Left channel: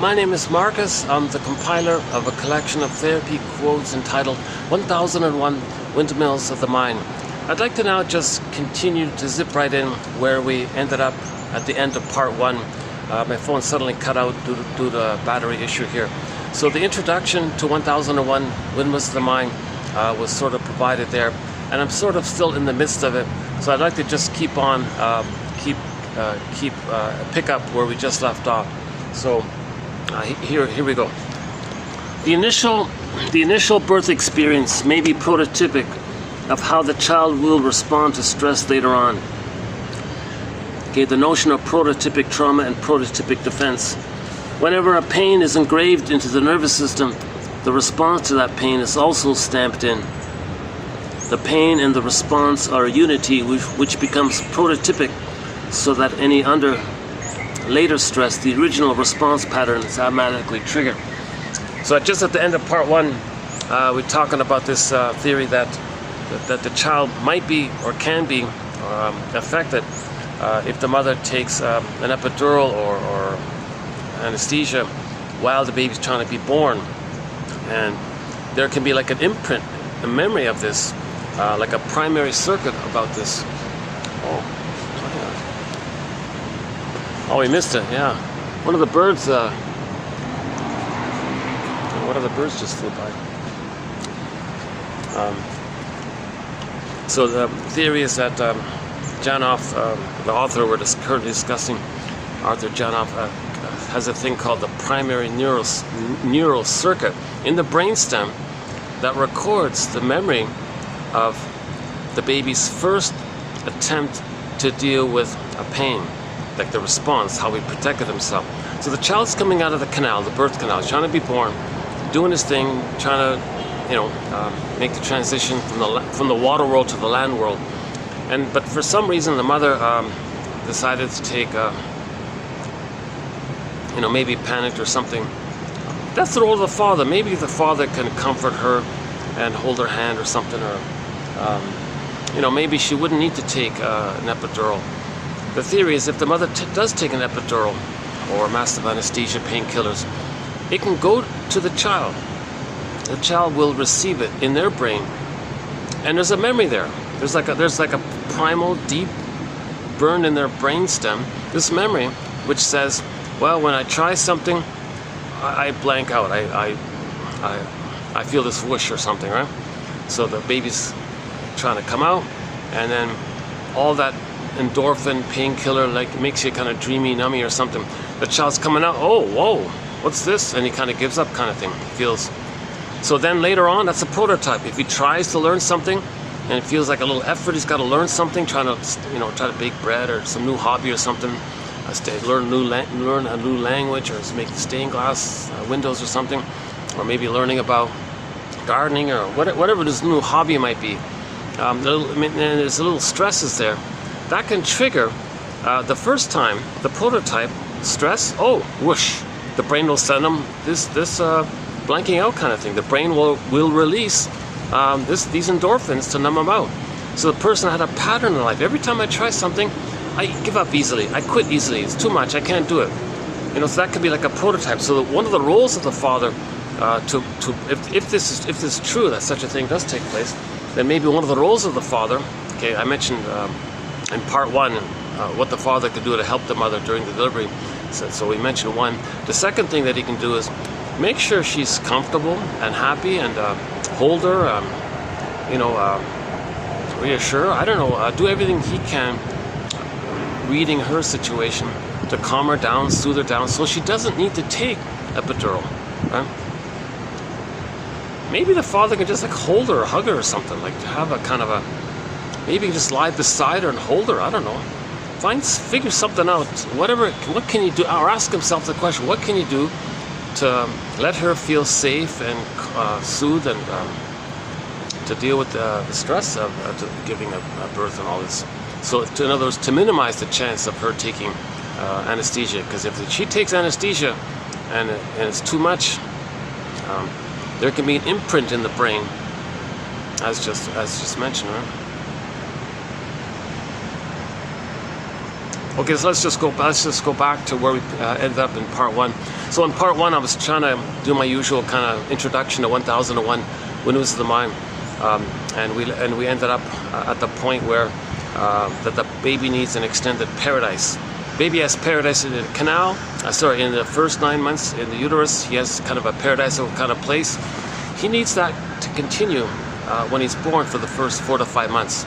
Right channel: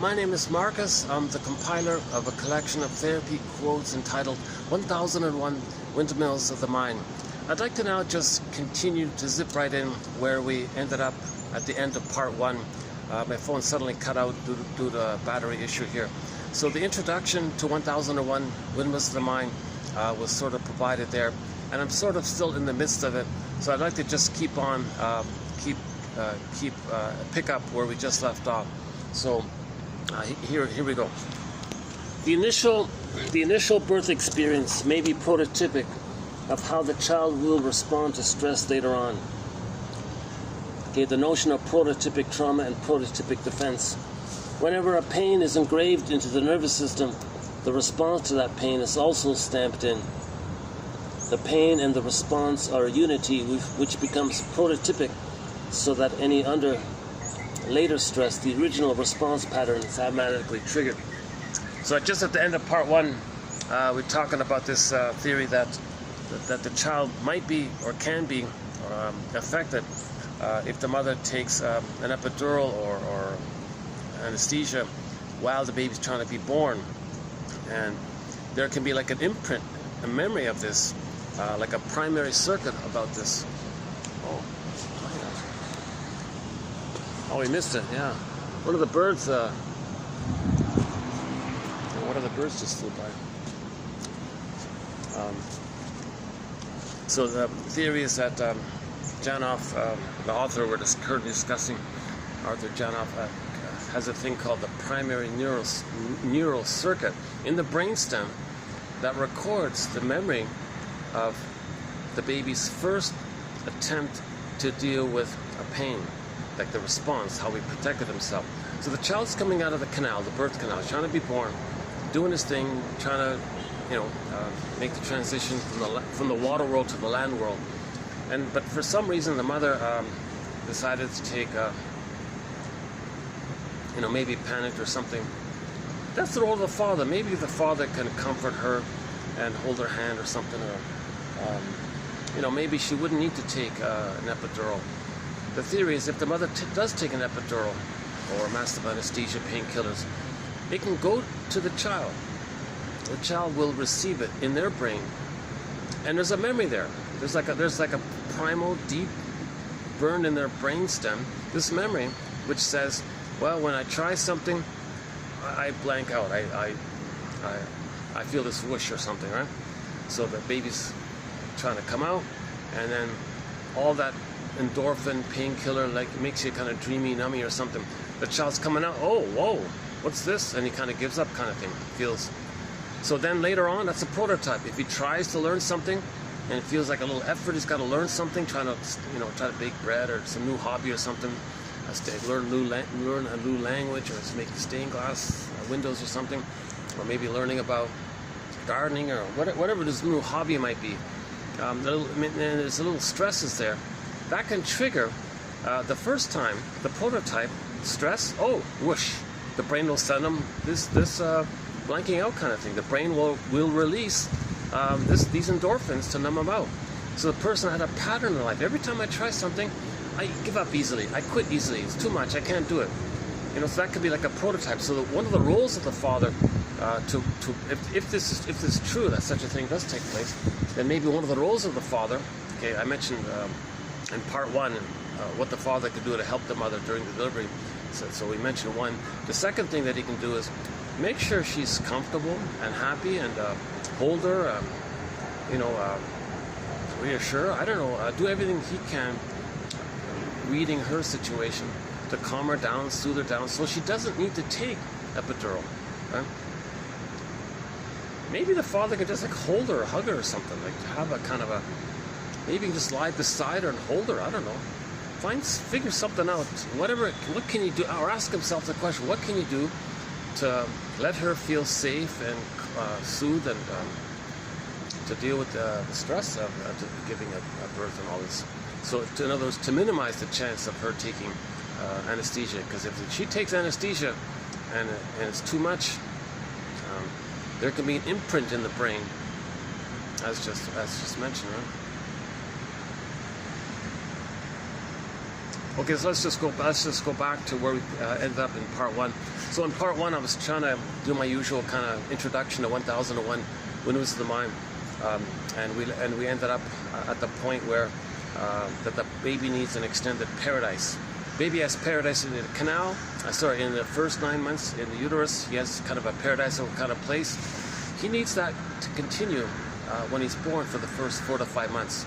my name is Marcus. I'm the compiler of a collection of therapy quotes entitled 1001 Windmills of the Mind. I'd like to now just continue to zip right in where we ended up at the end of part one. My phone suddenly cut out due to the battery issue here. So the introduction to 1001 Windmills of the Mind was sort of provided there, and I'm sort of still in the midst of it. So I'd like to just keep on, pick up where we just left off. So here we go. The initial birth experience may be prototypic of how the child will respond to stress later on. Okay, the notion of prototypic trauma and prototypic defense. Whenever a pain is engraved into the nervous system, the response to that pain is also stamped in. The pain and the response are a unity which becomes prototypic, so that any later stress, the original response pattern is automatically triggered. So just at the end of part one, we're talking about this theory that the child might be or can be affected if the mother takes an epidural or anesthesia while the baby's trying to be born. And there can be like an imprint, a memory of this, like a primary circuit about this. Oh, we missed it, yeah. One of the birds just flew by. So the theory is that Janoff, the author we're currently discussing, Arthur Janoff, has a thing called the primary neural circuit in the brainstem that records the memory of the baby's first attempt to deal with a pain, like the response, how he protected himself. So the child's coming out of the canal, the birth canal, trying to be born, doing his thing, trying to, make the transition from the water world to the land world. But for some reason, the mother decided to take, maybe panicked or something. That's the role of the father. Maybe the father can comfort her and hold her hand or something, or maybe she wouldn't need to take an epidural. The theory is if the mother does take an epidural or massive anesthesia, painkillers, it can go to the child. The child will receive it in their brain, and there's a memory there. There's like a primal, deep, burned in their brainstem, this memory which says, well, when I try something, I blank out. I feel this whoosh or something, right? So the baby's trying to come out, and then all that endorphin, painkiller, like makes you kind of dreamy, nummy or something. The child's coming out, oh, whoa, what's this? And he kind of gives up kind of thing, feels. So then later on, that's a prototype. If he tries to learn something and it feels like a little effort, he's got to learn something, try to bake bread or some new hobby or something, learn a new language, or make stained glass windows or something, or maybe learning about gardening or whatever this new hobby might be. And there's a little stresses there. That can trigger the first time, the prototype stress, oh, whoosh, the brain will send them this blanking out kind of thing. The brain will release these endorphins to numb them out. So the person had a pattern in life. Every time I try something, I give up easily, I quit easily, it's too much, I can't do it. So that could be like a prototype. So one of the roles of the father, if this is true that such a thing does take place, then maybe one of the roles of the father, okay, I mentioned in part one what the father could do to help the mother during the delivery. So we mentioned one. The second thing that he can do is make sure she's comfortable and happy, and hold her, reassure her. I don't know, do everything he can, reading her situation to calm her down, soothe her down, so she doesn't need to take epidural, right? Maybe the father can just like hold her or hug her or something, like have a kind of maybe just lie beside her and hold her, I don't know. Figure something out, what can you do, or ask himself the question, what can you do to let her feel safe and soothe and to deal with the stress of giving a birth and all this. So in other words, to minimize the chance of her taking anesthesia, because if she takes anesthesia and it's too much, there can be an imprint in the brain, as just mentioned, right? Okay, so let's just go back to where we ended up in part one. So in part 1, I was trying to do my usual kind of introduction to 1001 Windmills of the Mind, and we ended up at the point where that the baby needs an extended paradise. Baby has paradise in the canal. In the first 9 months in the uterus, he has kind of a paradisal kind of place. He needs that to continue when he's born for the first 4 to 5 months.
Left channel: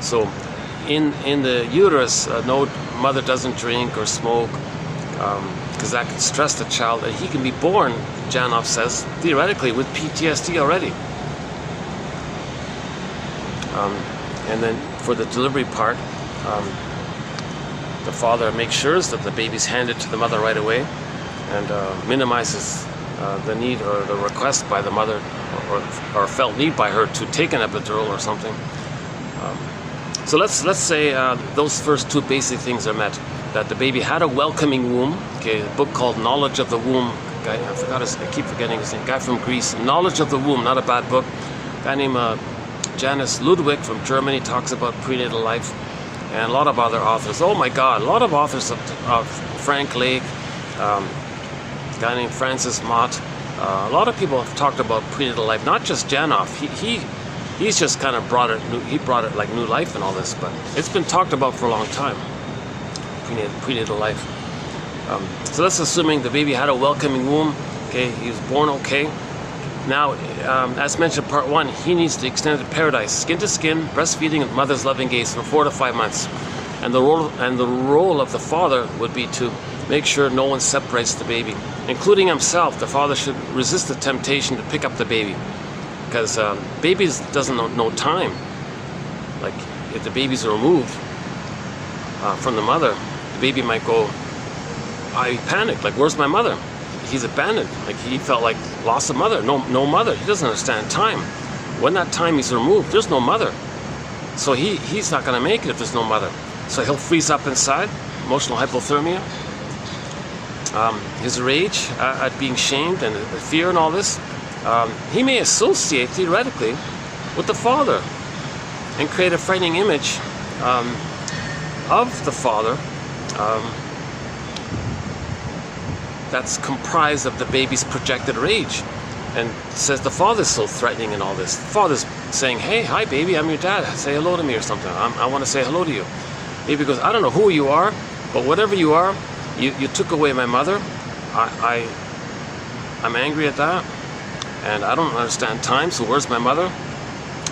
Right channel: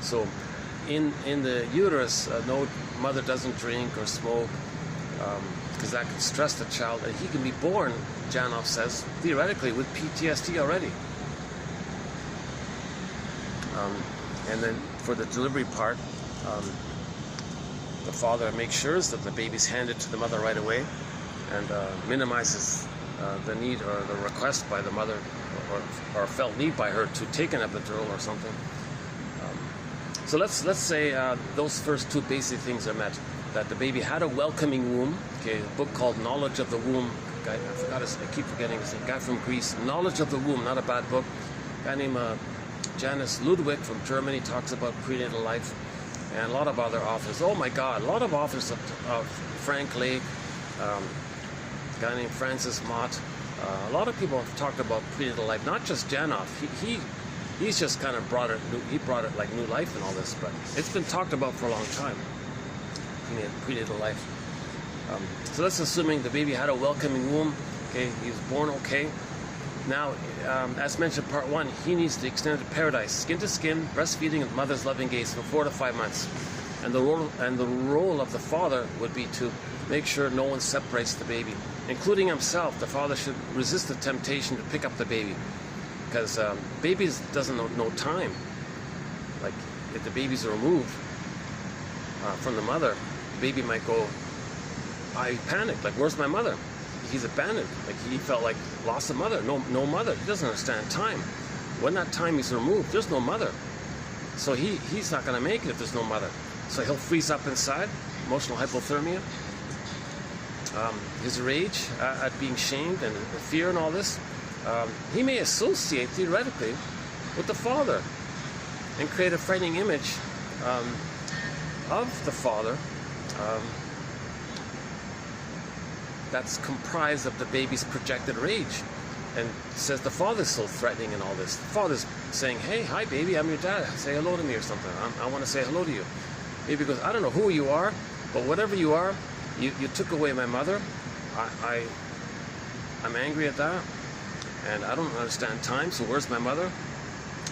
So in the uterus, no, mother doesn't drink or smoke, because that can stress the child, and he can be born, Janov says, theoretically with PTSD already. And then for the delivery part, the father makes sure that the baby's handed to the mother right away, and minimizes the need or the request by the mother, or felt need by her to take an epidural or something. So let's say those first 2 basic things are met. That the baby had a welcoming womb. Okay, a book called Knowledge of the Womb. Guy, I keep forgetting his name. Guy from Greece. Knowledge of the Womb, not a bad book. Guy named Janis Ludwig from Germany talks about prenatal life, and a lot of other authors. Oh my God, a lot of authors of Frank Lake, a guy named Francis Mott. A lot of people have talked about prenatal life. Not just Janov. He's just kind of brought it like new life and all this, but it's been talked about for a long time. Prenatal life. So that's assuming the baby had a welcoming womb. Okay, he was born okay. Now, as mentioned in part 1, he needs the extended paradise, skin to skin, breastfeeding with mother's loving gaze for 4 to 5 months. And the role of the father would be to make sure no one separates the baby, including himself. The father should resist the temptation to pick up the baby, because babies doesn't know time. Like if the baby's removed from the mother, the baby might go, he panicked, like, where's my mother? He's abandoned, like he felt like lost a mother, no mother. He doesn't understand time. When that time is removed, there's no mother. So he's not gonna make it if there's no mother. So he'll freeze up inside, emotional hypothermia. His rage at being shamed and the fear and all this, he may associate theoretically with the father and create a frightening image of the father that's comprised of the baby's projected rage, and says the father's so threatening and all this. The father's saying, hey, hi baby, I'm your dad, say hello to me or something. I want to say hello to you. Baby goes, I don't know who you are, but whatever you are, you took away my mother. I'm angry at that, and I don't understand time, so where's my mother?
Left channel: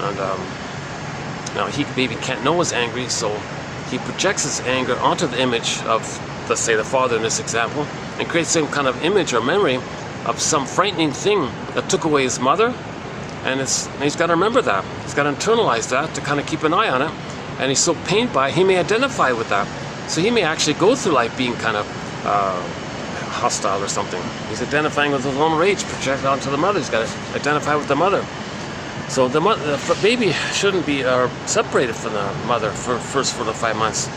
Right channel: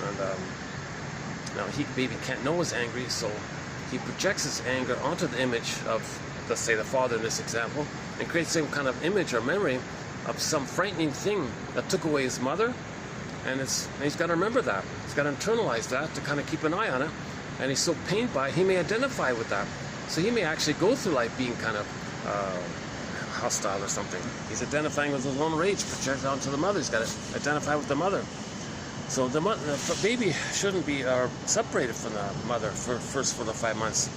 And now baby can't know he's angry, so he projects his anger onto the image of, let's say, the father in this example, and creates some kind of image or memory of some frightening thing that took away his mother, and he's got to remember that. He's got to internalize that to kind of keep an eye on it, and he's so pained by it, he may identify with that. So he may actually go through life being kind of hostile or something. He's identifying with his own rage projected onto the mother. He's got to identify with the mother. So the baby shouldn't be separated from the mother for first 4 to 5 months.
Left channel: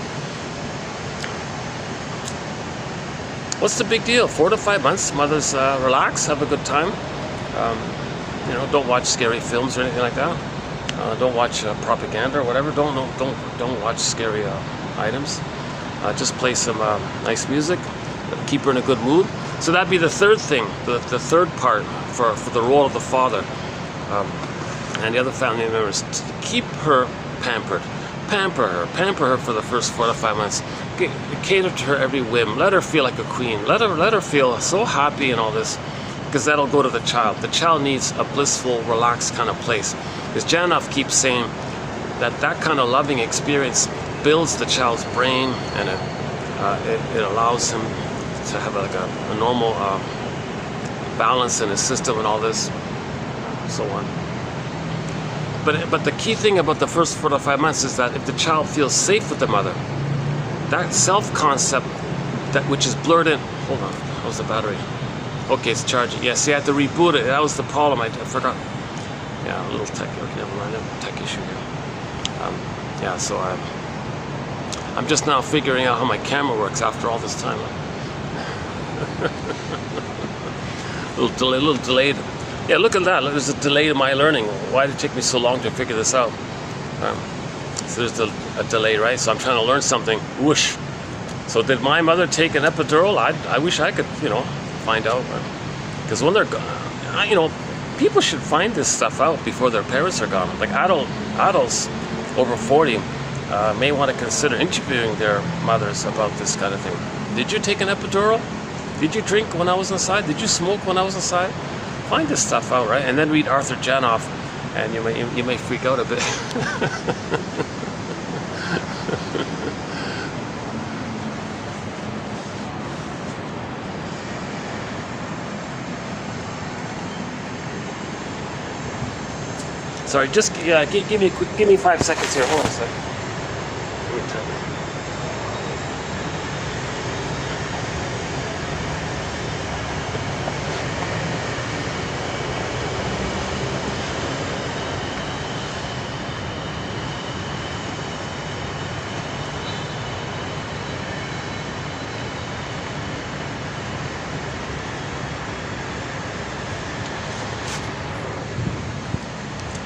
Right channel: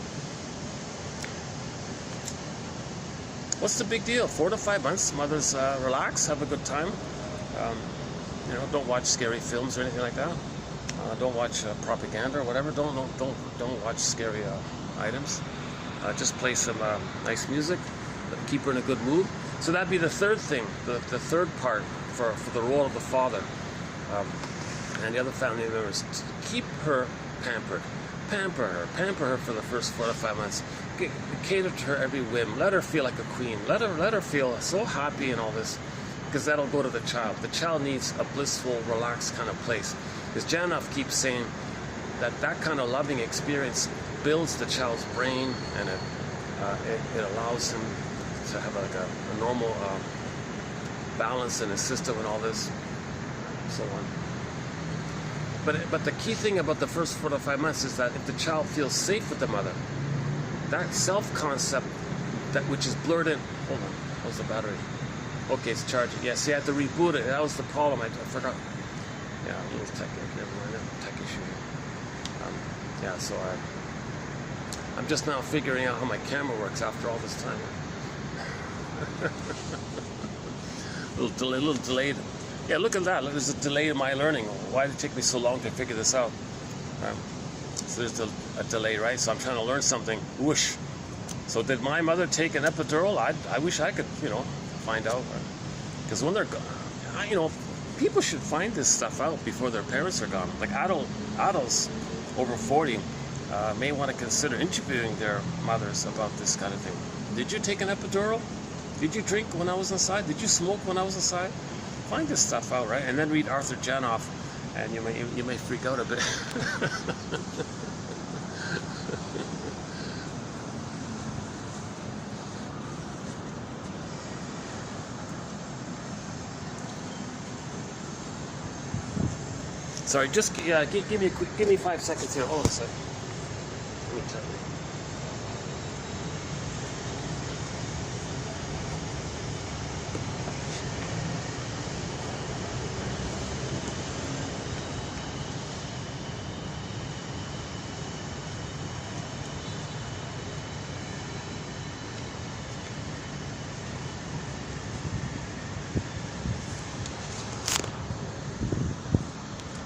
What's the big deal? 4 to 5 months, mothers relax, have a good time. Don't watch scary films or anything like that. Don't watch propaganda or whatever. Don't watch scary items. Just play some nice music. Keep her in a good mood. So that'd be the third thing, the third part for the role of the father and the other family members. To keep her pampered. Pamper her for the first 4 to 5 months. Cater to her every whim. Let her feel like a queen. Let her feel so happy and all this, because that'll go to the child. The child needs a blissful, relaxed kind of place. As Janov keeps saying, that kind of loving experience builds the child's brain, and it allows him to have like a normal balance in his system and all this, and so on. But the key thing about the first 4 to 5 months is that if the child feels safe with the mother, that self-concept, which is blurred in. Hold on, how's the battery? Okay, it's charging. Yeah, see, I had to reboot it. That was the problem. I forgot. Yeah, a little tech issue here. Yeah, so I'm just now figuring out how my camera works after all this time. a little delayed. Yeah, look at that. There's a delay in my learning. Why did it take me so long to figure this out? So there's the a delay, right? So I'm trying to learn something, whoosh. So did my mother take an epidural? I wish I could, find out. Because when they're, people should find this stuff out before their parents are gone. Like adults over 40 may want to consider interviewing their mothers about this kind of thing. Did you take an epidural? Did you drink when I was inside? Did you smoke when I was inside? Find this stuff out, right? And then read Arthur Janoff, and you may freak out a bit. Sorry, just give me 5 seconds here. Hold on a second. Let me tell you.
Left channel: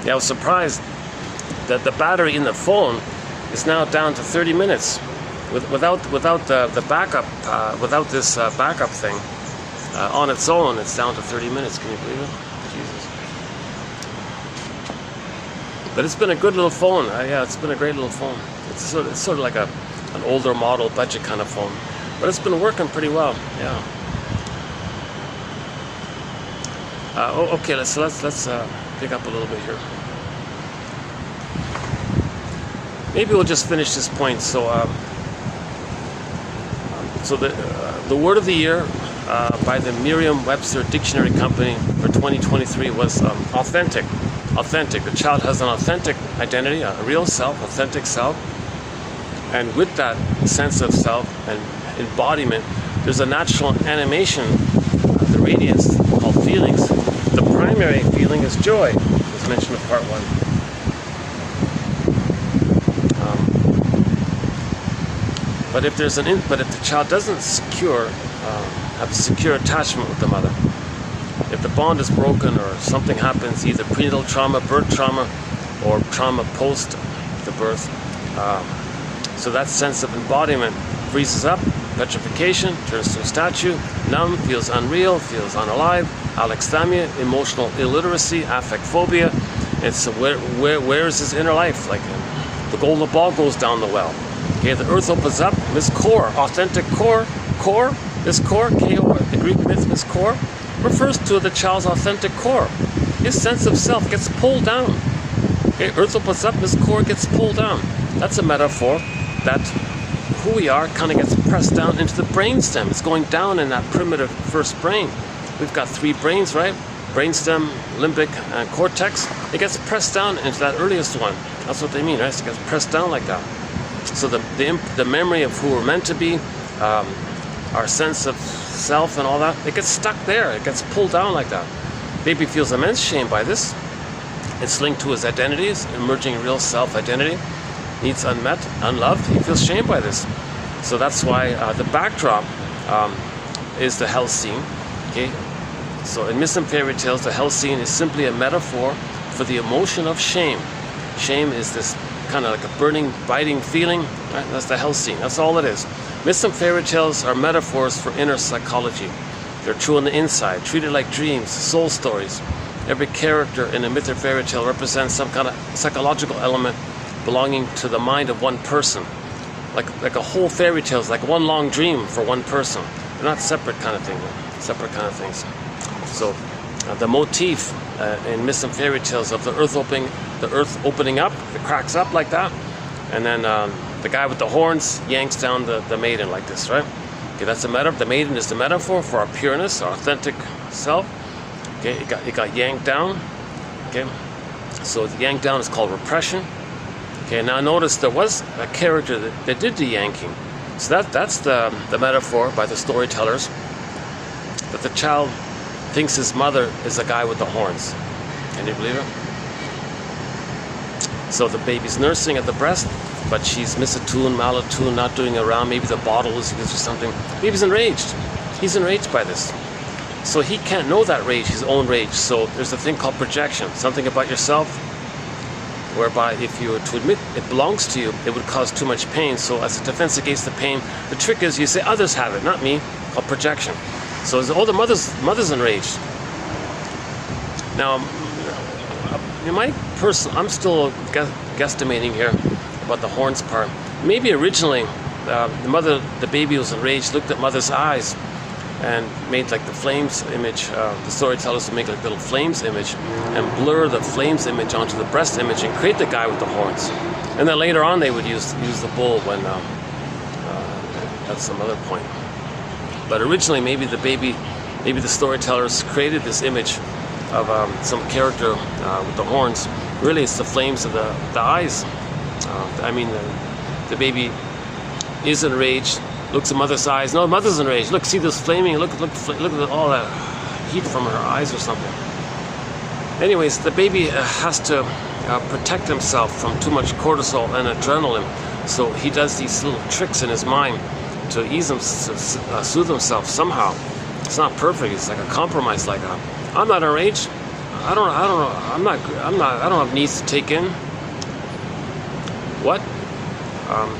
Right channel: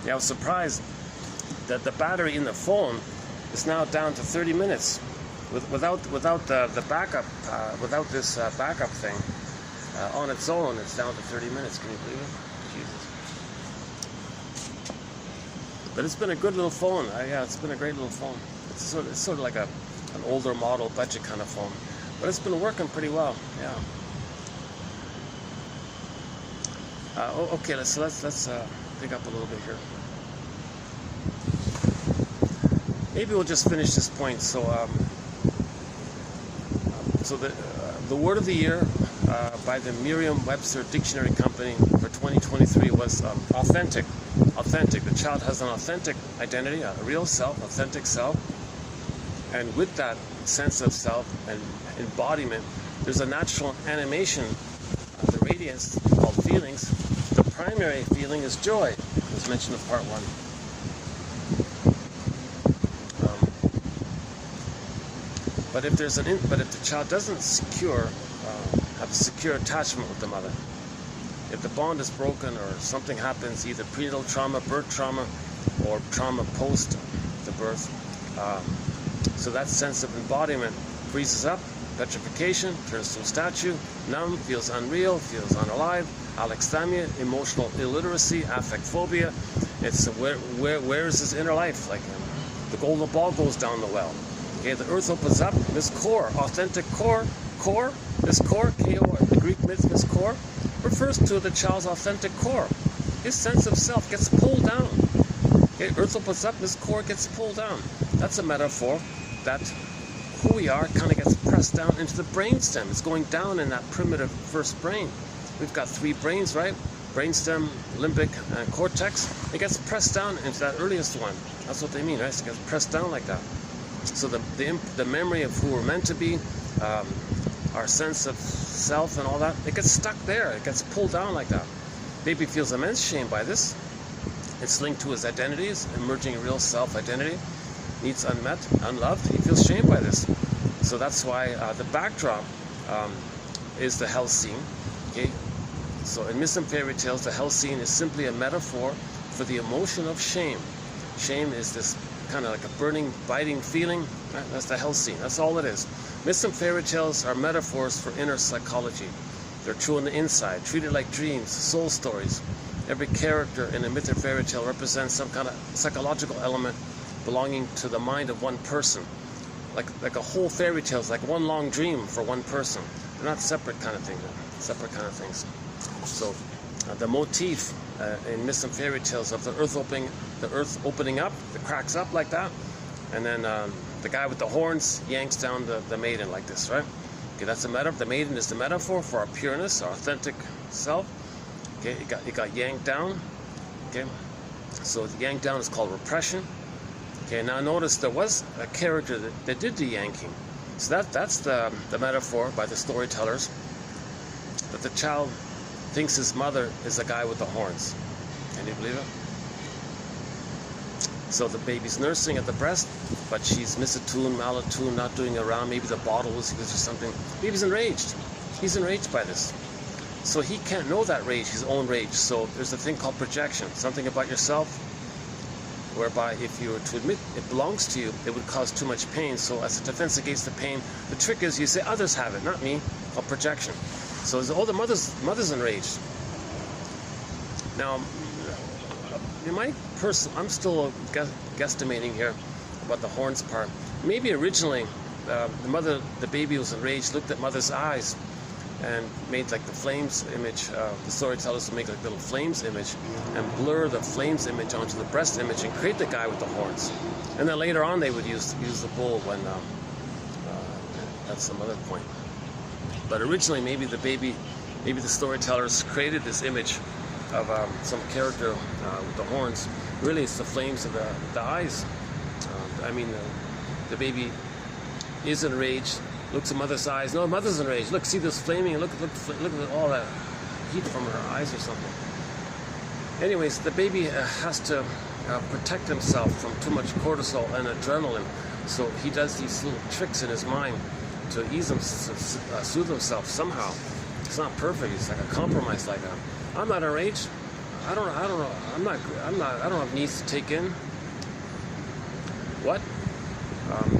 I was surprised that the battery in the phone is now down to 30 minutes. Without the backup, without this backup thing, on its own, it's down to 30 minutes. Can you believe it? Jesus. But it's been a good little phone. Yeah, it's been a great little phone. It's sort of like an older model budget kind of phone, but it's been working pretty well. Yeah. Okay, let's pick up a little bit here. Maybe we'll just finish this point. So, the word of the year by the Merriam-Webster Dictionary Company for 2023 was authentic. Authentic. The child has an authentic identity, a real self, authentic self, and with that sense of self and embodiment, there's a natural animation, the radiance called feelings. The primary feeling is joy, as mentioned in part 1. But if the child doesn't have a secure attachment with the mother, if the bond is broken or something happens, either prenatal trauma, birth trauma, or trauma post the birth, so that sense of embodiment freezes up, petrification, turns to a statue, numb, feels unreal, feels unalive, alexithymia, emotional illiteracy, affect phobia. It's where is his inner life? Like the golden ball goes down the well. Okay, the earth opens up. This core, authentic core, this core, K-O, the Greek myth, this core, refers to the child's authentic core. His sense of self gets pulled down. Okay, earth opens up, this core gets pulled down. That's a metaphor that who we are kind of gets pressed down into the brainstem. It's going down in that primitive first brain. We've got 3 brains, right? Brainstem, limbic, and cortex. It gets pressed down into that earliest one. That's what they mean, right? So it gets pressed down like that. So the memory of who we're meant to be, our sense of self and all that, it gets stuck there. It gets pulled down like that. Baby feels immense shame by this. It's linked to his identities, emerging real self-identity. Needs unmet, unloved. He feels shame by this. So that's why the backdrop is the hell scene. Okay. So in myths and fairy tales, the hell scene is simply a metaphor for the emotion of shame. Shame is this kind of like a burning, biting feeling. Right? That's the hell scene. That's all it is. Myths and fairy tales are metaphors for inner psychology. They're true on the inside, treated like dreams, soul stories. Every character in a myth or fairy tale represents some kind of psychological element belonging to the mind of one person. Like a whole fairy tale is like one long dream for one person. They're not separate kind of thing, separate kind of things. So the motif in myths and fairy tales of the earth opening up, it cracks up like that, and then the guy with the horns yanks down the maiden like this, right? Okay, that's the metaphor. The maiden is the metaphor for our pureness, our authentic self. Okay, it got yanked down. Okay, so the yank down is called repression. Okay, now notice there was a character that did the yanking. So that's the metaphor by the storytellers, that the child thinks his mother is the guy with the horns. Can you believe it? So the baby's nursing at the breast, but she's misattuned, malattuned, not doing around. Maybe the bottle is used or something. Baby's enraged. He's enraged by this. So he can't know that rage, his own rage. So there's a thing called projection, something about yourself. whereby if you were to admit it belongs to you, it would cause too much pain. So as a defense against the pain, the trick is you say others have it, not me, called projection. So the mother's enraged. Now, in my I'm still guesstimating here about the horns part. Maybe originally the baby was enraged, looked at mother's eyes, and made like the flames image. The storytellers would make like little flames image and blur the flames image onto the breast image and create the guy with the horns. And then later on they would use the bull when that's some other point. But originally maybe the storytellers created this image of some character with the horns. Really it's the flames of the eyes. The baby is enraged, looks at mother's eyes. No, mother's enraged. Look, see this flaming, look at all that heat from her eyes or something. Anyways, the baby has to protect himself from too much cortisol and adrenaline. So he does these little tricks in his mind to soothe himself somehow. It's not perfect. It's like a compromise. Like I'm not enraged. I don't have needs to take in. What?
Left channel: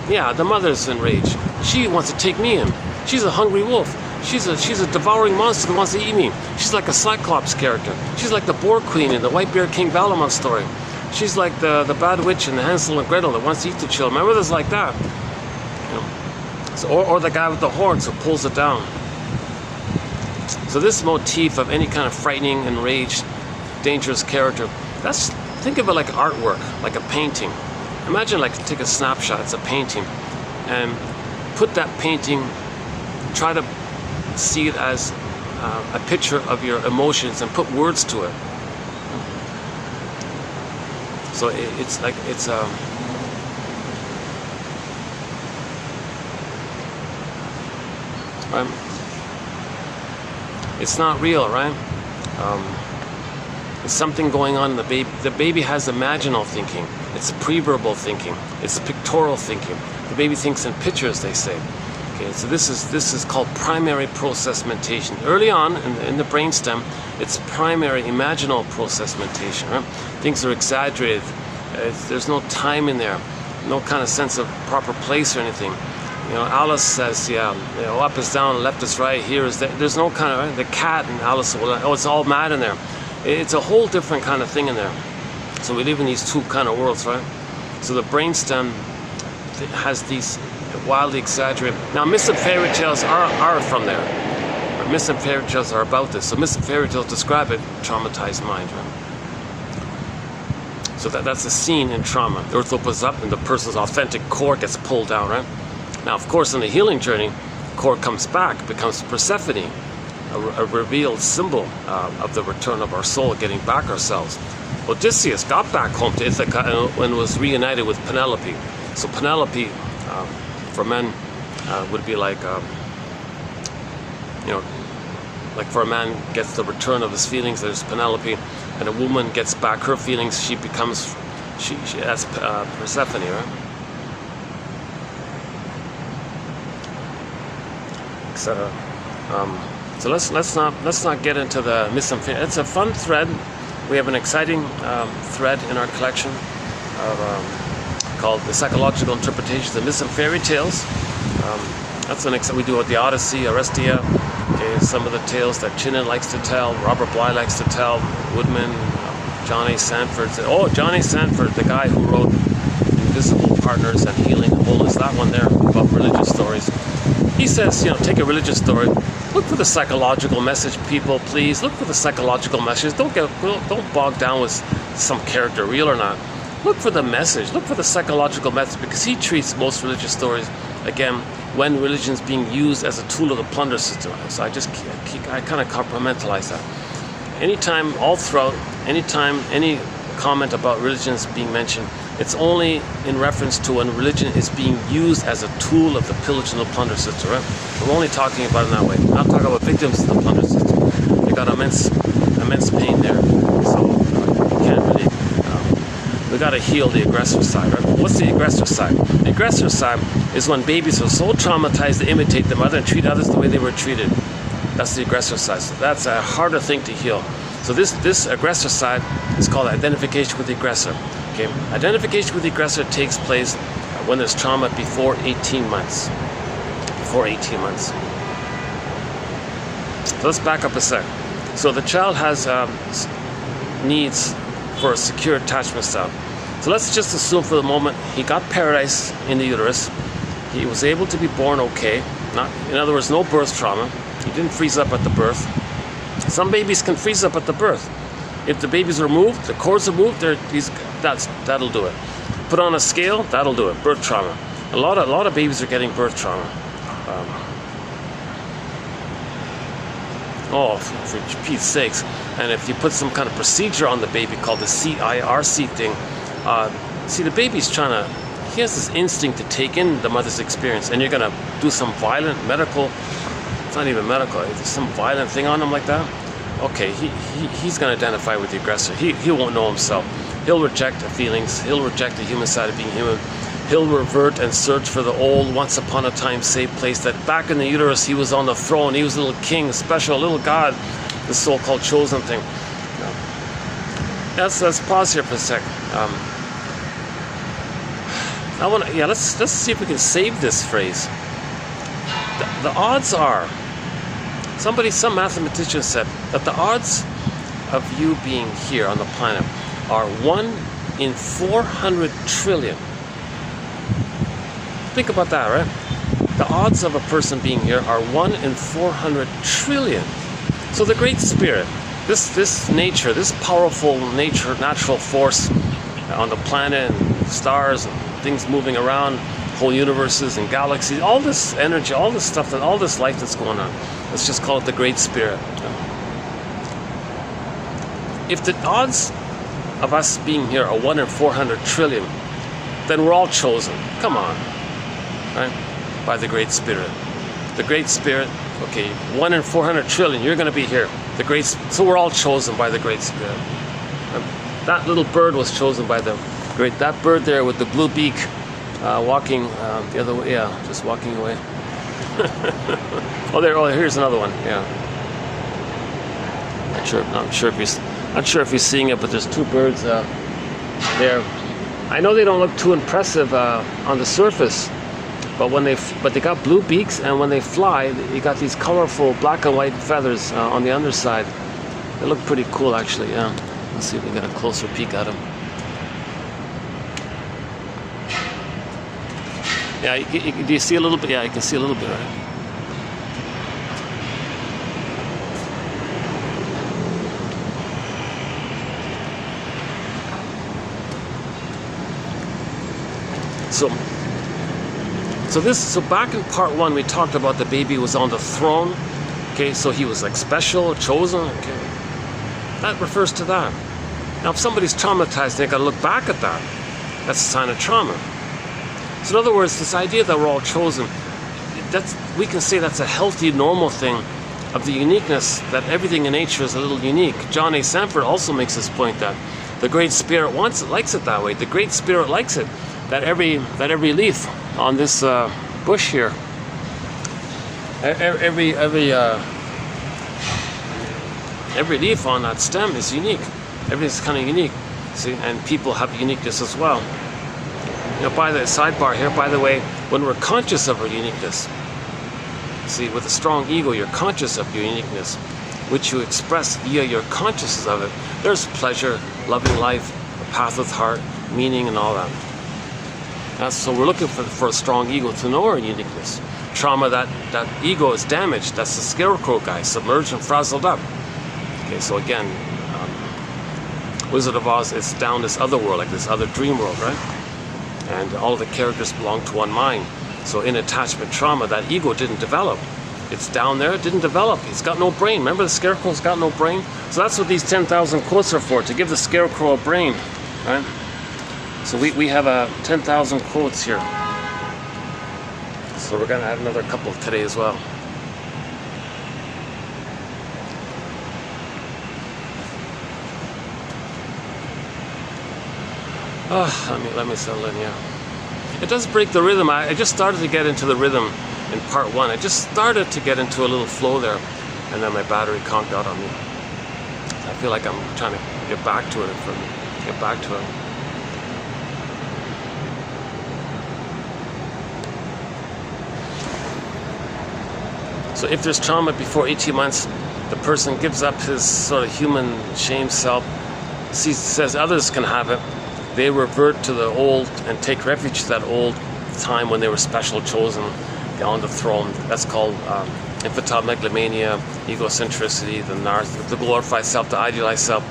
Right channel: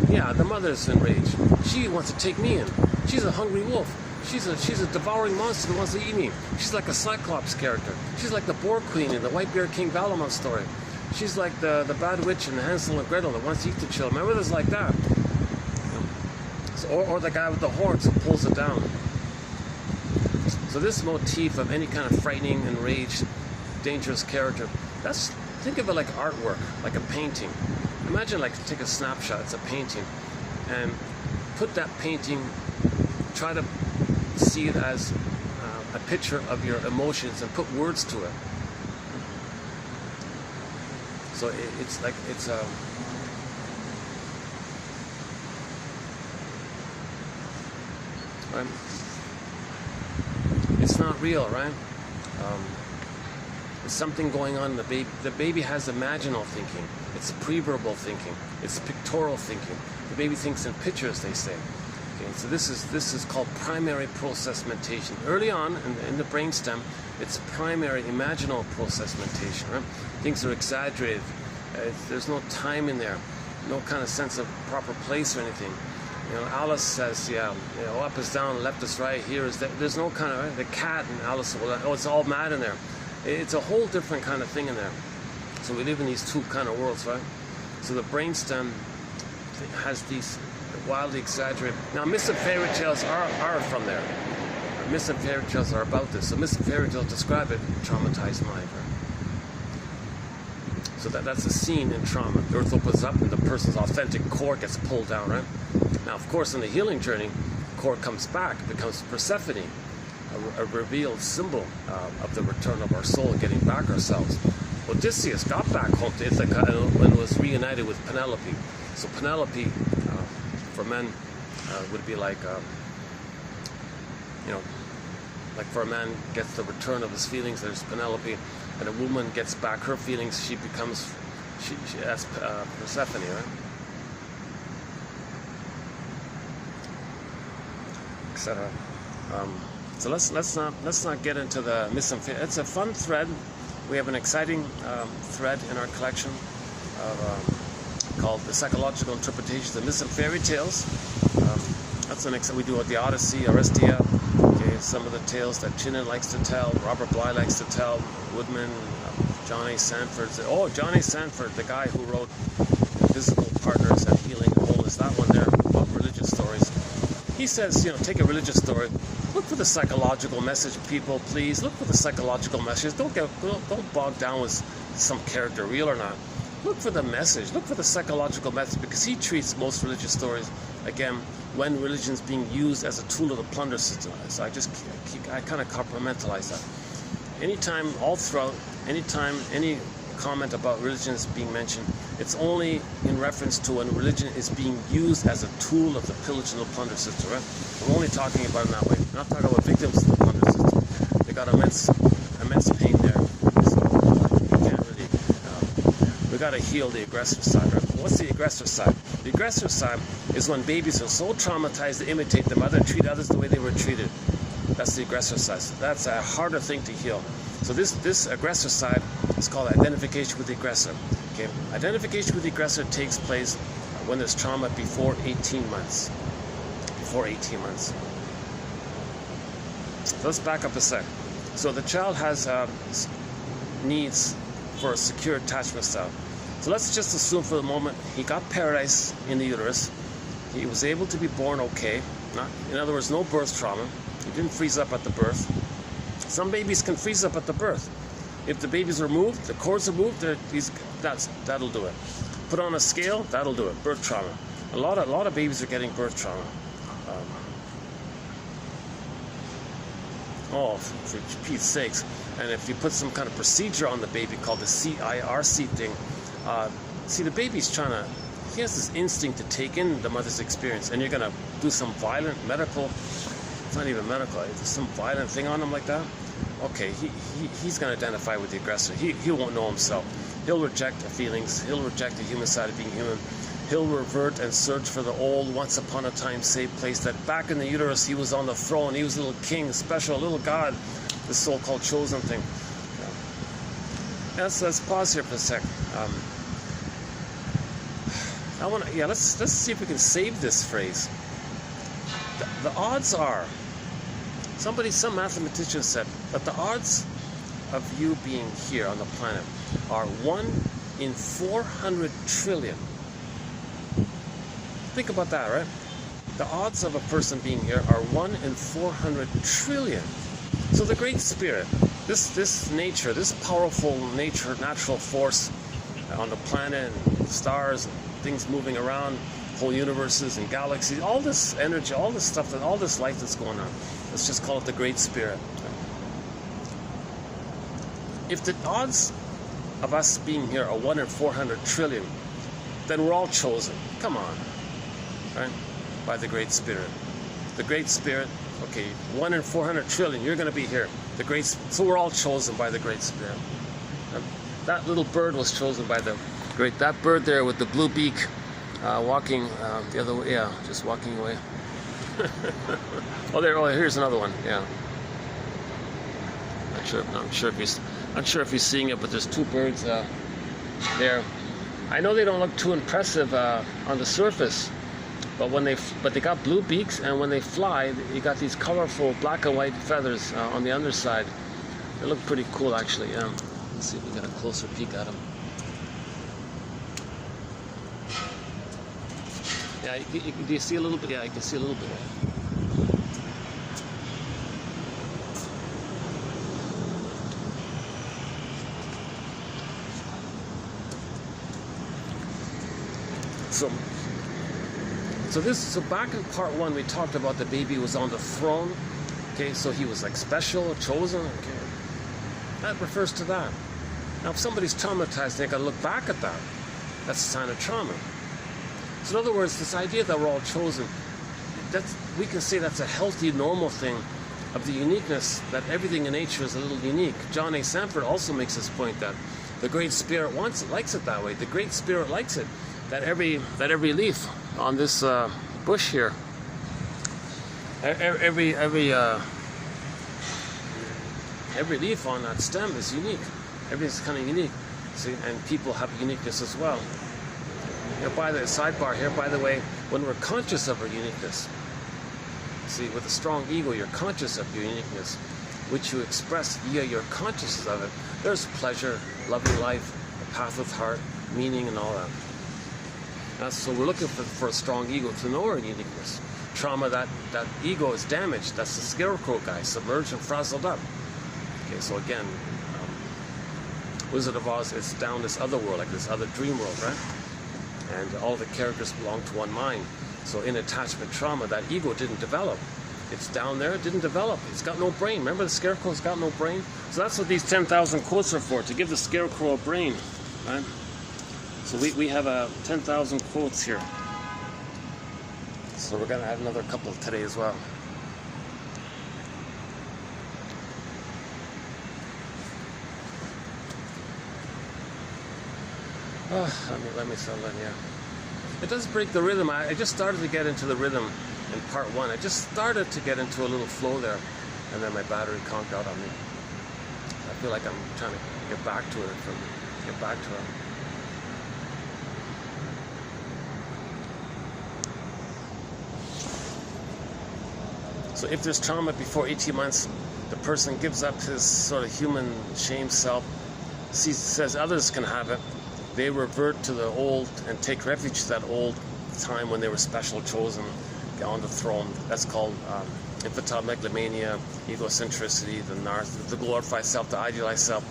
Yeah, the mother's enraged. She wants to take me in. She's a hungry wolf. She's a devouring monster that wants to eat me. She's like a Cyclops character. She's like the Boar Queen in the White Bear King Valamon story. She's like the bad witch in Hansel and Gretel that wants to eat the children. My mother's like that. So, or the guy with the horns who pulls it down. So this motif of any kind of frightening, enraged, dangerous character, think of it like artwork, like a painting. Imagine like take a snapshot, it's a painting, and put that painting, try to see it as a picture of your emotions and put words to it. So it's not real, right? There's something going on in the baby. The baby has imaginal thinking. It's pre-verbal thinking. It's pictorial thinking. The baby thinks in pictures, they say. Okay, so this is called primary process mentation. Early on in the brainstem, it's primary imaginal process mentation. Right? Things are exaggerated. There's no time in there, no kind of sense of proper place or anything. Alice says, up is down, left is right, here is there. There's no kind of, the cat and Alice, it's all mad in there. It's a whole different kind of thing in there. So we live in these two kind of worlds, right? So the brainstem has these wildly exaggerated. Now, myths and fairy tales are from there. Myths and fairy tales are about this. So myths and fairy tales describe a traumatized mind, right? So that's a scene in trauma. The earth opens up and the person's authentic core gets pulled down, right? Now, of course, in the healing journey, core comes back, becomes Persephone, a revealed symbol of the return of our soul, getting back ourselves. Odysseus got back home to Ithaca and was reunited with Penelope. So Penelope, for men, would be like, like for a man gets the return of his feelings, there's Penelope, and a woman gets back her feelings, she becomes, that's Persephone, right? Etc. So let's not get into the myths and fairy. It's a fun thread. We have an exciting thread in our collection called the psychological interpretations of myths and fairy tales. That's we do with the Odyssey, Arestia. Okay, some of the tales that Chinnen likes to tell, Robert Bly likes to tell, Woodman, John A. Sanford. John A. Sanford, the guy who wrote Invisible Partners and Healing the Bull, is that one there about religious stories. He says, take a religious story, look for the psychological message, people, please. Look for the psychological message. Don't bog down with some character, real or not. Look for the message. Look for the psychological message, because he treats most religious stories, again, when religion is being used as a tool of the plunder system. So I kind of compartmentalize that. Anytime, all throughout, anytime any comment about religion is being mentioned, it's only in reference to when religion is being used as a tool of the pillage and the plunder system, right? I'm only talking about it that way. I'm not talking about victims of the plunder system. They got immense pain there. So we can't really, we got to heal the aggressor side, right? What's the aggressor side? The aggressor side is when babies are so traumatized they imitate the mother and treat others the way they were treated. That's the aggressor side. So that's a harder thing to heal. So this aggressor side is called identification with the aggressor. Okay, identification with the aggressor takes place when there's trauma before 18 months. Before 18 months. So let's back up a sec. So the child has needs for a secure attachment style. So let's just assume for the moment he got paradise in the uterus. He was able to be born okay. In other words, no birth trauma. He didn't freeze up at the birth. Some babies can freeze up at the birth. If the baby's removed, the cords are moved, that'll do it. Put on a scale, that'll do it. Birth trauma. A lot of babies are getting birth trauma. For Pete's sakes. And if you put some kind of procedure on the baby called the CIRC thing, see, the baby's he has this instinct to take in the mother's experience, and you're going to do some violent medical, it's not even medical, it's some violent thing on him like that. Okay, he's going to identify with the aggressor. He won't know himself. He'll reject the feelings. He'll reject the human side of being human. He'll revert and search for the old, once upon a time safe place that back in the uterus he was on the throne. He was a little king, special, a little god, the so-called chosen thing. Let's pause here for a sec. Let's see if we can save this phrase. The odds are, some mathematician said that the odds of you being here on the planet are 1 in 400 trillion. Think about that, right? The odds of a person being here are 1 in 400 trillion. So the Great Spirit, this nature, this powerful natural force on the planet and stars and things moving around, whole universes and galaxies, all this energy, all this stuff, all this life that's going on, let's just call it the Great Spirit. If the odds of us being here are 1 in 400 trillion, then we're all chosen. Come on. Right? By the Great Spirit. The Great Spirit, okay, 1 in 400 trillion, you're going to be here. So we're all chosen by the Great Spirit. That little bird was chosen by that bird there with the blue beak, walking the other way, just walking away. Here's another one, yeah. Not sure if you're seeing it, but there's two birds there. I know they don't look too impressive on the surface, but they got blue beaks, and when they fly, you got these colorful black and white feathers on the underside. They look pretty cool, actually. Yeah. Let's see if we get a closer peek at them. Yeah, do you see a little bit? Yeah, you can see a little bit, right? So back in part 1, we talked about the baby was on the throne. Okay, so he was like special, chosen. Okay, that refers to that. Now, if somebody's traumatized, they got to look back at that. That's a sign of trauma. So, in other words, this idea that we're all chosen, we can say that's a healthy, normal thing of the uniqueness, that everything in nature is a little unique. John A. Sanford also makes this point that the Great Spirit likes it that way. The Great Spirit likes it. That every leaf on this bush here, every leaf on that stem is unique. Everything's kind of unique. See, and people have uniqueness as well. By the sidebar here, by the way, when we're conscious of our uniqueness, see, with a strong ego, you're conscious of your uniqueness, which you express via your consciousness of it. There's pleasure, loving life, a path with heart, meaning, and all that. So we're looking for a strong ego to know our uniqueness. Trauma, that ego is damaged. That's the scarecrow guy, submerged and frazzled up. Okay, so again, Wizard of Oz, it's down this other world, like this other dream world, right? And all the characters belong to one mind. So in attachment trauma, that ego didn't develop. It's down there, it didn't develop. It's got no brain. Remember, the scarecrow's got no brain? So that's what these 10,000 quotes are for, to give the scarecrow a brain, right? So we have 10,000 quotes here. So we're going to add another couple today as well. Let me settle in, yeah. It does break the rhythm. I just started to get into the rhythm in part 1. I just started to get into a little flow there, and then my battery conked out on me. I feel like I'm trying to get back to it. So if there's trauma before 18 months, the person gives up his sort of human shame self, says others can have it. They revert to the old and take refuge to that old time when they were special, chosen, on the throne. That's called infantile megalomania, egocentricity, the glorified self, the idealized self.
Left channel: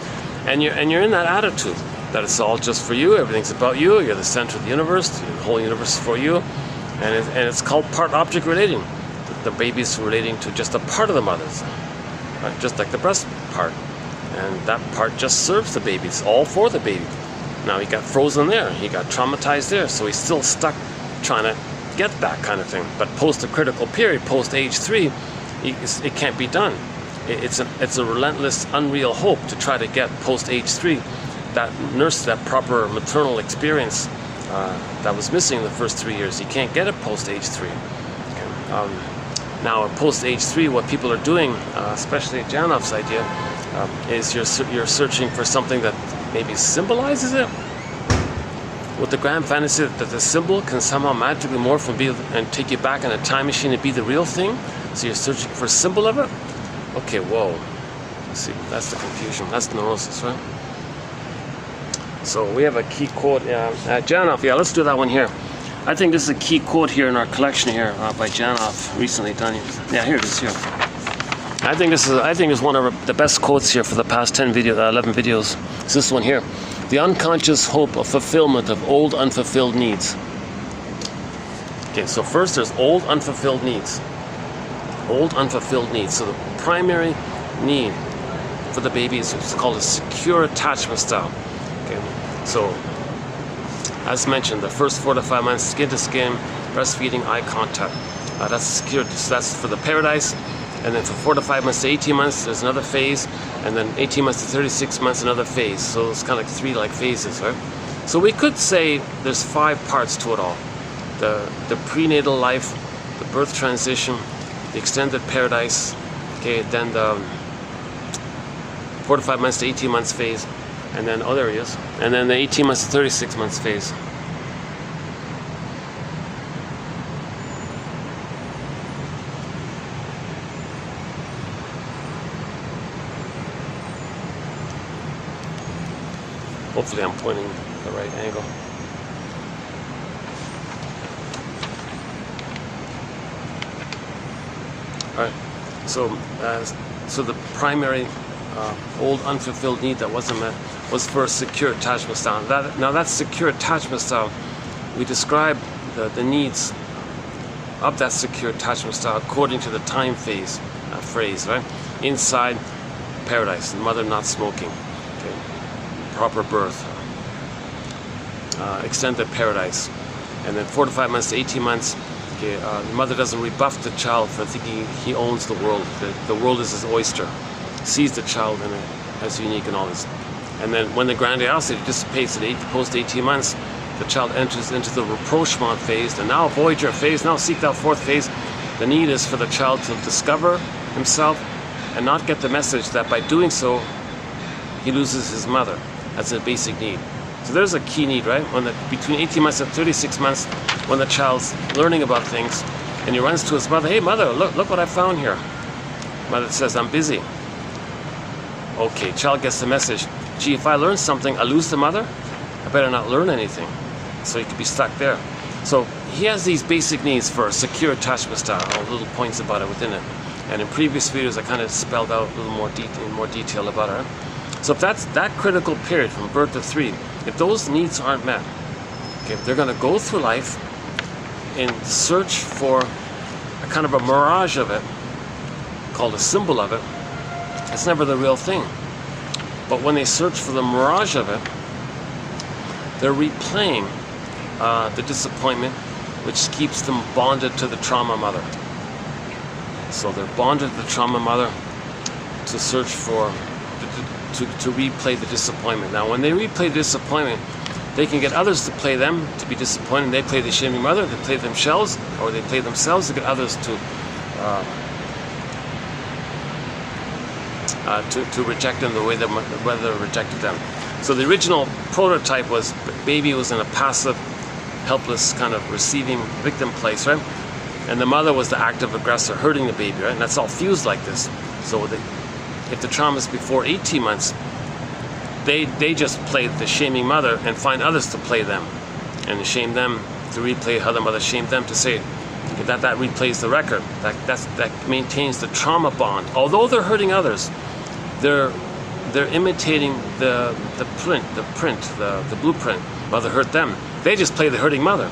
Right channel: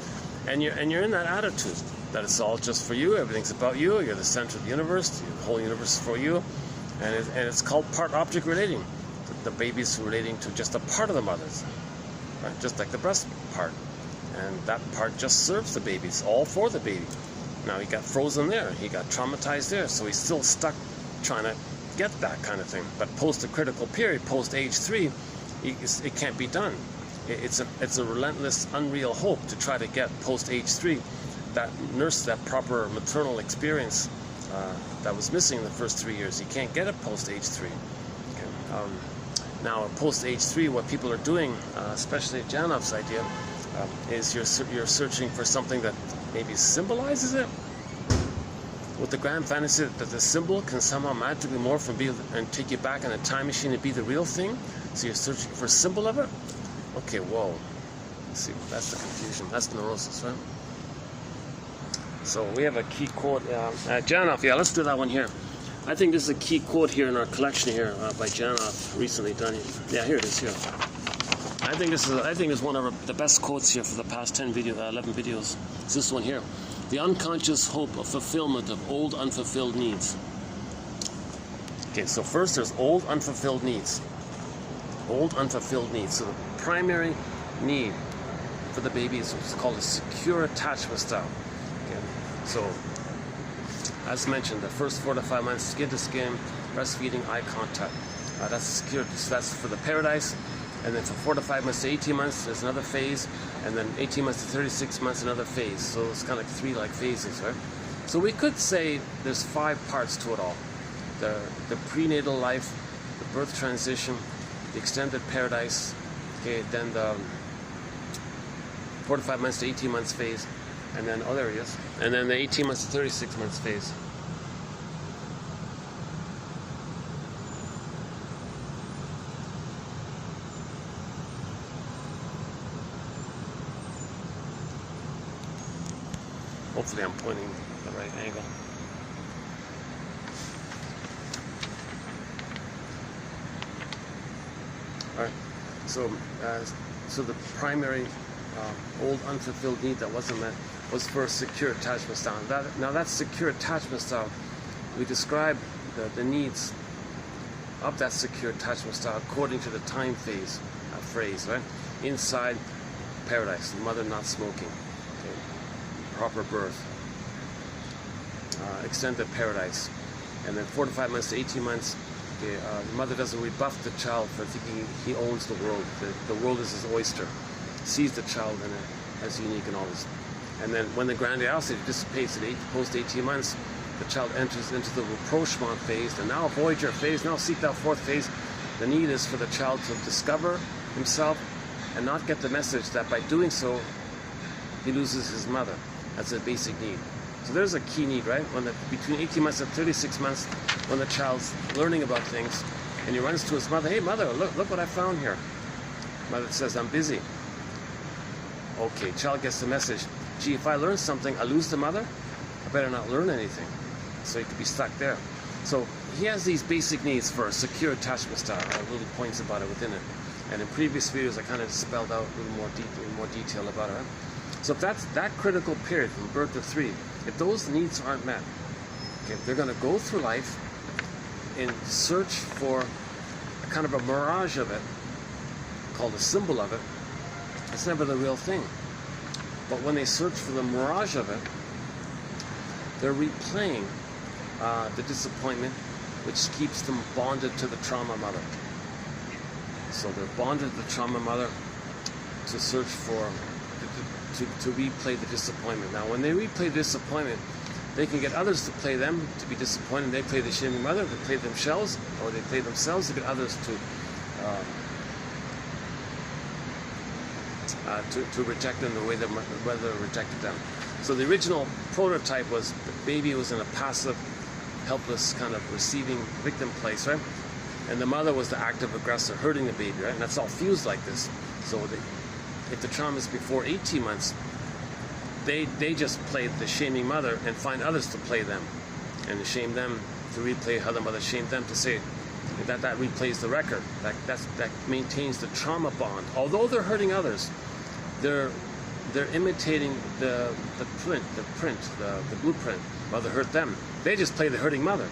And you're in that attitude that it's all just for you, everything's about you, you're the center of the universe, the whole universe is for you, and it's called part object relating. The baby's relating to just a part of the mother's, right? Just like the breast part, and that part just serves the baby. It's all for the baby. Now he got frozen there, he got traumatized there, so he's still stuck trying to get that kind of thing. But post the critical period, post age 3, it can't be done. It's a relentless, unreal hope to try to get post age 3 that nurse, that proper maternal experience that was missing the first 3 years. You can't get it post age 3. Okay. Now at post age 3, what people are doing, especially Janoff's idea, is you're searching for something that maybe symbolizes it. With the grand fantasy that the symbol can somehow magically morph and take you back in a time machine and be the real thing. So you're searching for a symbol of it. Okay, whoa. Let's see, that's the confusion. That's neurosis, right? So we have a key quote. Janoff, yeah, let's do that one here. I think this is a key quote here in our collection here by Janoff, recently done. Yeah, here it is here. I think this is one of the best quotes here for the past 11 videos. It's this one here. The unconscious hope of fulfillment of old unfulfilled needs. Okay, so first there's old unfulfilled needs. Old unfulfilled needs. So the primary need for the baby is what's called a secure attachment style. Okay, so as mentioned, the first 4 to 5 months, skin to skin, breastfeeding, eye contact. That's secure. So that's for the paradise. And then from 4 to 5 months to 18 months, there's another phase. And then 18 months to 36 months, another phase. So it's kind of like 3 phases, right? So we could say there's 5 parts to it all. The prenatal life, the birth transition, the extended paradise, okay, then the 4 to 5 months to 18 months phase, and then, oh, there he is. And then the 18 months to 36 months phase. Hopefully I'm pointing the right angle. All right, so the primary old unfulfilled need that wasn't met was for a secure attachment style. Now that secure attachment style, we describe the needs of that secure attachment style according to the time phase phrase, right? Inside paradise, mother not smoking. Proper birth, extended paradise, and then 4 to 5 months to 18 months, okay, the mother doesn't rebuff the child for thinking he owns the world. The world is his oyster. Sees the child as unique and all this. And then when the grandiosity dissipates at post 18 months, the child enters into the rapprochement phase, and now avoid your phase, now seek that 4th phase. The need is for the child to discover himself and not get the message that by doing so, he loses his mother. That's a basic need. So there's a key need, right? Between 18 months and 36 months, when the child's learning about things, and he runs to his mother, hey mother, look what I found here. Mother says, I'm busy. Okay, child gets the message, gee, if I learn something, I lose the mother, I better not learn anything. So he could be stuck there. So he has these basic needs for a secure attachment style, little points about it within it. And in previous videos, I kind of spelled out a little more detail about it. So if that's that critical period from birth to 3, if those needs aren't met, okay, they're going to go through life in search for a kind of a mirage of it, called a symbol of it. It's never the real thing. But when they search for the mirage of it, they're replaying the disappointment, which keeps them bonded to the trauma mother. So they're bonded to the trauma mother to search for, to replay the disappointment. Now, when they replay the disappointment, they can get others to play them, to be disappointed. They play the shaming mother, they play themselves, or they play themselves to get others to reject them the way that mother rejected them. So the original prototype was baby was in a passive, helpless kind of receiving victim place, right? and the mother was the active aggressor hurting the baby, right? And that's all fused like this. So if the trauma is before 18 months, they just play the shaming mother and find others to play them and shame them, to replay how the mother shamed them, to say that replays the record. That maintains the trauma bond. Although they're hurting others, they're imitating the blueprint. Mother hurt them. They just play the hurting mother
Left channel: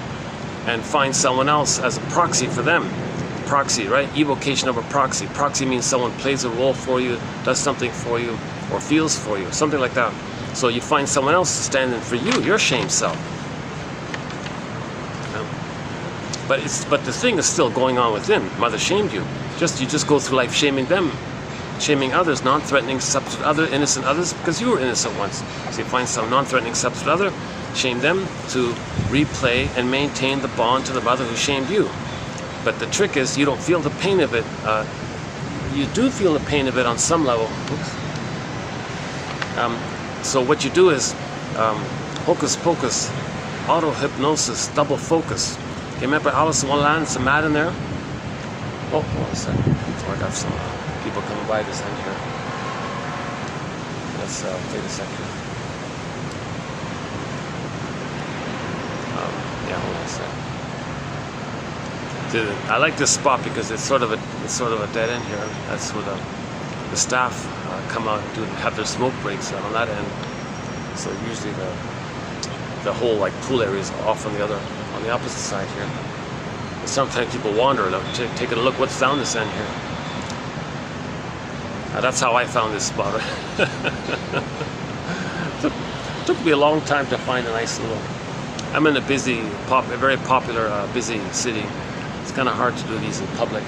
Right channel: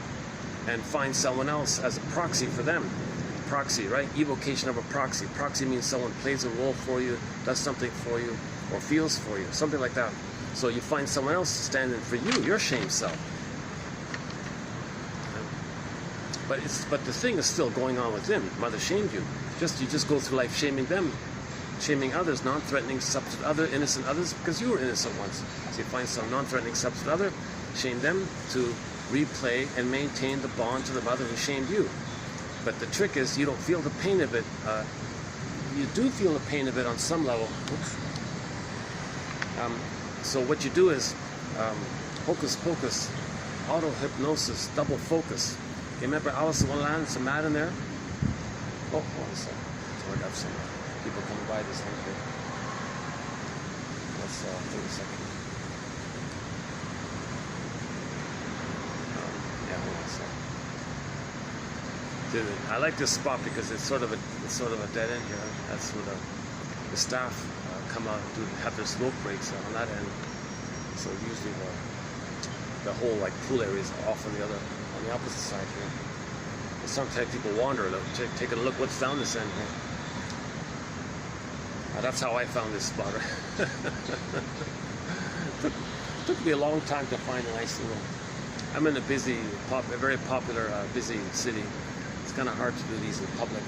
and find someone else as a proxy for them. Proxy, right? Evocation of a proxy. Proxy means someone plays a role for you, does something for you, or feels for you, something like that. So you find someone else to stand in for you, your shame self. But the thing is still going on within. Mother shamed you. You just go through life shaming them, shaming others, non-threatening substitute other, innocent others, because you were innocent once. So you find some non-threatening substitute other, shame them to replay and maintain the bond to the mother who shamed you. But the trick is you don't feel the pain of it. You do feel the pain of it on some level. So what you do is hocus pocus, auto-hypnosis, double focus. You remember Alice in Wonderland? It's a mat in there. Oh, hold on a second. So I got some people coming by this end here. Let's take a second. Yeah, hold on a second. I like this spot because it's sort of a dead end here. That's where the staff come out and have their smoke breaks on that end. So usually the whole like pool area is off on the opposite side here. Sometimes people wander, taking a look what's down this end here. That's how I found this spot. Took me a long time to find a nice little. I'm in a very popular, busy city. It's kind of hard to do these in public,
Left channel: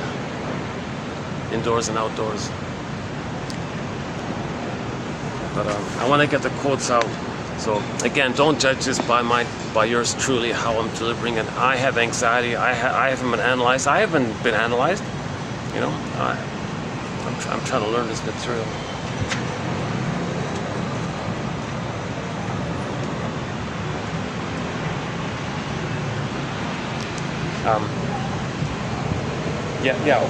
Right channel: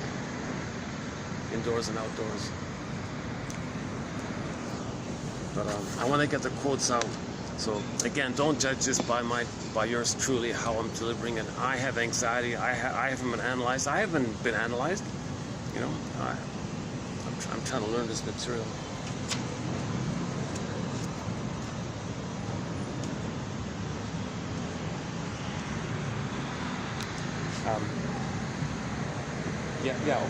indoors and outdoors. But I want to get the quotes out. So again, don't judge this by yours truly, how I'm delivering it. I have anxiety. I haven't been analyzed. I haven't been analyzed. You know, I'm trying to learn this material.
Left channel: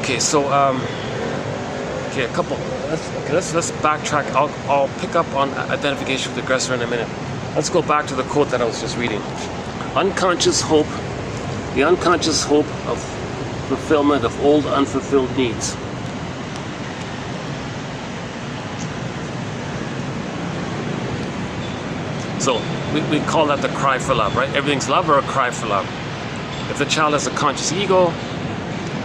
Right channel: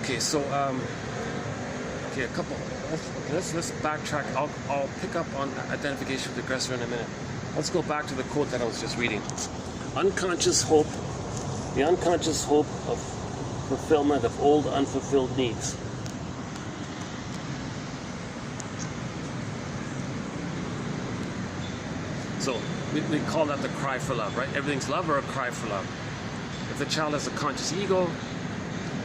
Okay. So okay, a couple. Let's backtrack. I'll pick up on identification with the aggressor in a minute. Let's go back to the quote that I was just reading. Unconscious hope, the unconscious hope of fulfillment of old unfulfilled needs. So we call that the cry for love, right? Everything's love or a cry for love. If the child has a conscious ego,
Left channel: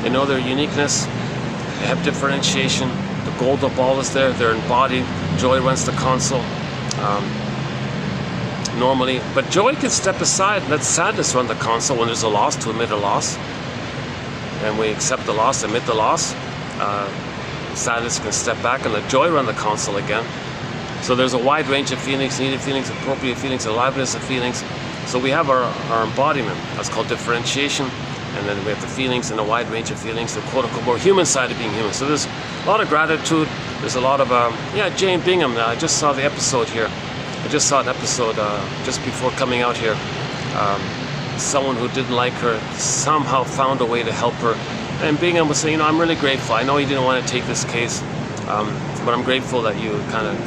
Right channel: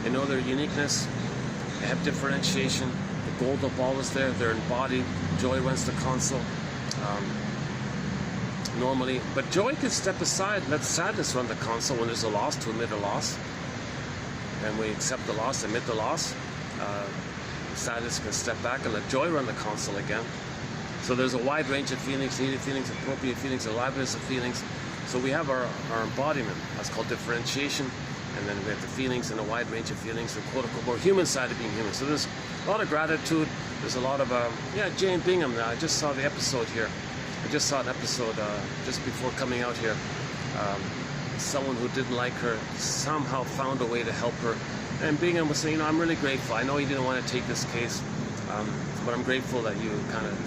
they know their uniqueness, they have differentiation, the golden ball is there, they're embodied, joy runs the console. Normally, but joy can step aside and let sadness run the console when there's a loss, to admit a loss. And we accept the loss, admit the loss. Sadness can step back and let joy run the console again. So there's a wide range of feelings, needed feelings, appropriate feelings, aliveness of feelings. So we have our embodiment. That's called differentiation. And then we have the feelings and a wide range of feelings, the quote-unquote more human side of being human. So there's a lot of gratitude. There's a lot of, Jane Bingham, I just saw the episode here. I just saw an episode just before coming out here. Someone who didn't like her somehow found a way to help her. And Bingham was saying, I'm really grateful. I know you didn't want to take this case, but I'm grateful that you kind of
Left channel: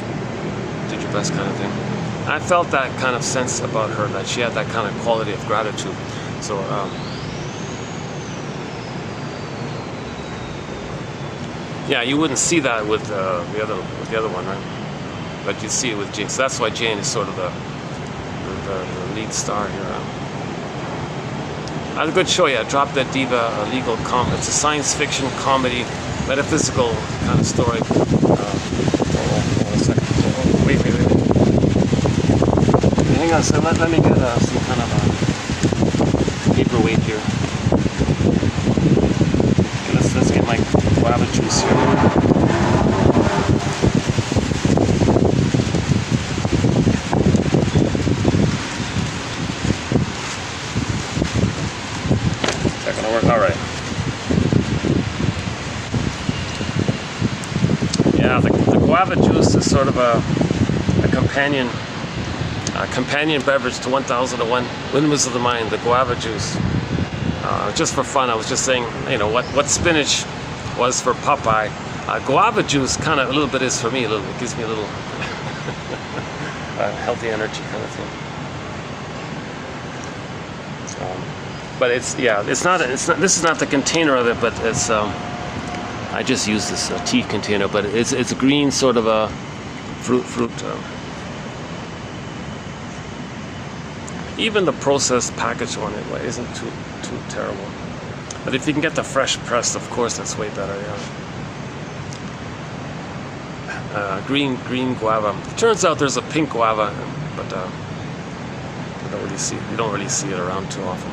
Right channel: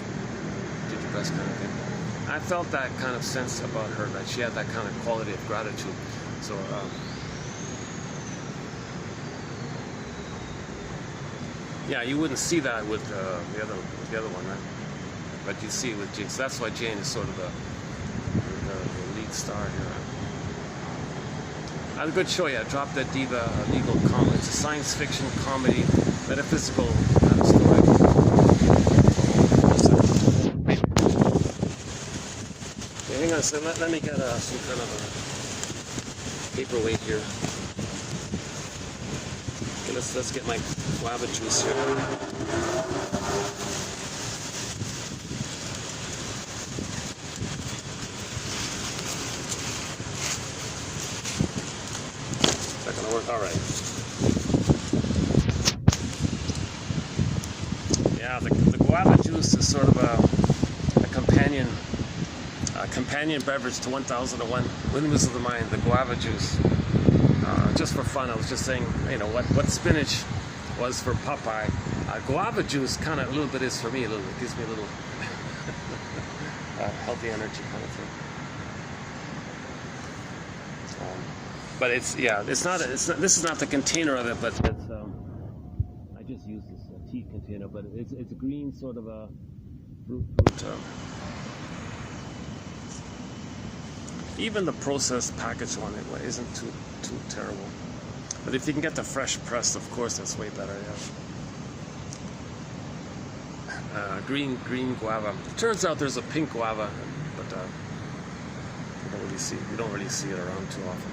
did your best kind of thing. And I felt that kind of sense about her, that she had that kind of quality of gratitude. So, yeah, you wouldn't see that with the other one, right? But you see it with Jane. So that's why Jane is sort of the lead star here. That's a good show, yeah. Drop Dead Diva, a legal comedy. It's a science fiction comedy, metaphysical kind of story. Wait. Hang on a second. Let me get some kind of paperweight here. Okay, let's get my guava juice here. All right. Yeah, the guava juice is sort of a companion beverage to 1001 Windmills of the Mind, the guava juice. just for fun, I was just saying, you know, what spinach was for Popeye, guava juice kind of a little bit is for me. A little, it gives me a little healthy energy kind of thing. But it's, yeah, it's not. This is not the container of it, but it's. I just use this tea container, but it's a green sort of a fruit. Even the processed packaged one anyway isn't too terrible. But if you can get the fresh pressed, of course, that's way better. Yeah. Green guava. It turns out there's a pink guava, but you don't really see it around too often.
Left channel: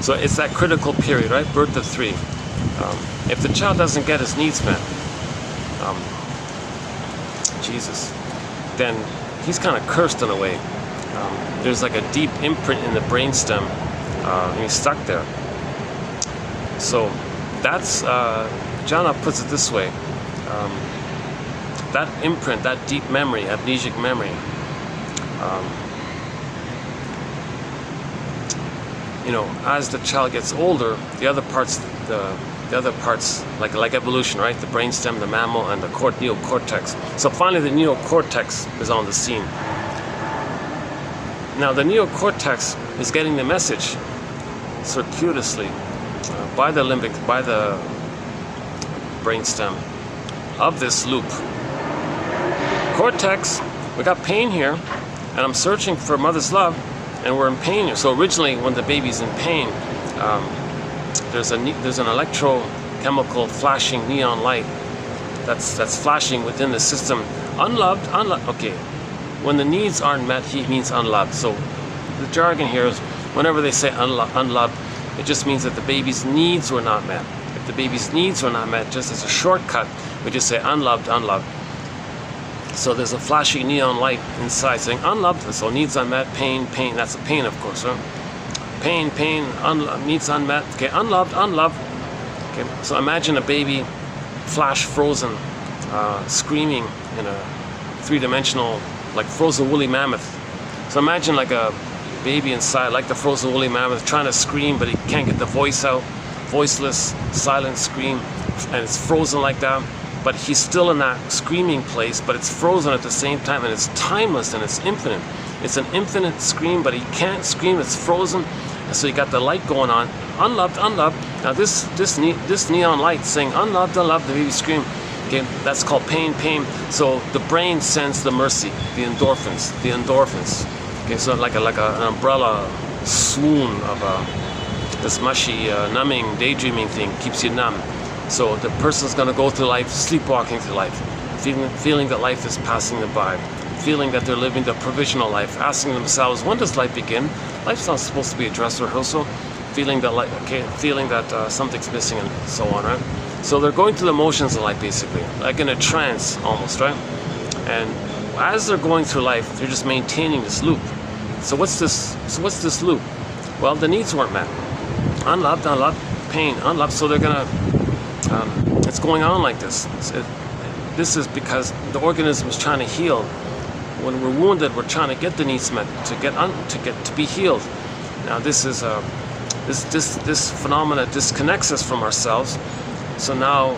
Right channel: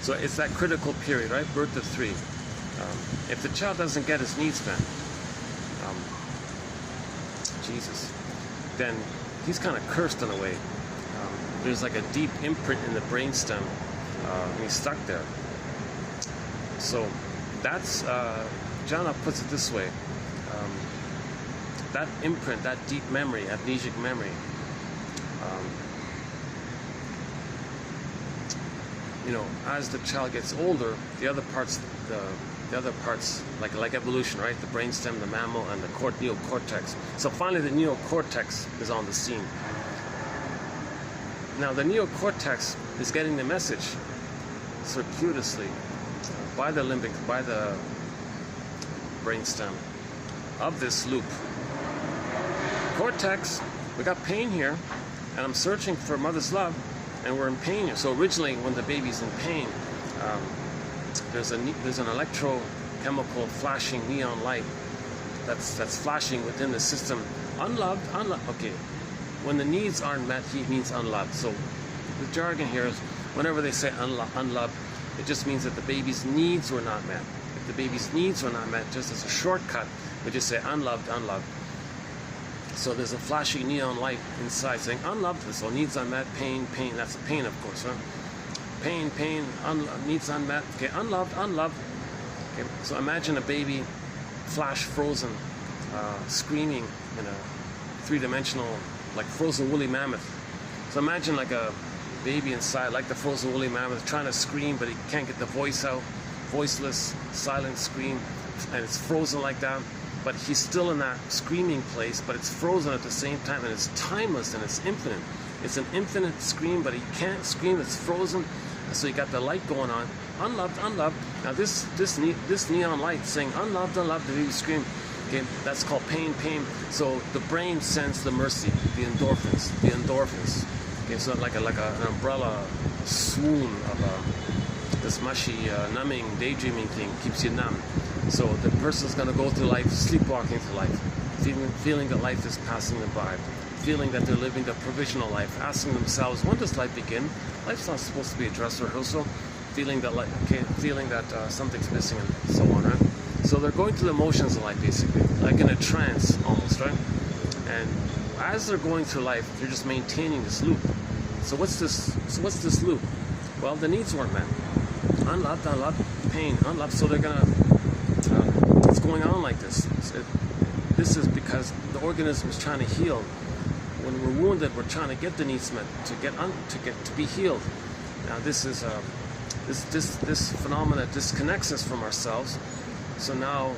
So it's that critical period, right? Birth of 3. If the child doesn't get his needs met, Jesus, then he's kind of cursed in a way. There's like a deep imprint in the brainstem, and he's stuck there. So that's, Jana puts it this way, that imprint, that deep memory, amnesic memory, you know, as the child gets older, the other parts, like evolution, right? The brainstem, the mammal, and the neocortex. So finally, the neocortex is on the scene. Now, the neocortex is getting the message circuitously by the brainstem of this loop. Cortex, we got pain here, and I'm searching for mother's love. And we're in pain. So originally, when the baby's in pain, there's an electrochemical flashing neon light that's flashing within the system. Unloved. Okay, when the needs aren't met, he means unloved. So the jargon here is whenever they say unloved, it just means that the baby's needs were not met. If the baby's needs were not met, just as a shortcut, we just say unloved. So there's a flashing neon light inside saying unloved, so needs unmet, pain, that's a pain, of course, right? Pain, needs unmet, okay, unloved. Okay, so imagine a baby flash frozen, screaming in a 3-dimensional, like frozen woolly mammoth. So imagine like a baby inside, like the frozen woolly mammoth, trying to scream, but he can't get the voice out, voiceless, silent scream, and it's frozen like that. But he's still in that screaming place, but it's frozen at the same time, and it's timeless and it's infinite. It's an infinite scream, but he can't scream, it's frozen. So you got the light going on, unloved. Now this neon light saying unloved, the baby scream. Okay, that's called pain. So the brain sends the mercy, the endorphins. Okay, so like an umbrella swoon of this mushy, numbing, daydreaming thing keeps you numb. So the person's going to go through life, sleepwalking through life, feeling that life is passing them by, feeling that they're living the provisional life, asking themselves, when does life begin? Life's not supposed to be a dress rehearsal. Feeling that something's missing and so on, right? So they're going through the motions of life, basically, like in a trance almost, right? And as they're going through life, they're just maintaining this loop. So what's this loop? Well, the needs weren't met. Unloved, pain, unloved. So they're gonna. It's going on like this. This is because the organism is trying to heal. When we're wounded, we're trying to get the needs met to be healed. Now this is this phenomena disconnects us from ourselves. So now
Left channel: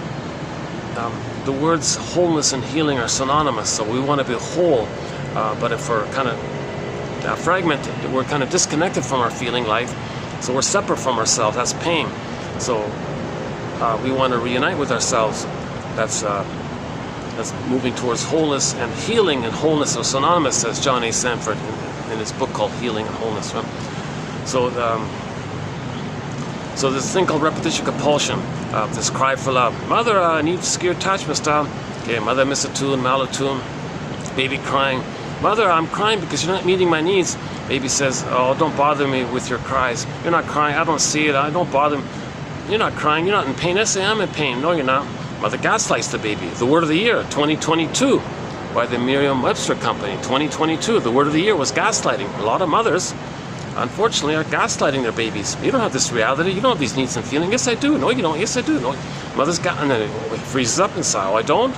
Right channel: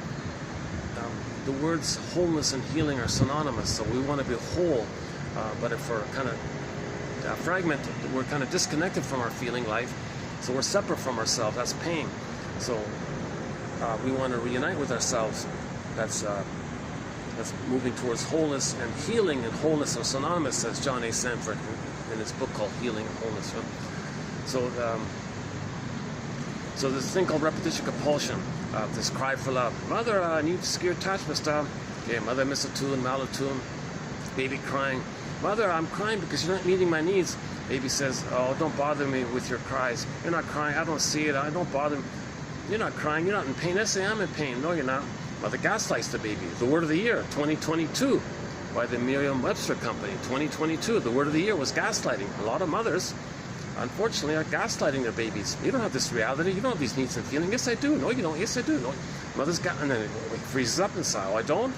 the words wholeness and healing are synonymous. So we want to be whole, but if we're kind of fragmented, we're kind of disconnected from our feeling life. So we're separate from ourselves. That's pain. So we want to reunite with ourselves. That's moving towards wholeness, and healing and wholeness are synonymous, says John A. Sanford in his book called Healing and Wholeness. Right? So this thing called repetition compulsion, this cry for love. Mother, I need secure attachment style. Okay, mother miss a tune, malatune. Baby crying. Mother, I'm crying because you're not meeting my needs. Baby says, oh, don't bother me with your cries. You're not crying. I don't see it. I don't bother me. You're not crying. You're not in pain. I say I'm in pain. No, you're not. Mother gaslights the baby. The word of the year, 2022, by the Merriam-Webster Company. 2022, the word of the year was gaslighting. A lot of mothers unfortunately, are gaslighting their babies. You don't have this reality. You don't have these needs and feelings. Yes, I do. No, you don't. Yes, I do. No, mother's got, and then it freezes up inside. Oh, I don't.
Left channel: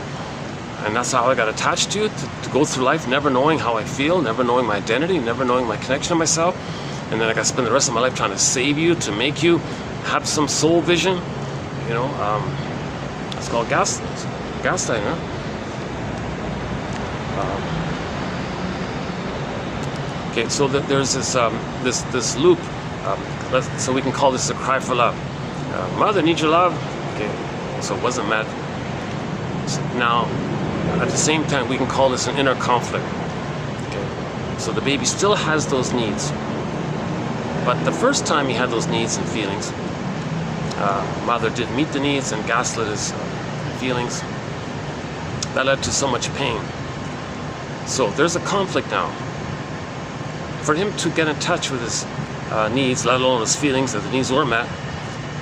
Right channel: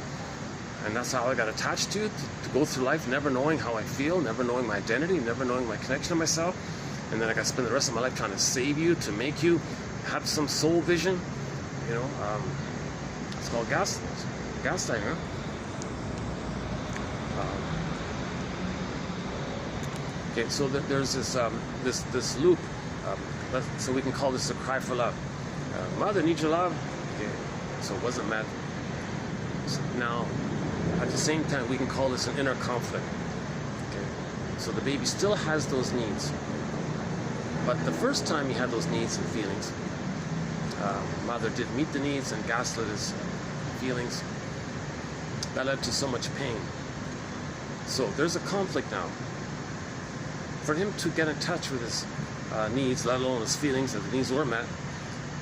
And that's how I got attached to it, to go through life never knowing how I feel, never knowing my identity, never knowing my connection to myself. And then I got to spend the rest of my life trying to save you, to make you have some soul vision. You know, it's called gaslighting, huh? Okay, so there's this loop. So we can call this a cry for love. Mother needs your love. Okay, so it wasn't met. So now, at the same time, we can call this an inner conflict. Okay, so the baby still has those needs, but the first time he had those needs and feelings, mother didn't meet the needs and gaslit his feelings. That led to so much pain. So there's a conflict now. For him to get in touch with his needs, let alone his feelings, that the needs weren't met,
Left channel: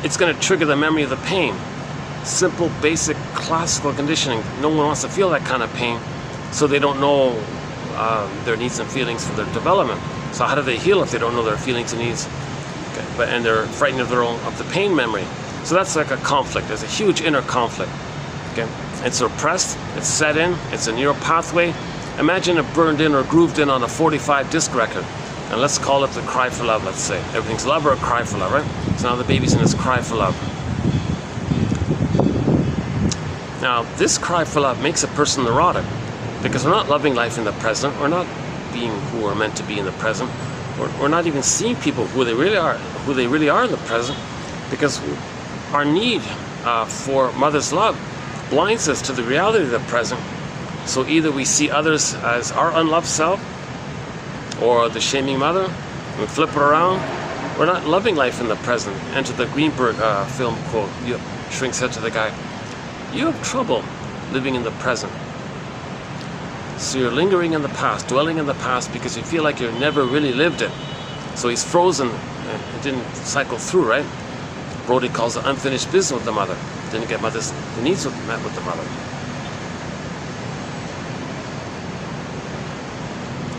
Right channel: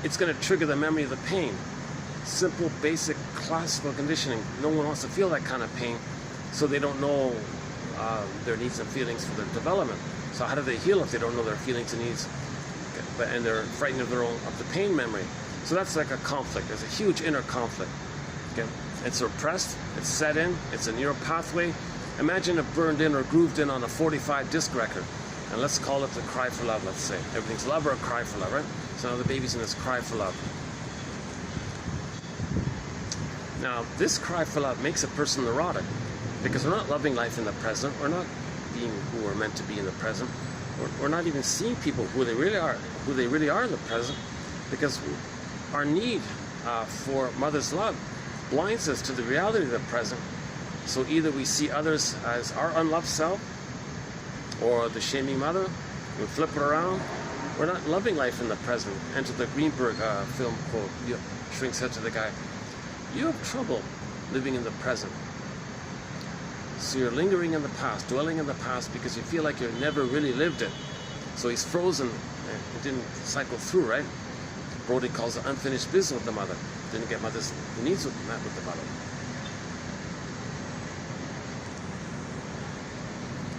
it's going to trigger the memory of the pain. Simple, basic, classical conditioning. No one wants to feel that kind of pain, so they don't know their needs and feelings for their development. So how do they heal if they don't know their feelings and needs? Okay. And they're frightened of the pain memory. So that's like a conflict. There's a huge inner conflict. Okay, it's repressed. It's set in. It's a neural pathway. Imagine it burned in or grooved in on a 45 disc record, and let's call it the cry for love. Let's say everything's love or a cry for love, right? So now the baby's in his cry for love. Now, this cry for love makes a person neurotic, because we're not loving life in the present. We're not being who we're meant to be in the present. We're not even seeing people who they really are in the present, because our need for mother's love blinds us to the reality of the present. So either we see others as our unloved self, or the shaming mother, and we flip it around. We're not loving life in the present. Enter the Greenberg film quote. Shrink said to the guy, "You have trouble living in the present. So you're lingering in the past, dwelling in the past, because you feel like you've never really lived it." So he's frozen, and it didn't cycle through, right? Brody calls it unfinished business with the mother. Didn't get mother's needs met with the mother.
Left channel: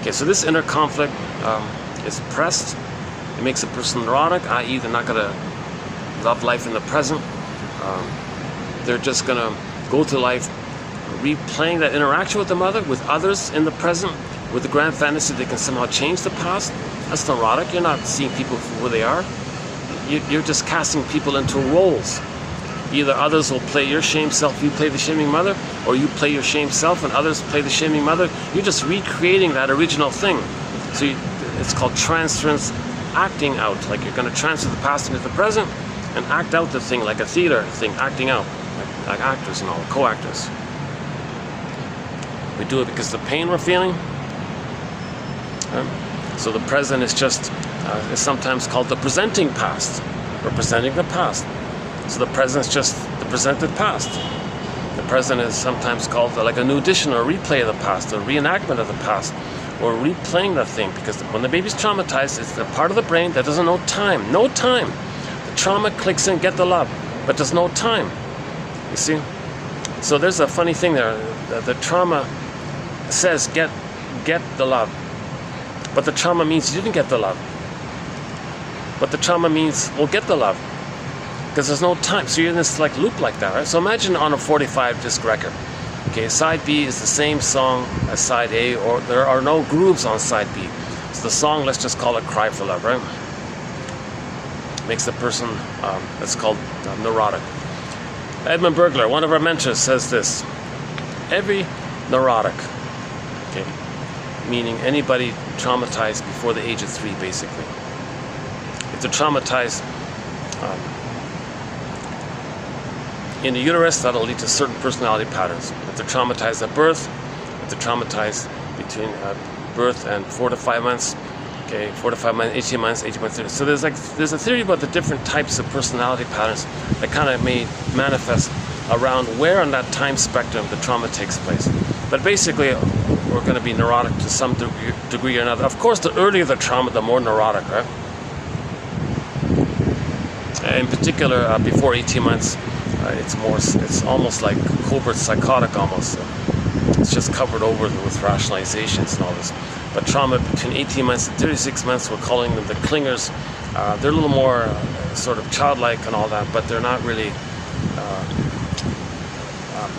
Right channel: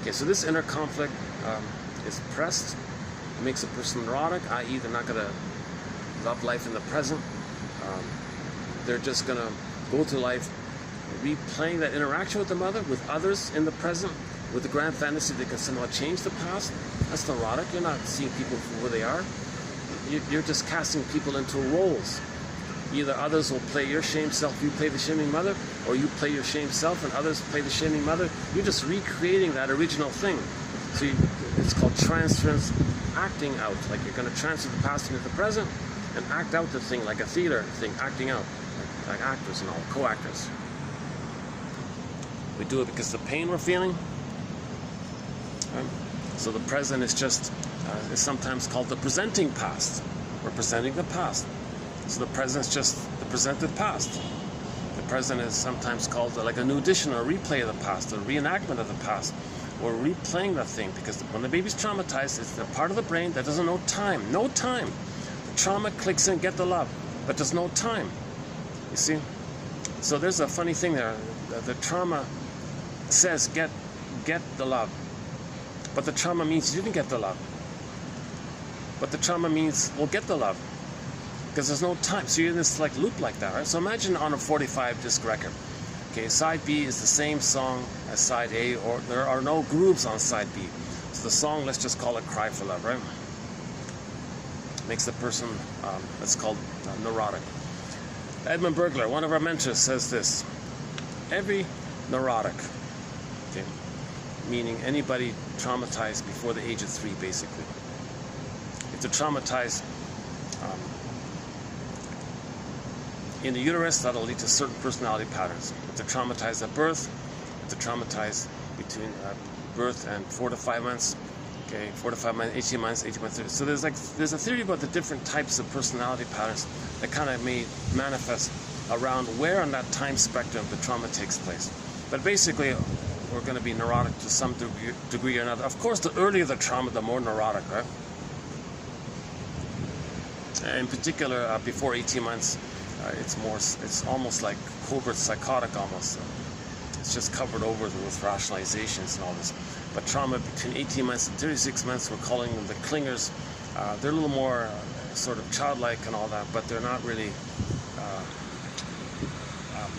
Okay, so this inner conflict is pressed. It makes a person neurotic, i.e. they're not going to love life in the present. They're just going to go through life replaying that interaction with the mother, with others in the present, with the grand fantasy they can somehow change the past. That's neurotic. You're not seeing people for who they are. You're just casting people into roles. Either others will play your shame self, you play the shaming mother, or you play your shame self and others play the shaming mother. You're just recreating that original thing. So it's called transference acting out. Like you're going to transfer the past into the present and act out the thing, like a theater thing, acting out, like actors and all, co-actors. We do it because of the pain we're feeling. So the present is just, is sometimes called the presenting past. We're presenting the past. So the present is just the presented past. The present is sometimes called like a new edition or a replay of the past, a reenactment of the past, or replaying that thing. Because when the baby's traumatized, it's the part of the brain that doesn't know time. No time. The trauma clicks in, get the love, but there's no time. You see? So there's a funny thing there. The trauma says get the love, but the trauma means you didn't get the love. But the trauma means, well, get the love, because there's no time. So you're in this like loop like that, right? So imagine on a 45 disc record. Okay, side B is the same song as side A, or there are no grooves on side B. So the song, let's just call it Cry for Love, right? Makes the person, that's called neurotic. Edmund Burglar, one of our mentors, says this: every neurotic, okay, meaning anybody traumatized before the age of 3, basically. If they're traumatized in the uterus, that'll lead to certain personality patterns. If they're traumatized at birth, if they're traumatized between birth and 4 to 5 months, okay, 4 to 5 months, 18 months, 18 months. So there's a theory about the different types of personality patterns that kind of may manifest around where on that time spectrum the trauma takes place. But basically, we're going to be neurotic to some degree or another. Of course, the earlier the trauma, the more neurotic, right? In particular, before 18 months, it's almost like covert psychotic almost. It's just covered over with rationalizations and all this. but trauma between 18 months and 36 months, we're calling them the clingers. They're a little more sort of childlike and all that, but they're not really,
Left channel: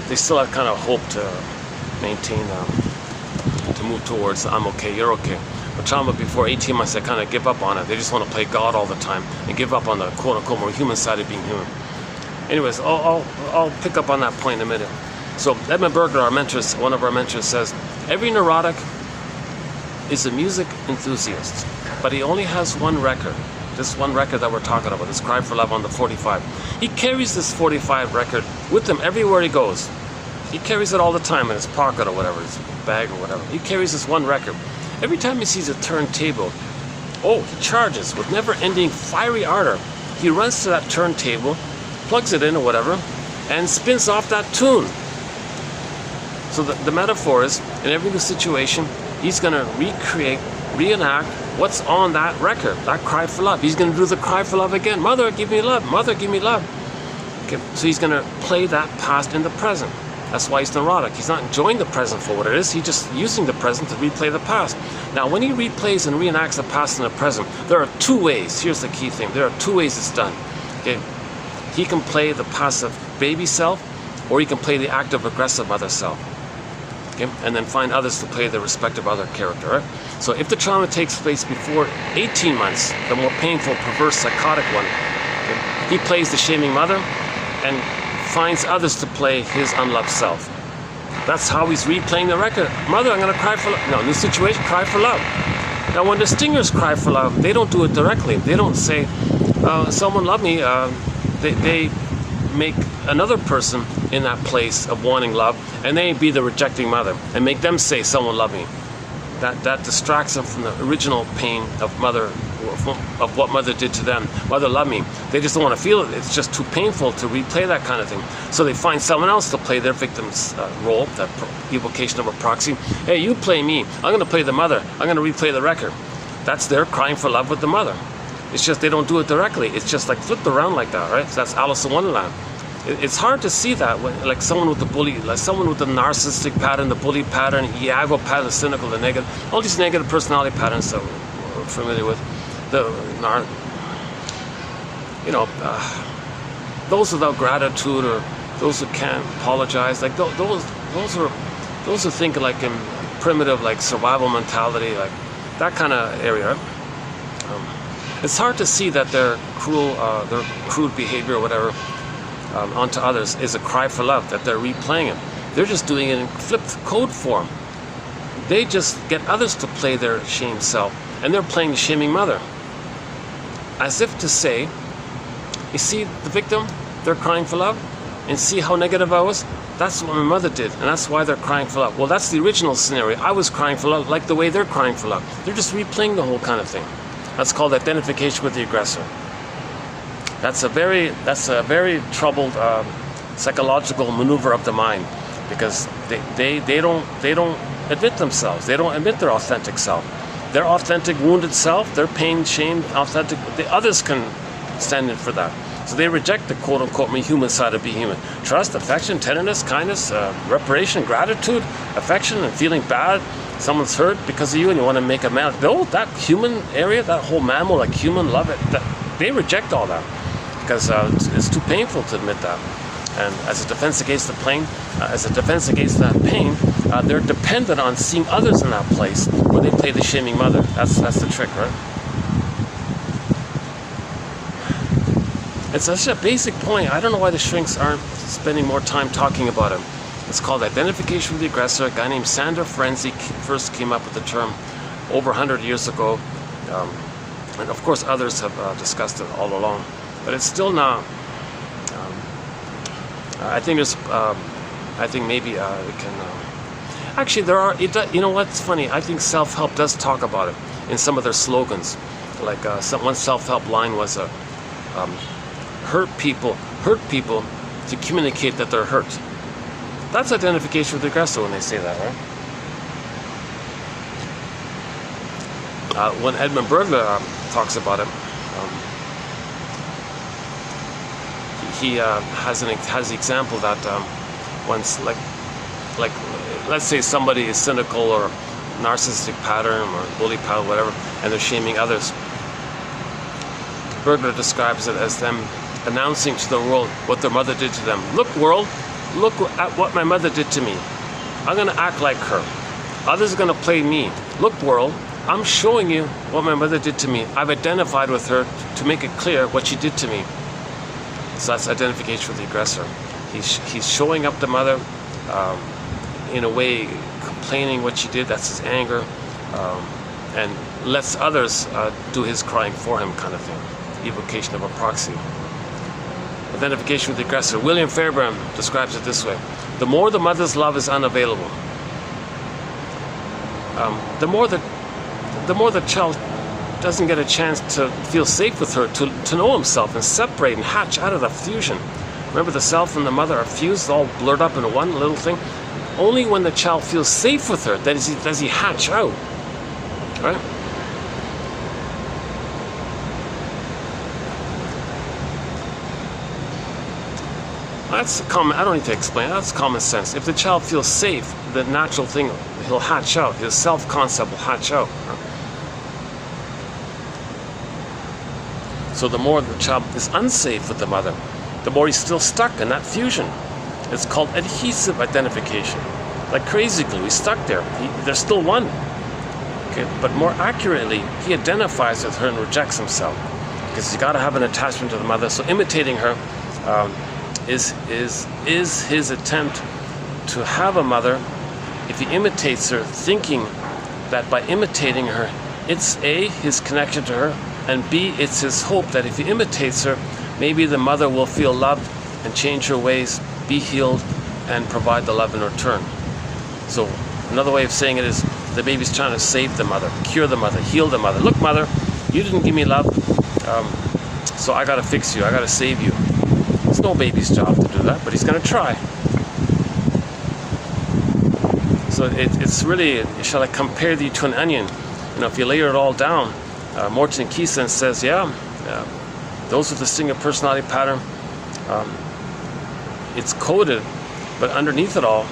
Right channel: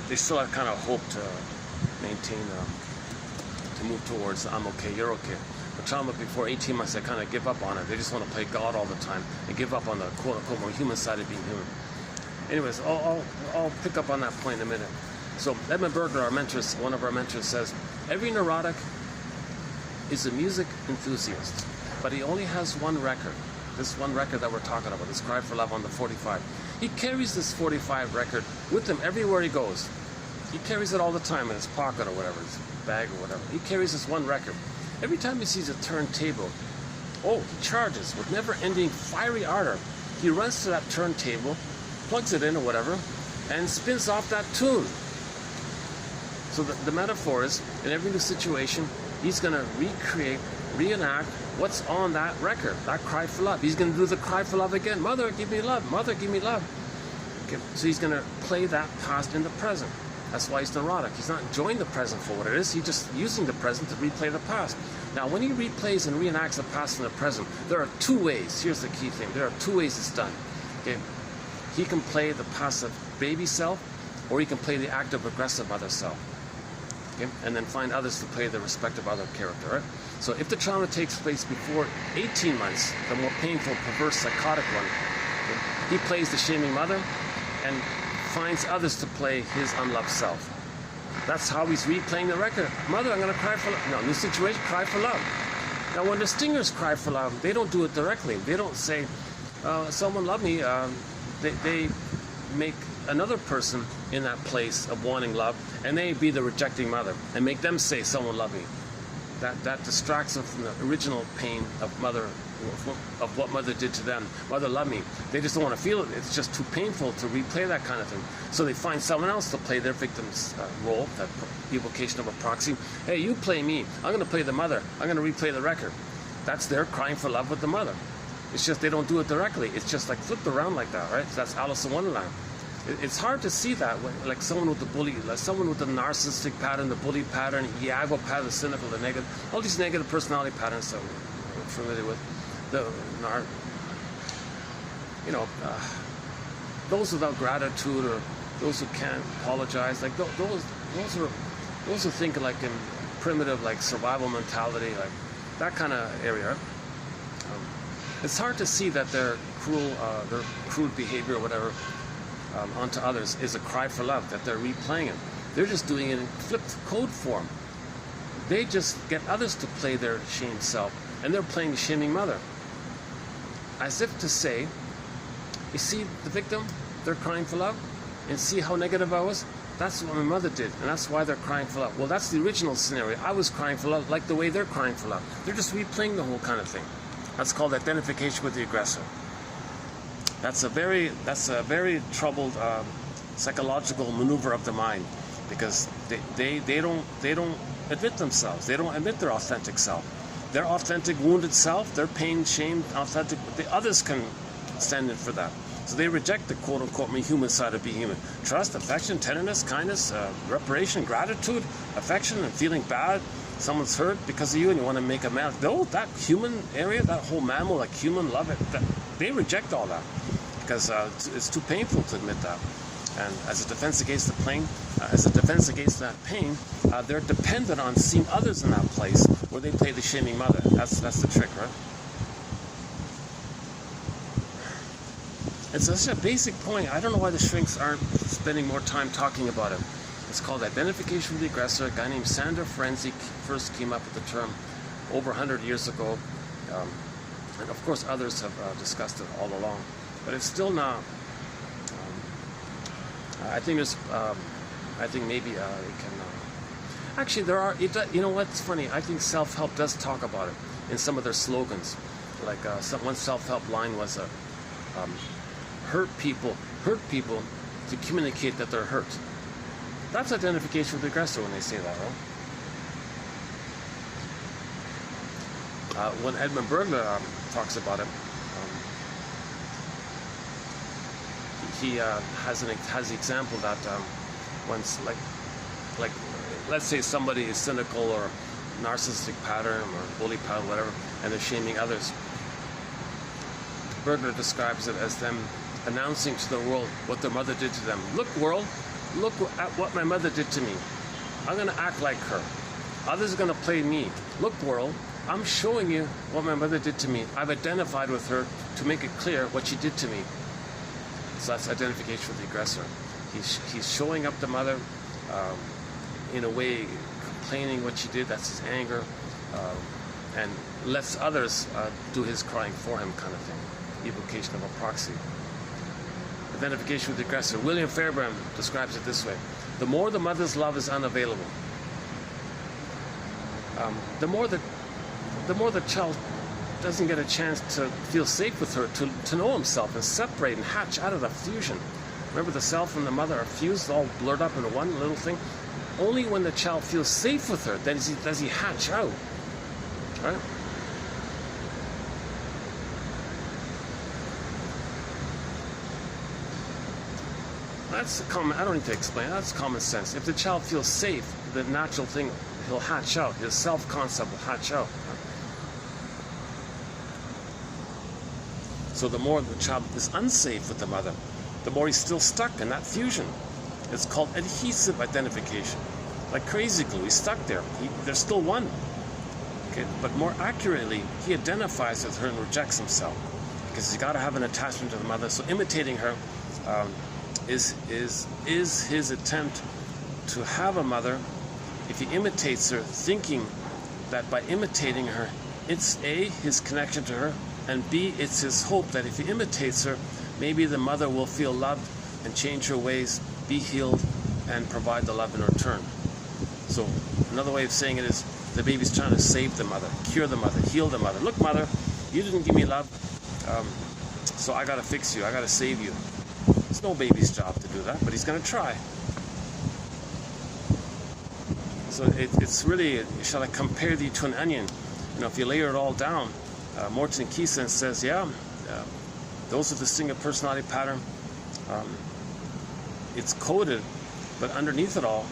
they still have kind of hope to maintain, to move towards I'm okay, you're okay. But trauma before 18 months, they kind of give up on it. They just want to play God all the time and give up on the quote-unquote more human side of being human. Anyways, I'll pick up on that point in a minute. So Edmund Berger, our mentors, one of our mentors, says, every neurotic is a music enthusiast, but he only has one record. This one record that we're talking about, this Cry for Love on the 45. He carries this 45 record with him everywhere he goes. He carries it all the time in his pocket or whatever, his bag or whatever. He carries this one record. Every time he sees a turntable, he charges with never-ending fiery ardor. He runs to that turntable, plugs it in or whatever, and spins off that tune. So the metaphor is, in every new situation, he's going to reenact what's on that record, that Cry for Love. He's going to do the Cry for Love again. Mother, give me love. Mother, give me love. Okay, so he's going to play that past in the present. That's why he's neurotic. He's not enjoying the present for what it is. He's just using the present to replay the past. Now, when he replays and reenacts the past and the present, there are two ways. Here's the key thing. There are two ways it's done. Okay? He can play the passive baby self, or he can play the active aggressive mother self. Okay? And then find others to play the respective other character. Right? So if the trauma takes place before 18 months, the more painful, perverse, psychotic one, okay, he plays the shaming mother and finds others to play his unloved self. That's how he's replaying the record. Mother, I'm going to cry for love. No, new situation, cry for love. Now, when the stingers cry for love, they don't do it directly. They don't say, someone love me. They make another person in that place of wanting love, and they be the rejecting mother, and make them say, someone love me. That distracts them from the original pain of what mother did to them. Mother loved me. They just don't want to feel it. It's just too painful to replay that kind of thing. So they find someone else to play their victim's role, that evocation of a proxy. Hey, you play me. I'm going to play the mother. I'm going to replay the record. That's their crying for love with the mother. It's just they don't do it directly. It's just like flipped around like that, right? So that's Alice in Wonderland. It's hard to see that, like someone with the bully, like someone with the narcissistic pattern, the bully pattern, Iago pattern, the cynical, the negative, all these negative personality patterns that we're familiar with. Those without gratitude, or those who can't apologize, like those are thinking like in primitive, like survival mentality, like that kind of area. It's hard to see that their crude behavior or whatever onto others is a cry for love, that they're replaying it. They're just doing it in flipped code form. They just get others to play their shamed self, and they're playing the shaming mother. As if to say, you see the victim, they're crying for love, and see how negative I was? That's what my mother did, and that's why they're crying for love. Well, that's the original scenario. I was crying for love like the way they're crying for love. They're just replaying the whole kind of thing. That's called identification with the aggressor. That's a very troubled psychological maneuver of the mind, because they don't admit themselves. They don't admit their authentic self. Their authentic wounded self, their pain, shame, authentic, the others can stand in for that. So they reject the quote-unquote human side of being human. Trust, affection, tenderness, kindness, reparation, gratitude, affection, and feeling bad. Someone's hurt because of you and you want to make amends. No, that human area, that whole mammal, like human love, they reject all that because it's too painful to admit that. And as a defense against the pain, they're dependent on seeing others in that place where they play the shaming mother. That's the trick, right? It's such a basic point. I don't know why the shrinks aren't spending more time talking about it. It's called identification with the aggressor. A guy named Sandor Ferenczi first came up with the term over 100 years ago. And of course others have discussed it all along. But it's still not... I think maybe we can... actually, there are... you know what's funny? I think self-help does talk about it in some of their slogans. Like one self-help line was... hurt people to communicate that they're hurt. That's identification with the aggressor when they say that, right? When Edmund Berger talks about it, he has the example that once, like let's say somebody is cynical or narcissistic pattern or bully pattern, whatever, and they're shaming others. Bergler describes it as them announcing to the world what their mother did to them. Look, world, look at what my mother did to me. I'm going to act like her. Others are going to play me. Look, world, I'm showing you what my mother did to me. I've identified with her to make it clear what she did to me. So that's identification with the aggressor. He's showing up the mother in a way, complaining what she did. That's his anger, and lets others do his crying for him, kind of thing. Evocation of a proxy. Identification with the aggressor. William Fairbairn describes it this way: the more the mother's love is unavailable, the more the child doesn't get a chance to feel safe with her, to know himself and separate and hatch out of the fusion. Remember, the self and the mother are fused, all blurred up into one little thing. Only when the child feels safe with her does he hatch out, right? That's common. I don't need to explain. That's common sense. If the child feels safe, the natural thing, he'll hatch out. His self-concept will hatch out. So the more the child is unsafe with the mother, the more he's still stuck in that fusion. It's called adhesive identification. Like crazy glue, he's stuck there. There's still one. Okay, but more accurately, he identifies with her and rejects himself, because he's got to have an attachment to the mother. So imitating her is his attempt to have a mother. If he imitates her, thinking that by imitating her, it's A, his connection to her, and B, it's his hope that if he imitates her, maybe the mother will feel loved and change her ways, be healed, and provide the love in return. So another way of saying it is the baby's trying to save the mother, cure the mother, heal the mother. Look, mother, you didn't give me love, so I got to fix you, I got to save you. It's no baby's job to do that, but he's going to try. So it's really, shall I compare thee to an onion? You know, if you layer it all down, Morton Keeson says, those with the single personality pattern, it's coded, but underneath it all,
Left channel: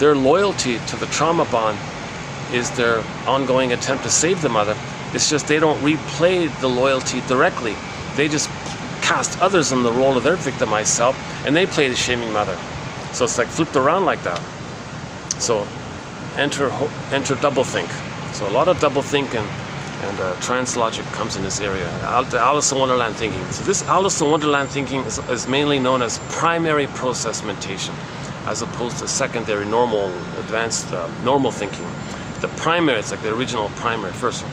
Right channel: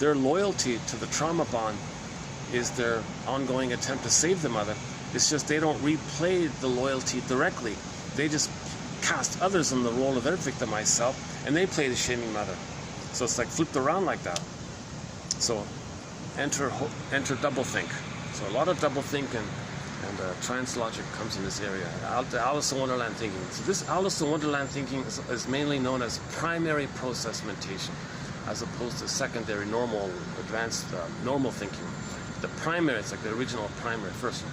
their loyalty to the trauma bond is their ongoing attempt to save the mother. It's just they don't replay the loyalty directly. They just cast others in the role of their victimized self, and they play the shaming mother. So it's like flipped around like that. So enter doublethink. So a lot of doublethink and trans logic comes in this area. Alice in Wonderland thinking. So this Alice in Wonderland thinking is mainly known as primary process mentation, as opposed to secondary, normal, advanced, normal thinking. The primary, it's like the original primary, first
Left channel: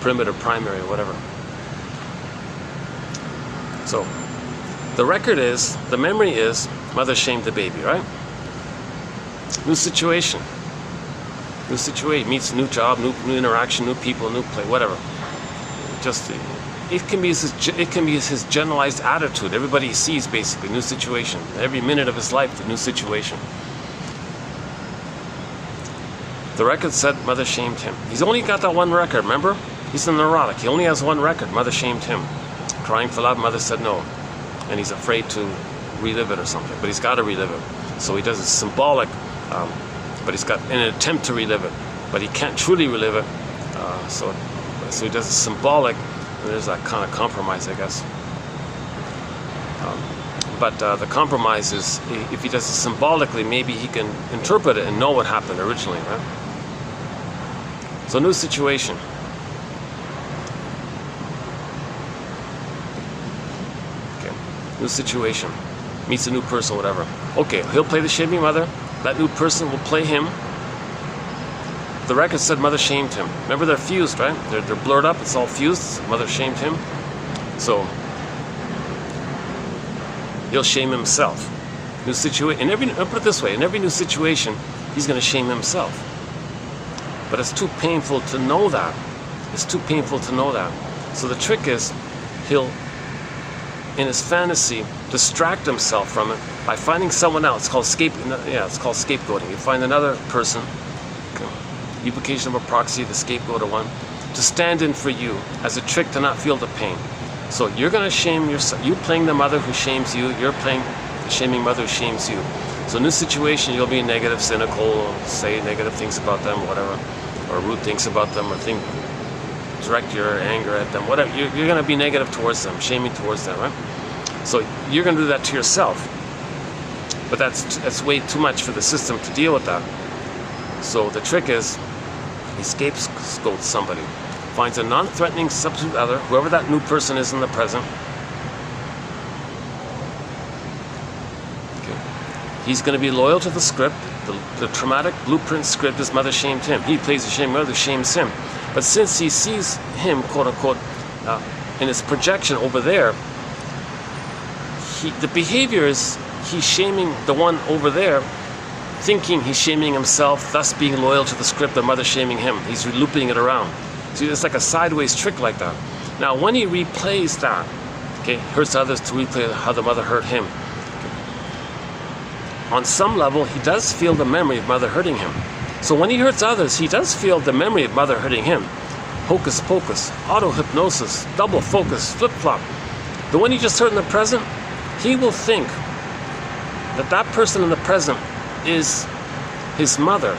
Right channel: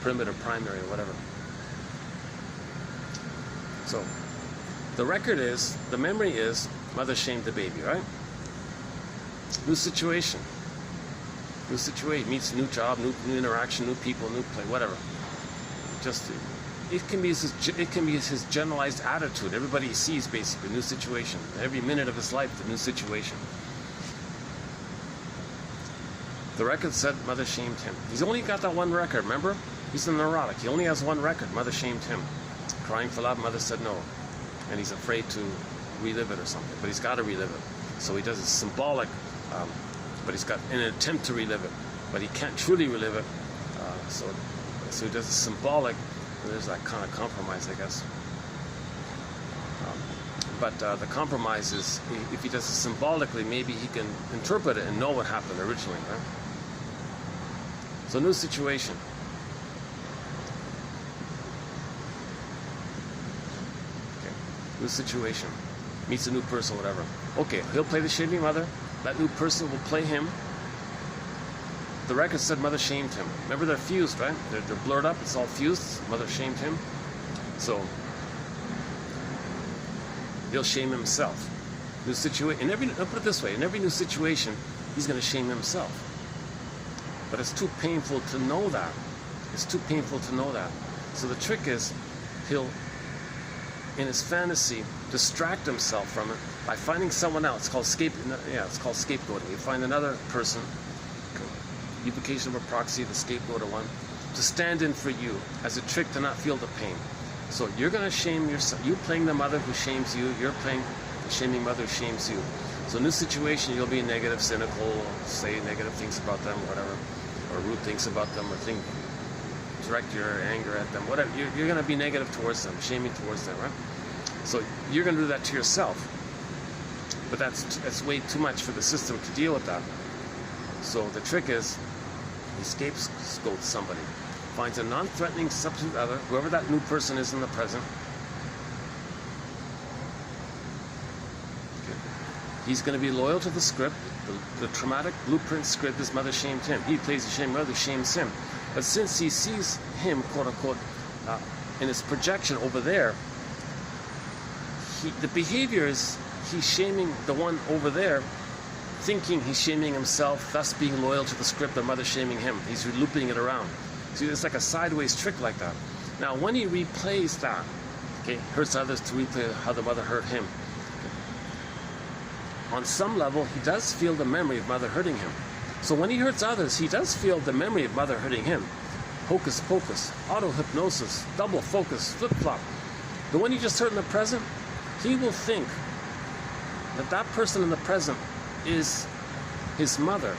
primitive primary, whatever. So the record is, the memory is, mother shamed the baby, right? New situation. New situation, meets new job, new interaction, new people, new play, whatever. Just, it can be his generalized attitude. Everybody sees basically new situation. Every minute of his life, a new situation. The record said mother shamed him. He's only got that one record, remember? He's a neurotic. He only has one record. Mother shamed him. Crying for love, mother said no. And he's afraid to relive it or something. But he's got to relive it. So he does it symbolic, but he's got an attempt to relive it. But he can't truly relive it. So he does it symbolic. And there's that kind of compromise, I guess. But the compromise is, if he does it symbolically, maybe he can interpret it and know what happened originally, right? So new situation. Okay, new situation. Meets a new person, whatever. Okay, he'll play the shaming mother. That new person will play him. The record said mother shamed him. Remember, they're fused, right? They're blurred up. It's all fused. Mother shamed him. So he'll shame himself. New situation. I'll put it this way: in every new situation, he's going to shame himself. But it's too painful to know that. It's too painful to know that. So the trick is, he'll, in his fantasy, distract himself from it by finding someone else. It's called scapegoating. You find another person, evocation of a proxy, the scapegoater one, to stand in for you as a trick to not feel the pain. So you're going to shame yourself. You playing the mother who shames you. You're playing the shaming mother who shames you. So in this situation, you'll be negative, cynical, or say negative things about them, whatever, or rude things about them, or direct your anger at them, whatever. You're going to be negative towards them, shaming towards them, right? So you're going to do that to yourself. But that's way too much for the system to deal with that. So the trick is, he scapegoats somebody, finds a non-threatening substitute other, whoever that new person is in the present. Okay. He's going to be loyal to the script, the traumatic blueprint script. His mother shamed him. He plays the shame, mother shames him. But since he sees him, quote unquote, in his projection over there, the behavior is he's shaming the one over there, thinking he's shaming himself, thus being loyal to the script, the mother shaming him. He's looping it around. See, it's like a sideways trick like that. Now, when he replays that, okay, hurts others to replay how the mother hurt him. On some level, he does feel the memory of mother hurting him. So when he hurts others, he does feel the memory of mother hurting him. Hocus pocus, auto-hypnosis, double focus, flip-flop. The one he just hurt in the present, he will think that that person in the present is his mother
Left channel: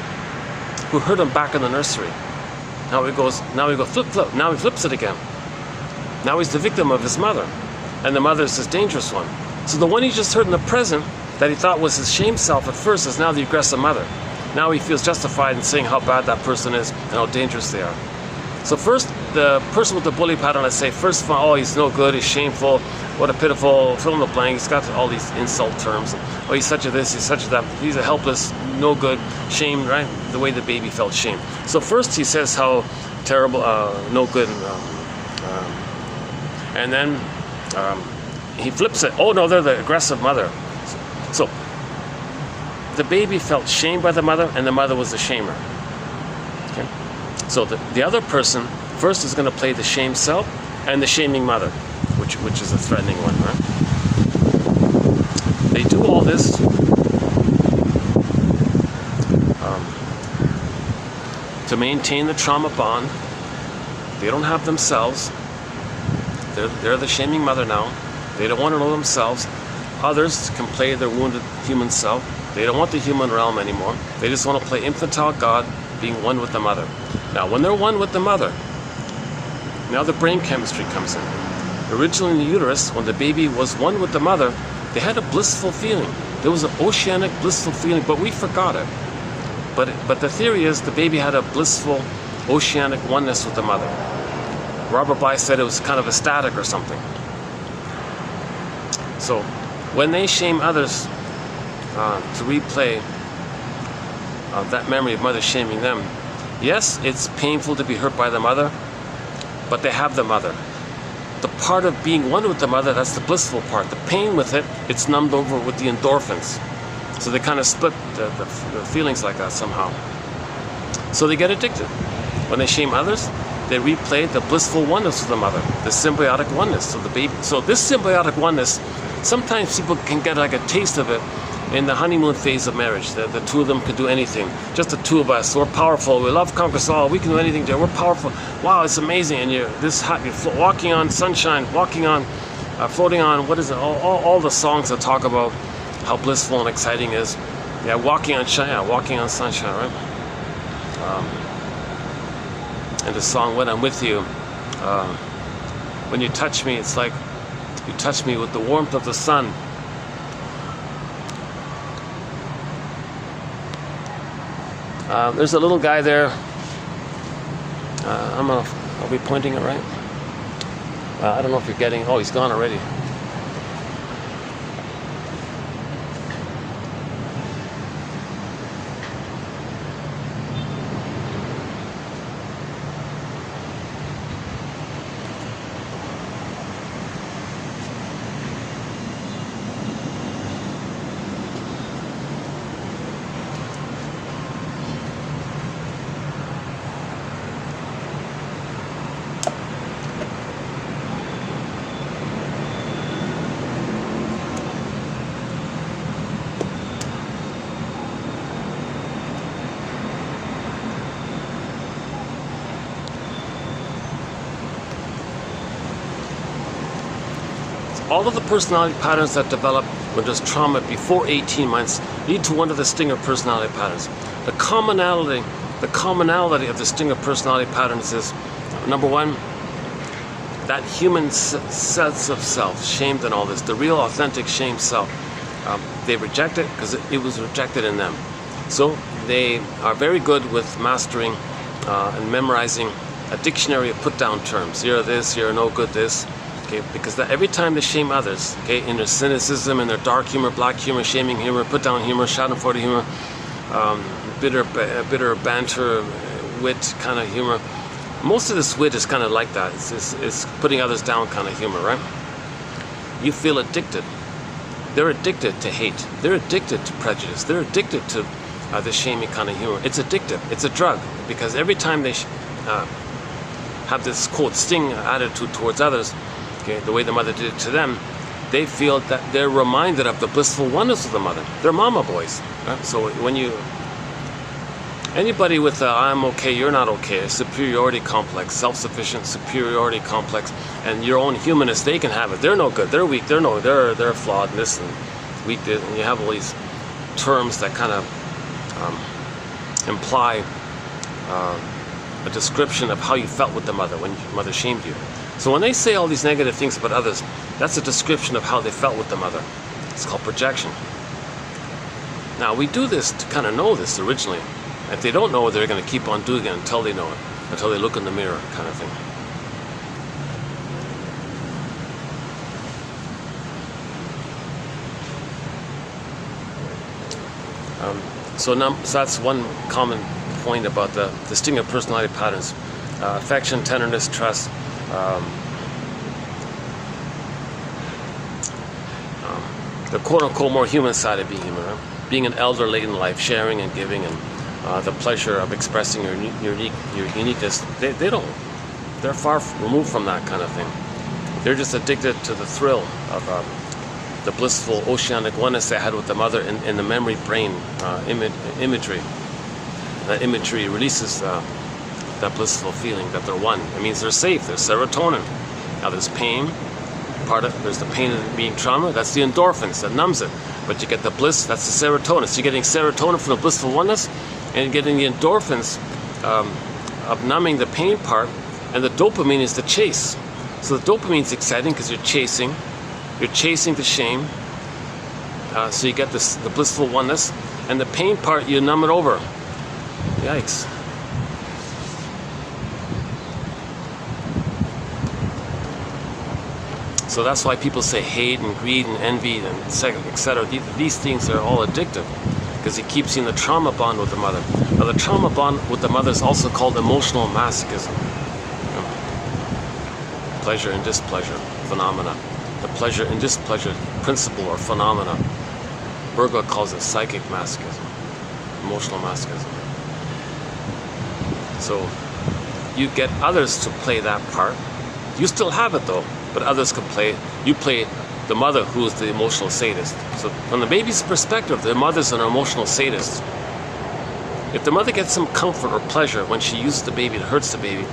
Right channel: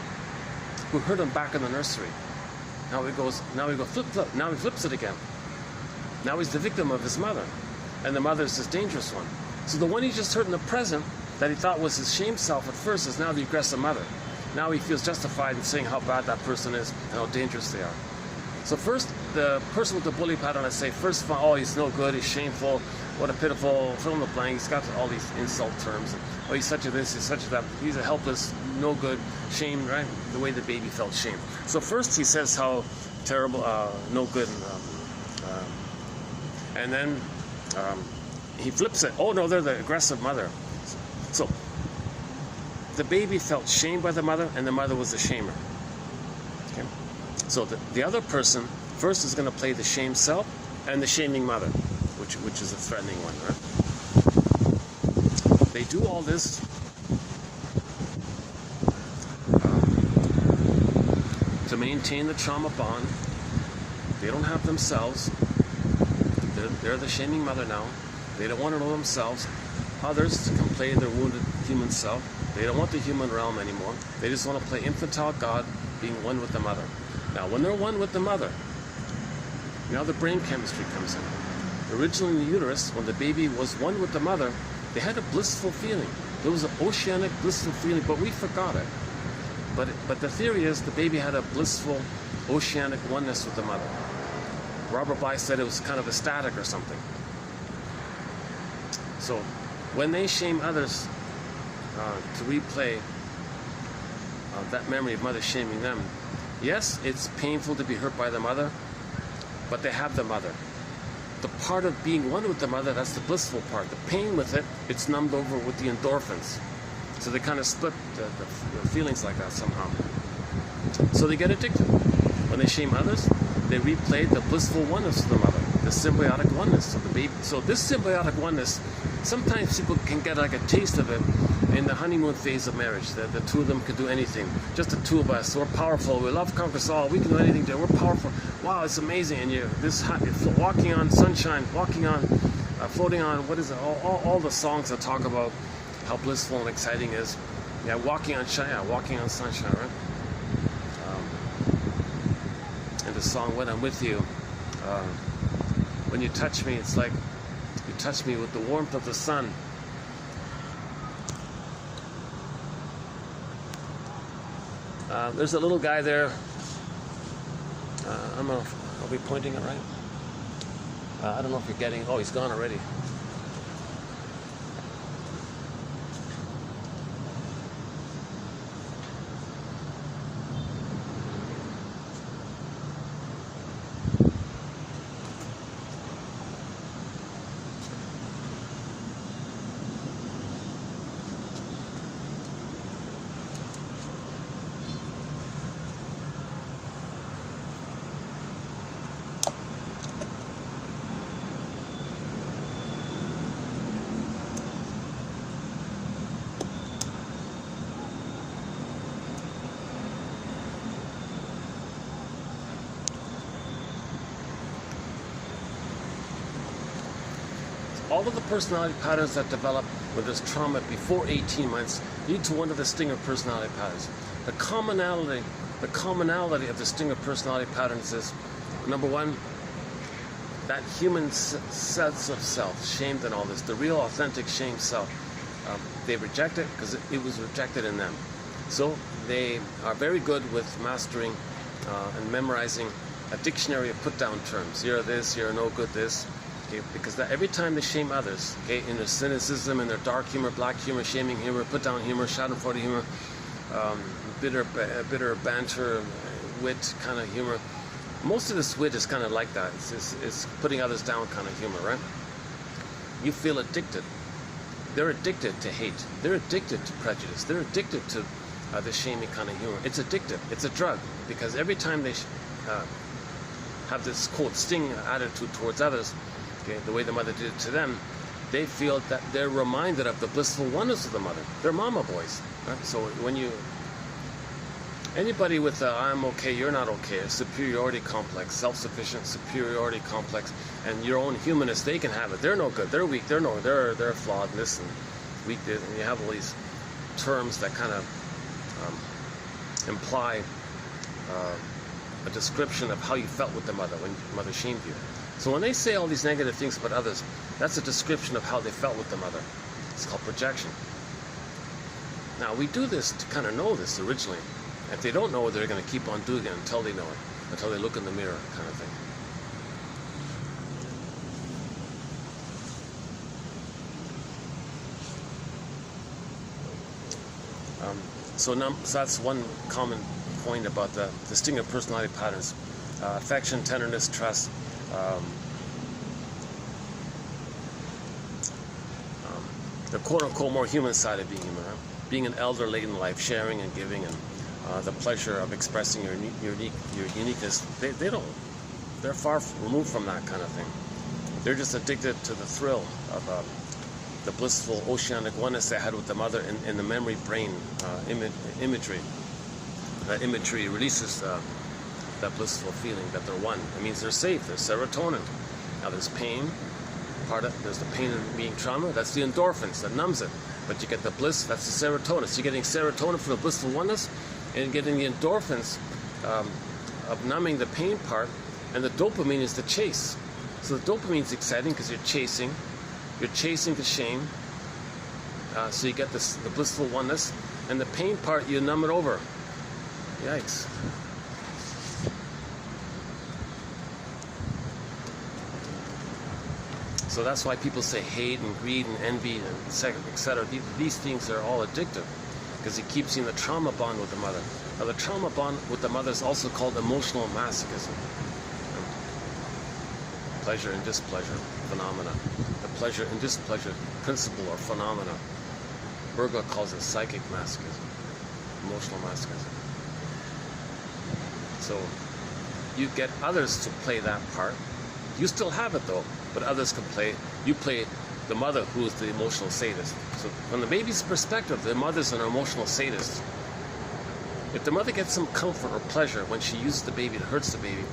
who hurt him back in the nursery. Now he goes flip-flop. Now he flips it again. Now he's the victim of his mother. And the mother is this dangerous one. So the one he just hurt in the present that he thought was his shame self at first is now the aggressive mother. Now he feels justified in saying how bad that person is and how dangerous they are. So first, the person with the bully pattern, I say, first of all, oh, he's no good, he's shameful, what a pitiful, fill in the blank, he's got all these insult terms. Oh, he's such a this, he's such a that, he's a helpless, no good, shame, right? The way the baby felt shame. So first he says how terrible, no good, and then he flips it. Oh no, they're the aggressive mother. So the baby felt shamed by the mother, and the mother was the shamer. Okay? So the other person first is going to play the shame self and the shaming mother, which is a threatening one, right? They do all this to maintain the trauma bond. They don't have themselves. They're the shaming mother now. They don't want to know themselves. Others can play their wounded human self. They don't want the human realm anymore. They just want to play infantile God, being one with the mother. Now, when they're one with the mother, now the brain chemistry comes in. Originally in the uterus, when the baby was one with the mother, they had a blissful feeling. There was an oceanic blissful feeling, but we forgot it. But the theory is the baby had a blissful oceanic oneness with the mother. Robert Bly said it was kind of ecstatic or something. So when they shame others to replay that memory of mother shaming them, yes, it's painful to be hurt by the mother, but they have the mother. The part of being one with the mother, that's the blissful part. The pain with it, it's numbed over with the endorphins. So they kind of split the feelings like that somehow. So they get addicted. When they shame others, they replay the blissful oneness of the mother, the symbiotic oneness of the baby. So this symbiotic oneness, sometimes people can get like a taste of it in the honeymoon phase of marriage. The two of them can do anything. Just the two of us. We're powerful. We love conquers all. We can do anything there. We're powerful. Wow, it's amazing. And you're this hot. You're walking on sunshine. Walking on, floating on. What is it? All the songs that talk about how blissful and exciting it is. Yeah, walking on sunshine, right? And the song "When I'm With You," when you touch me, it's like you touch me with the warmth of the sun. There's a little guy there. I'll be pointing it right. I don't know if you're getting. Oh, he's gone already. all of the personality patterns that develop when there's trauma before 18 months lead to one of the stinger personality patterns. The commonality of the stinger personality patterns is, number one, that human sense of self, shamed and all this, the real authentic shamed self. They reject it because it was rejected in them. So they are very good with mastering and memorizing a dictionary of put-down terms. You're this, you're no good this. Okay, because every time they shame others, okay, in their cynicism, in their dark humor, black humor, shaming humor, put-down humor, schadenfreude humor, bitter banter, wit kind of humor. Most of this wit is kind of like that. It's putting others down kind of humor, right? You feel addicted. They're addicted to hate. They're addicted to prejudice. They're addicted to this shaming kind of humor. It's addictive. It's a drug, because every time they have this, quote, sting attitude towards others, okay, the way the mother did it to them, they feel that they're reminded of the blissful oneness of the mother. They're mama boys. Right? So when anybody with a I'm okay, you're not okay, a superiority complex, self-sufficient superiority complex, and your own humanness, they can have it. They're no good, they're weak, they're flawed, and this and weak, and you have all these terms that kind of imply a description of how you felt with the mother when your mother shamed you. So when they say all these negative things about others, that's a description of how they felt with the mother. It's called projection. Now, we do this to kind of know this originally. If they don't know it, they're going to keep on doing it until they know it, until they look in the mirror, kind of thing. So that's one common point about the stinger personality patterns. Affection, tenderness, trust, the quote-unquote more human side of being human, right? Being an elder late in life, sharing and giving, and the pleasure of expressing your uniqueness. They're far removed from that kind of thing. They're just addicted to the thrill of the blissful oceanic oneness they had with the mother in the memory brain imagery. That imagery releases that blissful feeling that they're one. It means they're safe. There's serotonin. Now there's pain. There's the pain of being trauma. That's the endorphins that numbs it. But you get the bliss. That's the serotonin. So you're getting serotonin from the blissful oneness, and you're getting the endorphins of numbing the pain part. And the dopamine is the chase. So the dopamine is exciting because you're chasing. You're chasing the shame. So you get the blissful oneness, and the pain part you numb it over. Yikes. So that's why people say hate and greed and envy and etc. These things are all addictive because it keeps you in the trauma bond with the mother. Now the trauma bond with the mother is also called emotional masochism. Pleasure and displeasure phenomena. The pleasure and displeasure principle or phenomena. Berger calls it psychic masochism, emotional masochism. So you get others to play that part. You still have it though, but others can play it. You play the mother who is the emotional sadist. So from the baby's perspective, the mother's an emotional sadist. If the mother gets some comfort or pleasure when she uses the baby, it hurts the baby.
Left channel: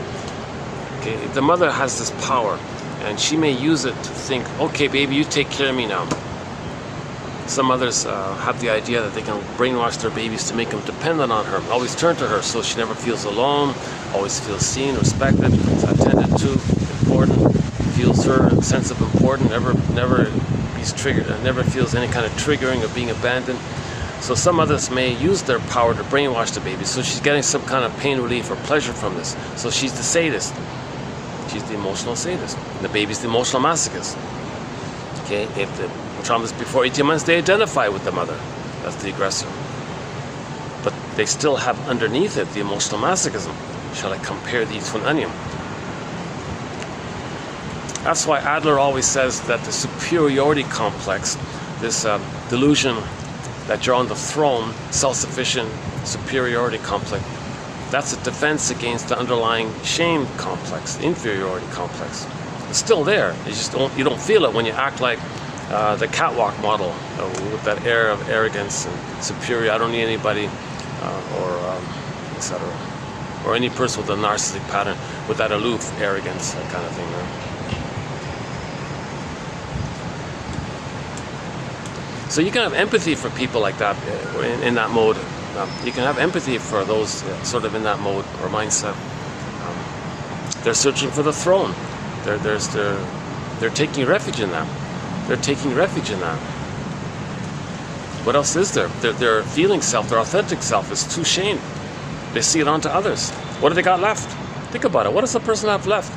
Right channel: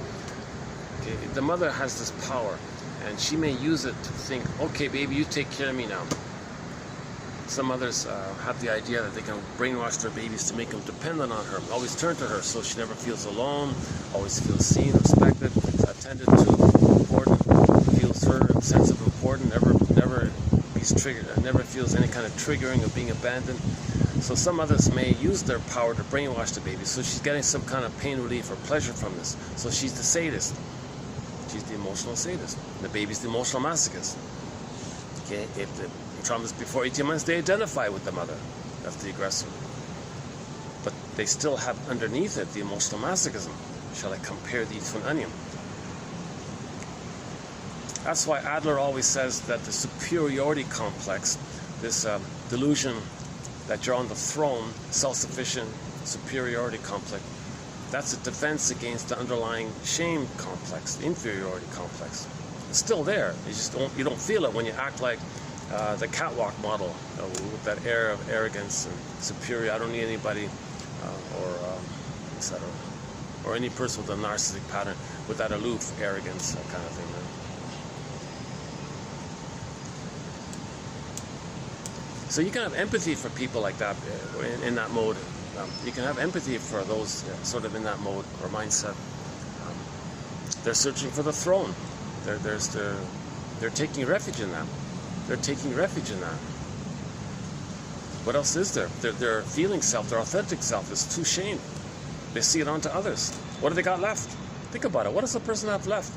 Okay, the mother has this power, and she may use it to think, okay, baby, you take care of me now. Some mothers have the idea that they can brainwash their babies to make them dependent on her, always turn to her so she never feels alone, always feels seen, respected, attended to, important, feels her sense of importance, never is triggered, never feels any kind of triggering of being abandoned. So some mothers may use their power to brainwash the baby, so she's getting some kind of pain relief or pleasure from this. So she's the sadist. She's the emotional sadist. The baby's the emotional masochist. Okay, if the trauma's before 18 months, they identify with the mother. That's the aggressor. But they still have underneath it the emotional masochism. Shall I compare these to an onion? That's why Adler always says that the superiority complex, this delusion that you're on the throne, self-sufficient superiority complex, that's a defense against the underlying shame complex, the inferiority complex. It's still there. You don't feel it when you act like the catwalk model with that air of arrogance and superior. I don't need anybody, or etc. Or any person with a narcissistic pattern with that aloof arrogance, that kind of thing. Right? So you can have empathy for people like that in that mode. You can have empathy for those sort of in that mode or mindset. They're searching for the throne. They're taking refuge in that. They're taking refuge in that. What else is there? Their feeling self, their authentic self is too shamed. They see it onto others. What do they got left? Think about it. What does the person have left?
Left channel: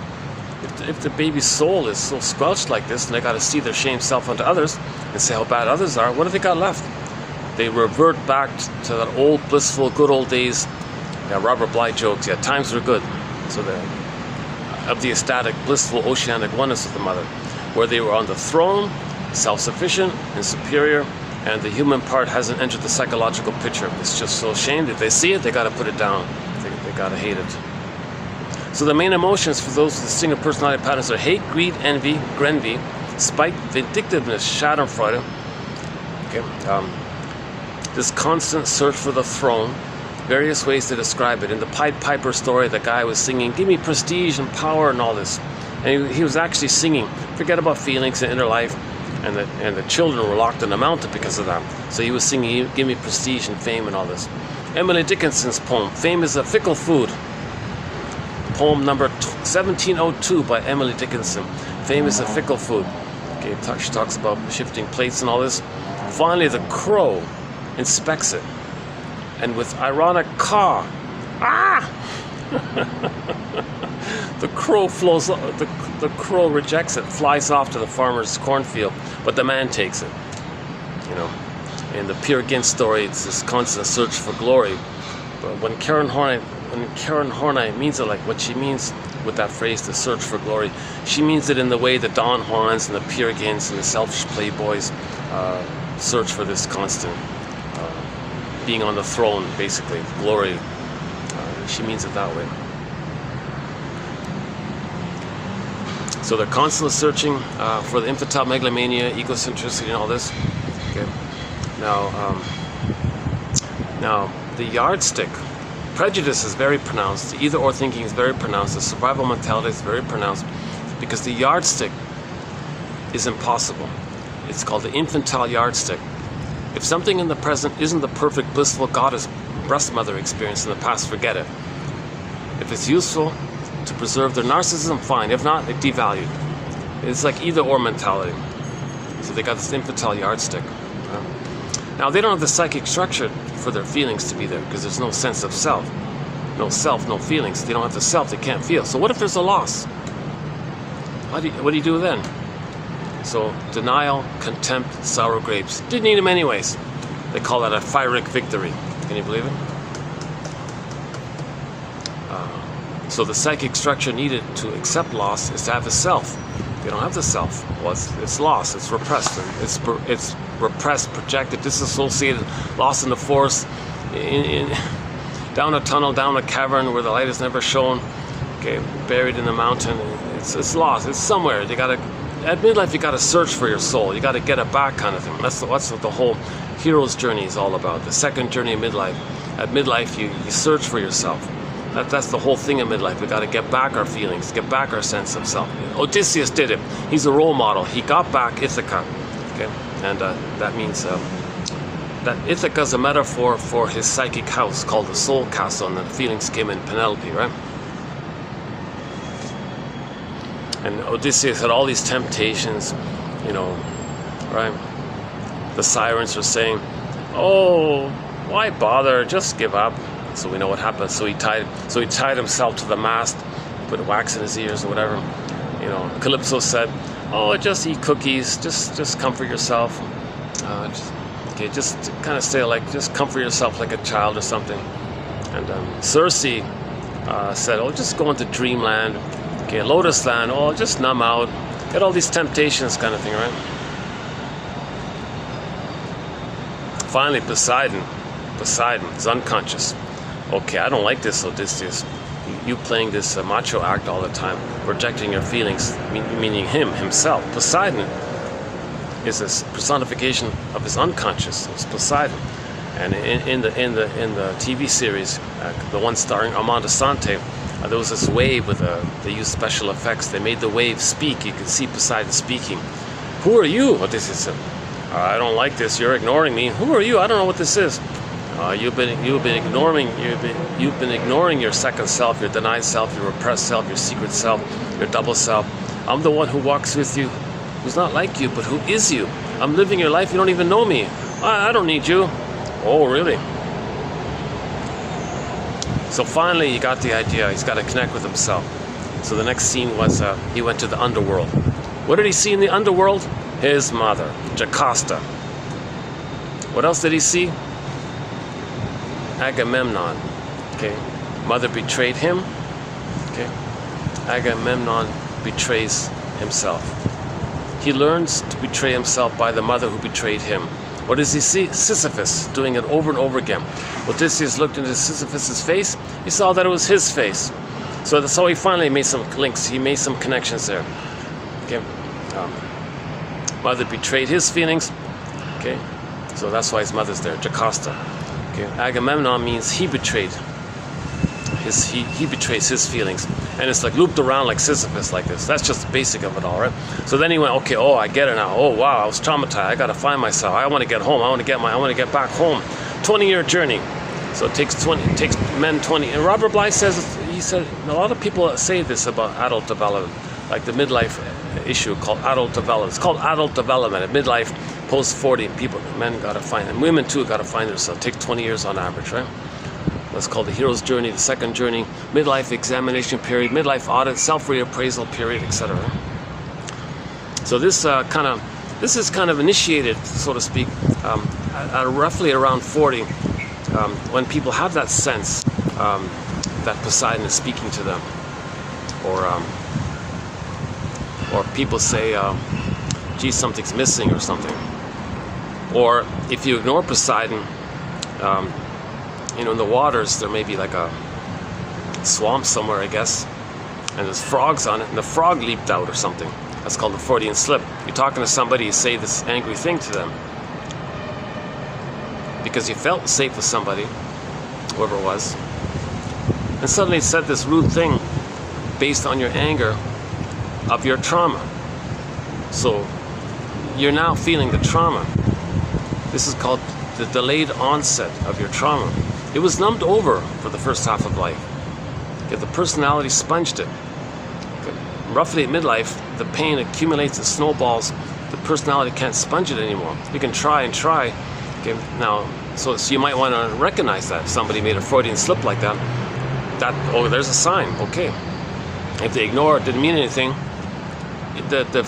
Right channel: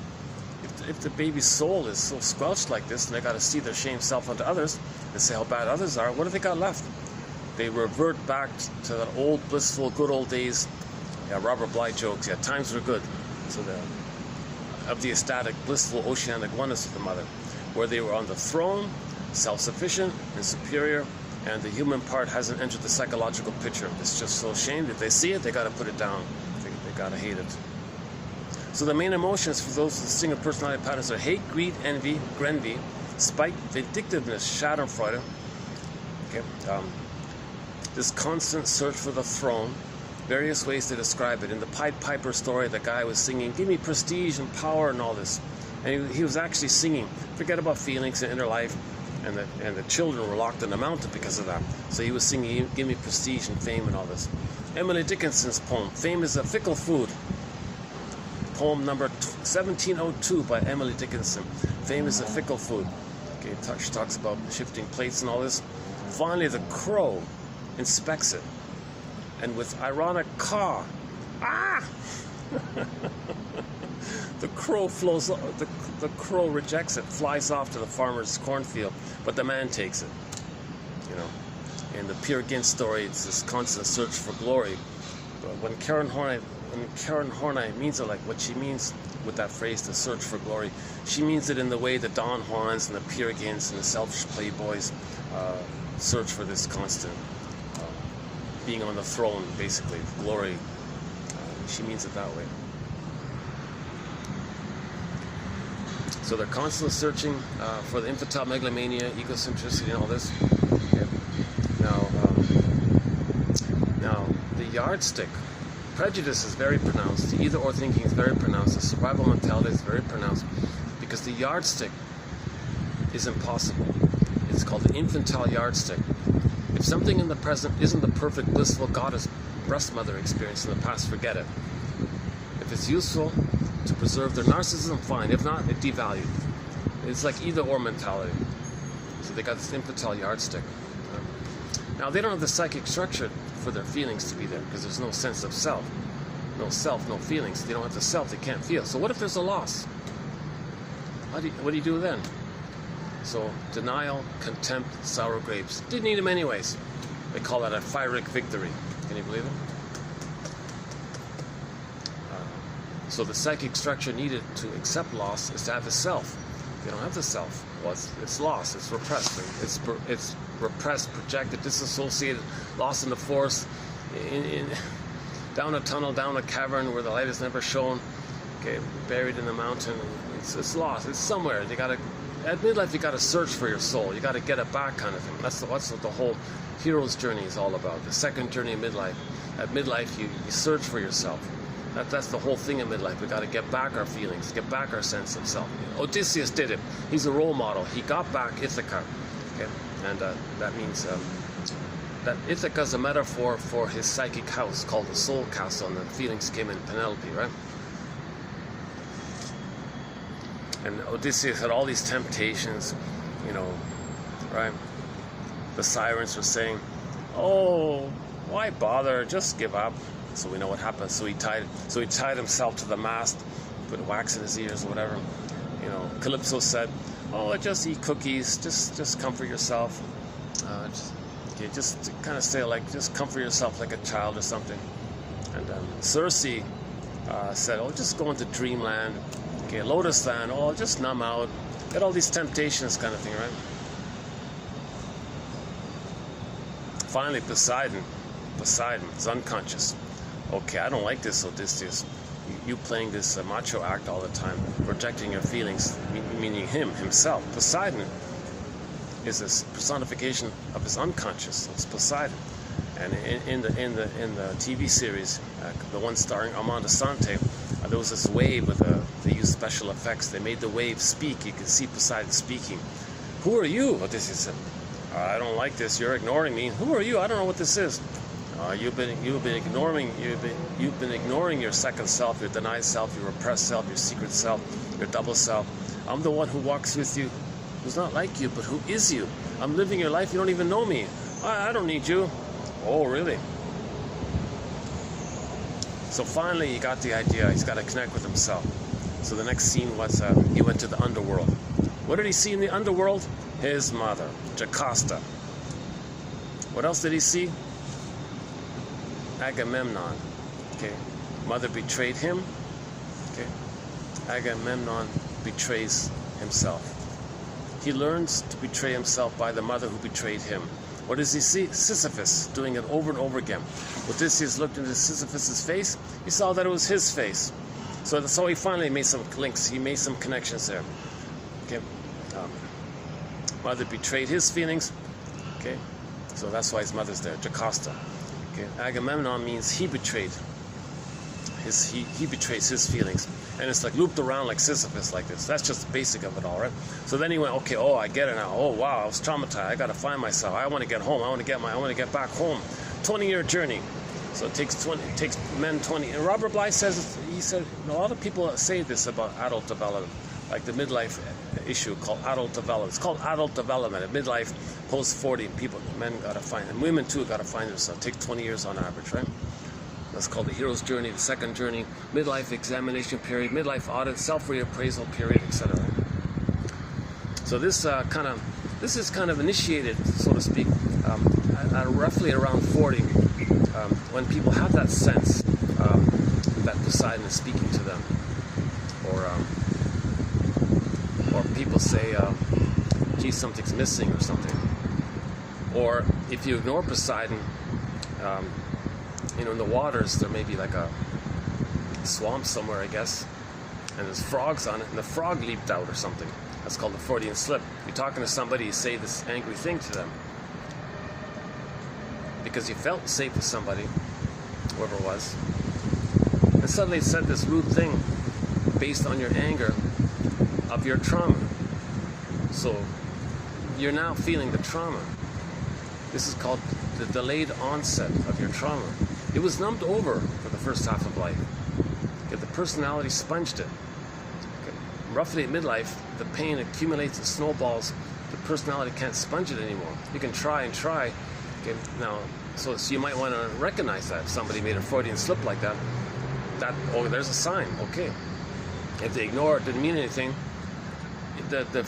If the baby's soul is so squelched like this, and they got to see their shamed self onto others and say how bad others are, what do they got left? They revert back to that old blissful good old days. Yeah, Robert Bly jokes, yeah, times were good. So of the ecstatic, blissful, oceanic oneness of the mother, where they were on the throne, self-sufficient and superior, and the human part hasn't entered the psychological picture. It's just so ashamed. If they see it, they got to put it down. They got to hate it. So the main emotions for those with distinct personality patterns are hate, greed, envy, grenvy, spite, vindictiveness, schadenfreude. Okay. This constant search for the throne, various ways to describe it. In the Pied Piper story, the guy was singing, give me prestige and power and all this. And he was actually singing, forget about feelings and inner life. And the children were locked in the mountain because of that. So he was singing, give me prestige and fame and all this. Emily Dickinson's poem, Fame is a Fickle Food. Poem number 1702 by Emily Dickinson. Fame is a fickle food. Okay, she talks about shifting plates and all this. Finally, the crow inspects it, and with ironic caw, the crow flows. The crow rejects it, flies off to the farmer's cornfield, but the man takes it. You know, in the Peer Gynt story, it's this constant search for glory. But when Karen Horney means it like what she means with that phrase, the search for glory, she means it in the way the Don Juans and the Peer Gynts and the selfish playboys search for this constant being on the throne, basically, glory. She means it that way. So they're constantly searching for the infantile megalomania, egocentricity, and all this. Okay. Now the yardstick. Prejudice is very pronounced. The either-or thinking is very pronounced. The survival mentality is very pronounced because the yardstick is impossible. It's called the infantile yardstick. If something in the present isn't the perfect, blissful goddess breast mother experience in the past, forget it. If it's useful to preserve their narcissism, fine. If not, it devalued. It's like either-or mentality. So they got this infantile yardstick. Now they don't have the psychic structure for their feelings to be there because there's no sense of self. No self, no feelings. They don't have the self, they can't feel. So what if there's a loss? What do you do then? So denial, contempt, sour grapes. Didn't need them anyways. They call that a Pyrrhic victory. Can you believe it? So the psychic structure needed to accept loss is to have a self. They don't have the self. Well, it's lost. It's repressed. It's repressed, projected, disassociated, lost in the forest, down a tunnel, down a cavern where the light is never shown. Okay, buried in the mountain. It's lost. It's somewhere. At midlife, you got to search for your soul. You got to get it back, kind of thing. That's what the whole hero's journey is all about. The second journey of midlife. At midlife, you search for yourself. That's the whole thing in midlife. We got to get back our feelings, get back our sense of self. Odysseus did it. He's a role model. He got back Ithaca. Okay, and that means that Ithaca is a metaphor for his psychic house called the soul castle, and the feelings came in Penelope, right? And Odysseus had all these temptations, you know, right? The sirens were saying, "Oh, why bother? Just give up." So we know what happened. So he tied himself to the mast, put wax in his ears or whatever. You know, Calypso said, "Oh, just eat cookies. Just comfort yourself. Just kind of stay like, just comfort yourself like a child or something." And Circe said, "Oh, just go into dreamland. Okay, Lotus Land. Oh, just numb out. Get all these temptations, kind of thing, right?" Finally, Poseidon is unconscious. Okay, I don't like this, Odysseus. You playing this macho act all the time, projecting your feelings, meaning himself. Poseidon is this personification of his unconscious. It's Poseidon, and in the TV series, the one starring Armando Sante, there was this wave with they used special effects. They made the wave speak. You could see Poseidon speaking. "Who are you?" Odysseus said. I don't like this. You're ignoring me. Who are you? I don't know what this is. You've been ignoring your second self, your denied self, your repressed self, your secret self, your double self. I'm the one who walks with you, who's not like you, but who is you. I'm living your life. You don't even know me. I don't need you. Oh, really? So finally, he got the idea. He's got to connect with himself. So the next scene was he went to the underworld. What did he see in the underworld? His mother, Jocasta. What else did he see? Agamemnon. Okay. Mother betrayed him. Okay. Agamemnon betrays himself. He learns to betray himself by the mother who betrayed him. What does he see? Sisyphus doing it over and over again. Odysseus looked into Sisyphus's face. He saw that it was his face. So that's how he finally made some links. He made some connections there. Okay. Mother betrayed his feelings. Okay. So that's why his mother's there, Jocasta. Okay. Agamemnon means he betrayed. He betrays his feelings. And it's like looped around like Sisyphus like this. That's just the basic of it all, right? So then he went, okay, oh, I get it now. Oh, wow, I was traumatized. I got to find myself. I want to get home. I want to get back home. 20-year journey. So it takes men 20. And Robert Bly says, he said, a lot of people say this about adult development, like the midlife issue called adult development. It's called adult development. At midlife, post 40, men got to find, and women too got to find themselves. It takes 20 years on average, right? That's called the hero's journey, the second journey, midlife examination period, midlife audit, self-reappraisal period, etc. So this is kind of initiated, so to speak, at roughly around 40, when people have that sense that Poseidon is speaking to them, or people say, gee, something's missing or something. Or if you ignore Poseidon, in the waters, there may be like a swamp somewhere, I guess, and there's frogs on it, and the frog leaped out or something. That's called the Freudian slip. You're talking to somebody, you say this angry thing to them because you felt safe with somebody, whoever it was, and suddenly said this rude thing based on your anger of your trauma. So you're now feeling the trauma. This is called the delayed onset of your trauma. It was numbed over for the first half of life. If the personality sponged it. Roughly at midlife, the pain accumulates, it snowballs. The personality can't sponge it anymore. You can try and try. Okay, now, so you might want to recognize that. If somebody made a Freudian slip like that, oh, there's a sign. Okay. If they ignore it, didn't mean anything. The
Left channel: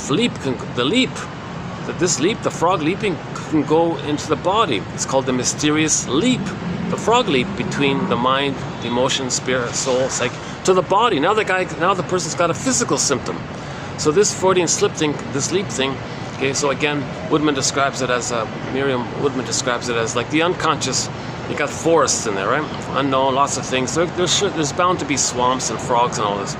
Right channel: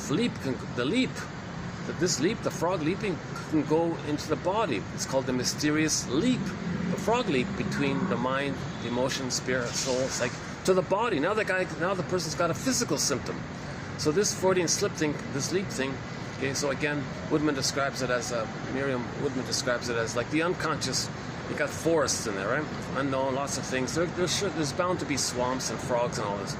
frog leaping can go into the body. It's called the mysterious leap. The frog leap between the mind, the emotion, spirit, soul, psyche, to the body. Now the person's got a physical symptom. So this Freudian slip thing, this leap thing, okay, so again, Miriam Woodman describes it as like the unconscious. You got forests in there, right? Unknown, lots of things. There's bound to be swamps and frogs and all this.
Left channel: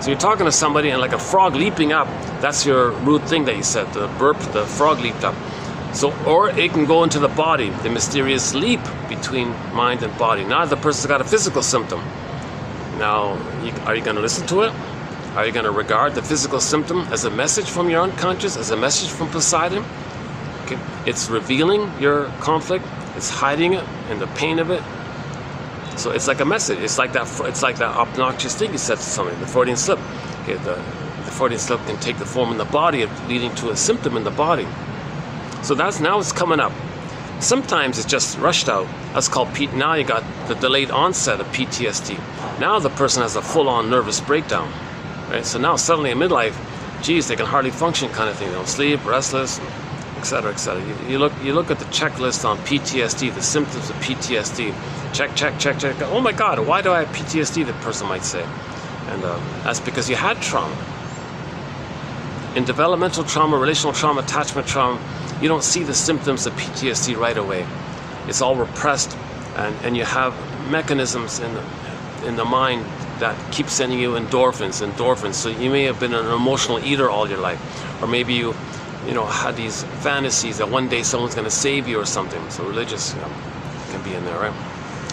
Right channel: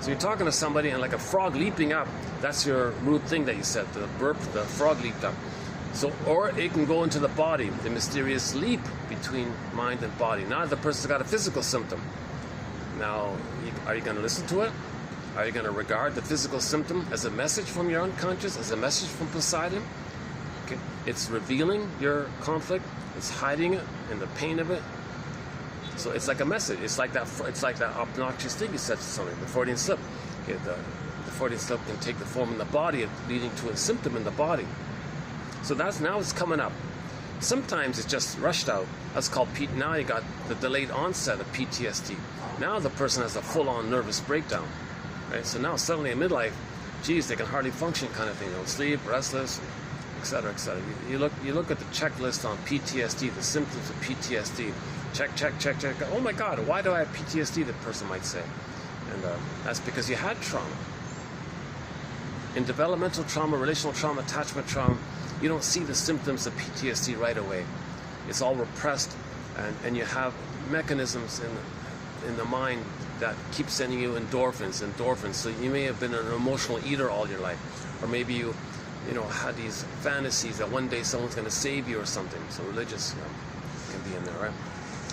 So you're talking to somebody and like a frog leaping up, that's your rude thing that you said, the burp, the frog leaped up. So, or it can go into the body, the mysterious leap between mind and body. Now the person's got a physical symptom. Now, are you going to listen to it? Are you going to regard the physical symptom as a message from your unconscious, as a message from Poseidon? Okay. It's revealing your conflict, it's hiding it and the pain of it. So it's like a message. It's like that obnoxious thing you said to somebody, the Freudian slip. Okay, the Freudian slip can take the form in the body, leading to a symptom in the body. So now it's coming up. Sometimes it's just rushed out. That's called now you got the delayed onset of PTSD. Now the person has a full-on nervous breakdown, right? So now suddenly in midlife, geez, they can hardly function, kind of thing. They don't sleep, restless, etc., etc. You look at the checklist on PTSD, the symptoms of PTSD. Check. Oh my God, why do I have PTSD? The person might say, and that's because you had trauma. In developmental trauma, relational trauma, attachment trauma, you don't see the symptoms of PTSD right away. It's all repressed, and you have mechanisms in the mind that keep sending you endorphins. So you may have been an emotional eater all your life, or maybe you had these fantasies that one day someone's going to save you or something. So religious can be in there, right?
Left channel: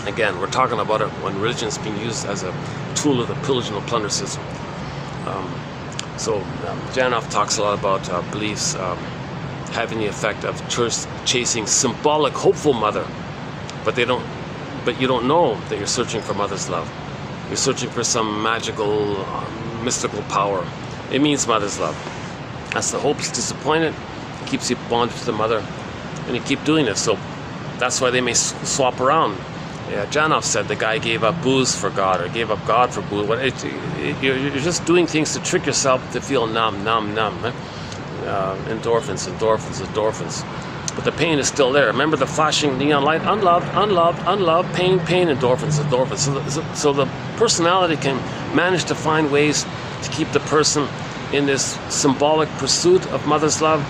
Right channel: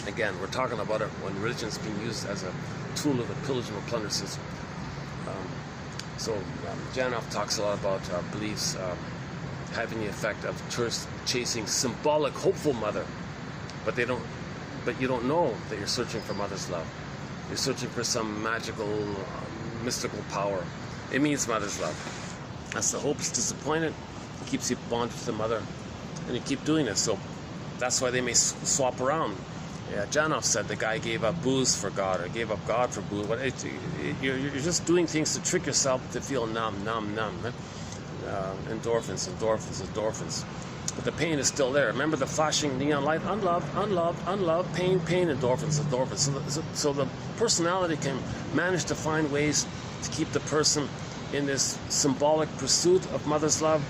Again, we're talking about it when religion is being used as a tool of the pillage and plunder system. So Janoff talks a lot about beliefs having the effect of chasing symbolic, hopeful mother, but you don't know that you're searching for mother's love. You're searching for some magical, mystical power. It means mother's love. That's the hope. It's disappointed. It keeps you bonded to the mother, and you keep doing it. So that's why they may swap around. Yeah, Janov said the guy gave up booze for God, or gave up God for booze. You're just doing things to trick yourself to feel numb. Right? Endorphins. But the pain is still there. Remember the flashing neon light? Unloved, pain, endorphins. So the personality can manage to find ways to keep the person in this symbolic pursuit of mother's love,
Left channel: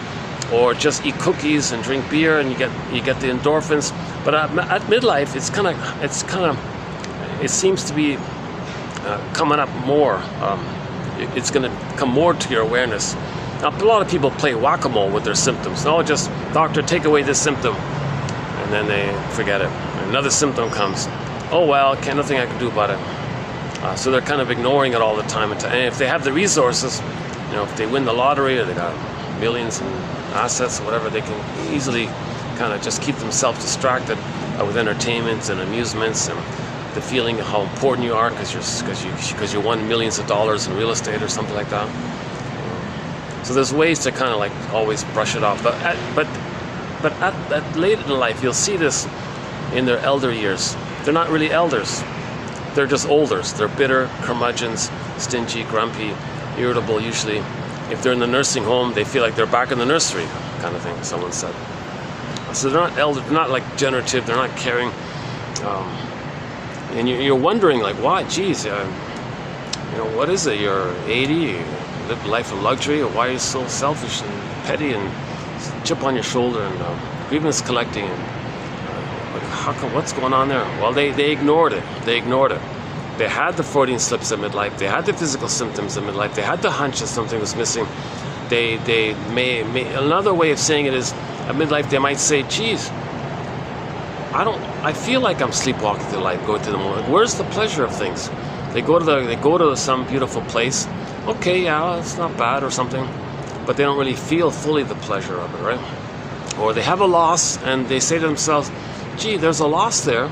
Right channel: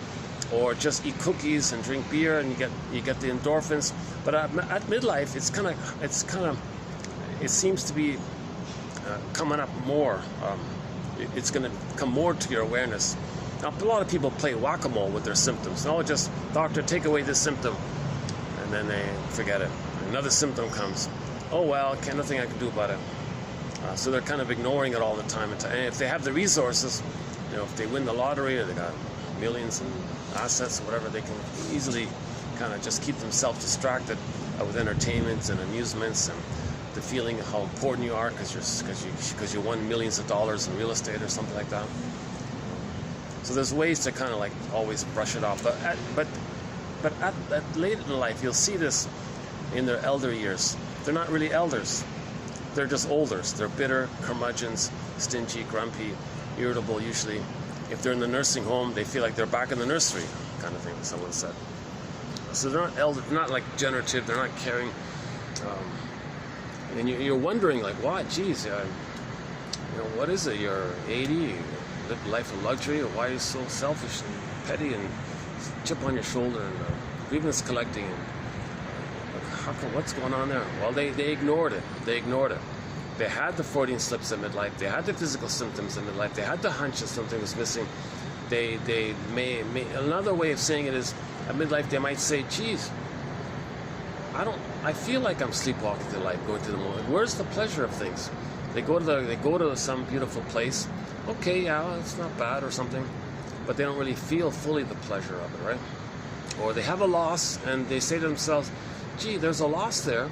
or just eat cookies and drink beer, and you get the endorphins. But at midlife, it seems to be coming up more. It's going to come more to your awareness. Now, a lot of people play whack-a-mole with their symptoms. No, just, doctor, take away this symptom. And then they forget it. Another symptom comes. Oh, well, nothing I can do about it. So they're kind of ignoring it all the time. And if they have the resources, if they win the lottery, or they got millions in assets or whatever, they can easily kind of just keep themselves distracted with entertainments and amusements and the feeling of how important you are because you won millions of dollars in real estate or something like that. So there's ways to kind of like always brush it off. But at late in life, you'll see this in their elder years. They're not really elders. They're just olders. They're bitter, curmudgeons, stingy, grumpy, irritable usually. If they're in the nursing home, they feel like they're back in the nursery, kind of thing, someone said. So they're not elder, they're not like generative, they're not caring. And you're wondering, like, why? Geez, what is it? You're 80, you live a life of luxury, or why are you so selfish and petty and chip on your shoulder and grievance collecting? And, how come, what's going on there? Well, they ignored it. They had the Freudian slips at midlife. They had the physical symptoms at midlife. They had the hunch that something was missing. They may another way of saying it is, at midlife they might say, geez, I feel like I'm sleepwalking through life, going to the moment. Where's the pleasure of things? They go to some beautiful place. Okay, yeah, it's not bad or something, but they don't really feel fully the pleasure of it, right? Or they have a loss and they say to themselves, gee, there's a loss there.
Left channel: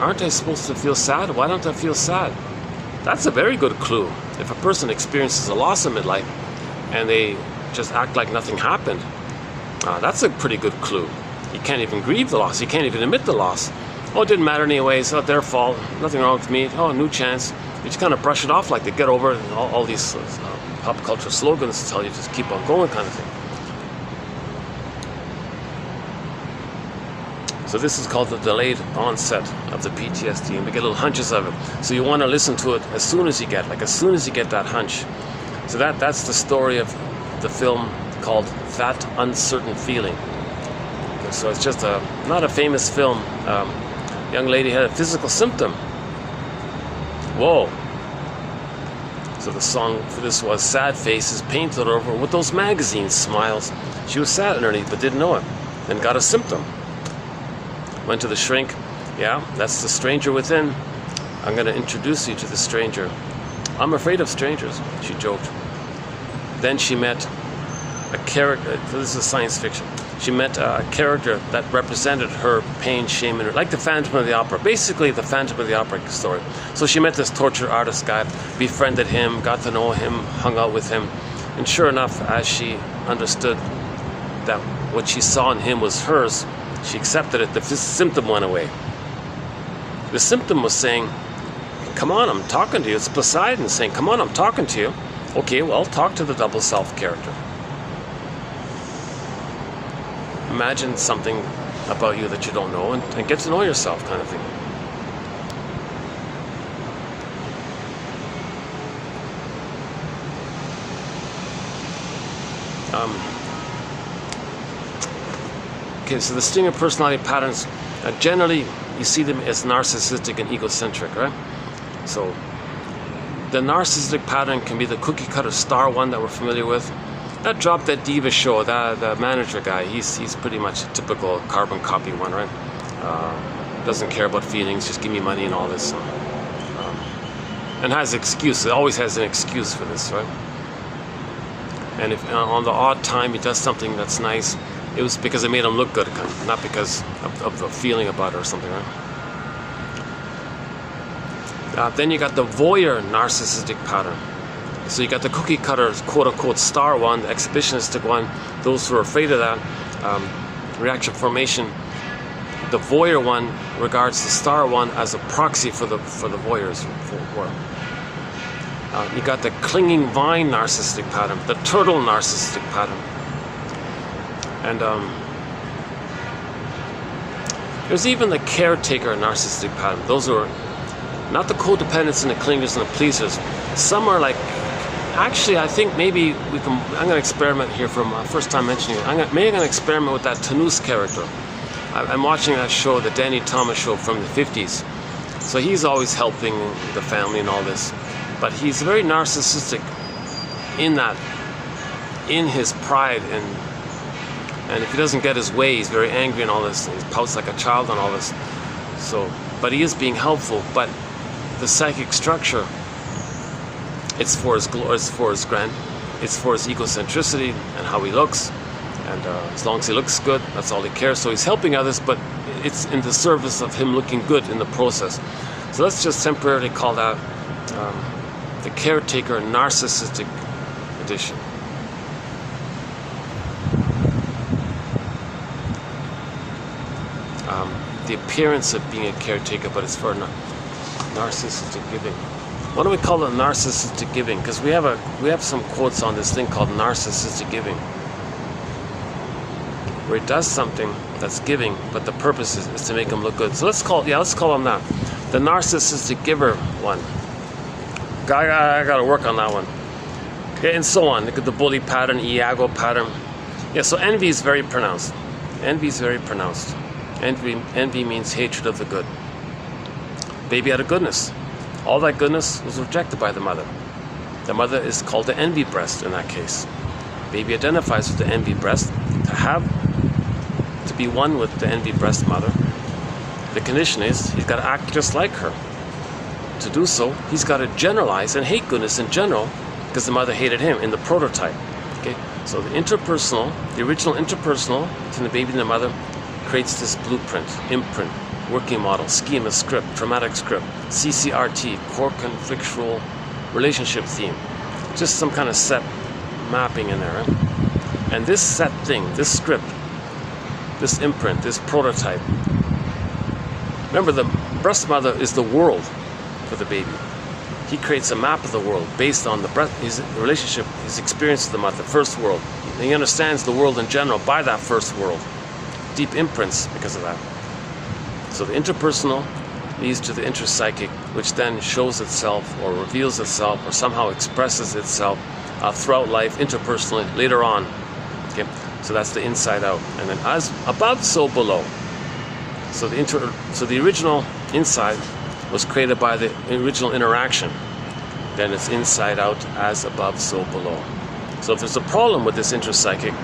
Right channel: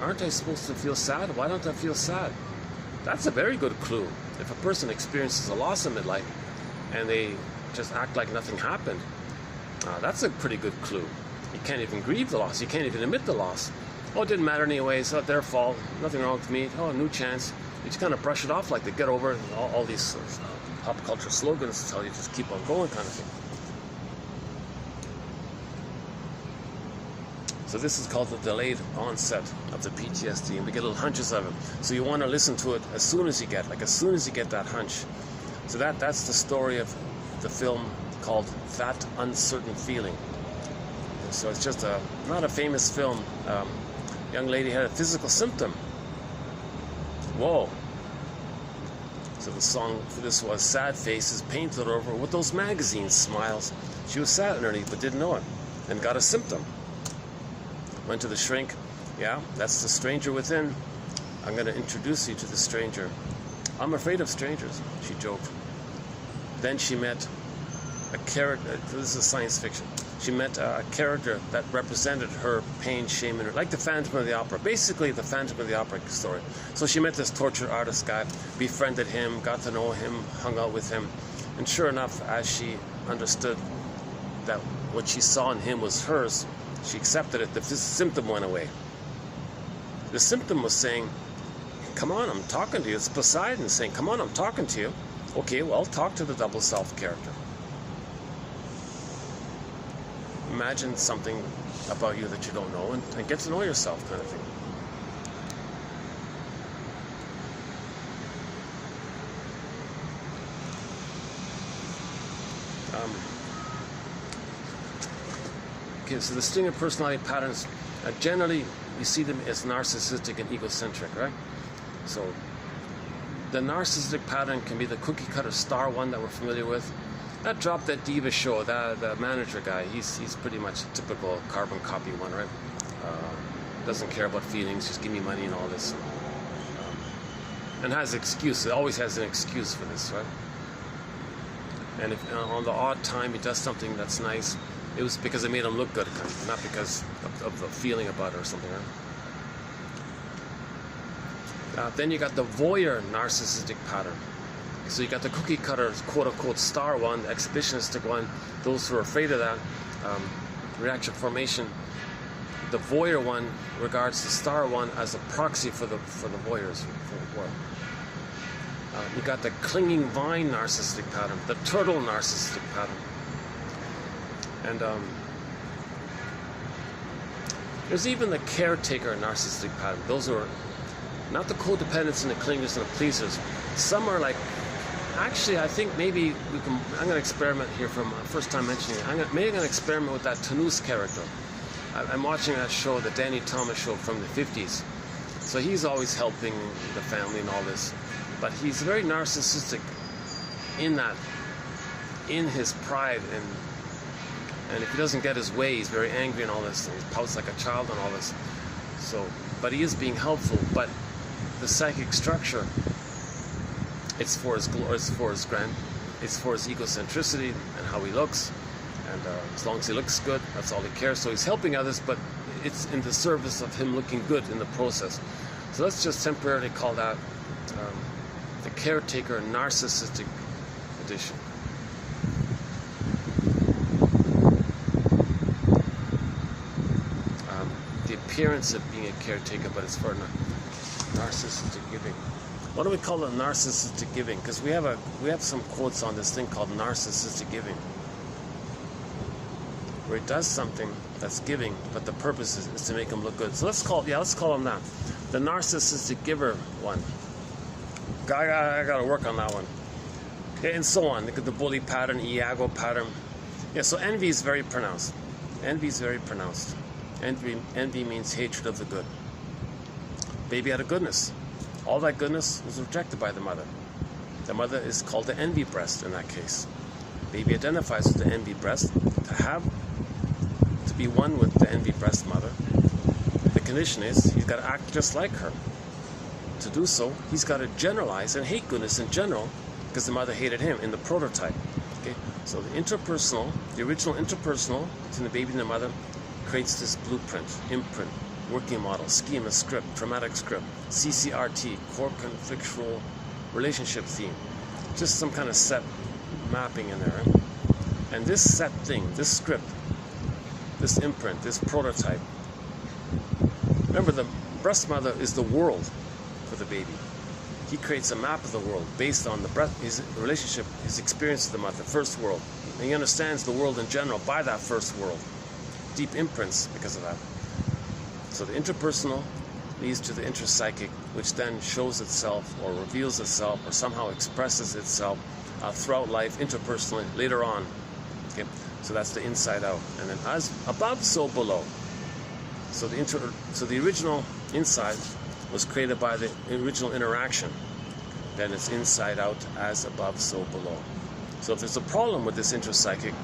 Aren't I supposed to feel sad? Why don't I feel sad? That's a very good clue. If a person experiences a loss in midlife and they just act like nothing happened, that's a pretty good clue. You can't even grieve the loss. You can't even admit the loss. Oh, it didn't matter anyways. Oh, their fault. Nothing wrong with me. Oh, new chance. You just kind of brush it off like they get over it. All these pop culture slogans tell you just keep on going kind of thing. So this is called the delayed onset of the PTSD, and we get little hunches of it. So you want to listen to it as soon as you get that hunch. So that's the story of the film called That Uncertain Feeling. Okay, so it's just not a famous film. Young lady had a physical symptom. Whoa. So the song for this was Sad Faces Painted Over with Those Magazine Smiles. She was sad underneath but didn't know it, and got a symptom. Went to the shrink. Yeah, that's the stranger within. I'm going to introduce you to the stranger. I'm afraid of strangers, she joked. Then she met a character. This is science fiction. She met a character that represented her pain, shame, and like the Phantom of the Opera. Basically, the Phantom of the Opera story. So she met this torture artist guy, befriended him, got to know him, hung out with him. And sure enough, as she understood that what she saw in him was hers, she accepted it. The symptom went away. The symptom was saying, come on, I'm talking to you. It's Poseidon saying, come on, I'm talking to you. Okay, well, talk to the double self character. Imagine something about you that you don't know and get to know yourself kind of thing. Okay, so the stream of personality patterns, generally you see them as narcissistic and egocentric, right? So the narcissistic pattern can be the cookie cutter star one that we're familiar with. That Drop Dead Diva show, the manager guy, he's pretty much a typical carbon copy one, right? Doesn't care about feelings, just give me money and all this. And has excuses, always has an excuse for this, right? And if on the odd time he does something that's nice, it was because it made him look good, not because of the feeling about it or something, right? Then you got the voyeur narcissistic pattern. So you got the cookie cutter, quote-unquote, star one, the exhibitionistic one, those who are afraid of that, reaction formation. The voyeur one regards the star one as a proxy for the voyeurs. You got the clinging vine narcissistic pattern, the turtle narcissistic pattern. And there's even the caretaker narcissistic pattern. Those are not the codependents and the clingers and the pleasers. Some are like, actually, I think maybe we can, I'm going to experiment here from first time mentioning it. Maybe I'm going to experiment with that Tanous character. I'm watching that show, the Danny Thomas show from the 50s. So he's always helping the family and all this. But he's very narcissistic in that, in his pride, and if he doesn't get his way, he's very angry and all this. He pouts like a child and all this. So, but he is being helpful. But the psychic structure, it's for his glory, it's for his egocentricity and how he looks. And as long as he looks good, that's all he cares. So he's helping others, but it's in the service of him looking good in the process. So let's just temporarily call that the caretaker narcissistic edition. The appearance of being a caretaker, but it's for narcissistic giving. Why don't we call it narcissistic giving? Because we have some quotes on this thing called narcissistic giving, where it does something that's giving, but the purpose is to make him look good. So let's call him that, the narcissistic giver one. I got to work on that one. Okay, and so on. Look at the bully pattern, Iago pattern. Yeah, so envy is very pronounced. Envy is very pronounced. Envy means hatred of the good. Baby had a goodness. All that goodness was rejected by the mother. The mother is called the envy breast in that case. Baby identifies with the envy breast. To be one with the envy breast mother, the condition is he's got to act just like her. To do so, he's got to generalize and hate goodness in general because the mother hated him in the prototype. Okay, so the interpersonal, the original interpersonal between the baby and the mother creates this blueprint, imprint, working model, schema, script, traumatic script, CCRT, core conflictual relationship theme. Just some kind of set mapping in there. Right? And this set thing, this script, this imprint, this prototype. Remember, the breast mother is the world for the baby. He creates a map of the world based on his relationship, his experience with the mother, the first world. And he understands the world in general by that first world. Deep imprints because of that. So the interpersonal leads to the intrapsychic, which then shows itself or reveals itself or somehow expresses itself throughout life, interpersonally, later on. Okay, so that's the inside out. And then as above, so below. So the original inside was created by the original interaction. Then it's inside out, as above, so below. So if there's a problem with this intrapsychic,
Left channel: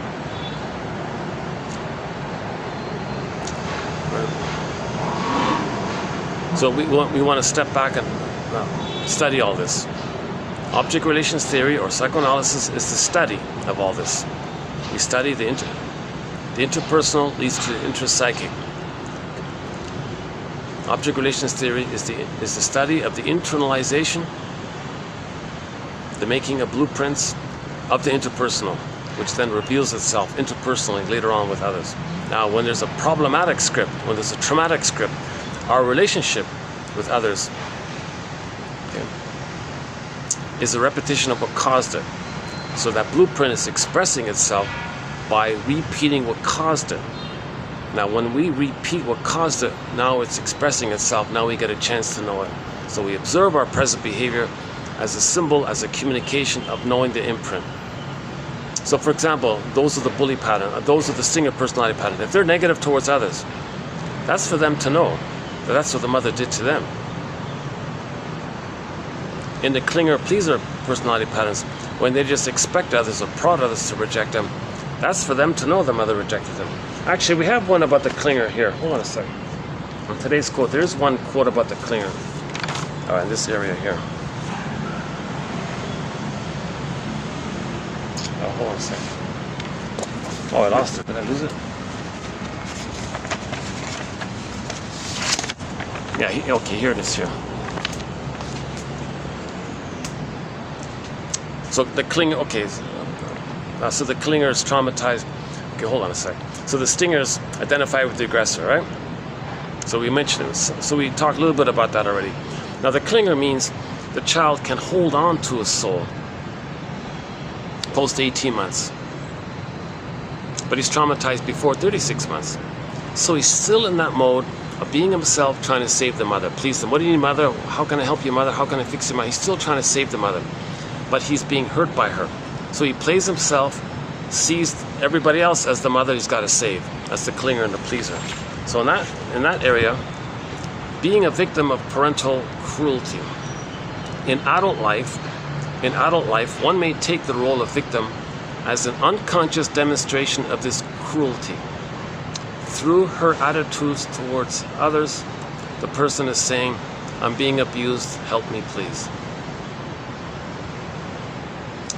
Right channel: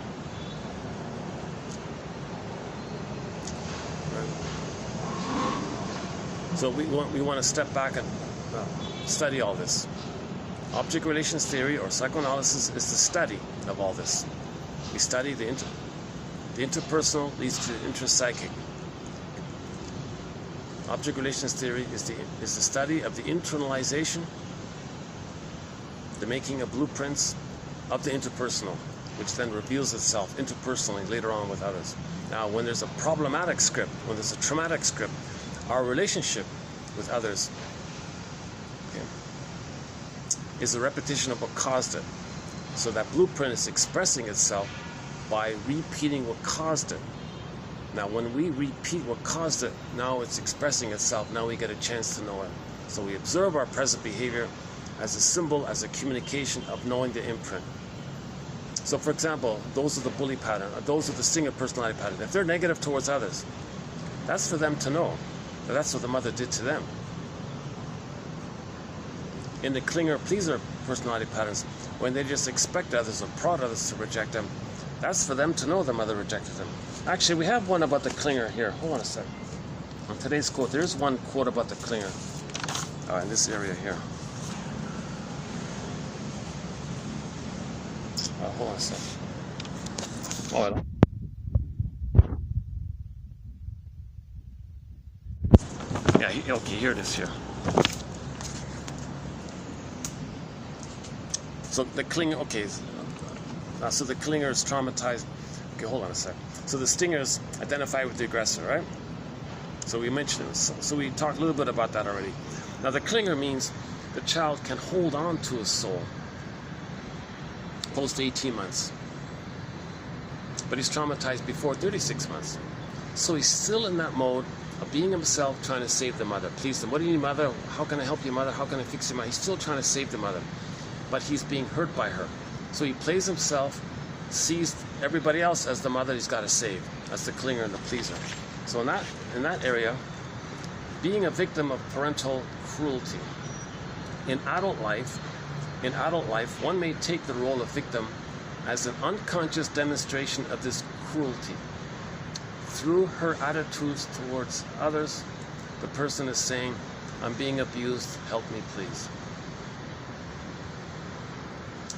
so we want to step back and study all this. Object relations theory or psychoanalysis is the study of all this. We study the interpersonal leads to the intrapsychic. Object relations theory is the study of the internalization, the making of blueprints of the interpersonal, which then reveals itself interpersonally later on with others. Now, when there's a problematic script, when there's a traumatic script, our relationship with others is a repetition of what caused it. So that blueprint is expressing itself by repeating what caused it. Now, when we repeat what caused it, now it's expressing itself. Now we get a chance to know it. So we observe our present behavior as a symbol, as a communication of knowing the imprint. So, for example, those are the bully pattern, those are the stinger personality pattern. If they're negative towards others, that's for them to know that that's what the mother did to them. In the clinger pleaser personality patterns, when they just expect others or prod others to reject them, that's for them to know the mother rejected them. Actually, we have one about the clinger here. Hold on a second. On today's quote, there's one quote about the clinger. In this area here. Hold second. Oh, I lost it. Did I lose it? Yeah, okay, here it is here. So the clinger, okay, so the clinger is traumatized. Okay, hold on a sec. So the stingers identify with the aggressor, right? So we mentioned it. So we talked a little bit about that already. Now the clinger means the child can hold on to a soul post 18 months. But he's traumatized before 36 months. So he's still in that mode of being himself, trying to save the mother. Please them. What do you need, mother? How can I help you, mother? How can I fix you, mother? He's still trying to save the mother. But he's being hurt by her. So he plays himself, sees everybody else as the mother he's got to save. That's the clinger and the pleaser. So in that area, being a victim of parental cruelty. In adult life, one may take the role of victim as an unconscious demonstration of this cruelty. Through her attitudes towards others, the person is saying, I'm being abused, help me please.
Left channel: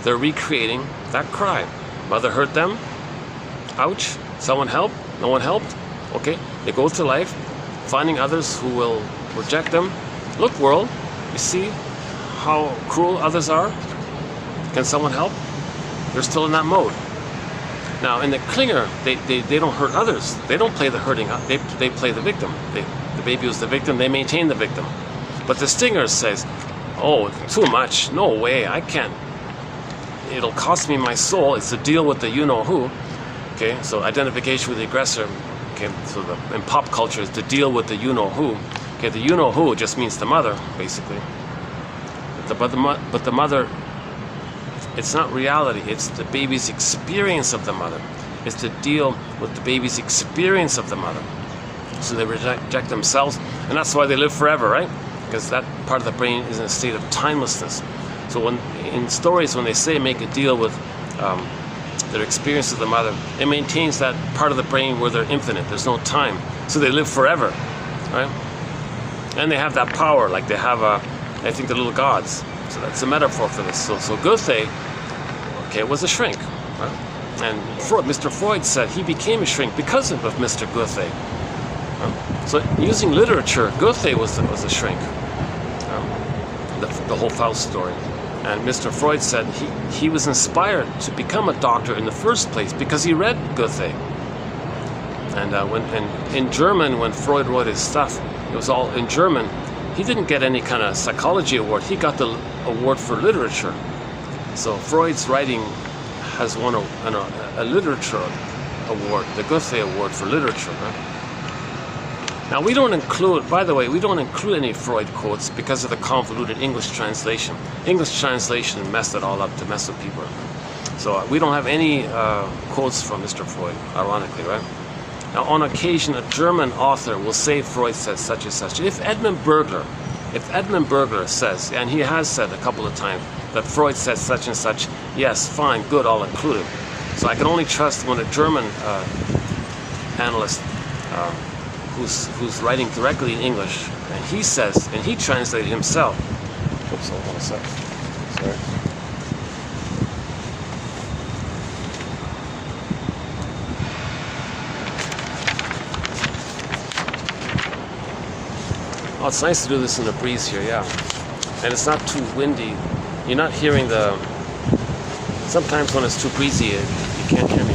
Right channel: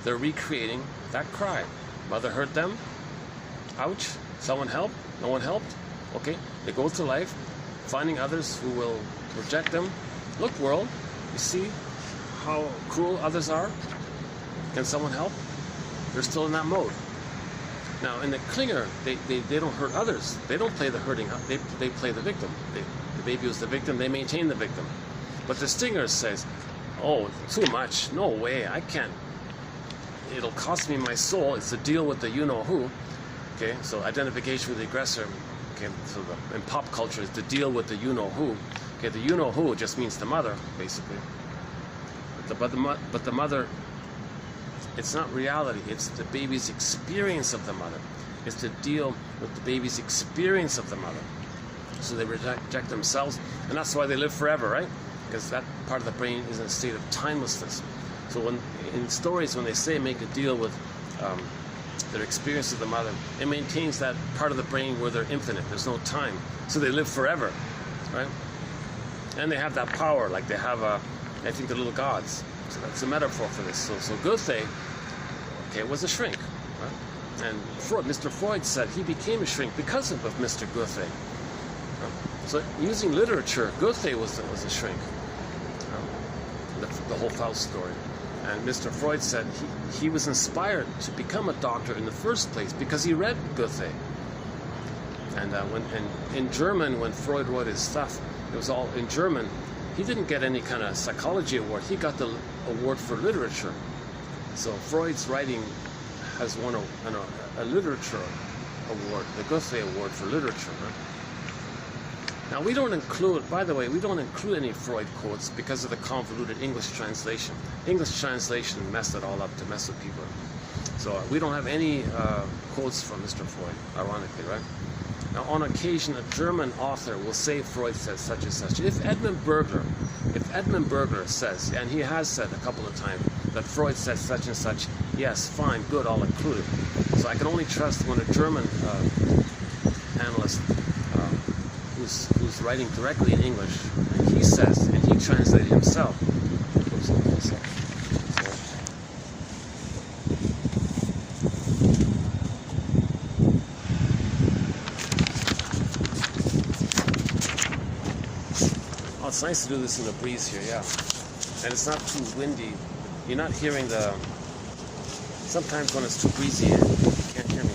They're recreating that cry. Mother hurt them, ouch, someone help, no one helped, okay. They go through life, finding others who will reject them. Look, world, you see how cruel others are? Can someone help? They're still in that mode. Now, in the clinger, they don't hurt others. They don't play the hurting. They play the victim. The baby was the victim. They maintain the victim. But the stinger says, oh, too much. No way. I can't. It'll cost me my soul. It's to deal with the you-know-who. Okay, so identification with the aggressor. Okay, so in pop culture is to deal with the you-know-who. Okay, the you-know-who just means the mother, basically. But the mother, it's not reality. It's the baby's experience of the mother. It's to deal with the baby's experience of the mother. So they reject themselves, and that's why they live forever, right? Because that part of the brain is in a state of timelessness. So when in stories, when they say make a deal with their experience of the mother, it maintains that part of the brain where they're infinite. There's no time. So they live forever, right? And they have that power, like they have, I think, the little gods. So that's a metaphor for this. So Goethe, okay, was a shrink, right? And Mr. Freud said he became a shrink because of Mr. Goethe. So using literature, Goethe was a shrink. The whole Faust story. And Mr. Freud said he was inspired to become a doctor in the first place because he read Goethe. And in German, when Freud wrote his stuff, it was all in German. He didn't get any kind of psychology award. He got the award for literature. So Freud's writing has won a literature award, the Goethe Award for literature. Right? Now we don't include, by the way, we don't include any Freud quotes because of the convoluted English translation. English translation messed it all up to mess with people. So we don't have any quotes from Mr. Freud, ironically, right? Now on occasion, a German author will say Freud said such and such. If Edmund Berger says, and he has said a couple of times, that Freud said such and such, yes, fine, good, I'll include it. So I can only trust when a German analyst who's writing directly in English, and he says, and he translated himself. Oops, hold on a sec. Sorry. Oh, it's nice to do this in the breeze here, yeah. And it's not too windy. You're not hearing sometimes when it's too breezy, you can't hear me.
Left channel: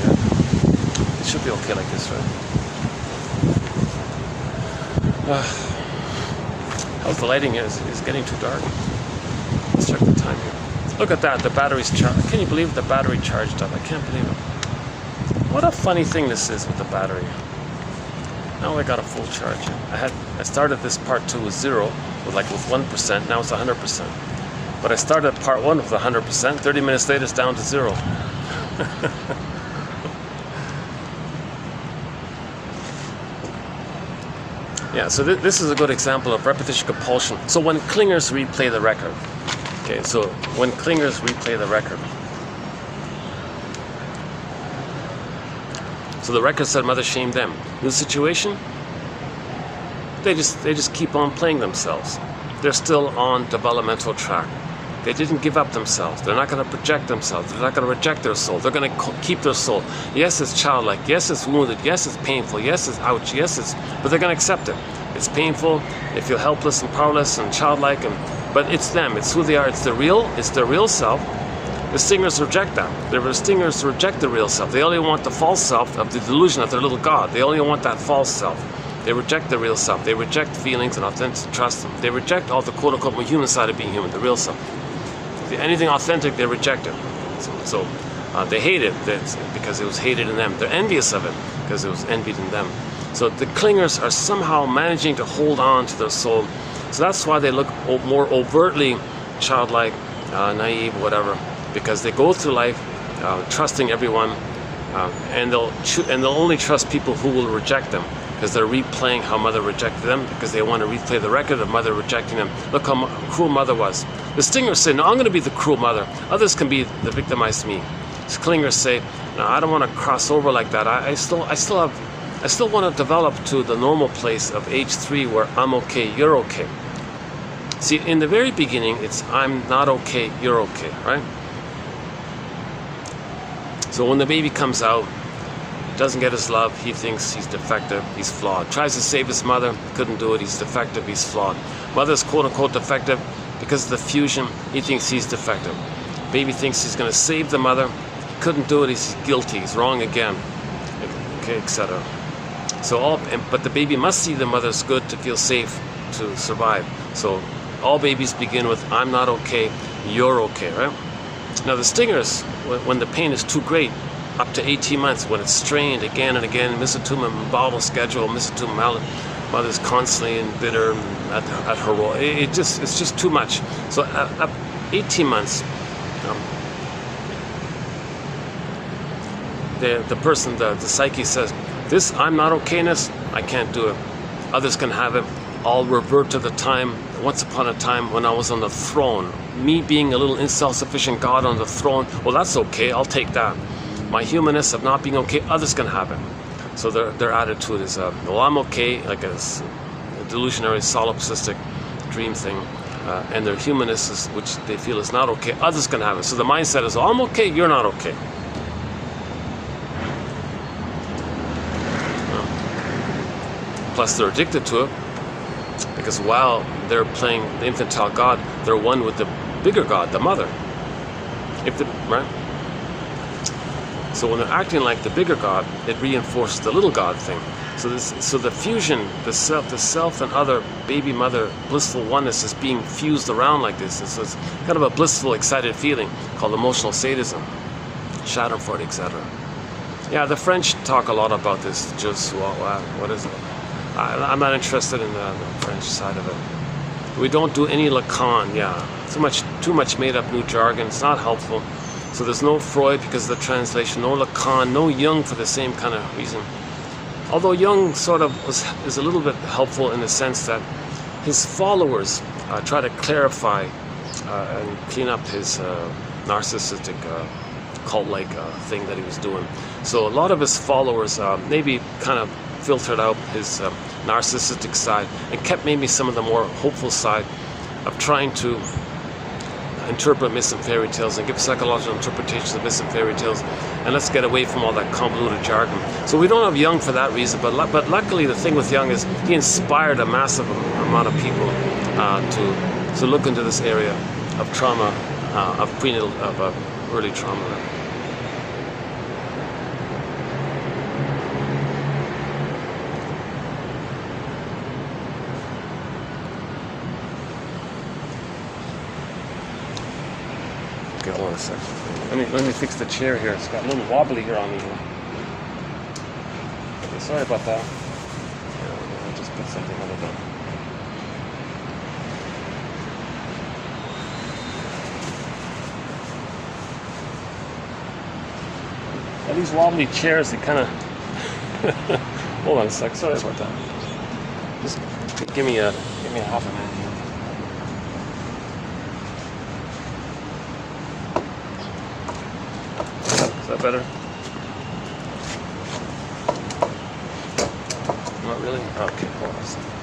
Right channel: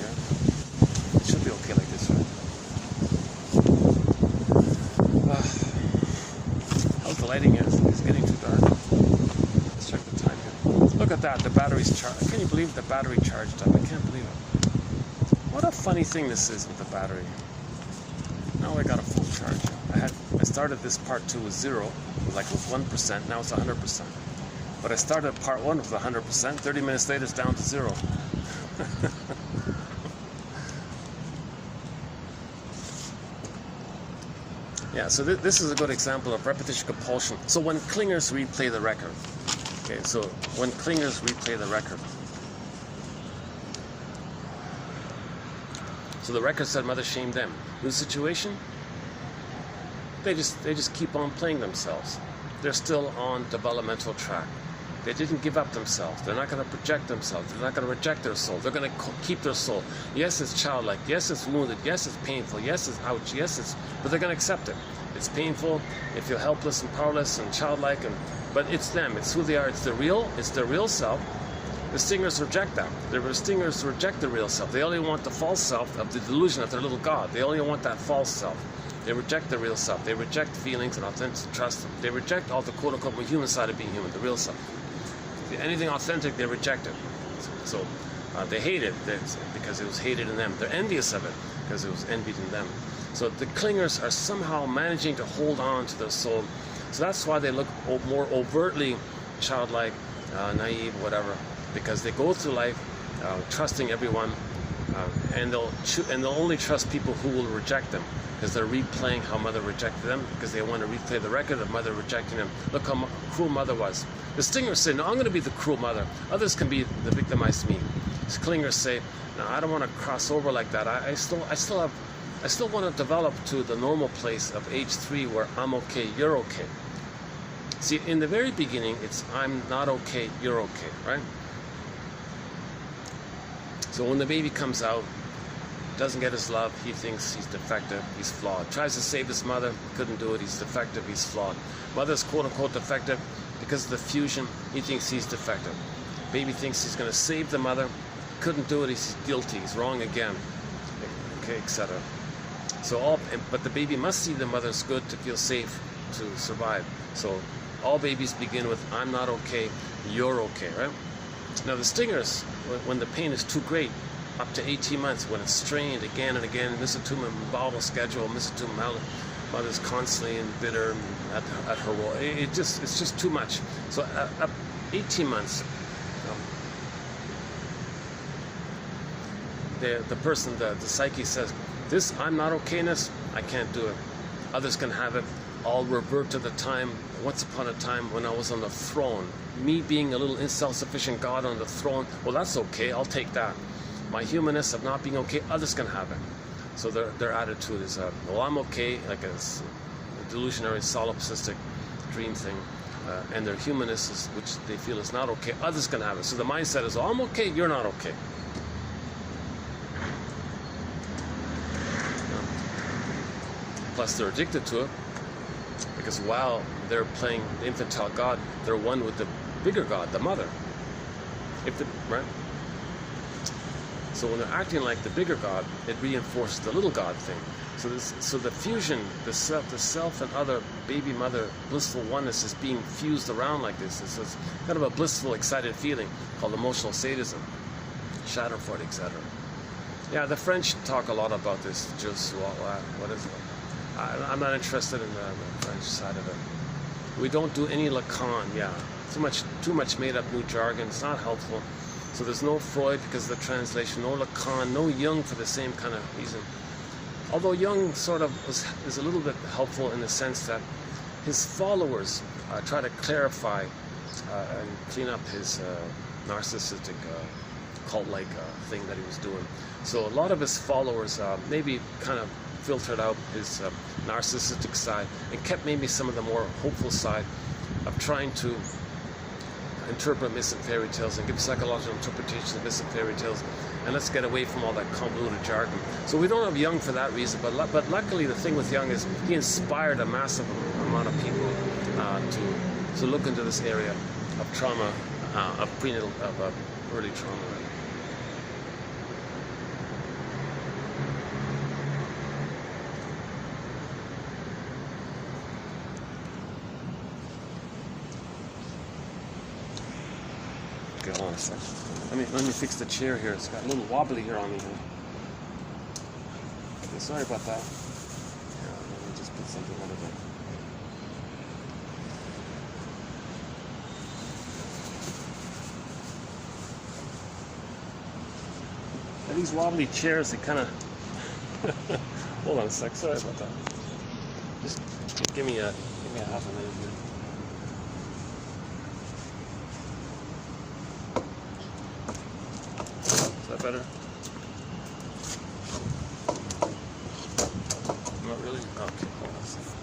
It should be okay like this, right? Oh, the lighting is getting too dark. Let's check the time here. Look at that, the battery's charged. Can you believe the battery charged up? I can't believe it. What a funny thing this is with the battery. Now I got a full charge. I started this part 2 with 0, with 1%, now it's 100%. But I started part 1 with 100%, 30 minutes later it's down to 0. Yeah, so this is a good example of repetition compulsion. So when clingers replay the record. Okay, so when clingers replay the record. So the record said mother shamed them. New situation? They just keep on playing themselves. They're still on developmental track. They didn't give up themselves. They're not going to project themselves. They're not going to reject their soul. They're going to keep their soul. Yes, it's childlike. Yes, it's wounded. Yes, it's painful. Yes, it's ouch. Yes, it's... But they're going to accept it. It's painful. They feel helpless and powerless and childlike. But it's them. It's who they are. It's their real self. The stingers reject that. The stingers reject the real self. They only want the false self of the delusion of their little God. They only want that false self. They reject the real self. They reject feelings and authentic trust. They reject all the quote-unquote human side of being human, the real self. Anything authentic, they reject it. So they hate it because it was hated in them. They're envious of it because it was envied in them. So the clingers are somehow managing to hold on to their soul. So that's why they look more overtly childlike, naive, whatever, because they go through life trusting everyone, and they'll only trust people who will reject them, because they're replaying how mother rejected them, because they want to replay the record of mother rejecting them. Look how cruel mother was. The stingers say, no, I'm going to be the cruel mother. Others can be the victimized me. The clingers say, no, I don't want to cross over like that. I still want to develop to the normal place of age 3 where I'm okay, you're okay. See, in the very beginning, it's I'm not okay, you're okay, right? So when the baby comes out, doesn't get his love, he thinks he's defective, he's flawed. Tries to save his mother, couldn't do it, he's defective, he's flawed. Mother's quote-unquote defective because of the fusion, he thinks he's defective. Baby thinks he's going to save the mother, couldn't do it, he's guilty, he's wrong again, okay, etc. So but the baby must see the mother's good to feel safe, to survive. So all babies begin with, I'm not okay, you're okay, right? Now the stingers, when the pain is too great, up to 18 months, when it's strained again and again, mesothelioma bowel schedule, mesothelioma, mother's constantly and bitter at her role. It's just too much. So at 18 months, the person, the psyche says, this I'm not okayness, I can't do it. Others can have it. I'll revert to the time, once upon a time when I was on the throne. Me being a little self-sufficient God on the throne, well, that's okay, I'll take that. My humanness of not being okay, others can have it. So their attitude is, well, I'm okay, like a delusionary, solipsistic dream thing. And their humanness, is, which they feel is not okay, others can have it. So the mindset is, oh, I'm okay, you're not okay. Plus they're addicted to it, because while they're playing the infantile God, they're one with the bigger God, the mother. Right? So when they're acting like the bigger God, it reinforces the little God thing. So the fusion, the self and other baby mother blissful oneness is being fused around like this. It's kind of a blissful, excited feeling called emotional sadism, Schadenfreude, etc. Yeah, the French talk a lot about this. Just what is it? I'm not interested in the French side of it. We don't do any Lacan. Yeah, too much made up new jargon. It's not helpful. So there's no Freud because of the translation, no Lacan, no Jung for the same kind of reason. Although Jung sort of is a little bit helpful in the sense that his followers try to clarify and clean up his narcissistic cult-like thing that he was doing. So a lot of his followers maybe kind of filtered out his narcissistic side and kept maybe some of the more hopeful side of trying to interpret myths and fairy tales and give psychological interpretations of myths and fairy tales, and let's get away from all that convoluted jargon. So we don't have Jung for that reason, but luckily the thing with Jung is he inspired a massive amount of people to look into this area of trauma, of prenatal, of early trauma. Okay, hold on a second. Let me fix the chair here. It's got a little wobbly here on me. Okay, sorry about that. I'll just put something on it. Now, these wobbly chairs, they kind of... Hold on a sec. Sorry about that. Just give me a half a minute. Better? Not really? Okay, hold on a second.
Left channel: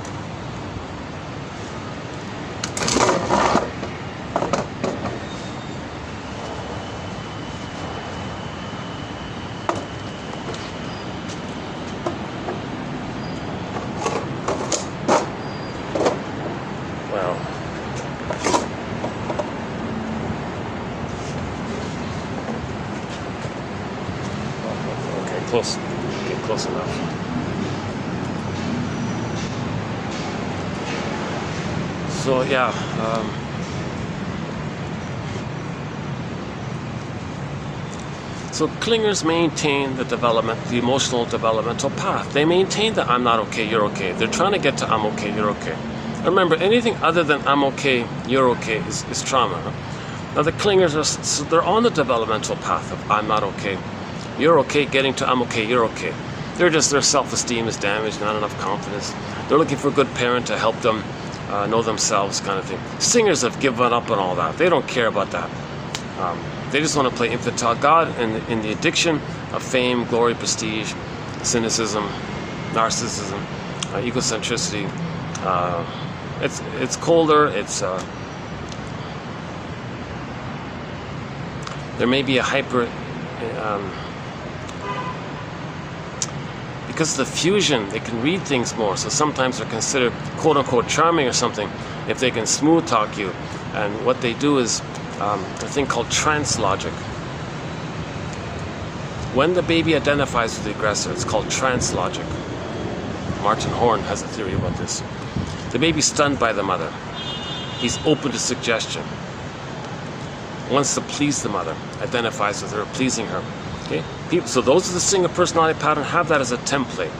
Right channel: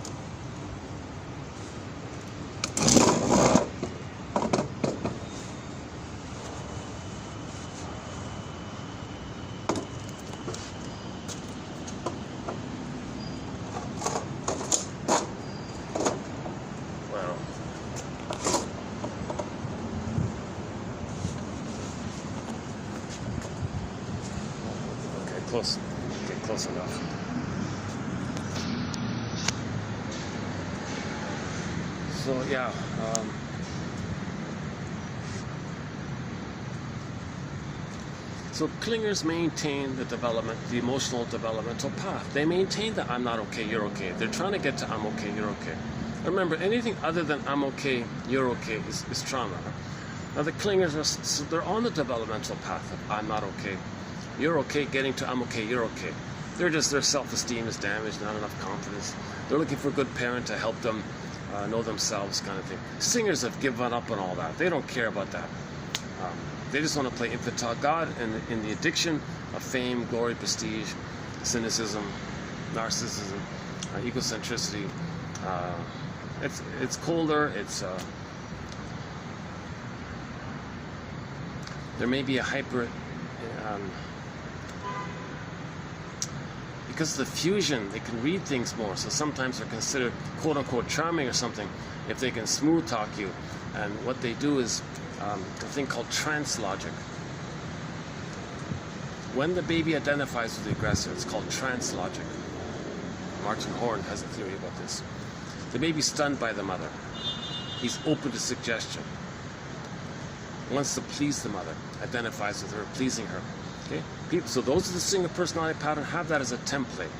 close enough. So yeah, so clingers maintain the development, the emotional developmental path. They maintain the I'm not okay, you're okay. They're trying to get to I'm okay, you're okay. Remember, anything other than I'm okay, you're okay is trauma. Now the clingers they're on the developmental path of I'm not okay, you're okay, getting to I'm okay, you're okay. Their self-esteem is damaged, not enough confidence. They're looking for a good parent to help them know themselves, kind of thing. Singers have given up on all that. They don't care about that. They just want to play infantile God in the addiction of fame, glory, prestige, cynicism, narcissism, egocentricity. It's colder. There may be a hyper. Because of the fusion, they can read things more. So sometimes they're considered quote unquote charming or something if they can smooth talk you. And what they do is a thing called trance logic. When the baby identifies with the aggressor, it's called trance logic. Martin Horn has a theory about this. The baby's stunned by the mother. He's open to suggestion. Wants to please the mother, identifies with her, pleasing her. Okay? So those are the singer personality pattern have that as a template.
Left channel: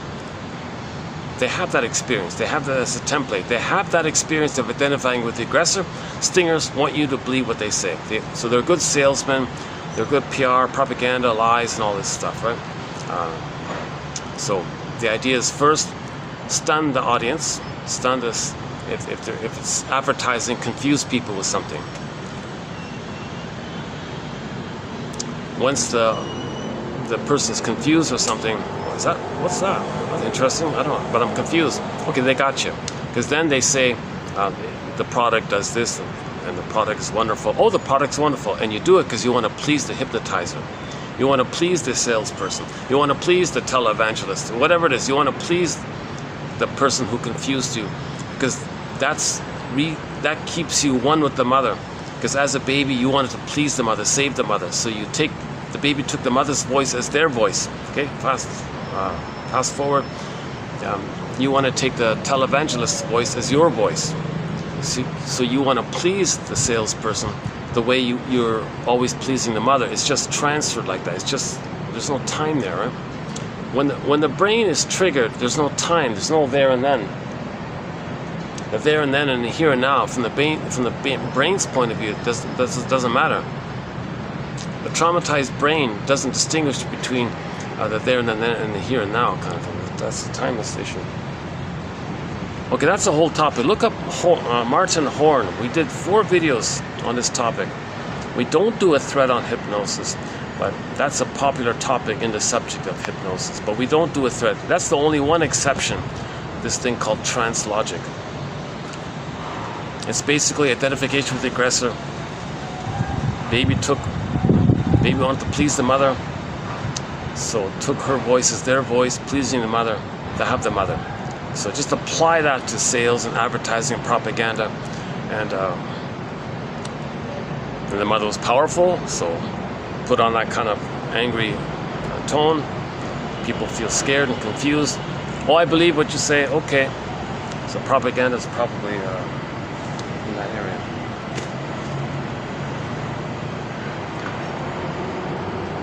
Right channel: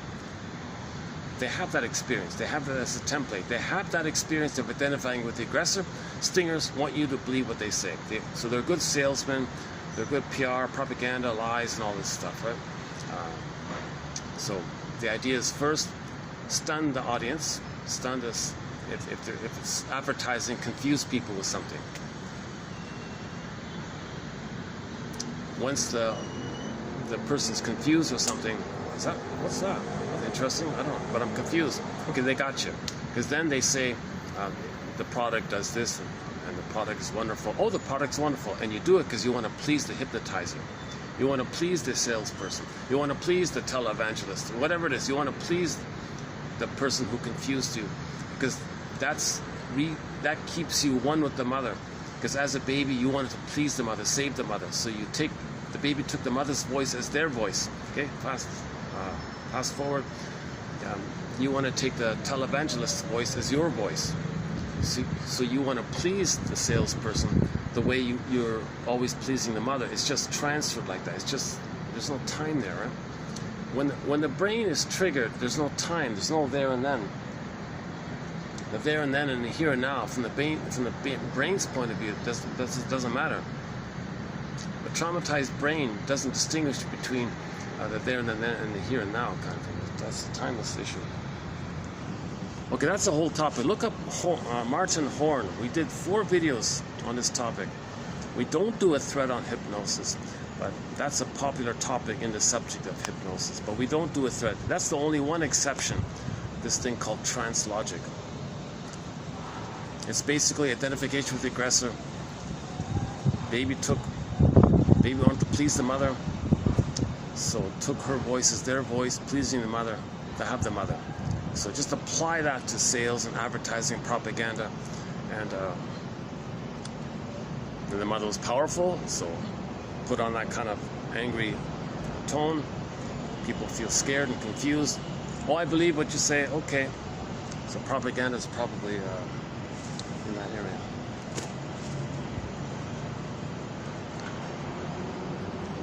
They have that experience. They have that as a template. They have that experience of identifying with the aggressor. Stingers want you to believe what they say. So they're good salesmen. They're good PR, propaganda, lies, and all this stuff, right? So the idea is first, stun the audience. Stun this. If it's advertising, confuse people with something. Once the person's confused or something, what's that? That's interesting, I don't know, but I'm confused. Okay, they got you. Because then they say, the product does this, and the product is wonderful. Oh, the product's wonderful. And you do it because you want to please the hypnotizer. You want to please the salesperson. You want to please the televangelist. Whatever it is, you want to please the person who confused you. Because that keeps you one with the mother. Because as a baby, you wanted to please the mother, save the mother. So the baby took the mother's voice as their voice. Okay, fast forward. You want to take the televangelist's voice as your voice. So you want to please the salesperson the way you're always pleasing the mother. It's just transferred like that. It's just, there's no time there, right? When the brain is triggered, there's no time. There's no there and then. The there and then and the here and now, from the brain's point of view, it doesn't matter. The traumatized brain doesn't distinguish between the there and then and the here and now kind of thing. That's the timeless issue. Okay, that's the whole topic. Look up Martin Horn. We did 4 videos on this topic. We don't do a thread on hypnosis, but that's a popular topic in the subject of hypnosis. But we don't do a thread. That's the only one exception. This thing called trance logic. It's basically identification with the aggressor. Baby wanted to please the mother, so took her voice as their voice, pleasing the mother. They have the mother. So just apply that to sales and advertising and propaganda, and the mother was powerful, so put on that kind of angry tone. People feel scared and confused. Oh, I believe what you say. Okay, so propaganda is probably in that area.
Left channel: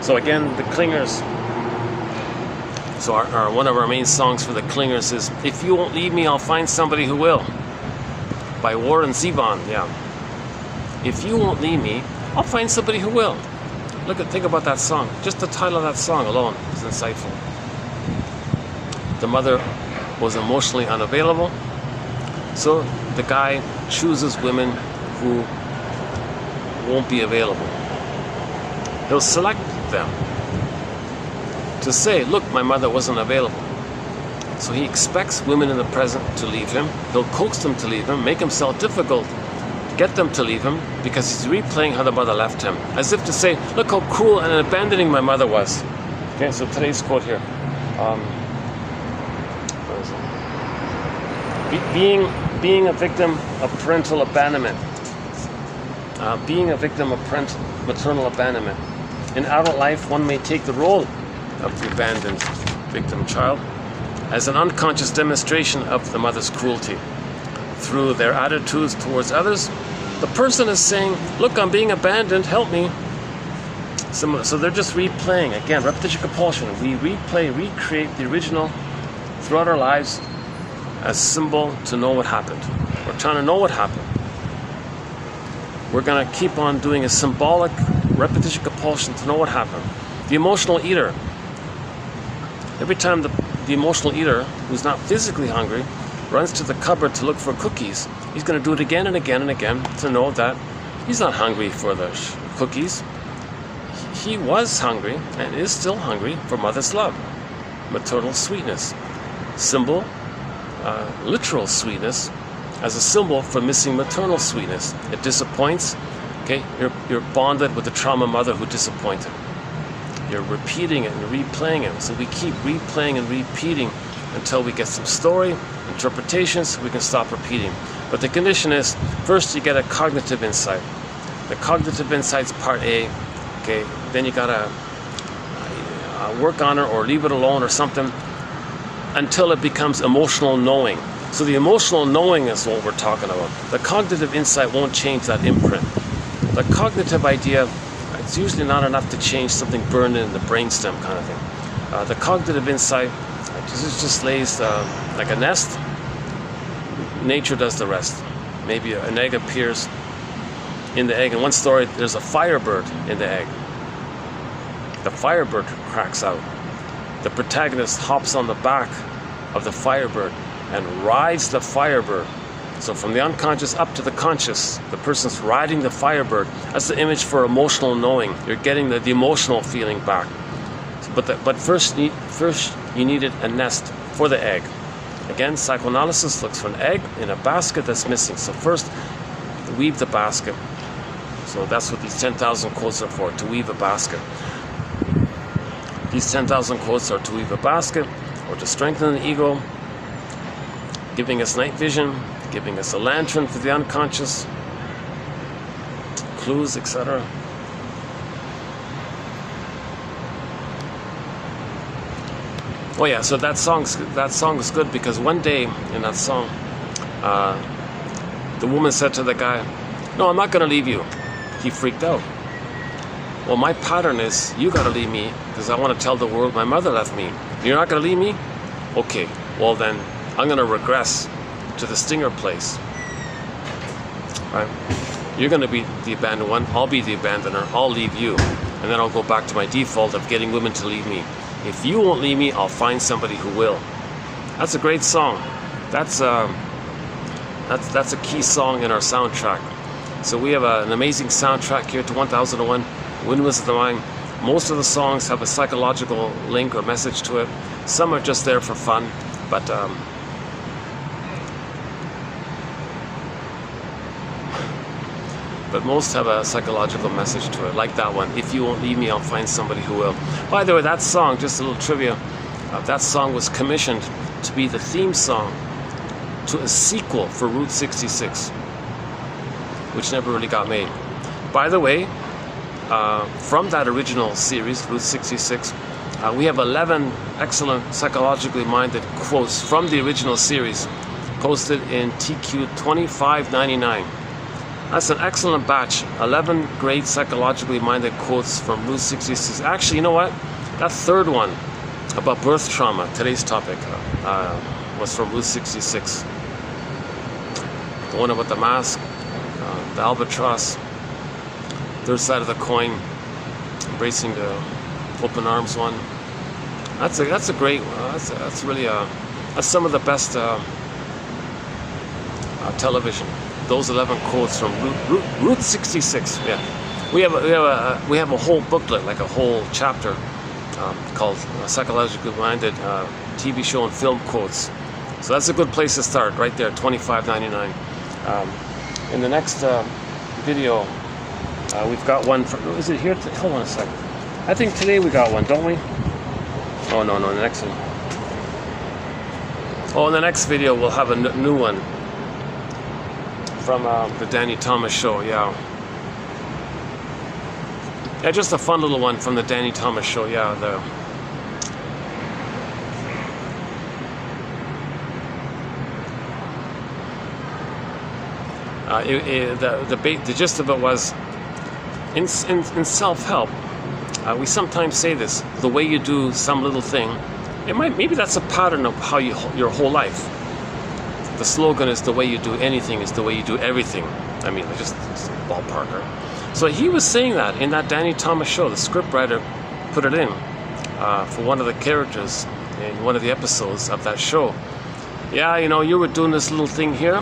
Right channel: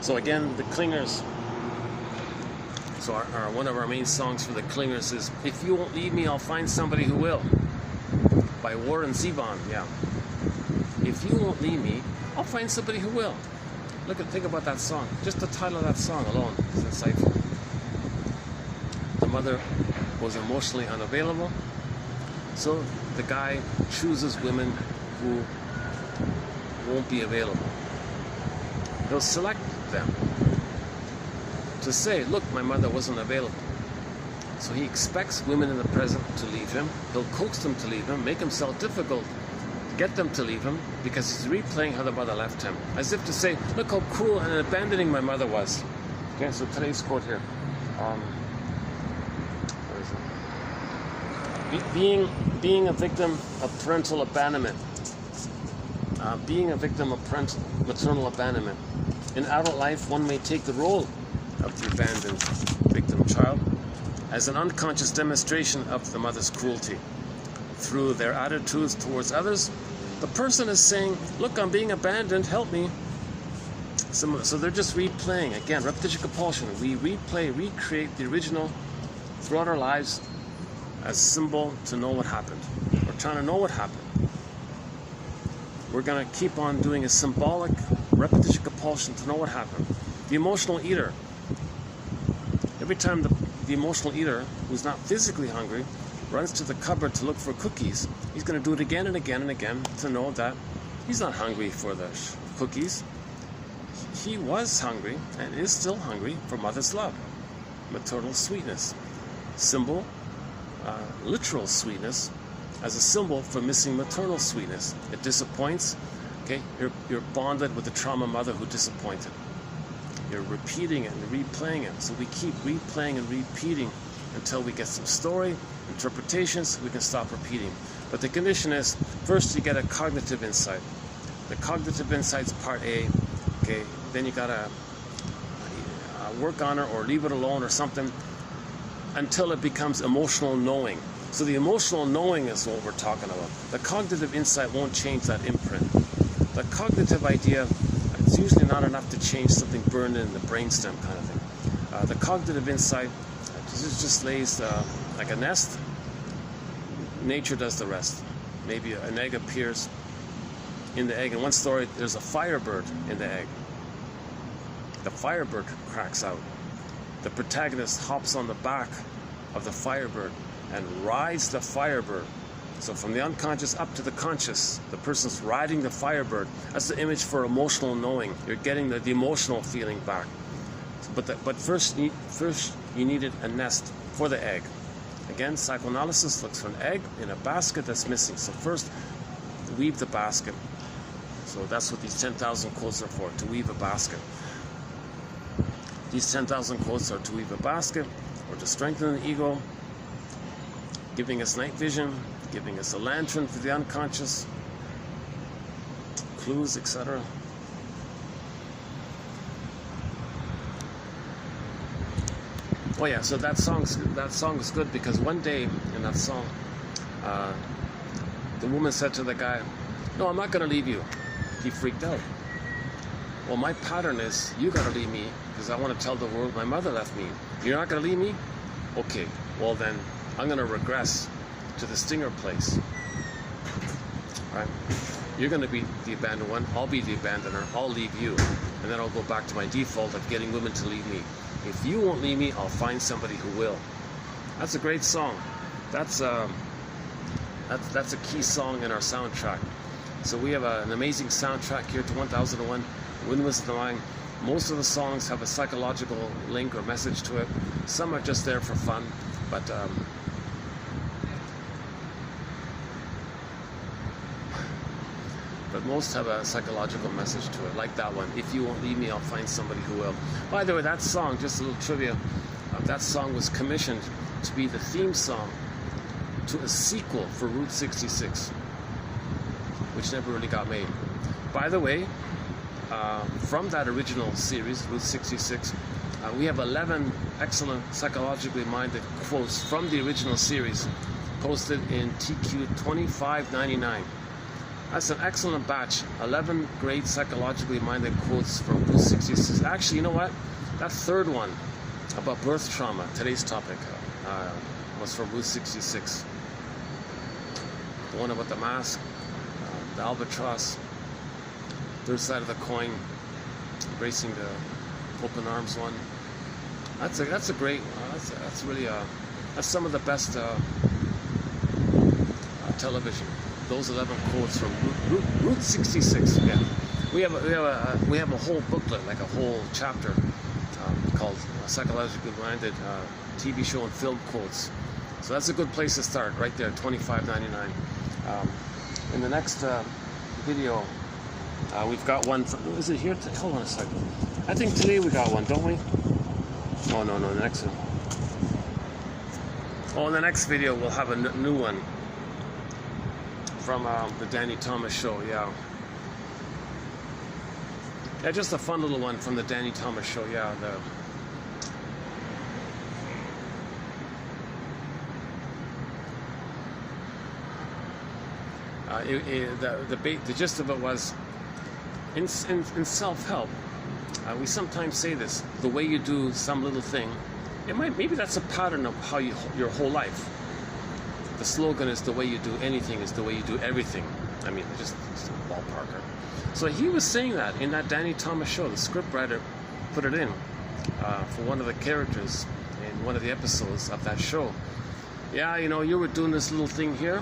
So again, the clingers. So one of our main songs for the clingers is "If You Won't Leave Me, I'll Find Somebody Who Will" by Warren Zevon. Yeah. If you won't leave me, I'll find somebody who will. Think about that song. Just the title of that song alone is insightful. The mother was emotionally unavailable, so the guy chooses women who won't be available. He'll select them to say, look, my mother wasn't available. So he expects women in the present to leave him. He'll coax them to leave him, make himself difficult to get them to leave him, because he's replaying how the mother left him, as if to say, look how cruel and abandoning my mother was. Okay, so today's quote here. Where is it? Being a victim of parental abandonment. Being a victim of maternal abandonment. In adult life, one may take the role of the abandoned victim child, as an unconscious demonstration of the mother's cruelty. Through their attitudes towards others, the person is saying, look, I'm being abandoned, help me. So they're just replaying, again, repetition compulsion. We recreate the original throughout our lives as symbol to know what happened. We're trying to know what happened. We're going to keep on doing a symbolic repetition compulsion to know what happened. The emotional eater. Every time the emotional eater, who's not physically hungry, runs to the cupboard to look for cookies, he's going to do it again and again and again to know that he's not hungry for the cookies. He was hungry and is still hungry for mother's love, maternal sweetness, symbol, literal sweetness, as a symbol for missing maternal sweetness. It disappoints. Okay, you're bonded with the trauma mother who disappointed. You're repeating it and replaying it. So we keep replaying and repeating until we get some story, interpretations, we can stop repeating. But the condition is, first you get a cognitive insight. The cognitive insight's part A. Okay, then you gotta work on it or leave it alone or something until it becomes emotional knowing. So the emotional knowing is what we're talking about. The cognitive insight won't change that imprint. The cognitive idea, it's usually not enough to change something burned in the brainstem kind of thing. The cognitive insight just lays like a nest. Nature does the rest. Maybe an egg appears in the egg. In one story, there's a firebird in the egg. The firebird cracks out. The protagonist hops on the back of the firebird and rides the firebird. So from the unconscious up to the conscious, the person's riding the firebird. That's the image for emotional knowing. You're getting the emotional feeling back. But first you needed a nest for the egg. Again, psychoanalysis looks for an egg in a basket that's missing. So first, weave the basket. So that's what these 10,000 quotes are for, to weave a basket. These 10,000 quotes are to weave a basket or to strengthen the ego, giving us night vision, giving us a lantern for the unconscious, clues, etc. Oh yeah, so that song is good because one day in that song, the woman said to the guy, "No, I'm not going to leave you." He freaked out. Well, my pattern is, you got to leave me because I want to tell the world my mother left me. You're not going to leave me? Okay, well then, I'm going to regress to the stinger place. Right? You're going to be the abandoned one. I'll be the abandoner. I'll leave you. And then I'll go back to my default of getting women to leave me. If you won't leave me, I'll find somebody who will. That's a great song. That's a key song in our soundtrack. So we have an amazing soundtrack here to 1001 Windmills of the Mind. Most of the songs have a psychological link or message to it. Some are just there for fun, but most have a psychological message to it, like that one. If you won't leave me, I'll find somebody who will. By the way, that song, just a little trivia, that song was commissioned to be the theme song to a sequel for Route 66, which never really got made. By the way, from that original series, Route 66, we have 11 excellent psychologically minded quotes from the original series posted in TQ 2599. That's an excellent batch. 11 great psychologically minded quotes from Route 66. Actually, you know what? That third one about birth trauma, today's topic, was from Route 66. The one about the mask, the albatross, third side of the coin, embracing the open arms one. That's a great. That's really that's some of the best television. Those 11 quotes from Route 66. Yeah, we have a whole booklet, like a whole chapter called Psychologically Minded TV Show and Film Quotes. So that's a good place to start, right there, $25.99. In the next video, we've got one. Is it here? Hold on a second. I think today we got one, don't we? Oh no, the next one. Oh, in the next video we'll have a new one. From the Danny Thomas Show, yeah. Yeah, just a fun little one from the Danny Thomas Show, yeah. The gist of it was, in self-help, we sometimes say this: the way you do some little thing, maybe that's a pattern of how your whole life. The slogan is, the way you do anything is the way you do everything. I mean, just ballpark. So he was saying that in that Danny Thomas show. The scriptwriter put it in for one of the characters in one of the episodes of that show. Yeah, you know, you were doing this little thing here.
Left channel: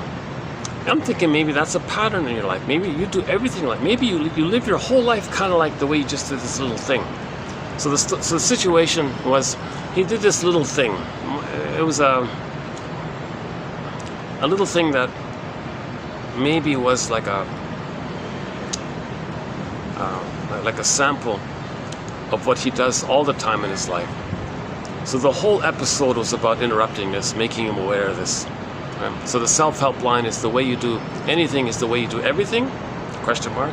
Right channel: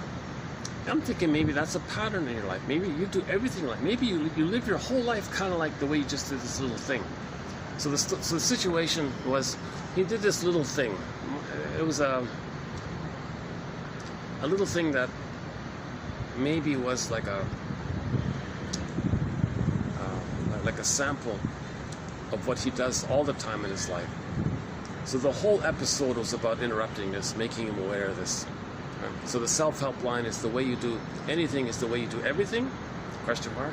I'm thinking maybe that's a pattern in your life. Maybe you do everything like, maybe you live your whole life kind of like the way you just did this little thing. So the situation was, he did this little thing. It was a little thing that maybe was like a sample of what he does all the time in his life. So the whole episode was about interrupting this, making him aware of this. So the self-help line is, the way you do anything is the way you do everything? Question mark.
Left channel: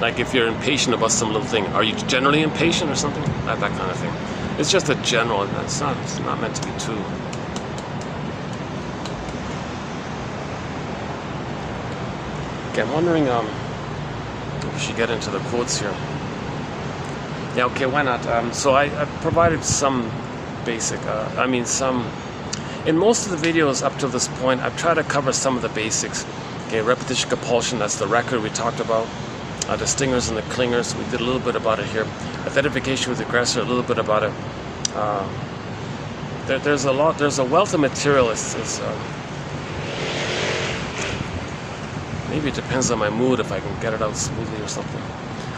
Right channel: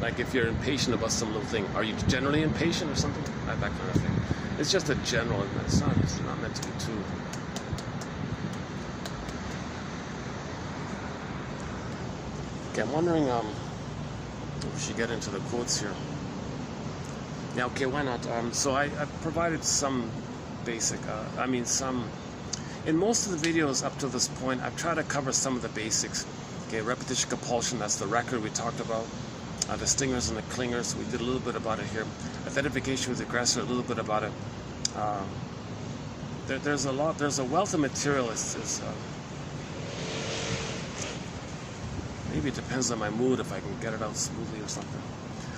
Like if you're impatient about some little thing, are you generally impatient or something? That kind of thing. It's just a general, it's not meant to be too. Okay, I'm wondering, we should get into the quotes here. Yeah, okay, why not? So I provided some basic, in most of the videos up to this point, I've tried to cover some of the basics. Okay, repetition compulsion, that's the record we talked about. The stingers and the clingers, we did a little bit about it here. Identification with the aggressor, a little bit about it. There's a wealth of material. Maybe it depends on my mood if I can get it out smoothly or something.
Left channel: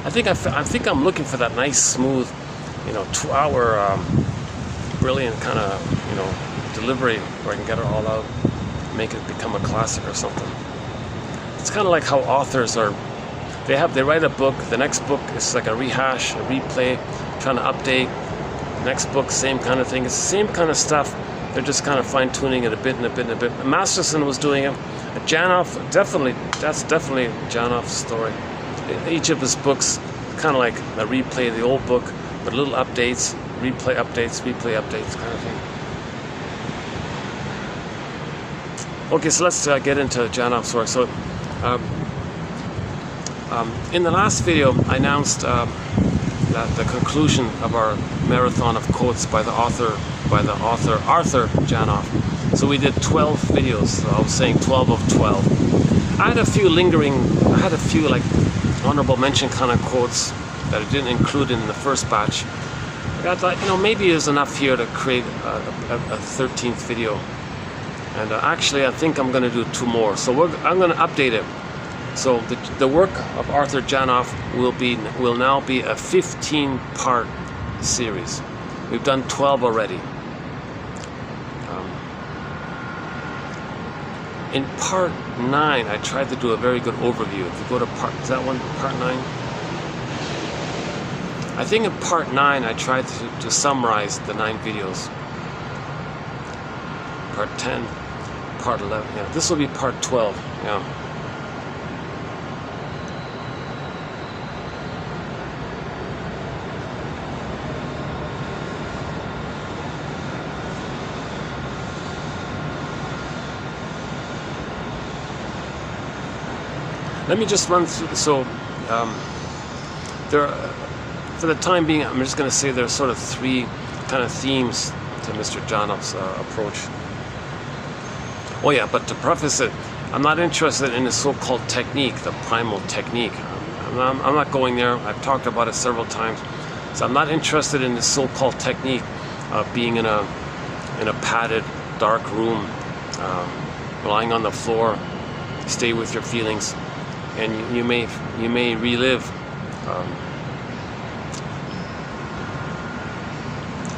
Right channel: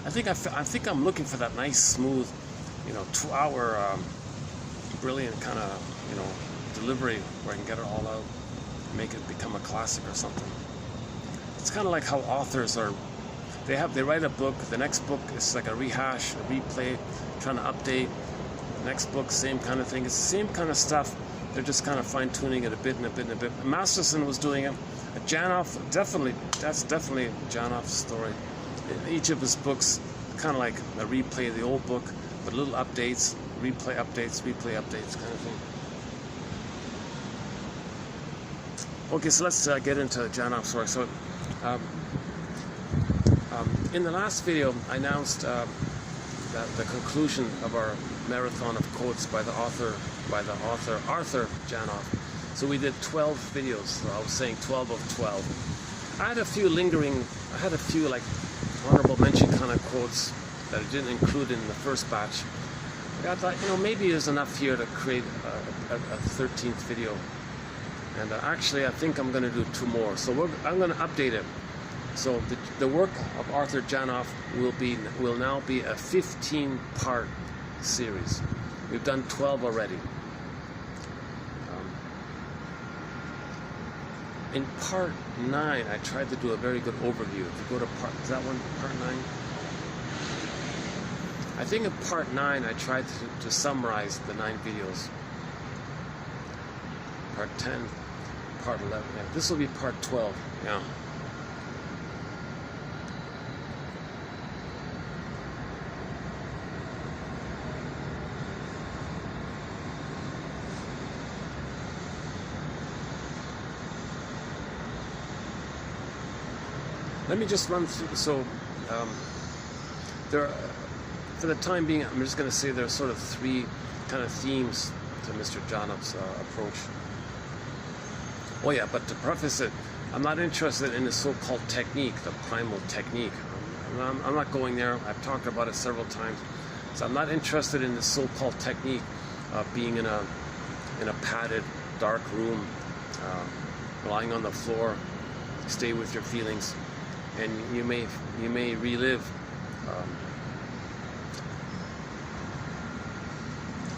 I think I'm looking for that nice, smooth, 2-hour, brilliant kind of, delivery where I can get it all out, make it become a classic or something. It's kind of like how authors are. They write a book. The next book is like a rehash, a replay, trying to update. Next book, same kind of thing. It's the same kind of stuff. They're just kind of fine-tuning it a bit and a bit and a bit. Masterson was doing it. Janov, that's definitely Janov's story. Each of his books, kind of like a replay of the old book, but little updates, replay updates kind of thing. Okay, so let's get into Janov's story. So, in the last video, I announced that the conclusion of our marathon of quotes by the author Arthur Janov. So we did 12 videos. So I was saying 12 of 12. I had a few like honorable mention kind of quotes that I didn't include in the first batch. I thought, maybe there's enough here to create a 13th video. And actually, I think I'm going to do 2 more. So I'm going to update it. So the work of Arthur Janov will now be a 15-part series. We've done 12 already. In part 9, I tried to do a very good overview. If you go to part 9? I think in part 9, I tried to summarize the 9 videos. Part 10, part 11. Yeah, this will be part 12. Yeah. Let me just run through. So, for the time being, I'm just going to say there's sort of 3 kind of themes to Mr. Janov's approach. Oh yeah, but to preface it, I'm not interested in the so-called technique, the primal technique. I'm not going there. I've talked about it several times. So I'm not interested in the so-called technique of being in a padded, dark room, lying on the floor, stay with your feelings. And you may relive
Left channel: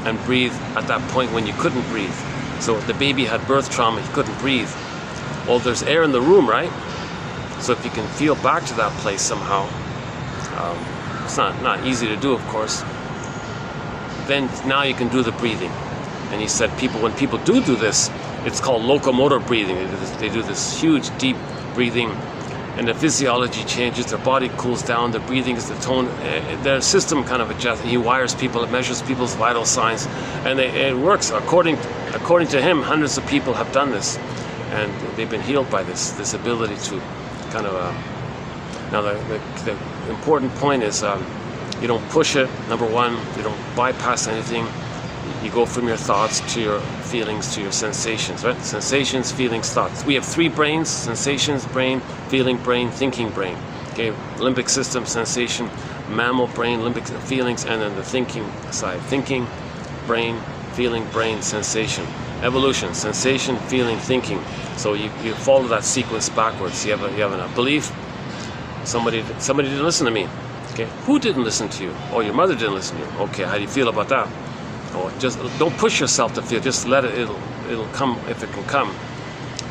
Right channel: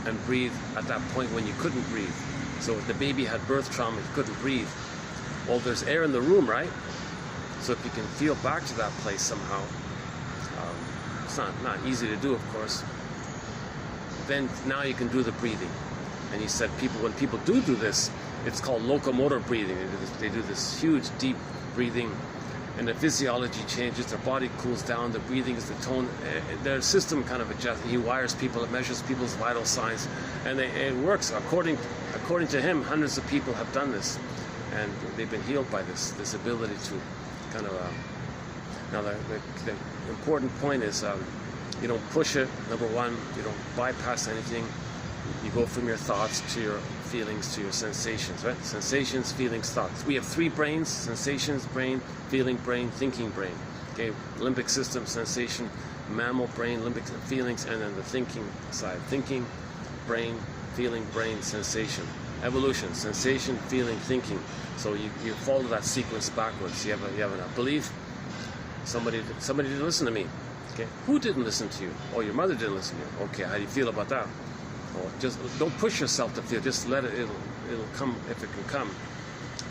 and breathe at that point when you couldn't breathe. So if the baby had birth trauma, he couldn't breathe. Well, there's air in the room, right? So if you can feel back to that place somehow, it's not easy to do, of course. Then now you can do the breathing. And he said when people do this, it's called locomotor breathing. They do this huge, deep breathing. and the physiology changes, their body cools down, the breathing is the tone, their system kind of adjusts. He wires people, it measures people's vital signs, and it works. According to him, hundreds of people have done this, and they've been healed by this ability to kind of, now the important point is you don't push it, number one, you don't bypass anything, you go from your thoughts to your feelings to your sensations, right? Sensations, feelings, thoughts. We have three brains: sensations brain, feeling brain, thinking brain. Okay, limbic system, sensation, mammal brain, limbic feelings, and then the thinking side. Thinking, brain, feeling, brain, sensation. Evolution: sensation, feeling, thinking. So you follow that sequence backwards. You have a belief. Somebody didn't listen to me. Okay, who didn't listen to you? Oh, your mother didn't listen to you. Okay, how do you feel about that? Oh, just don't push yourself to feel. Just let it. It'll come if it can come.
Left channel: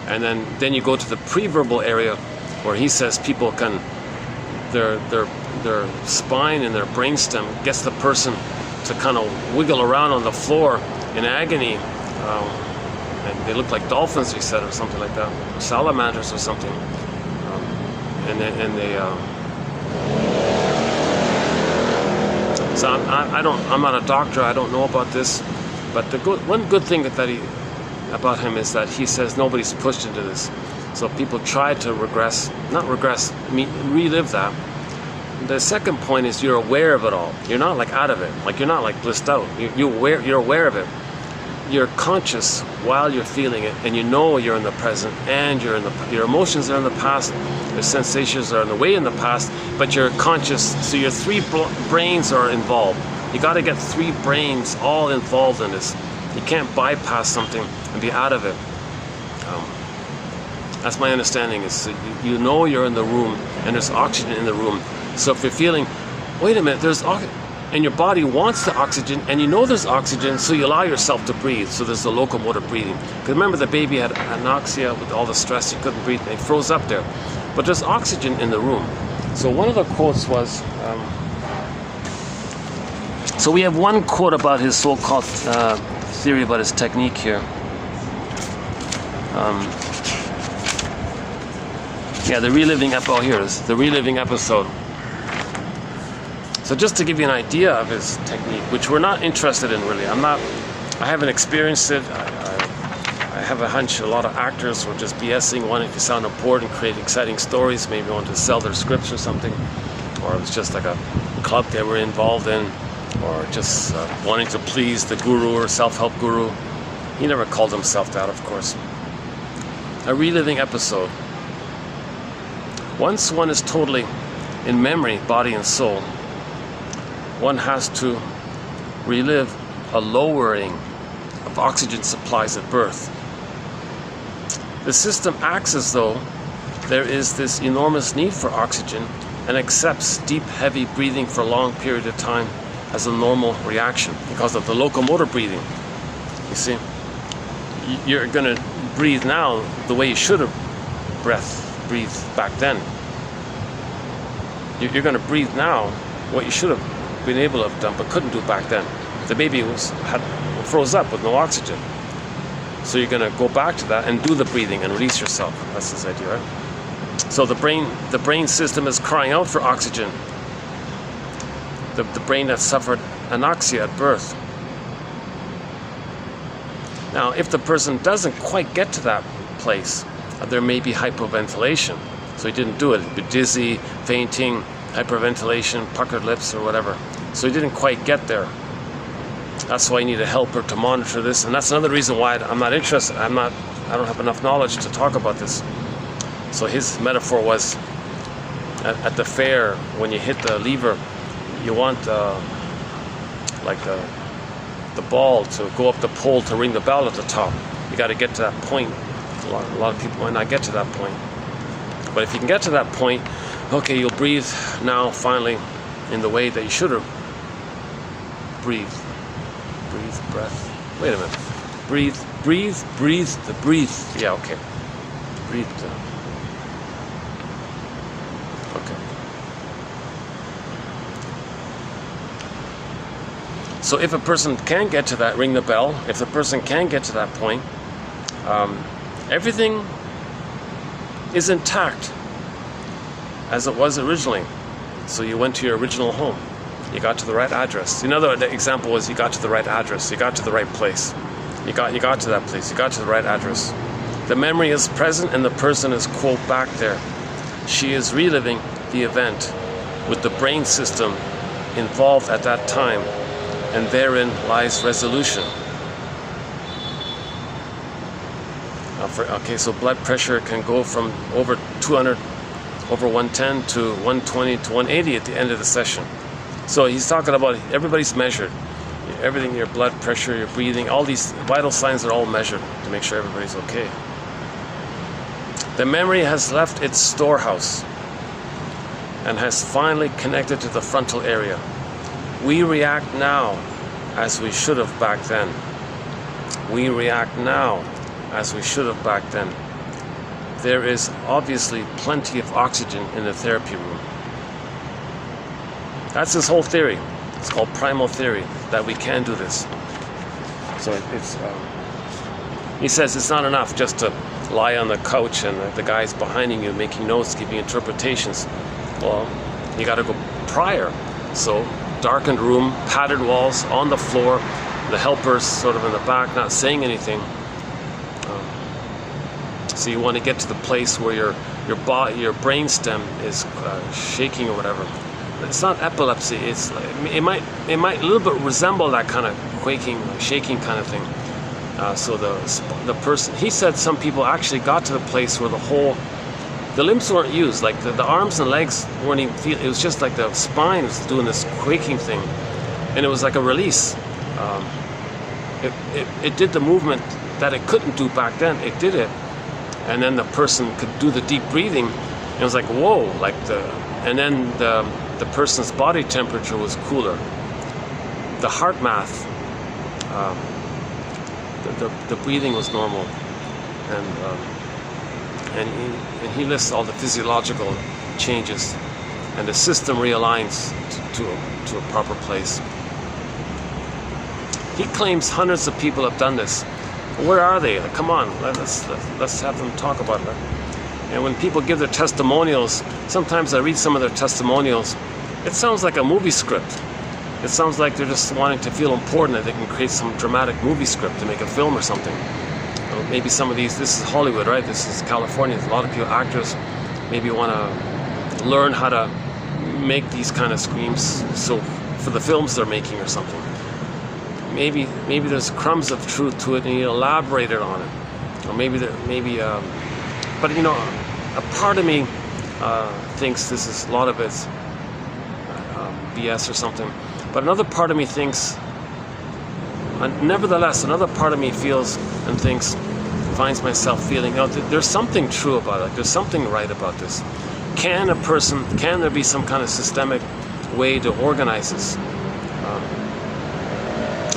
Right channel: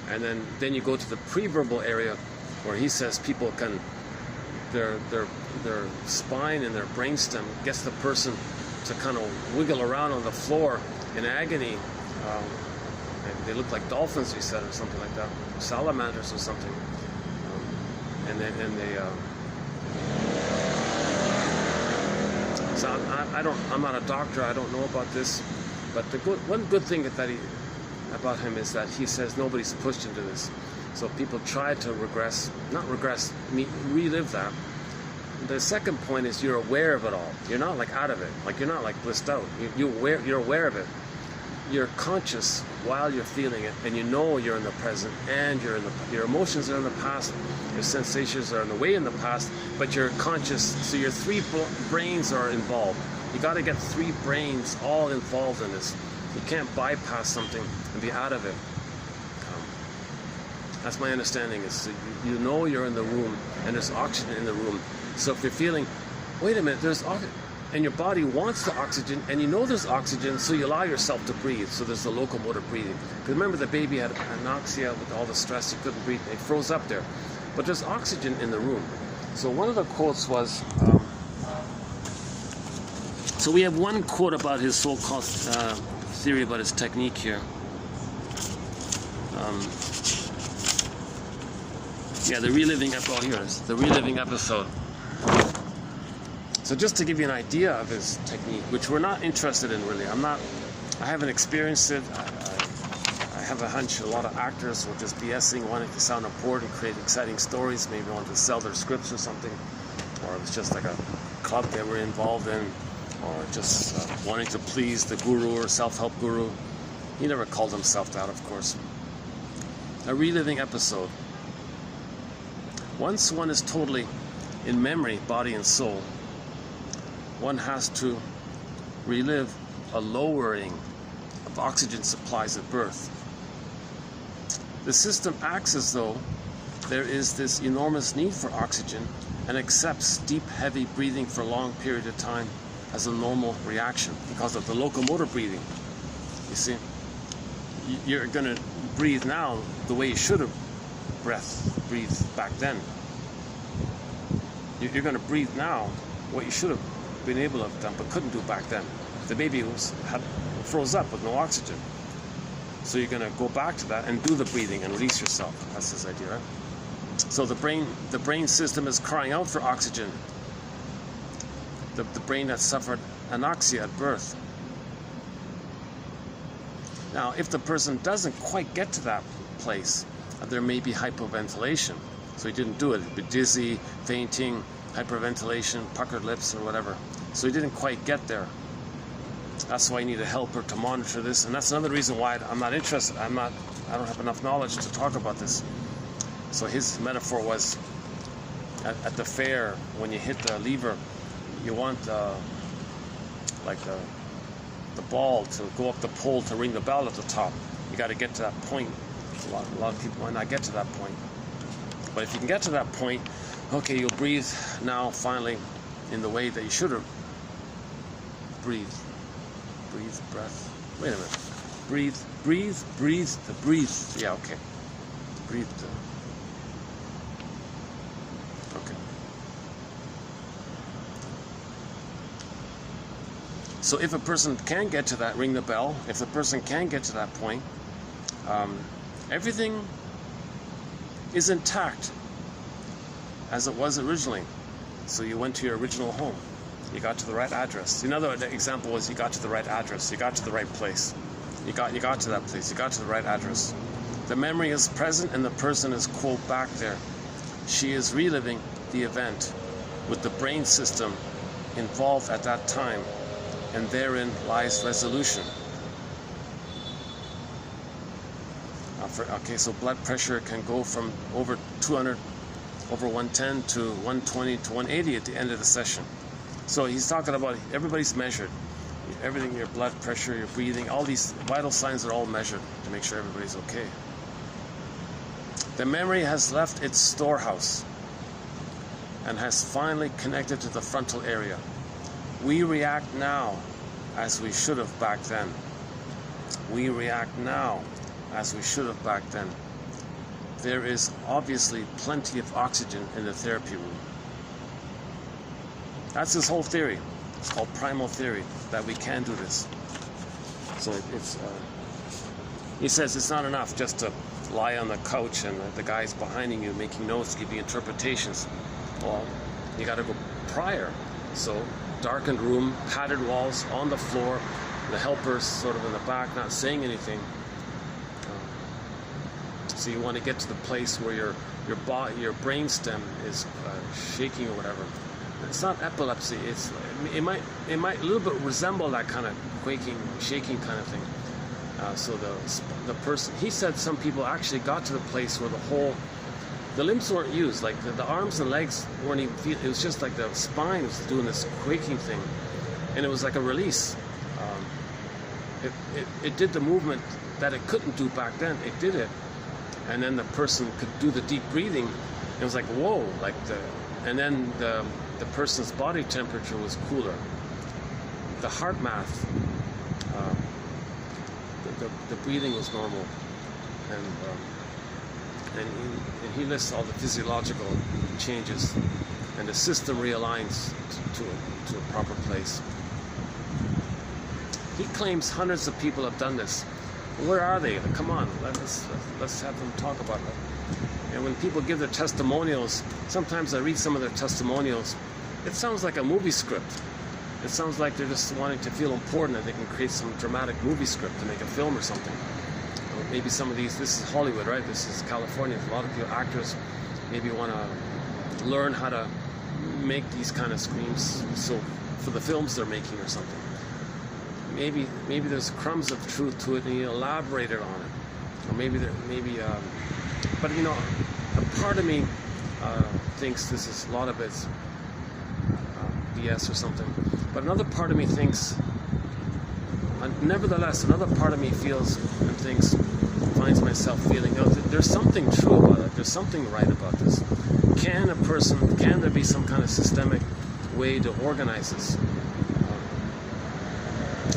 And then you go to the pre-verbal area, where he says people can, their spine and their brainstem gets the person to kind of wiggle around on the floor in agony, and they look like dolphins, he said, or something like that, or salamanders or something, So I'm not a doctor. I don't know about this, but one good thing about him is that he says nobody's pushed into this. So people try to relive that. The second point is you're aware of it all. You're not like out of it. Like you're not like blissed out. You're aware of it. You're conscious while you're feeling it, and you know you're in the present, and your emotions are in the past, your sensations are in the way in the past, but you're conscious. So your three brains are involved. You got to get three brains all involved in this. You can't bypass something and be out of it. That's my understanding. Is you know you're in the room, and there's oxygen in the room. So if you're feeling, wait a minute, there's oxygen, and your body wants the oxygen, and you know there's oxygen, so you allow yourself to breathe. So there's the locomotor breathing. Because remember, the baby had anoxia with all the stress, he couldn't breathe, and he froze up there. But there's oxygen in the room. So one of the quotes was, so we have one quote about his so-called theory about his technique here. Yeah, the reliving episode. Oh, here it is. The reliving episode. So just to give you an idea of his technique, which we're not interested in really. I haven't experienced it. I have a hunch a lot of actors were just BSing, wanting to sound important, create exciting stories, maybe want to sell their scripts or something. Or it was just like a club they were involved in, or just wanting to please the guru or self-help guru. He never called himself that, of course. A reliving episode. Once one is totally in memory, body and soul, one has to relive a lowering of oxygen supplies at birth. The system acts as though there is this enormous need for oxygen and accepts deep, heavy breathing for a long period of time as a normal reaction because of the locomotor breathing. You see, you're going to breathe now the way you should have breathed back then. You're going to breathe now what you should have been able to have done but couldn't do back then. The baby froze up with no oxygen. So you're going to go back to that and do the breathing and release yourself. That's this idea, right? So the brain system is crying out for oxygen. The brain that suffered anoxia at birth. Now, if the person doesn't quite get to that place, there may be hypoventilation. So he didn't do it. He'd be dizzy, fainting, hyperventilation, puckered lips, or whatever. So he didn't quite get there. That's why you need a helper to monitor this, and that's another reason why I'm not interested. I don't have enough knowledge to talk about this. So his metaphor was, at the fair, when you hit the lever, you want the ball to go up the pole to ring the bell at the top. You got to get to that point. A lot of people might not get to that point. But if you can get to that point, okay, you'll breathe now finally in the way that you should have breathed. Breathe, breath. Wait a minute. Breathe. Yeah, okay. Breathe. Okay. So if a person can get to that, ring the bell, if the person can get to that point, everything is intact. as it was originally. So you went to your original home. You got to the right address. Another example was you got to the right address. You got to the right place. You got to that place. You got to the right address. The memory is present and the person is, quote, back there. She is reliving the event with the brain system involved at that time, and therein lies resolution. Okay, so blood pressure can go from over 200, over 110 to 120 to 180 at the end of the session. So he's talking about everybody's measured. Everything, your blood pressure, your breathing, all these vital signs are all measured to make sure everybody's okay. The memory has left its storehouse and has finally connected to the frontal area. We react now as we should have back then. We react now as we should have back then. There is obviously plenty of oxygen in the therapy room. That's his whole theory. It's called primal theory, that we can do this. So he says it's not enough just to lie on the couch and the guy's behind you making notes, giving interpretations. Well, you got to go prior. So darkened room, padded walls, on the floor, the helpers sort of in the back, not saying anything. So you want to get to the place where your brain stem is shaking or whatever. It's not epilepsy. It might a little bit resemble that kind of quaking, shaking kind of thing. So the person, he said, some people actually got to the place where the limbs weren't used, like the arms and legs weren't even feel. It was just like the spine was doing this quaking thing, and it was like a release. It did the movement that it couldn't do back then. It did it, and then the person could do the deep breathing. And it was like whoa, and then the person's body temperature was cooler. The heart math, the breathing was normal, and he lists all the physiological changes, and the system realigns to a proper place. He claims hundreds of people have done this. Where are they? Like, come on, let's have them talk about that. And when people give their testimonials, sometimes I read some of their testimonials, it sounds like a movie script. It sounds like they're just wanting to feel important, that they can create some dramatic movie script to make a film or something. Maybe some of these, this is Hollywood, right? This is California. There's a lot of people, actors, maybe want to learn how to make these kind of screams, so for the films they're making or something. Maybe there's crumbs of truth to it, and you elaborated on it. Or but you know, a part of me thinks this is a lot of it's BS or something. But another part of me thinks, nevertheless, another part of me feels and thinks, finds myself feeling, there's something true about it. There's something right about this. Can there be some kind of systemic way to organize this?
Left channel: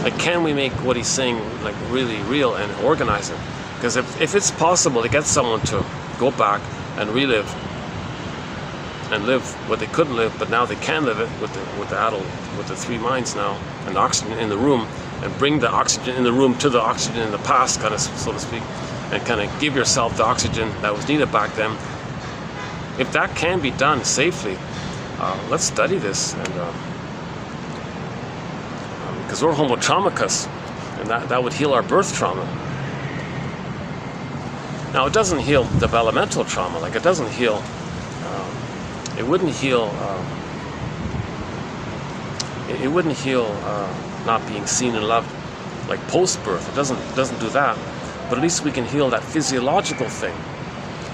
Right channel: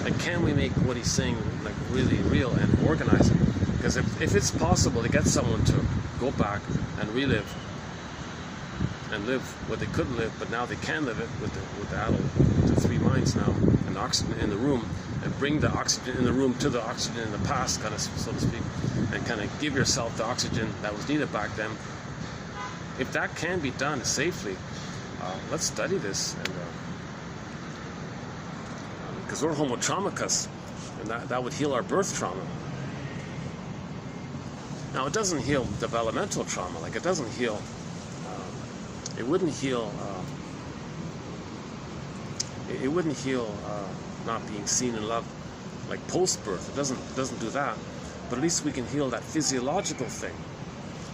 Like, can we make what he's saying like really real and organize it? Because if it's possible to get someone to go back and relive and live what they couldn't live, but now they can live it with the three minds now, and oxygen in the room, and bring the oxygen in the room to the oxygen in the past, kind of, so to speak, and kind of give yourself the oxygen that was needed back then. If that can be done safely, let's study this, and because we're homo traumicus, and that would heal our birth trauma. Now, it doesn't heal developmental trauma. Like, it doesn't heal. It wouldn't heal. It wouldn't heal not being seen and loved, like post-birth. It doesn't do that. But at least we can heal that physiological thing,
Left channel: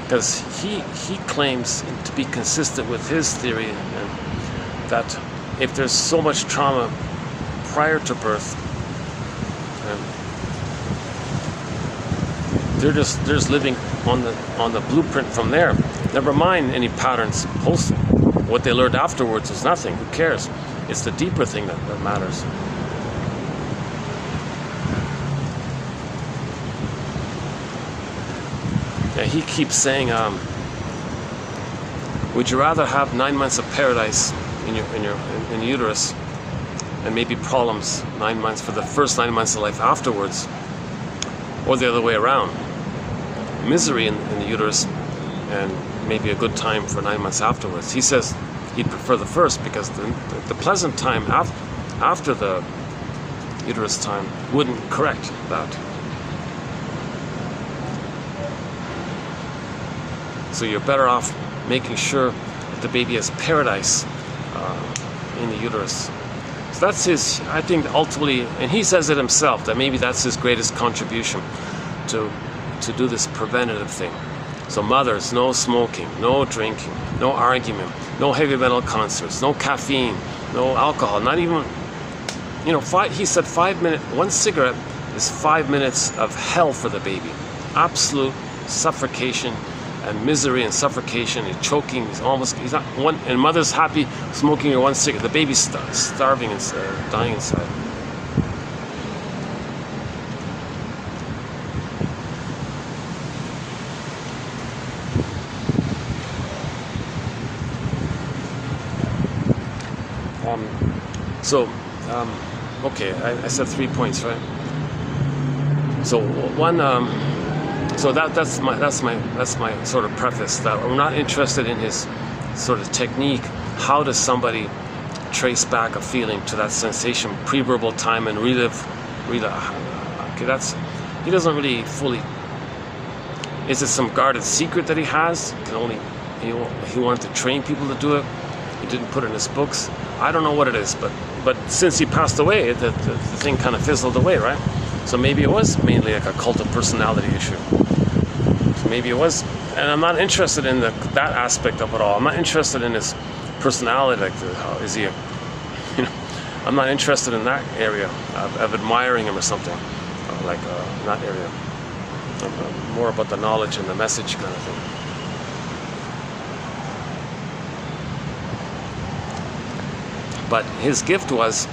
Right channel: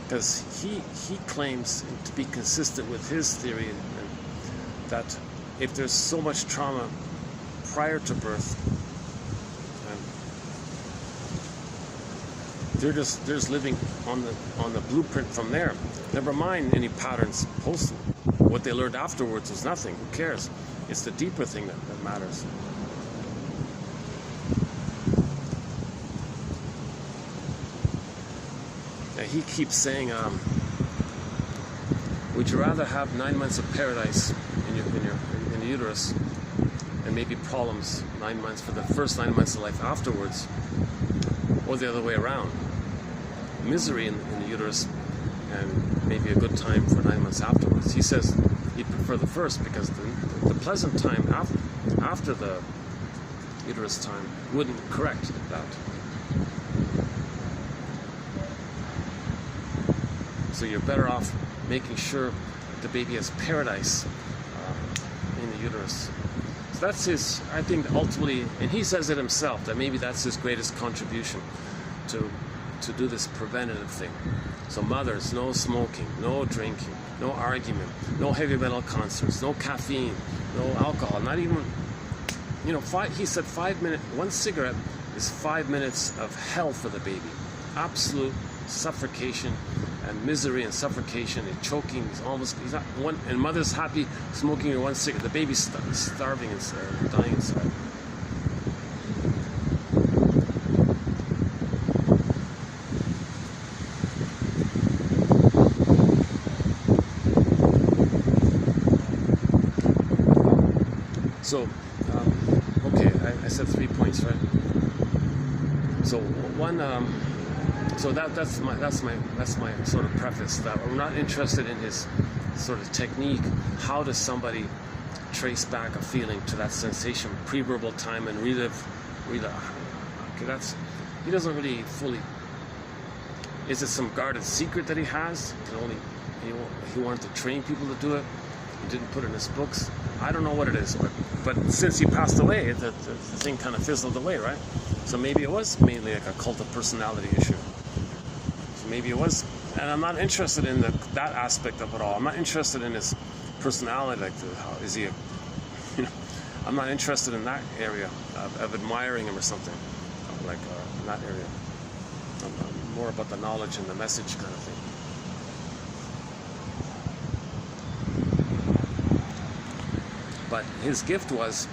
because he claims to be consistent with his theory, and that if there's so much trauma prior to birth, they're just living on the blueprint from there. Never mind any patterns post. What they learned afterwards is nothing. Who cares? It's the deeper thing that matters. Yeah, he keeps saying, would you rather have 9 months of paradise in your uterus, and maybe problems 9 months for the first 9 months of life afterwards, or the other way around? Misery in the uterus and maybe a good time for 9 months afterwards. He says he'd prefer the first because the pleasant time after the uterus time wouldn't correct that. So you're better off making sure that the baby has paradise in the uterus. So that's his, I think ultimately, and he says it himself, that maybe that's his greatest contribution to do this preventative thing. So mothers, no smoking, no drinking, no argument, no heavy metal concerts, no caffeine, no alcohol, not even, you know, he said 5 minutes, one cigarette is 5 minutes of hell for the baby. Absolute suffocation and misery and suffocation. He's choking, he's not one, and mother's happy smoking her one cigarette. The baby's starving and dying inside. Okay, I said 3 points, right? So one, so that's my sort of preface, that I'm not interested in his sort of technique. How does somebody trace back a feeling to that sensation, pre-verbal time, and relive? Okay, he doesn't really fully. Is it some guarded secret that he has? He wanted to train people to do it. He didn't put it in his books. I don't know what it is, but since he passed away, the thing kind of fizzled away, right? So maybe it was mainly like a cult of personality issue. So maybe it was, and I'm not interested in that aspect of it all. I'm not interested in his personality, like is he I'm not interested in that area of admiring him or something, like that area. More about the knowledge and the message kind of thing. But his gift was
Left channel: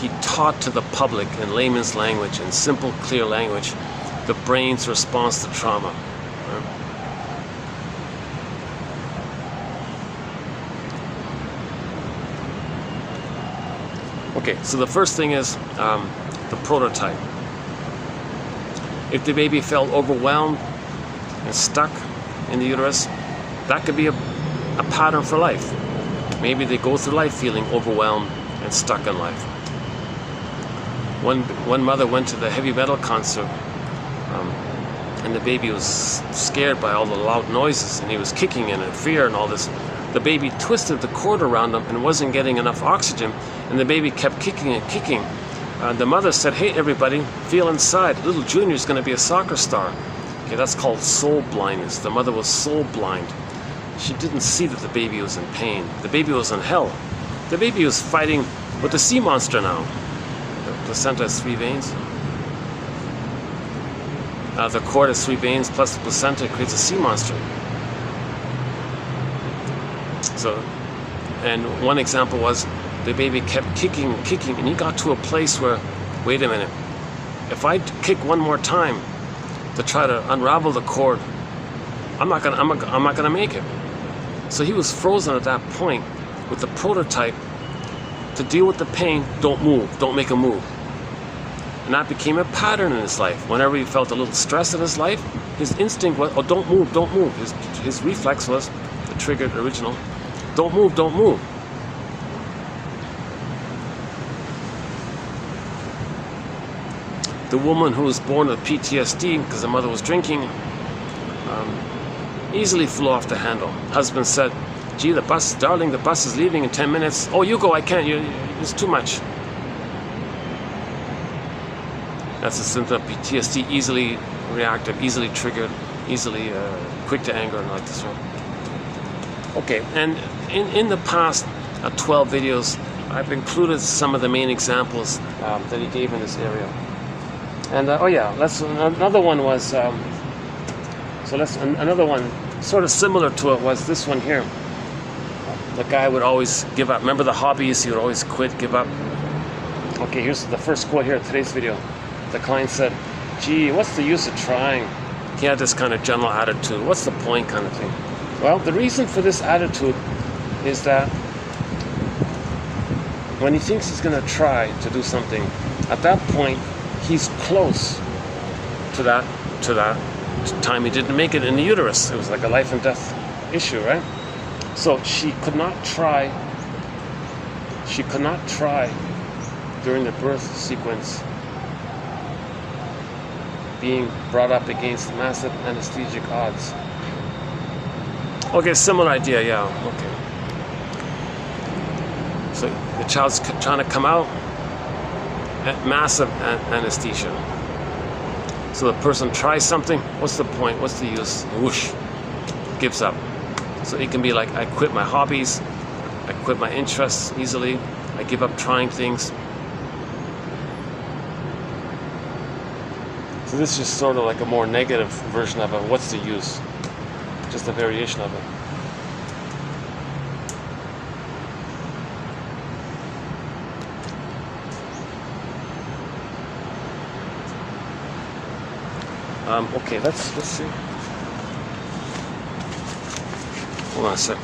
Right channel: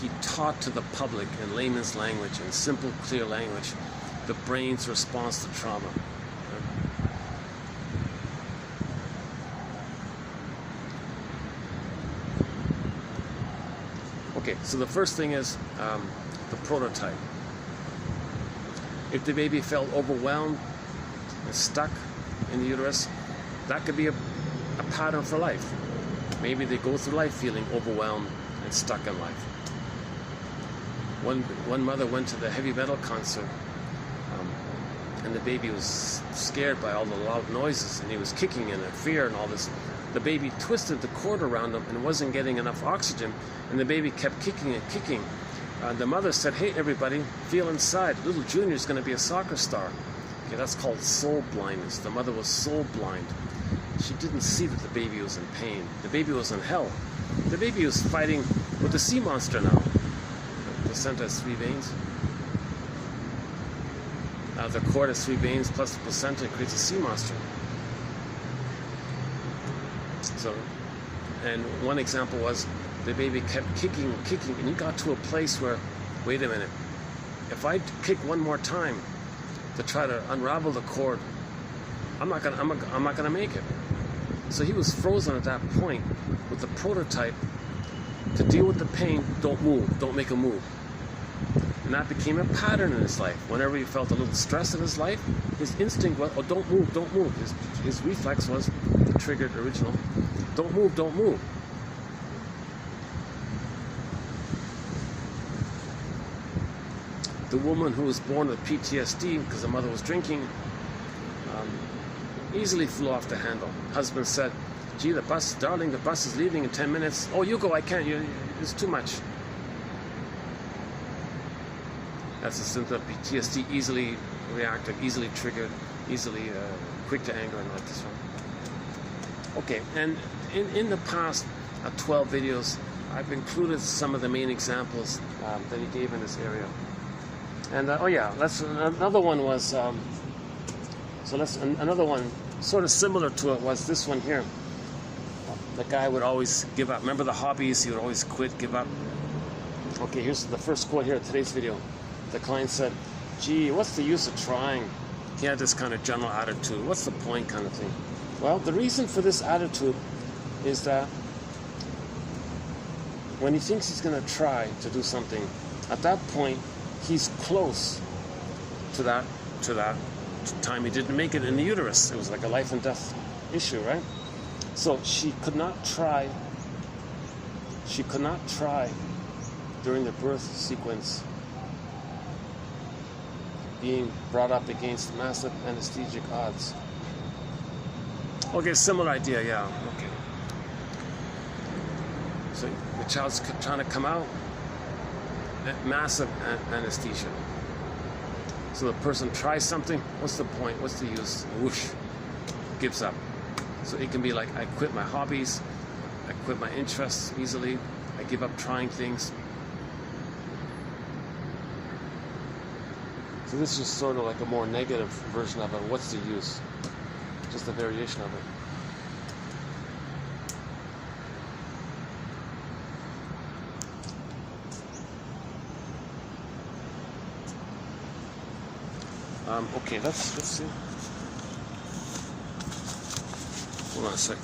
he taught to the public in layman's language, in simple, clear language, the brain's response to trauma. Okay, so the first thing is the prototype. If the baby felt overwhelmed and stuck in the uterus, that could be a pattern for life. Maybe they go through life feeling overwhelmed and stuck in life. One mother went to the heavy metal concert, and the baby was scared by all the loud noises, and he was kicking in fear and all this. The baby twisted the cord around him and wasn't getting enough oxygen, and the baby kept kicking and kicking. The mother said, "Hey, everybody, feel inside. Little Junior's going to be a soccer star." Okay, that's called soul blindness. The mother was soul blind. She didn't see that the baby was in pain. The baby was in hell. The baby was fighting with the sea monster now. The placenta has 3 veins. The cord has 3 veins plus the placenta creates a sea monster. So, and one example was the baby kept kicking, and he got to a place where, wait a minute, if I kick one more time to try to unravel the cord, I'm not gonna make it. So he was frozen at that point with the prototype to deal with the pain. Don't move, don't make a move. And that became a pattern in his life. Whenever he felt a little stress in his life, his instinct was, oh, don't move, don't move. His reflex was, the triggered original, don't move, don't move. The woman who was born with PTSD because the mother was drinking, easily flew off the handle. Husband said, "Gee, darling, the bus is leaving in 10 minutes. Oh, you go, I can't, it's too much." That's a symptom of PTSD, easily reactive, easily triggered, easily quick to anger and all this one. Okay, and in the past 12 videos, I've included some of the main examples that he gave in this area. And another one was, another one sort of similar to it was this one here. The guy would always give up. Remember the hobbies? He would always quit, give up. Okay, here's the first quote here in today's video. The client said, "Gee, what's the use of trying?" He had this kind of general attitude. What's the point kind of thing? Well, the reason for this attitude is that when he thinks he's going to try to do something, at that point, he's close to that time he didn't make it in the uterus. It was like a life and death issue, right? So she could not try during the birth sequence being brought up against massive anesthetic odds. Okay, similar idea, yeah, okay. So the child's trying to come out at massive anesthesia. So the person tries something, what's the point, what's the use? Whoosh, gives up. So it can be like, I quit my hobbies, I quit my interests easily, I give up trying things. So this is just sort of like a more negative version of it. What's the use? Just a variation of it. Okay, let's see. Hold on a sec.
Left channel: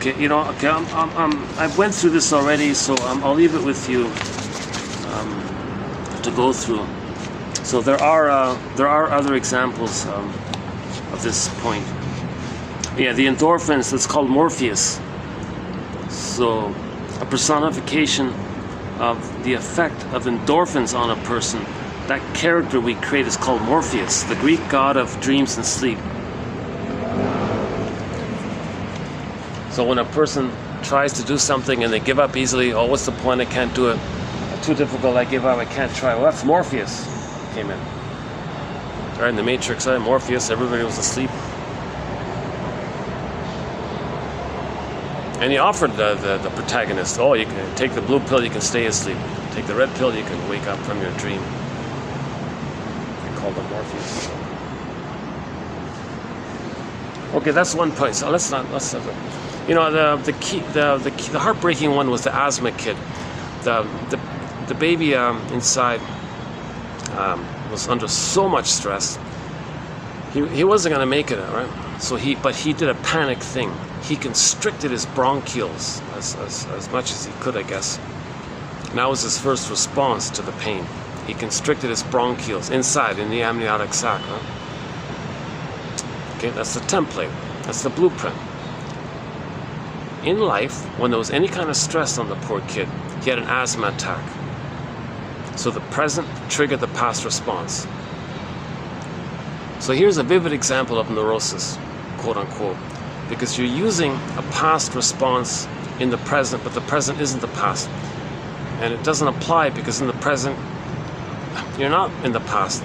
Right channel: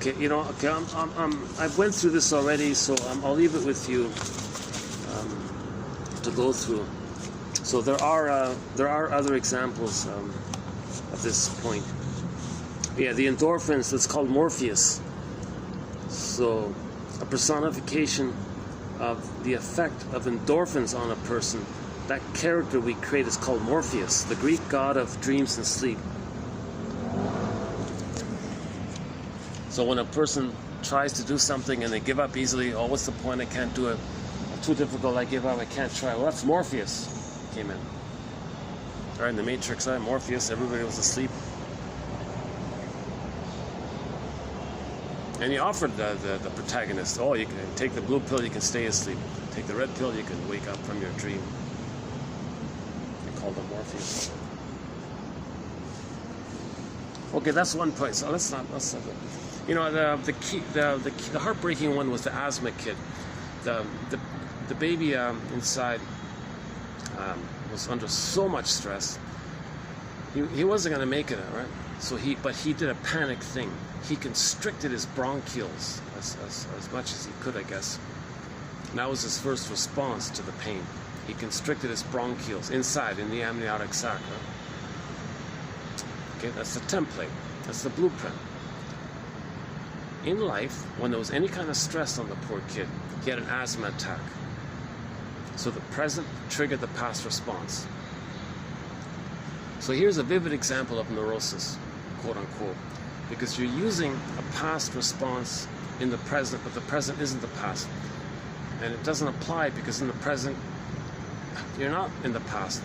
Okay, you know, okay, I went through this already, so I'll leave it with you to go through. So there are other examples of this point. Yeah, the endorphins, that's called Morpheus. So a personification of the effect of endorphins on a person. That character we create is called Morpheus, the Greek god of dreams and sleep. So when a person tries to do something and they give up easily, oh, what's the point? I can't do it. Too difficult, I give up, I can't try. Well, that's Morpheus came in. Right, in the Matrix, Morpheus, everybody was asleep. And he offered the protagonist, oh, you can take the blue pill, you can stay asleep. Take the red pill, you can wake up from your dream. They called him Morpheus. Okay, that's one point. So let's you know, the heartbreaking one was the asthma kid. The baby inside was under so much stress. He wasn't going to make it, right? So but he did a panic thing. He constricted his bronchioles as much as he could, I guess. And that was his first response to the pain. He constricted his bronchioles inside in the amniotic sac. Right? Okay, that's the template. That's the blueprint. In life, when there was any kind of stress on the poor kid, he had an asthma attack. So the present triggered the past response. So here's a vivid example of neurosis, quote unquote, because you're using a past response in the present, but the present isn't the past. And it doesn't apply because in the present, you're not in the past.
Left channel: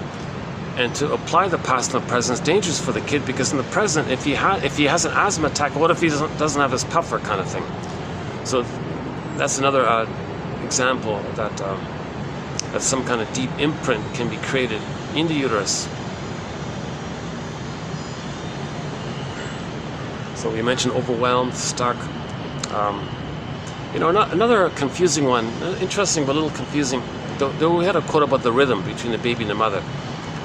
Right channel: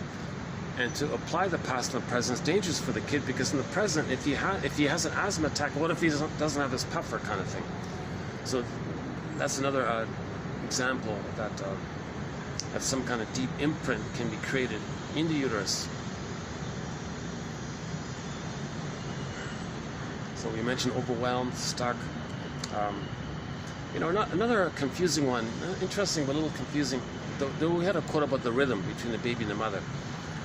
And to apply the past in the present is dangerous for the kid because in the present, if he has an asthma attack, what if he doesn't have his puffer kind of thing? So that's another example that some kind of deep imprint can be created in the uterus. So we mentioned overwhelmed, stuck. You know, another confusing one, interesting but a little confusing. Though we had a quote about the rhythm between the baby and the mother.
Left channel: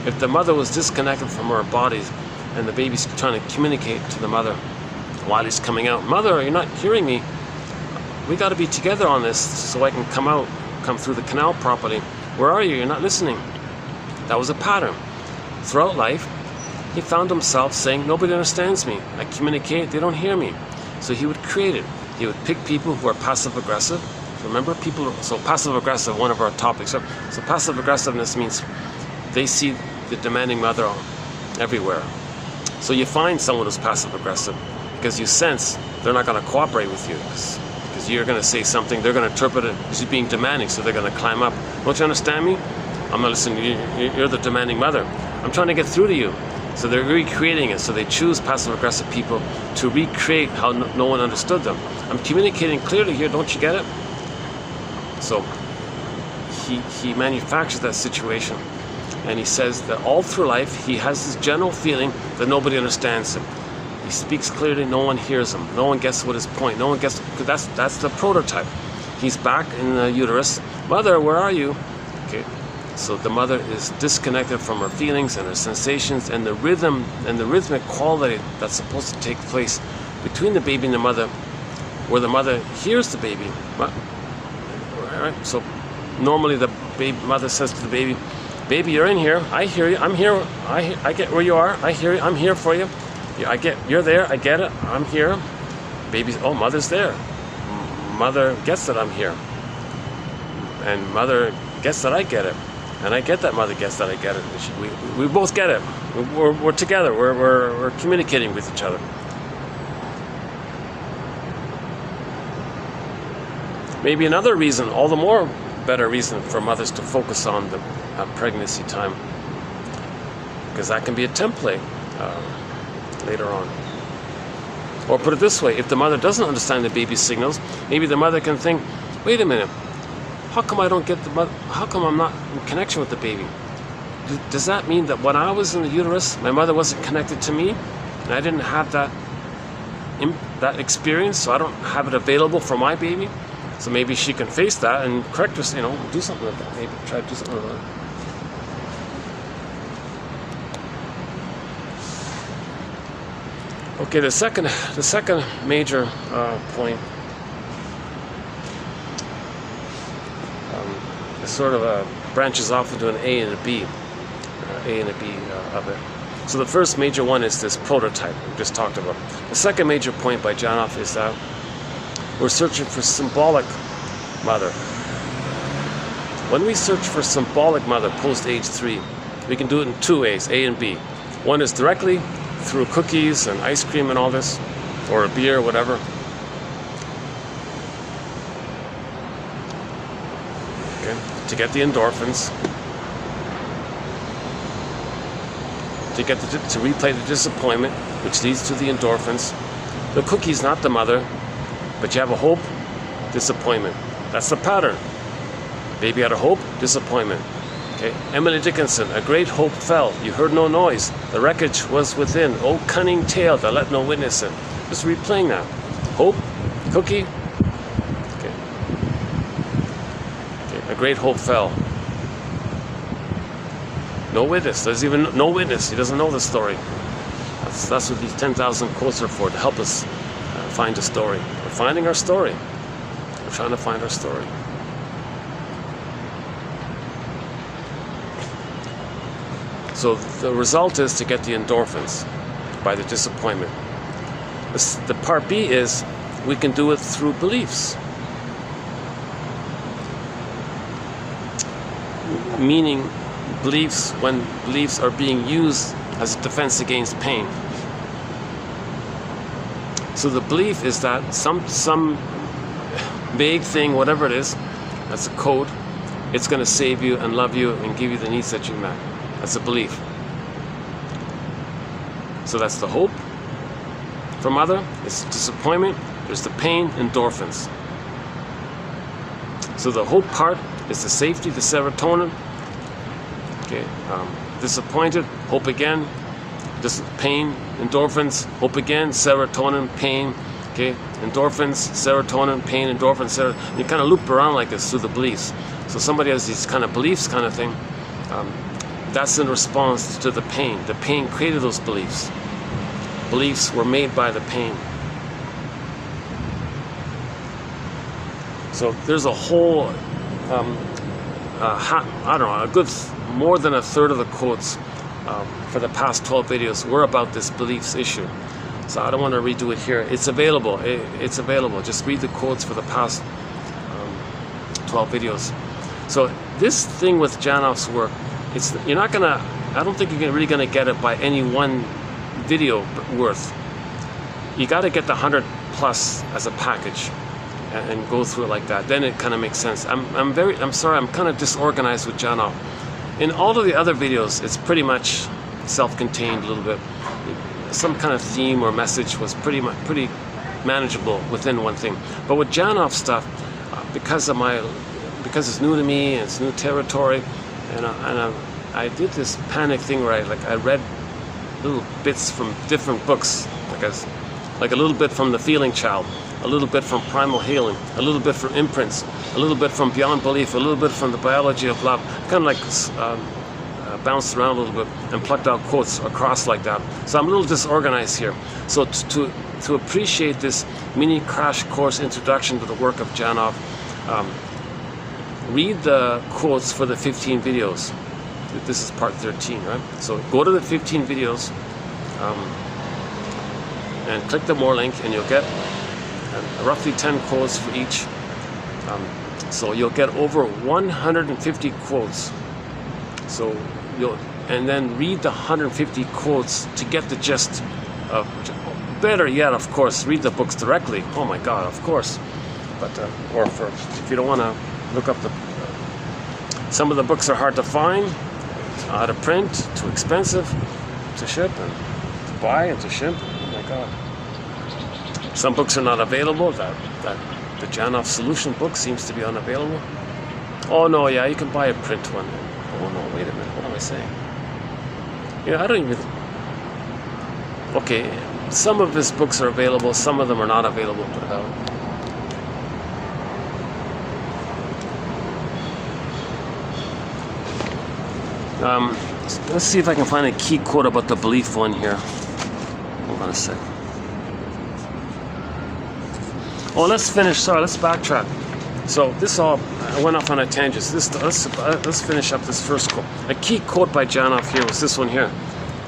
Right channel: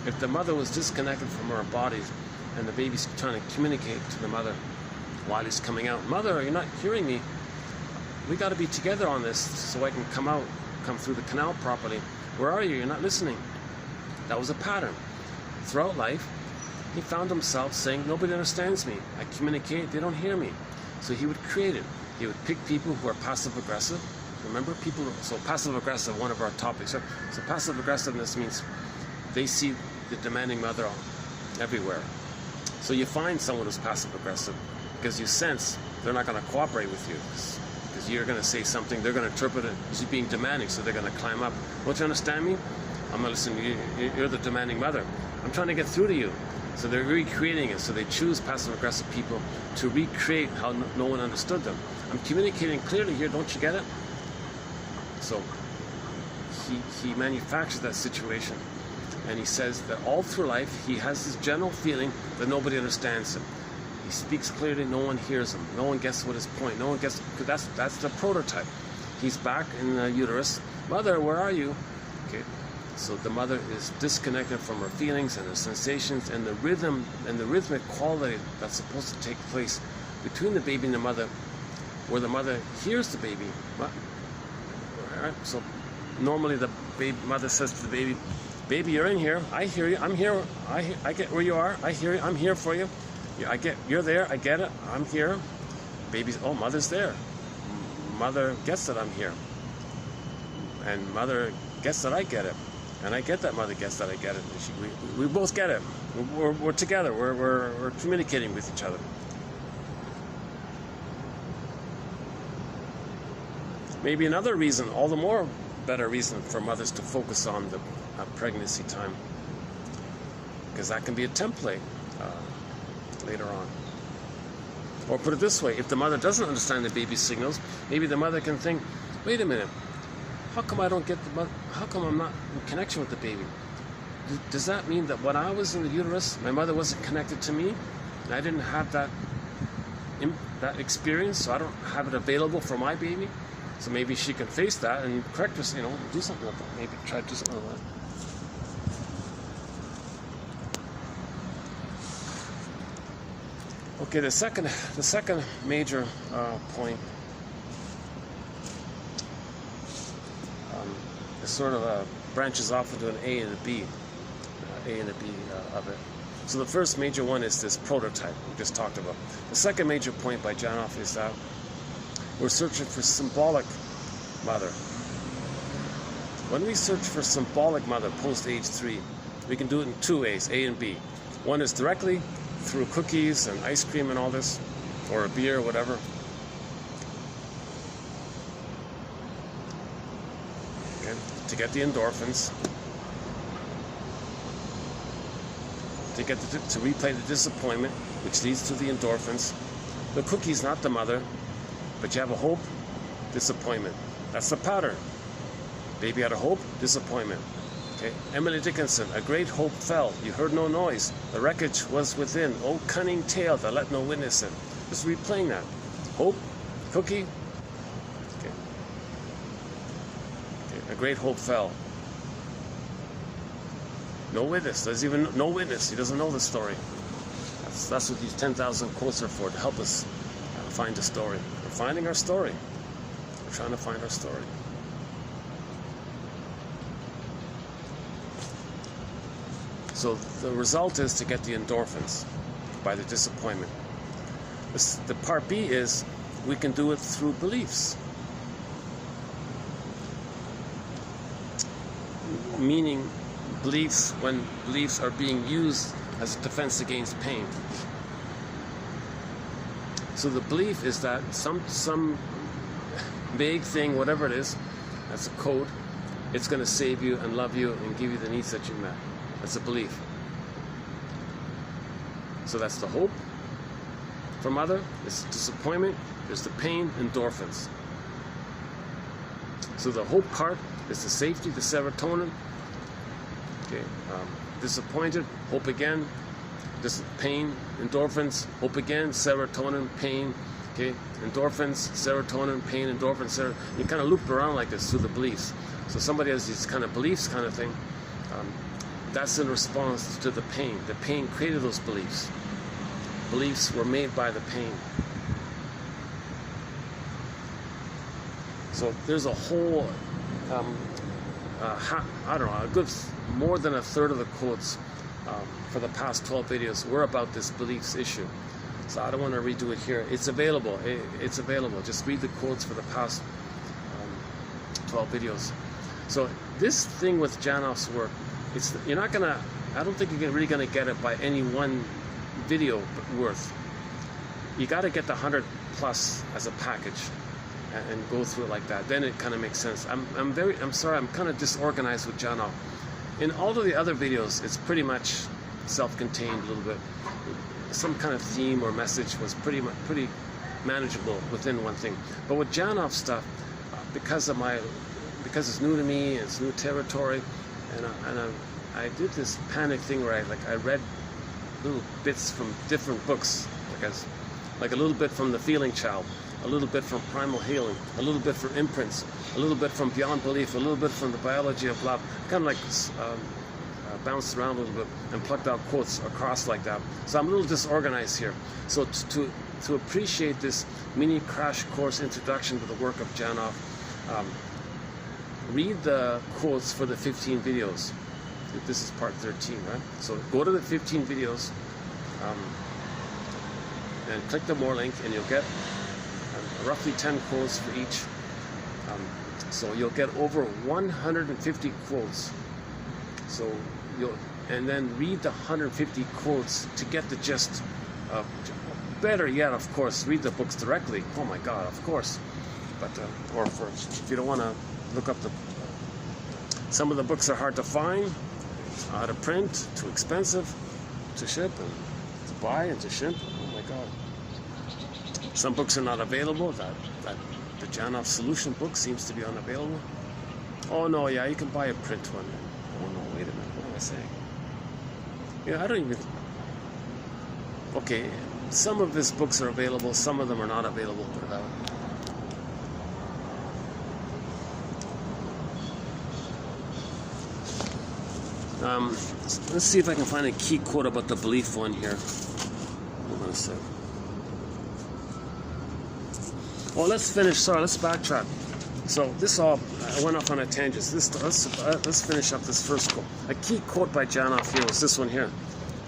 If the mother was disconnected from her body and the baby's trying to communicate to the mother while he's coming out, "Mother, you're not hearing me. We got to be together on this so I can come through the canal properly. Where are you? You're not listening." That was a pattern. Throughout life, he found himself saying, "Nobody understands me. I communicate, they don't hear me." So he would create it. He would pick people who are passive-aggressive. Remember, so passive-aggressive, one of our topics. So passive-aggressiveness means they see the demanding mother everywhere. So you find someone who's passive-aggressive because you sense they're not going to cooperate with you because you're going to say something, they're going to interpret it as you being demanding, so they're going to climb up. "Don't you understand me? I'm not listening. You're the demanding mother. I'm trying to get through to you." So they're recreating it. So they choose passive-aggressive people to recreate how no one understood them. "I'm communicating clearly here. Don't you get it?" So he manufactures that situation. And he says that all through life, he has this general feeling that nobody understands him. He speaks clearly, no one hears him. No one gets what his point. No one gets, that's the prototype. He's back in the uterus. Mother, where are you? Okay. So the mother is disconnected from her feelings and her sensations and the rhythm and the rhythmic quality that's supposed to take place between the baby and the mother, where the mother hears the baby. Right? So normally the mother says to the baby, baby, you're in here. I hear you. I'm here. I get where you are. I hear you. I'm here for you. You're there. I get it. I'm here. Baby's, oh, mother's there. Mother gets that I'm here. And mother gets that I get it. And I get that mother gets that I get it. We both get it. We're together. We're communicating with each other. Maybe another reason, all the more better reason for mothers to focus on the pregnancy time, because that can be a template later on. Or put it this way, if the mother doesn't understand the baby's signals, maybe the mother can think, wait a minute, how come I don't get the mother, how come I'm not in connection with the baby? Does that mean that when I was in the uterus, my mother wasn't connected to me, and I didn't have that experience, so I don't have it available for my baby? So maybe she can face that and correct us, do something about it. Maybe try to do something about it. Okay, the second major point sort of branches off into an A and a B, of it. So the first major one is this prototype we just talked about. The second major point by Janoff is that we're searching for symbolic mother. When we search for symbolic mother post age 3, we can do it in two ways, A and B. One is directly through cookies and ice cream and all this, or a beer, or whatever. Okay, to get the endorphins, to replay the disappointment, which leads to the endorphins. The cookie's not the mother, but you have a hope, disappointment. That's the pattern. Baby had a hope, disappointment. Okay. Emily Dickinson, a great hope fell. You heard no noise. The wreckage was within. Oh, cunning tale that let no witness in. Just replaying that. Hope, cookie. Okay. A great hope fell. No witness. There's even no witness. He doesn't know the story. That's what these 10,000 quotes are for, to help us find a story. We're finding our story. We're trying to find our story. So the result is to get the endorphins by the disappointment. The part B is we can do it through beliefs. Meaning beliefs, when beliefs are being used as a defense against pain. So the belief is that some vague thing, whatever it is, that's a code, it's going to save you and love you and give you the needs that you met. That's a belief. So that's the hope for mother. It's disappointment. There's the pain, endorphins. So the hope part is the safety, the serotonin. Okay, disappointed, hope again. Pain, endorphins, hope again, serotonin, pain. Okay, endorphins, serotonin, pain, endorphins, serotonin. You kind of loop around like this through the beliefs. So somebody has these kind of beliefs, kind of thing. That's in response to the pain. The pain created those beliefs. Beliefs were made by the pain. So there's a whole, I don't know, a good more than a third of the quotes for the past 12 videos were about this beliefs issue. So I don't want to redo it here. It's available. It's available. Just read the quotes for the past 12 videos. So this thing with Janoff's work, you're not gonna, I don't think you're really gonna get it by any one video worth. You got to get the 100 plus as a package and go through it like that. Then it kind of makes sense. I'm sorry, I'm kind of disorganized with Janoff. In all of the other videos, it's pretty much self-contained a little bit. Some kind of theme or message was pretty manageable within one thing. But with Janoff stuff, because it's new to me and it's new territory, and I did this panic thing where I read little bits from different books, like a little bit from The Feeling Child, a little bit from Primal Healing, a little bit from Imprints, a little bit from Beyond Belief, a little bit from The Biology of Love, kind of like bounced around a little bit and plucked out quotes across like that. So I'm a little disorganized here. So to appreciate this mini crash course introduction to the work of Janov, read the quotes for the 15 videos. This is part 13, right? So go to the 15 videos and click the more link, and you'll get roughly 10 quotes for each. So you'll get over 150 quotes. So and then read the 150 quotes to get the gist of. Better yet, of course, read the books directly. Oh my God, of course. But or if you don't want to look up some of the books are hard to find, out of print, too expensive to ship and to buy and to ship. Oh my God. Some books are not available. The Janov Solution book seems to be unavailable. Oh no, yeah, you can buy a print one. Oh no, wait a minute. What am I saying? Yeah, I don't even. Okay, some of his books are available. Some of them are not available. Let's see if I can find a key quote about the belief one here. Hold on a sec. Oh, let's finish. Sorry, let's backtrack. So I went off on a tangent. Let's finish up this first quote. A key quote by Janov here was this one here:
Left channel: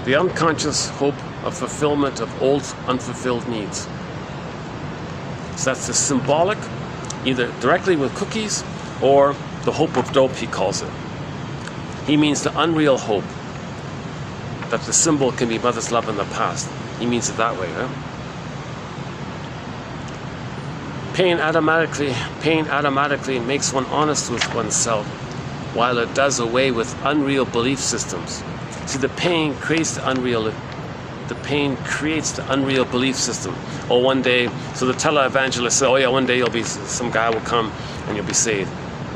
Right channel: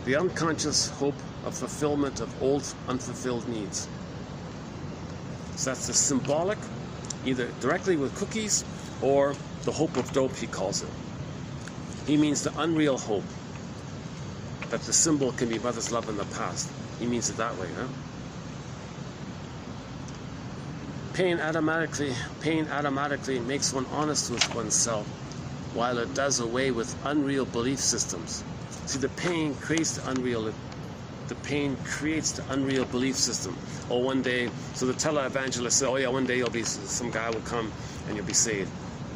"The unconscious hope of fulfillment of old unfulfilled needs." So that's the symbolic, either directly with cookies or the hope of dope, he calls it. He means the unreal hope that the symbol can be mother's love in the past. He means it that way, right? Pain automatically makes one honest with oneself, while it does away with unreal belief systems. See, the pain creates the unreal belief system. Oh, one day, so the televangelist said, oh yeah, one day some guy will come and you'll be saved.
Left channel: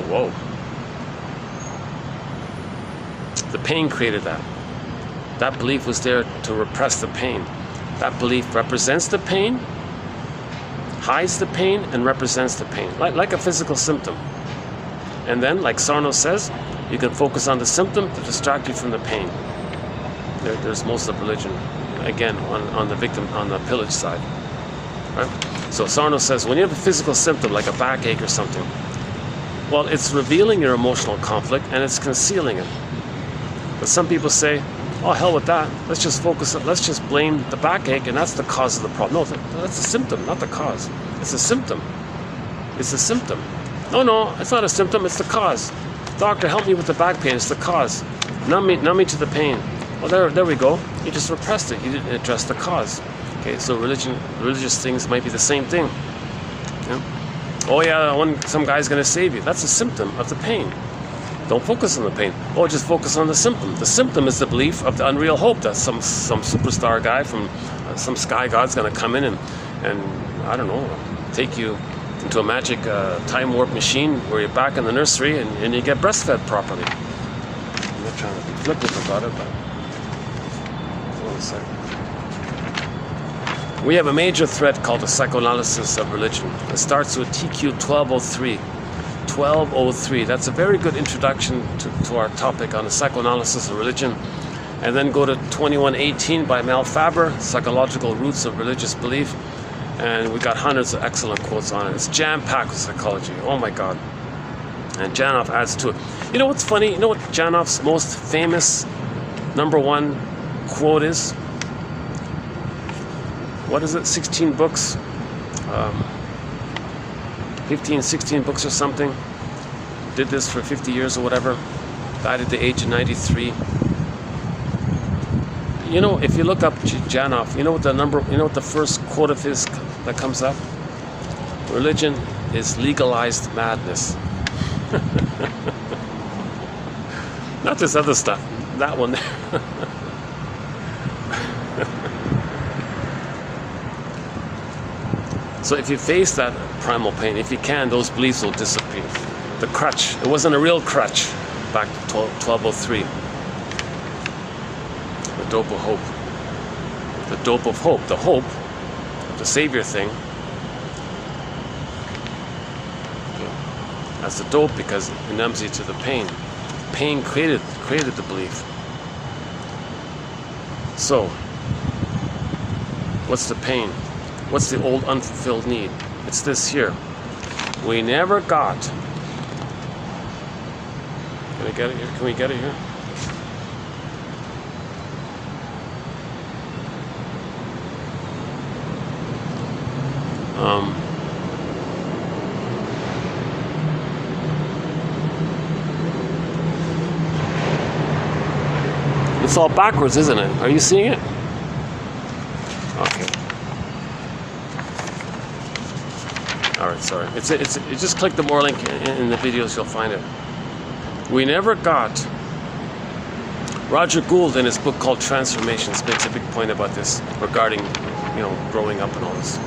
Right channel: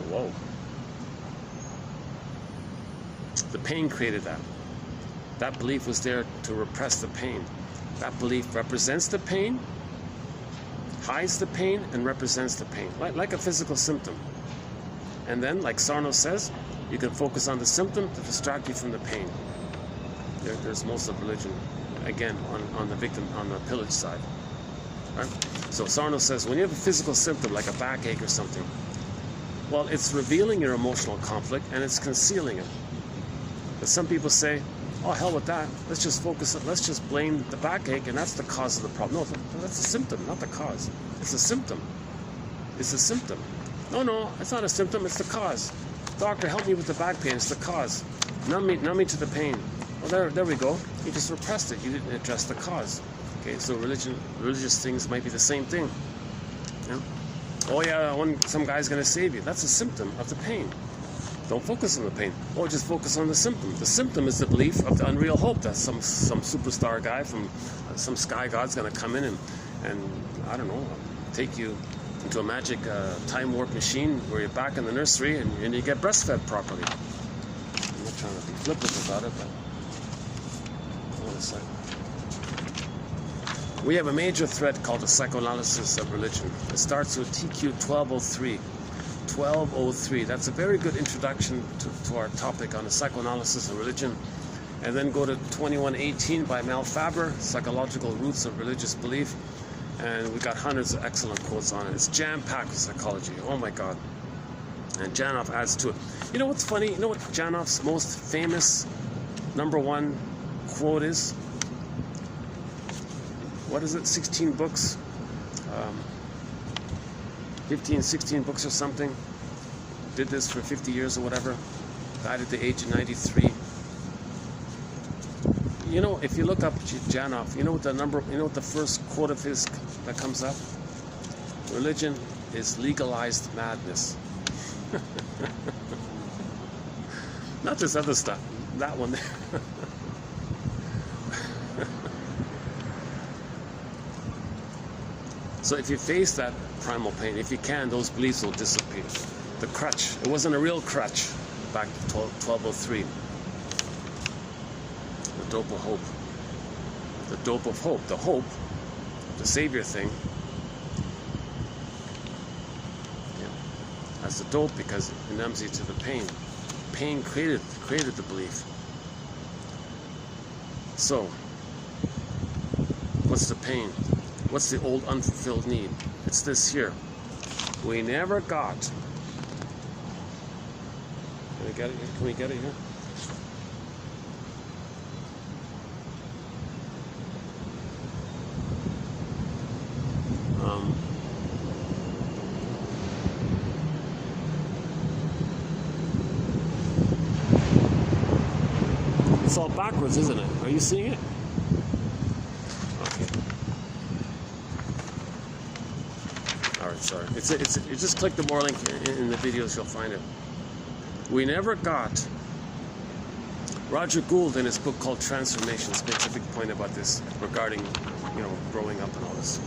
Whoa. The pain created that. That belief was there to repress the pain. That belief represents the pain, hides the pain, and represents the pain, like a physical symptom. And then, like Sarno says, you can focus on the symptom to distract you from the pain. There's most of religion, again, on the victim, on the pillage side. Right? So Sarno says, when you have a physical symptom, like a backache or something, well, it's revealing your emotional conflict and it's concealing it. But some people say, oh, hell with that. Let's just blame the backache, and that's the cause of the problem. No, that's a symptom, not the cause. It's a symptom. It's a symptom. No, it's not a symptom, it's the cause. Doctor, help me with the back pain, it's the cause. Numb me to the pain. Well, there we go. You just repressed it. You didn't address the cause. Okay, so religious things might be the same thing. Yeah? Oh yeah, some guy's going to save you. That's a symptom of the pain. Don't focus on the pain. Oh, just focus on the symptom. The symptom is the belief of the unreal hope that some superstar guy from some sky god's going to come in and I don't know, take you into a magic time warp machine where you're back in the nursery and you get breastfed properly. I'm not trying to be flippant about it, but hold on a second. We have a major threat called the psychoanalysis of religion. It starts with TQ 1203. 1203. That's a very good introduction to our topic on the psychoanalysis of religion. And then go to 2118 by Mel Faber, Psychological Roots of Religious Belief. And we got hundreds of excellent quotes on it. It's jam-packed with psychology. Oh my God. And Janov adds to it. You know what's funny? You know what Janov's most famous #1 quote is? What is it? 16 books? 15, 16 books or something. Did this for 50 years or whatever. Died at the age of 93. You know, if you look up Janov, you know what the first quote of his that comes up? Religion is legalized madness. Not this other stuff. That one there. So if you face that primal pain, if you can, those beliefs will disappear. The crutch, it wasn't a real crutch back to 1203. dope of hope. The dope of hope. The hope, the savior thing. That's the dope because it numbs you to the pain. Pain created the belief. So, what's the pain? What's the old unfulfilled need? It's this here. We never got. Can I get it here? Can we get it here? It's all backwards, isn't it? Are you seeing it? Okay. All right, sorry. It's just click the more link in the videos, you'll find it. We never got. Roger Gould in his book called Transformations makes a big point about this regarding, growing up and all this,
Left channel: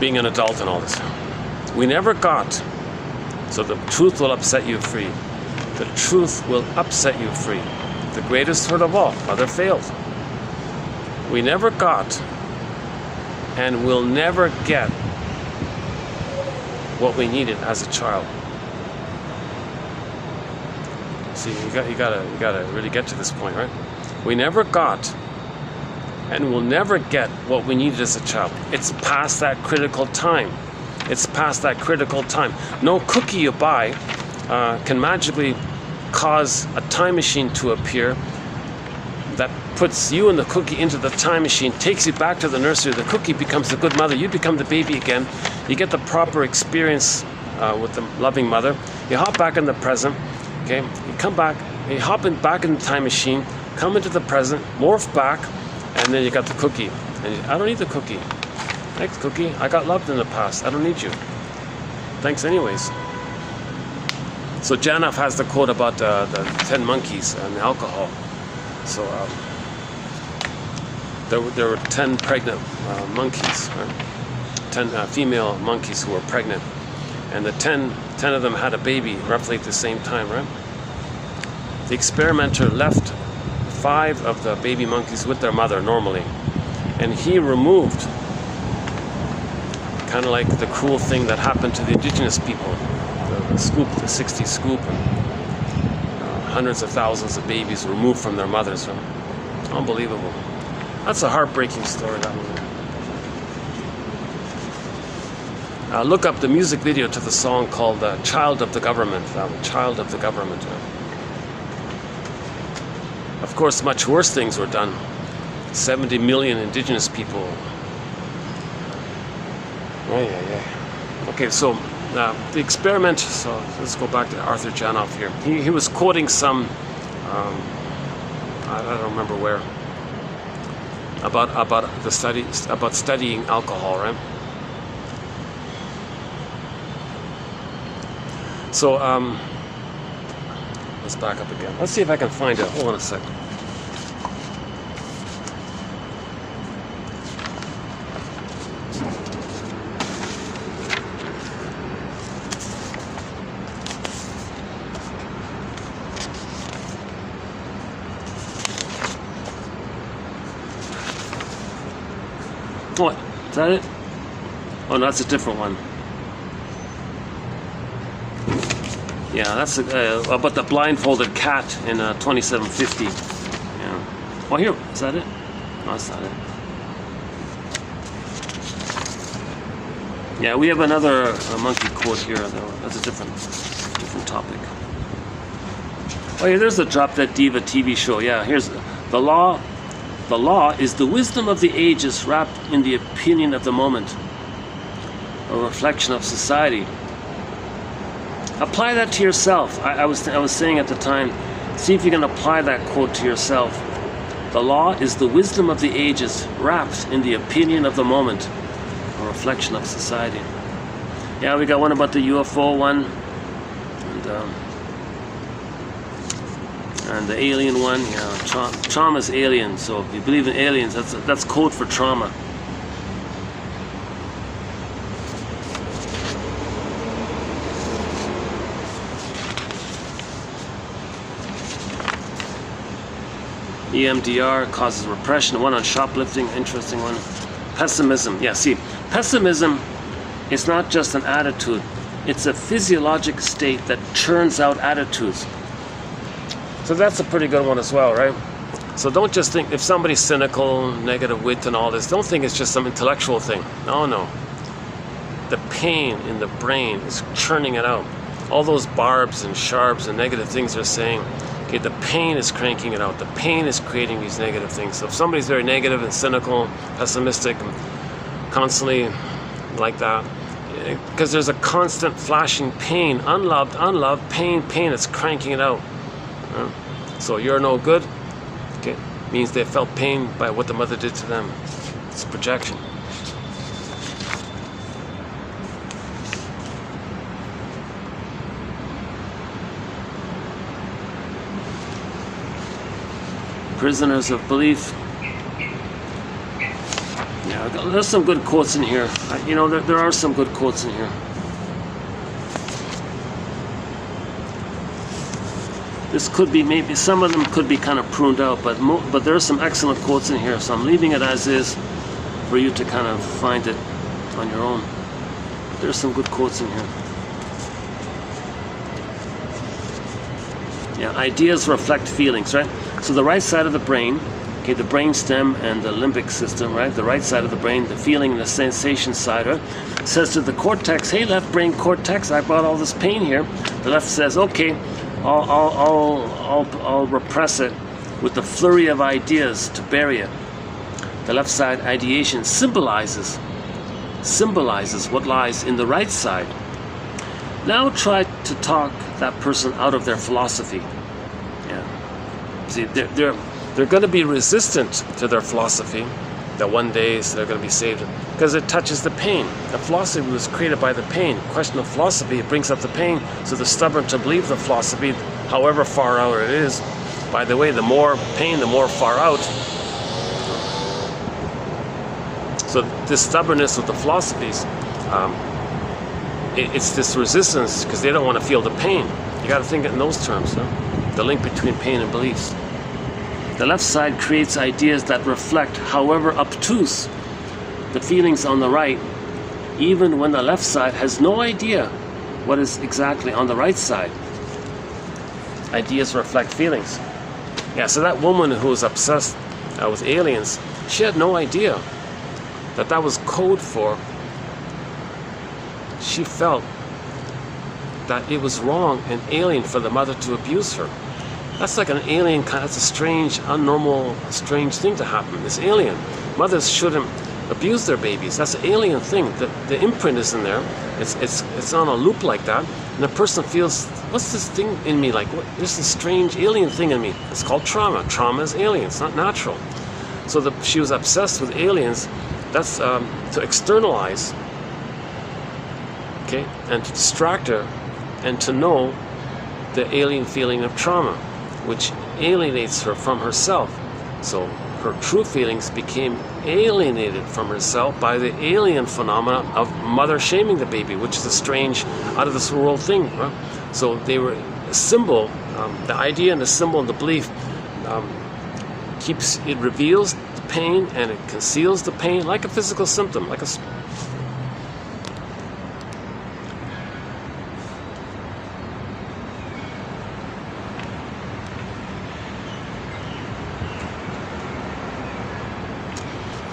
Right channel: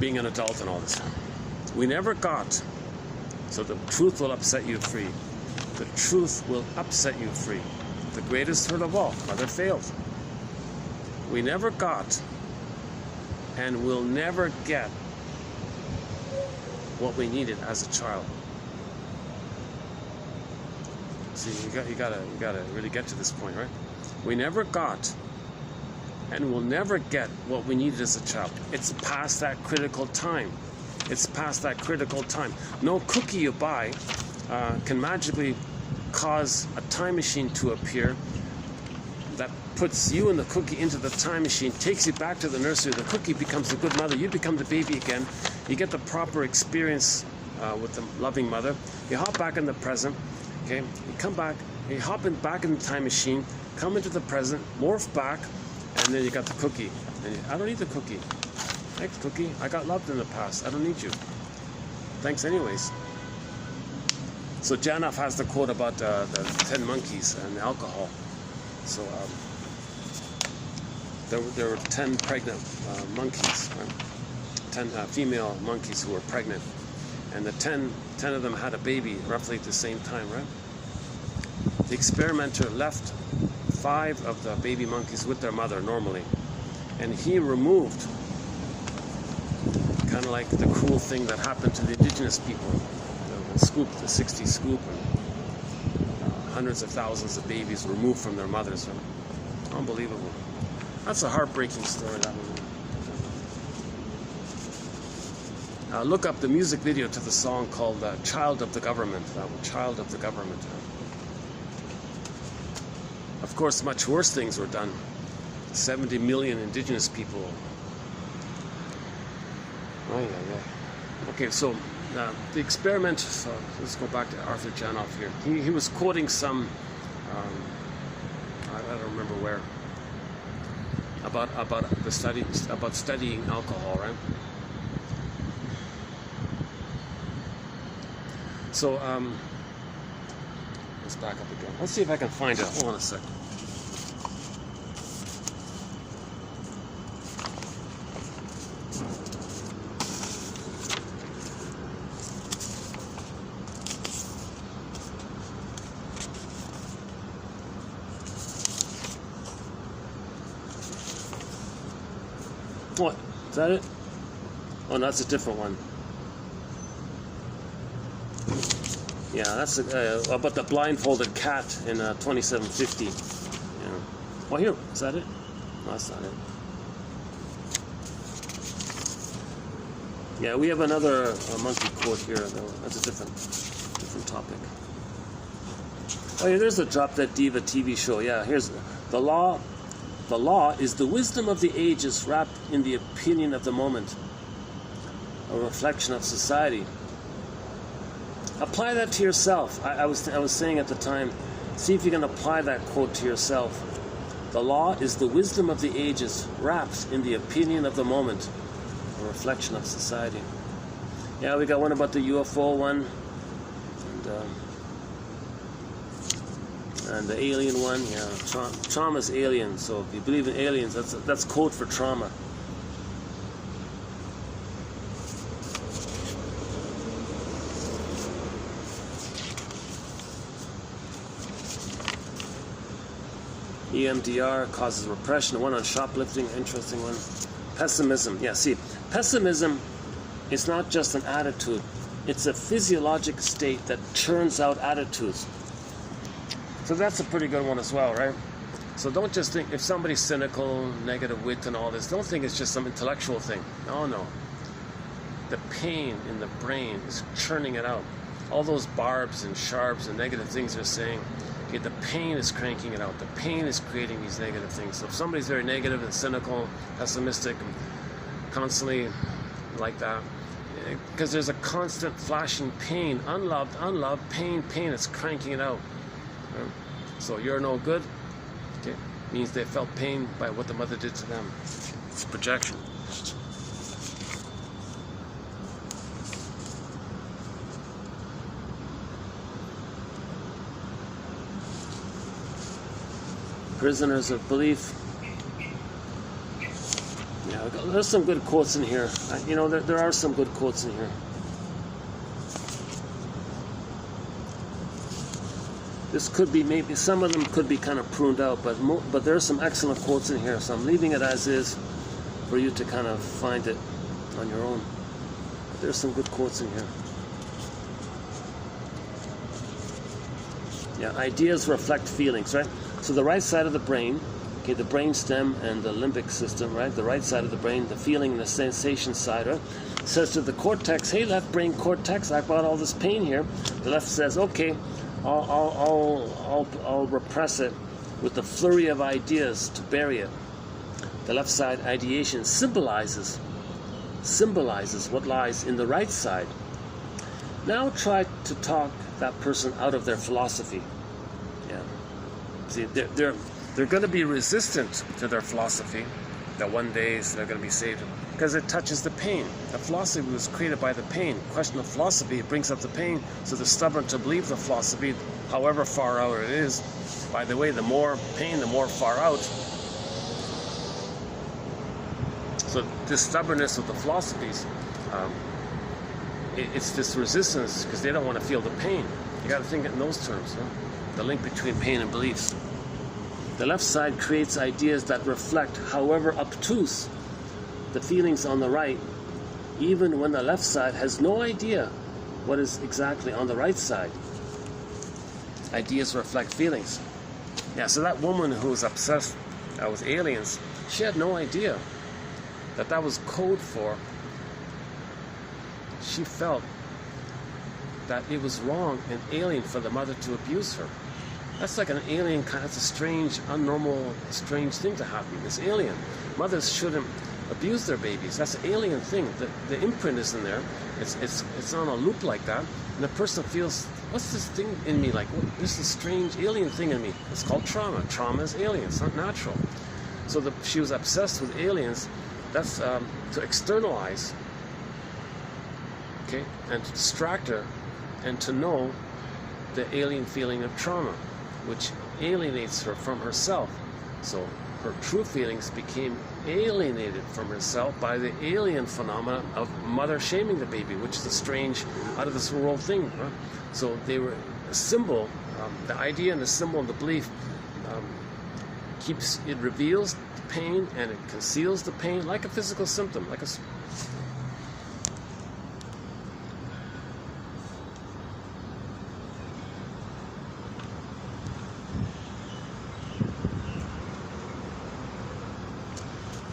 being an adult and all this. We never got. So the truth will upset you free. The truth will upset you free. The greatest hurt of all, mother failed. We never got and will never get what we needed as a child. See, you gotta really get to this point, right? We never got and will never get what we needed as a child. It's past that critical time. It's past that critical time. No cookie you buy can magically cause a time machine to appear that puts you and the cookie into the time machine, takes you back to the nursery. The cookie becomes the good mother. You become the baby again. You get the proper experience with the loving mother. You hop back in the present. Okay, you come back. You hop back in the time machine. Come into the present. Morph back, and then you got the cookie. And I don't need the cookie. Thanks, cookie. I got loved in the past. I don't need you. Thanks, anyways. So Janov has the quote about the 10 monkeys and alcohol. So there were 10 pregnant monkeys, right? 10 female monkeys who were pregnant, and the 10 of them had a baby roughly at the same time, right? The experimenter left 5 of the baby monkeys with their mother normally, and he removed, kind of like the cruel thing that happened to the indigenous people. The scoop, the 60 scoop, hundreds of thousands of babies removed from their mothers. Unbelievable. That's a heartbreaking story, that one. Look up the music video to the song called Child of the Government. Child of the Government. Of course, much worse things were done. 70 million indigenous people. Oh, yeah. Okay, so the experiment, so let's go back to Arthur Janov here. He was quoting some, I don't remember where, about the study, about studying alcohol, right? So, let's back up again. Let's see if I can find it. Hold on a second. What? Is that it? Oh, no, that's a different one. Yeah, that's about the blindfolded cat in 2750. Yeah. Oh, here. Is that it? No, that's not it. Yeah, we have another monkey quote here, though. That's a different topic. Oh, yeah, there's the Drop Dead Diva TV show. Yeah, here's the law. The law is the wisdom of the ages wrapped in the opinion of the moment, a reflection of society. Apply that to yourself. I was saying at the time, see if you can apply that quote to yourself. The law is the wisdom of the ages wrapped in the opinion of the moment, a reflection of society. Yeah, we got one about the UFO one, and the alien one. Yeah, trauma's alien. So if you believe in aliens, that's code for trauma. EMDR causes repression. One on shoplifting, interesting one. Pessimism. Yeah, see, pessimism is not just an attitude. It's a physiologic state that churns out attitudes. So that's a pretty good one as well, right? So don't just think, if somebody's cynical, negative wit and all this, don't think it's just some intellectual thing. No, no. The pain in the brain is churning it out. All those barbs and sharps and negative things they're saying, okay, the pain is cranking it out. The pain is creating these negative things. So if somebody's very negative and cynical, pessimistic, and constantly like that, because there's a constant flashing pain, unloved, pain, it's cranking it out. So you're no good, okay, means they felt pain by what the mother did to them. It's projection. Prisoners of belief. Yeah, there's some good quotes in here. You know, there are some good quotes in here. This could be, maybe some of them could be kind of pruned out, but there are some excellent quotes in here, so I'm leaving it as is for you to kind of find it on your own. There's some good quotes in here. Yeah, ideas reflect feelings, right? So the right side of the brain, okay, the brain stem and the limbic system, right? The right side of the brain, the feeling and the sensation side, right? Says to the cortex, hey, left brain cortex, I brought all this pain here. The left says, okay, I'll repress it with the flurry of ideas to bury it. The left side ideation symbolizes what lies in the right side. Now try to talk that person out of their philosophy. See, they're going to be resistant to their philosophy that one day they're going to be saved because it touches the pain. The philosophy was created by the pain. Question of philosophy, it brings up the pain, so they're stubborn to believe the philosophy, however far out it is. By the way, the more pain, the more far out. So this stubbornness with the philosophies, it's this resistance because they don't want to feel the pain. You got to think it in those terms, no? The link between pain and beliefs. The left side creates ideas that reflect, however obtuse, the feelings on the right, even when the left side has no idea what is exactly on the right side. Ideas reflect feelings. Yeah, so that woman who was obsessed with aliens, she had no idea that that was code for, she felt that it was wrong and alien for the mother to abuse her. That's like an alien kind. That's a strange, unnormal, strange thing to happen. It's alien. Mothers shouldn't abuse their babies. That's an alien thing. The imprint is in there. It's on a loop like that, and the person feels, what's this thing in me? Like, what? There's this strange alien thing in me. It's called trauma. Trauma is alien. It's not natural. So she was obsessed with aliens. That's to externalize, okay, and to distract her, and to know the alien feeling of trauma, which alienates her from herself. So her true feelings became alienated from herself by the alien phenomena of mother shaming the baby, which is a strange, out of this world thing. Right? So they were a symbol, the idea and the symbol and the belief it reveals the pain and it conceals the pain like a physical symptom, like a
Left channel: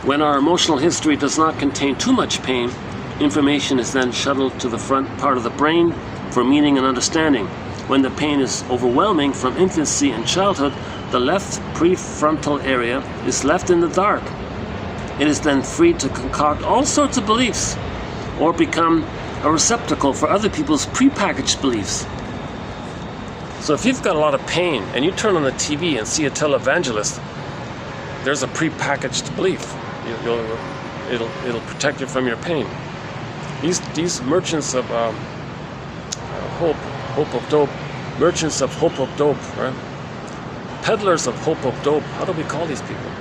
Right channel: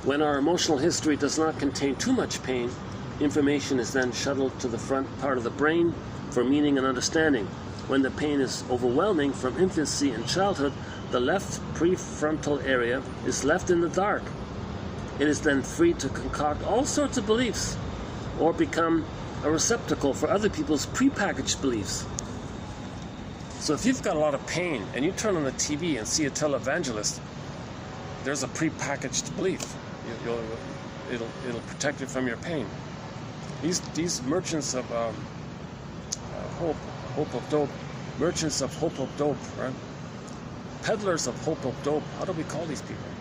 When our emotional history does not contain too much pain, information is then shuttled to the front part of the brain for meaning and understanding. When the pain is overwhelming from infancy and childhood, the left prefrontal area is left in the dark. It is then free to concoct all sorts of beliefs or become a receptacle for other people's prepackaged beliefs. So if you've got a lot of pain and you turn on the TV and see a televangelist, there's a prepackaged belief. It'll protect you from your pain. These merchants of hope of dope, merchants of hope of dope, right? Peddlers of hope of dope. How do we call these people?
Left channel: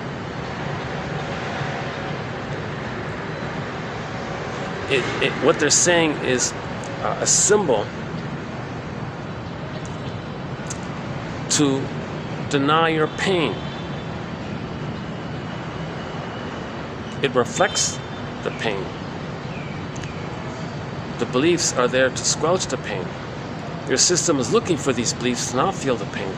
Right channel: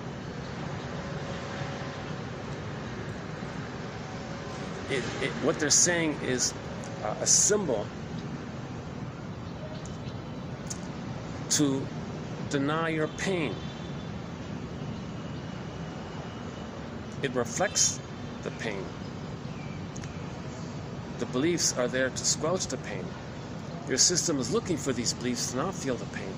What they're saying is a symbol to deny your pain. It reflects the pain. The beliefs are there to squelch the pain. Your system is looking for these beliefs to not feel the pain.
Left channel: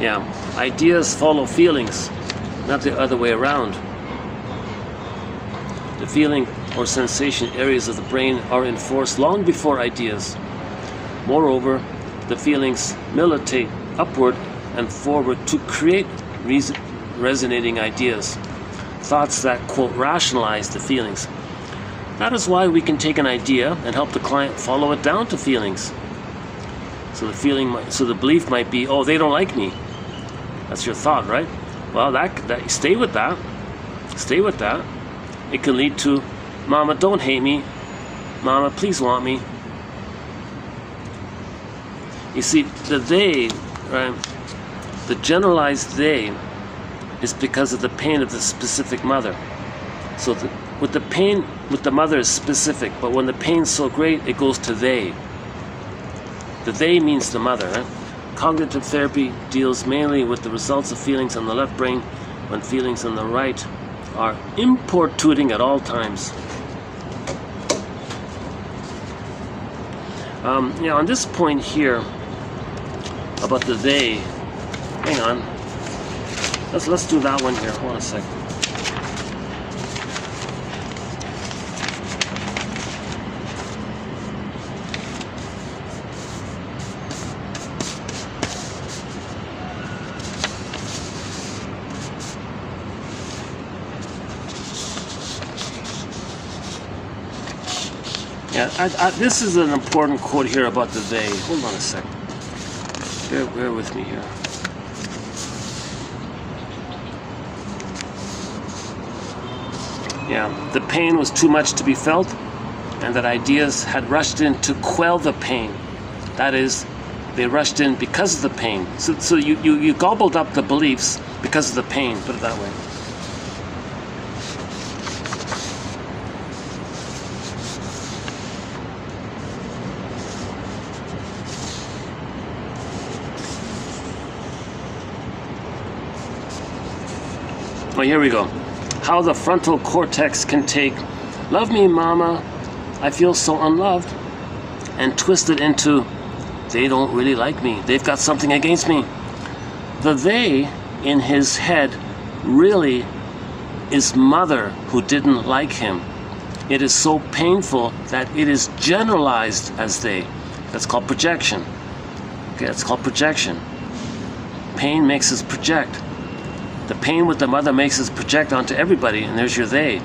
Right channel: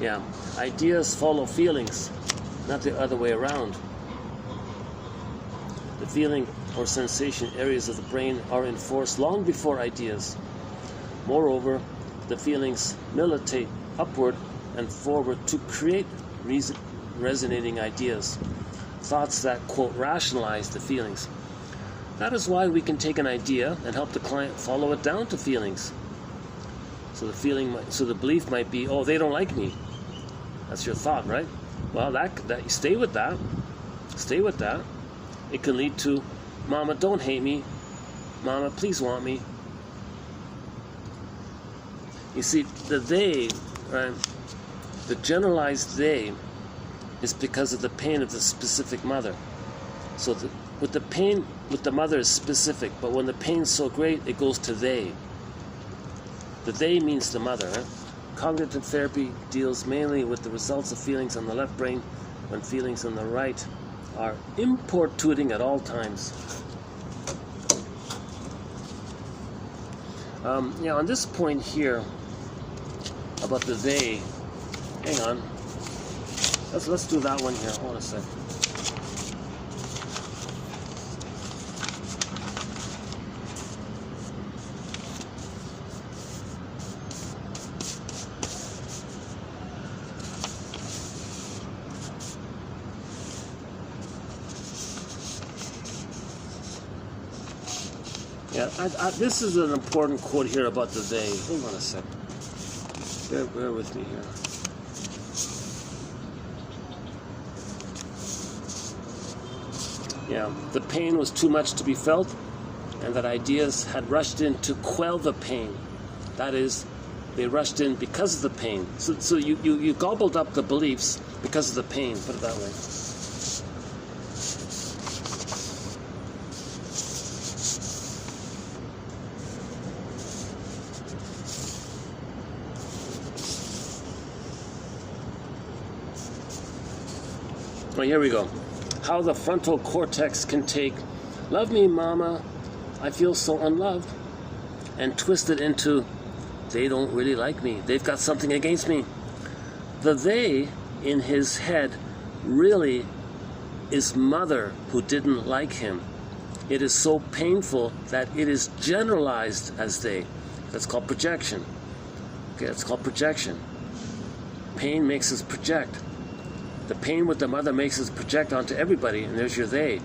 Yeah, ideas follow feelings, not the other way around. The feeling or sensation areas of the brain are in force long before ideas. Moreover, the feelings militate upward and forward to create resonating ideas, thoughts that, quote, rationalize the feelings. That is why we can take an idea and help the client follow it down to feelings. So the belief might be, oh, they don't like me. That's your thought, right? Well, stay with that. Stay with that. It can lead to, Mama, don't hate me. Mama, please want me. You see, the they, right? The generalized they is because of the pain of the specific mother. So with the pain with the mother is specific, but when the pain's so great, it goes to they. The they means the mother, right? Cognitive therapy deals mainly with the results of feelings on the left brain when feelings on the right are importuning at all times. On this point here about the they, hang on. Let's do that one here. Hold on a second. Yeah, this is an important quote here about the they. Hold on a second. Bear with me here. Yeah, the pain was too much to be felt, and that ideas had rushed in to quell the pain. That is, they rushed in because of the pain. So you gobbled up the beliefs because of the pain, put it that way. Oh, here we go. How the frontal cortex can take, love me, mama, I feel so unloved, and twist it into, they don't really like me, they've got something against me. The they in his head really is mother who didn't like him. It is so painful that it is generalized as they. That's called projection. Okay, that's called projection. Pain makes us project. The pain with the mother makes us project onto everybody, and there's your they.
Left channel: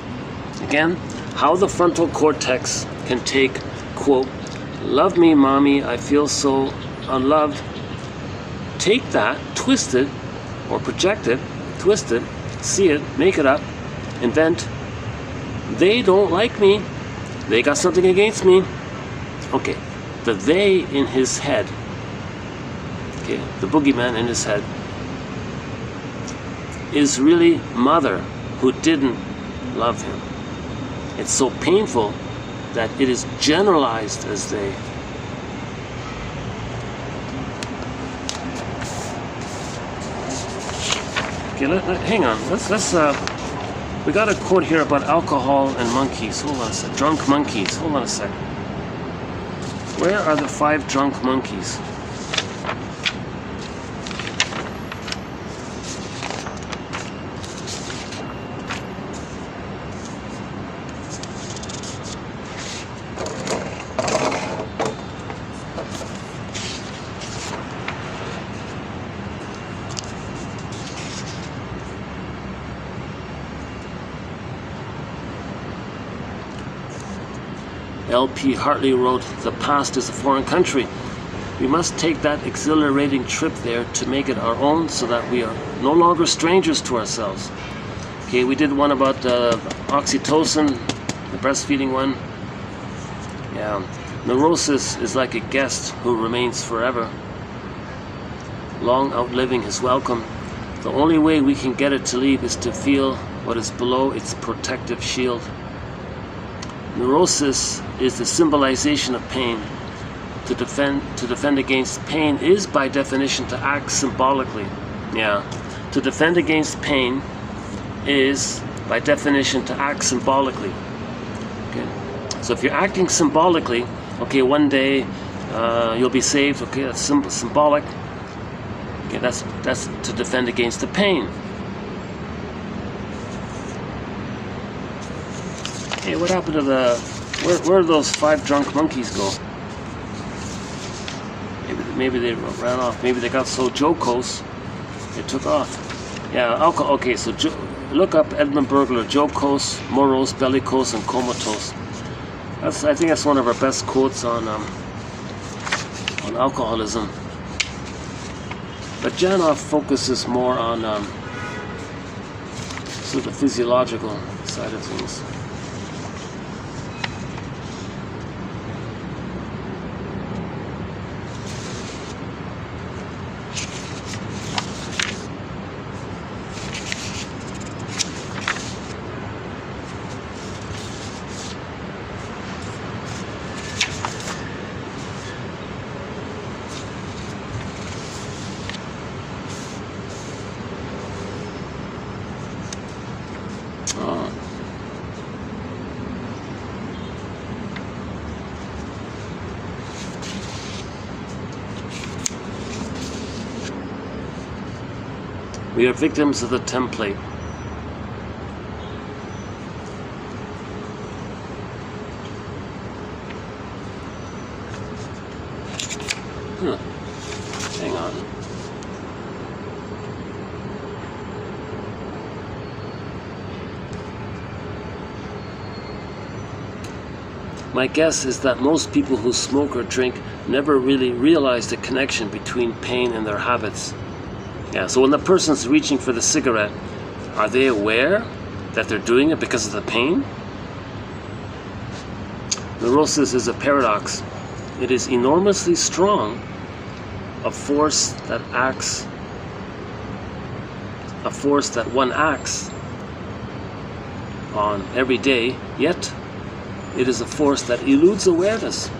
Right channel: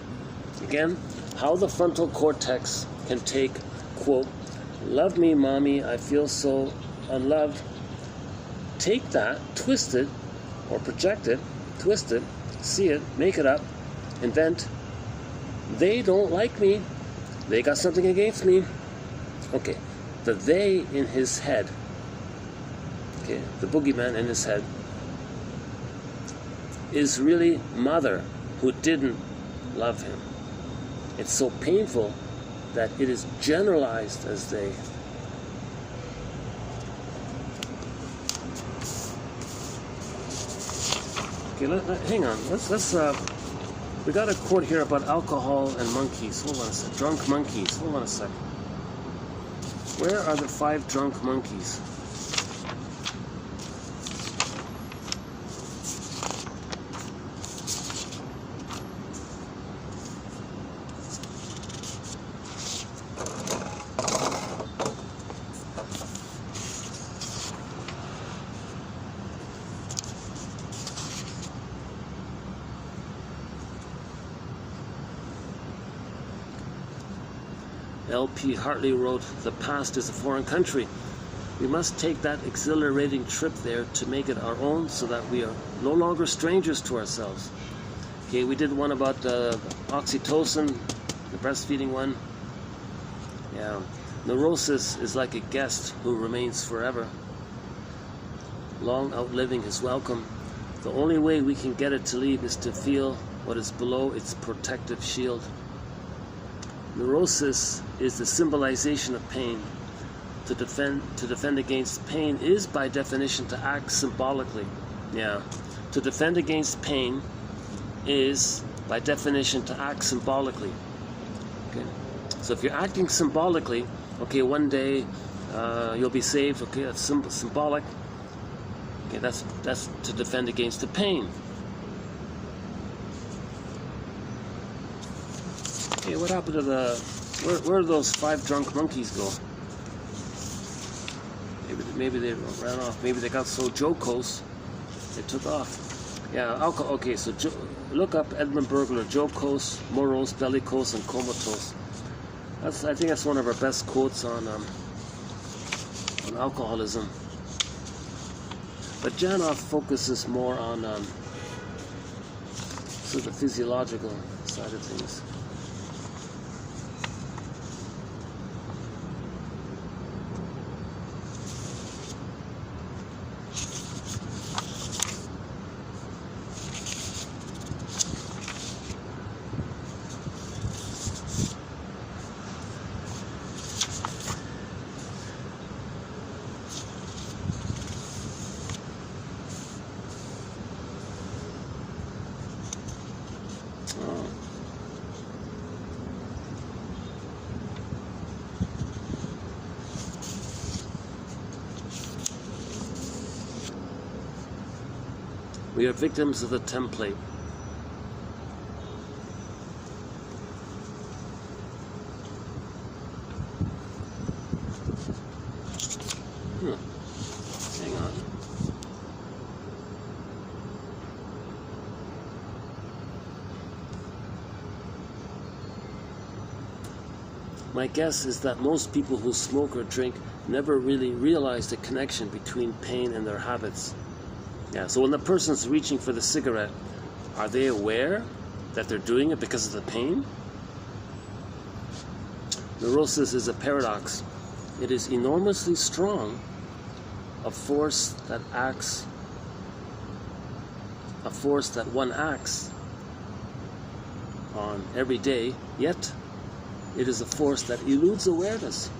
Again, how the frontal cortex can take, quote, love me, mommy, I feel so unloved. Take that, twist it, or project it, twist it, see it, make it up, invent, they don't like me, they got something against me. Okay, the they in his head, okay, the boogeyman in his head, is really mother who didn't love him. It's so painful that it is generalized as they. Okay, hang on. Let's we got a quote here about alcohol and monkeys. Hold on a sec. Drunk monkeys. Hold on a sec. Where are the 5 drunk monkeys? L.P. Hartley wrote, the past is a foreign country. We must take that exhilarating trip there to make it our own so that we are no longer strangers to ourselves. Okay, we did one about oxytocin, the breastfeeding one. Yeah, neurosis is like a guest who remains forever, long outliving his welcome. The only way we can get it to leave is to feel what is below its protective shield. Neurosis is the symbolization of pain. To defend against pain is by definition to act symbolically. Yeah. To defend against pain is by definition to act symbolically. Okay. So if you're acting symbolically, okay, one day you'll be saved. Okay, that's symbolic. Okay, that's to defend against the pain. Hey, what happened to the? Where did those 5 drunk monkeys go? Maybe they ran off. Maybe they got so jocose, they took off. Yeah, alcohol. Okay, so look up Edmund Burglar, jocose, morose, bellicose, and comatose. I think that's one of our best quotes on alcoholism. But Janoff focuses more on sort of the physiological side of things. We are victims of the template. Hang on. My guess is that most people who smoke or drink never really realize the connection between pain and their habits. Yeah, so when the person's reaching for the cigarette, are they aware that they're doing it because of the pain? Neurosis is a paradox. It is enormously strong, a force that one acts on every day, yet it is a force that eludes awareness.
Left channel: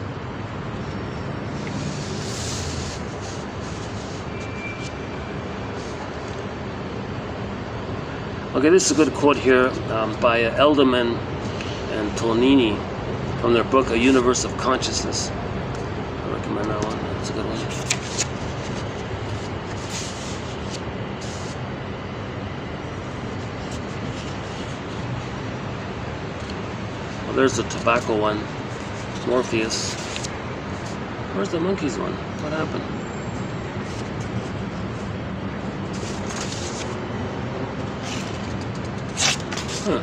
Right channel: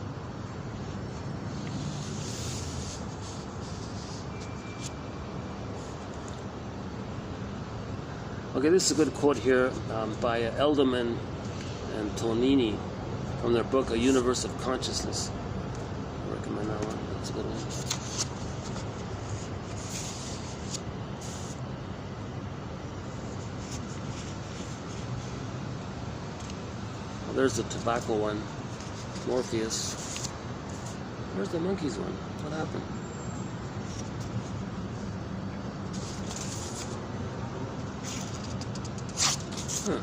Okay, this is a good quote here by Elderman and Tonini from their book, A Universe of Consciousness. I recommend that one. It's a good one. Well, there's the tobacco one. Morpheus. Where's the monkeys one? What happened? Huh.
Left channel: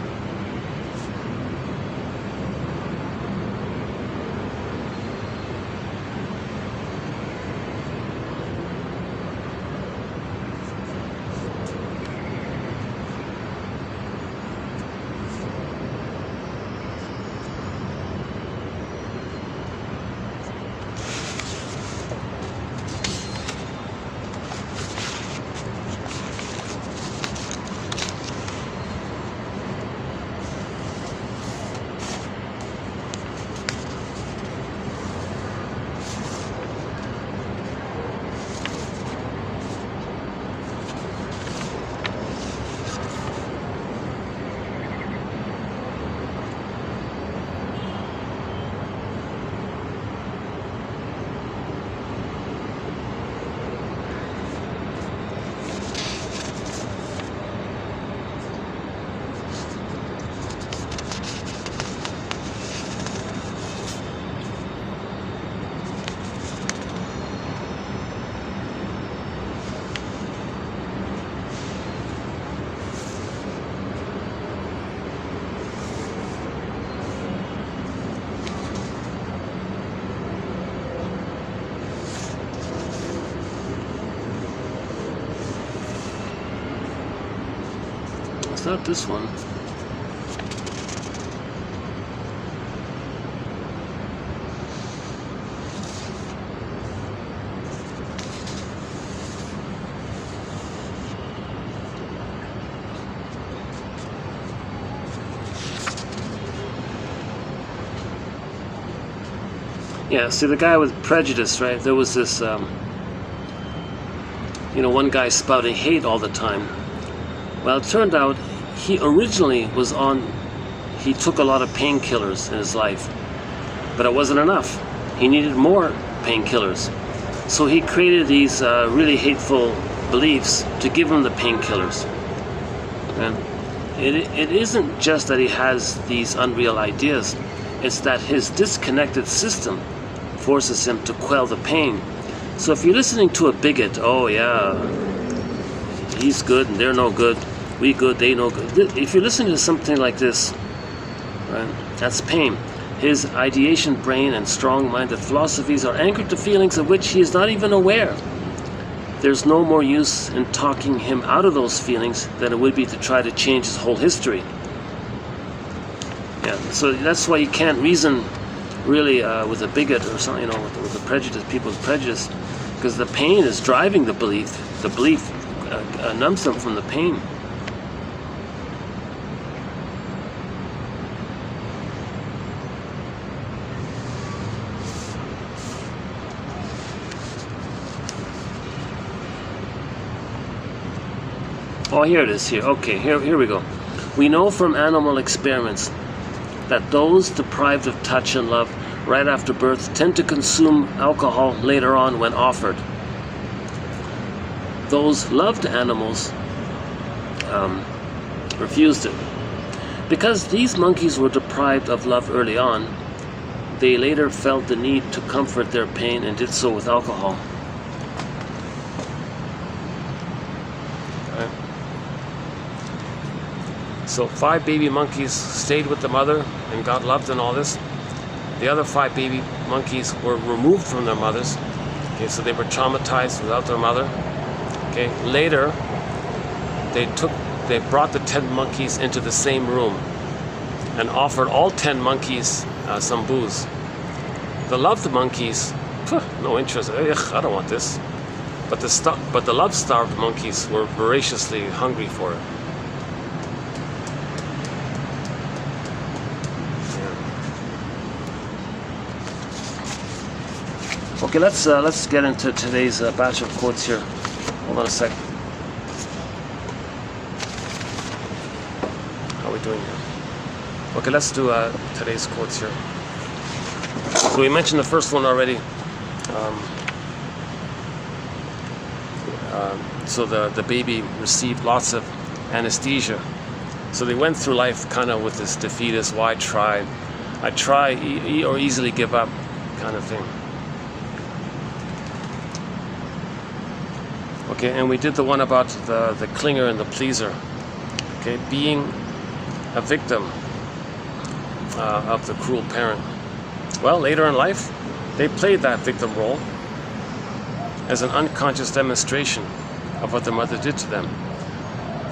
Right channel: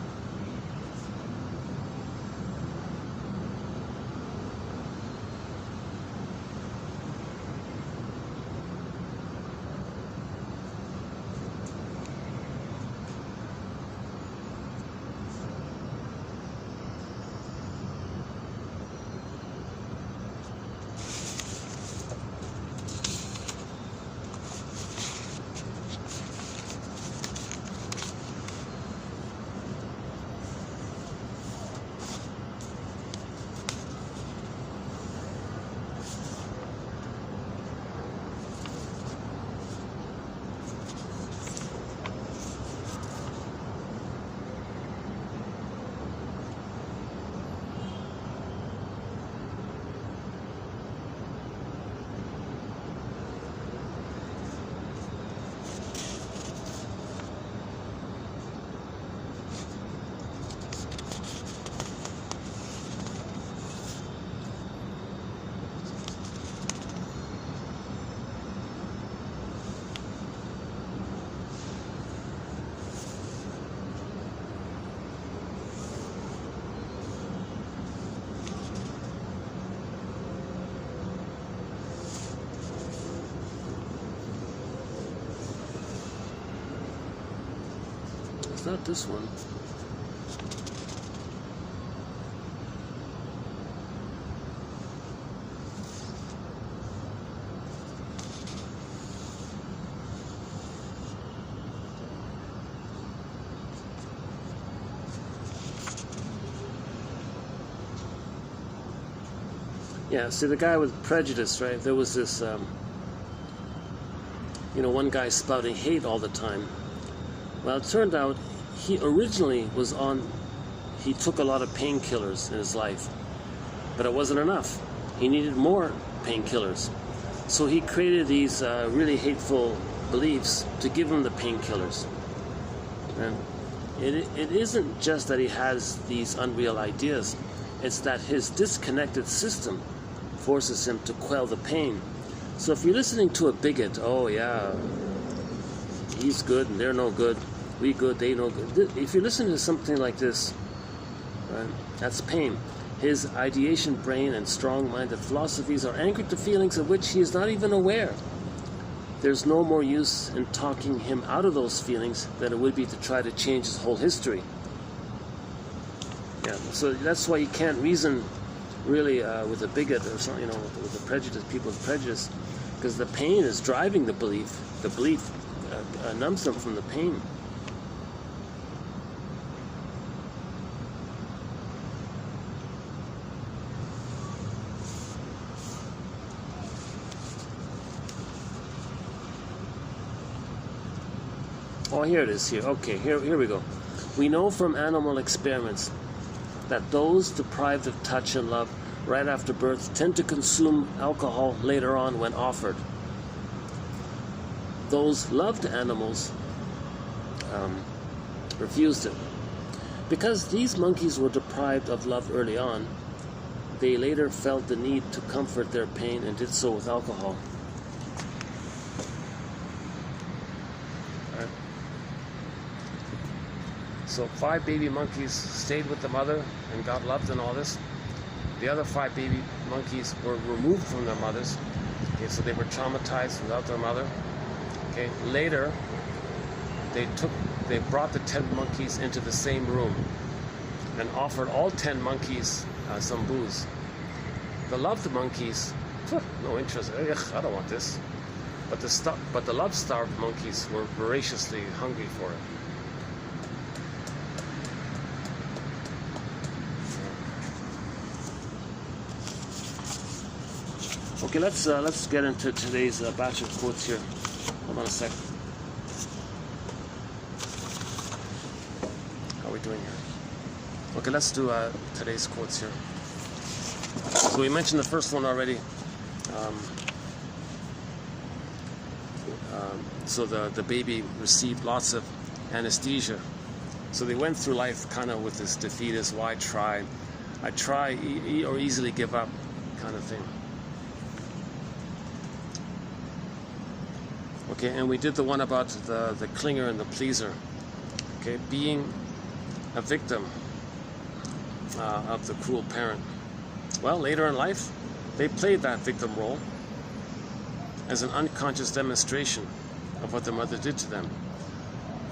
Not this one. Yeah, see, the guy with prejudice, right? There was this, one guy spouting hate all the time. Well, it turned out he originally he took a lot of painkillers in his life, but it wasn't enough. He needed more painkillers. So he created these really hateful beliefs to give him the painkillers. And it isn't just that he has these unreal ideas, it's that his disconnected system forces him to quell the pain. So if you're listening to a bigot, oh yeah, he's good and they're no good, we good, they no good. If you're listening to something like this, right, that's pain. His ideation brain and strong-minded philosophies are anchored to feelings of which he is not even aware. There's no more use in talking him out of those feelings than it would be to try to change his whole history. Yeah, so that's why you can't reason really with a bigot or something, with the prejudice, people's prejudice, because the pain is driving the belief. The belief numbs them from the pain. Oh, here it is here. Okay, here we go. We know from animal experiments that those deprived of touch and love right after birth tend to consume alcohol later on when offered. Those loved animals refused it. Because these monkeys were deprived of love early on, they later felt the need to comfort their pain and did so with alcohol. So 5 baby monkeys stayed with the mother and got loved and all this. The other 5 baby monkeys were removed from their mothers. Okay, so they were traumatized without their mother. Okay, later they brought the 10 monkeys into the same room and offered all 10 monkeys some booze. The loved monkeys, no interest. Ugh, I don't want this. But the love-starved monkeys were voraciously hungry for it. Okay, let's get into today's batch of quotes here. Hold on a sec. How are we doing here? Okay, let's do today's quotes here. So we mentioned the first one already. So the baby received lots of anesthesia. So they went through life kind of with this defeatist, why try? I try or easily give up kind of thing. Okay, and we did the one about the clinger and the pleaser. Okay, being a victim of the cruel parent. Well, later in life, they played that victim role as an unconscious demonstration of what their mother did to them.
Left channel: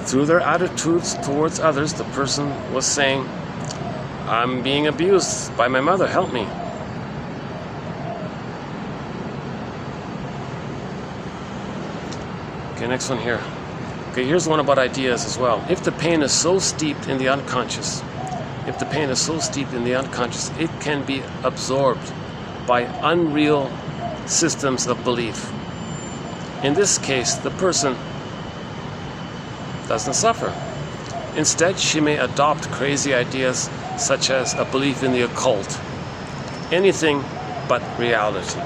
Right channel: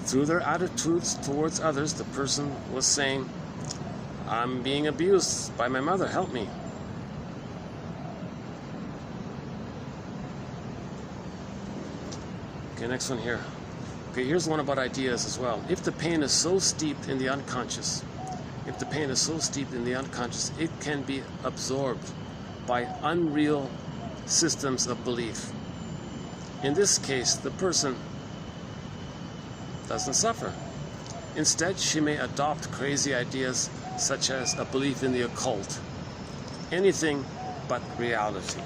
Through their attitudes towards others, the person was saying, I'm being abused by my mother, help me. Okay, next one here. Okay, here's one about ideas as well. If the pain is so steeped in the unconscious, it can be absorbed by unreal systems of belief. In this case, the person doesn't suffer. Instead, she may adopt crazy ideas such as a belief in the occult. Anything but reality.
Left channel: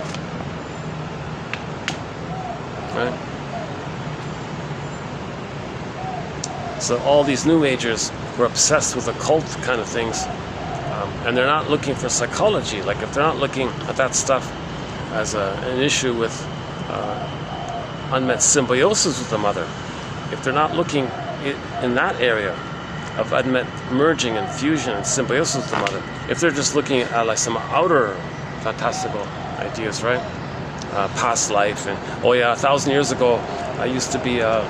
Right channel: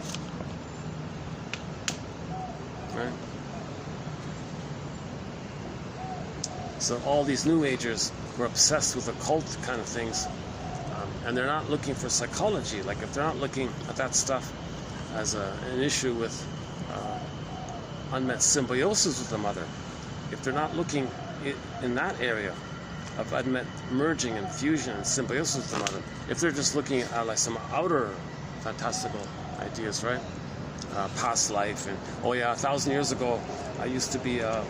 Right? So all these New Agers were obsessed with occult kind of things, and they're not looking for psychology. Like if they're not looking at that stuff as an issue with unmet symbiosis with the mother, if they're not looking in that area of unmet merging and fusion and symbiosis with the mother, if they're just looking at like some outer fantastical ideas, right? Past life, and oh yeah, 1,000 years ago I used to be a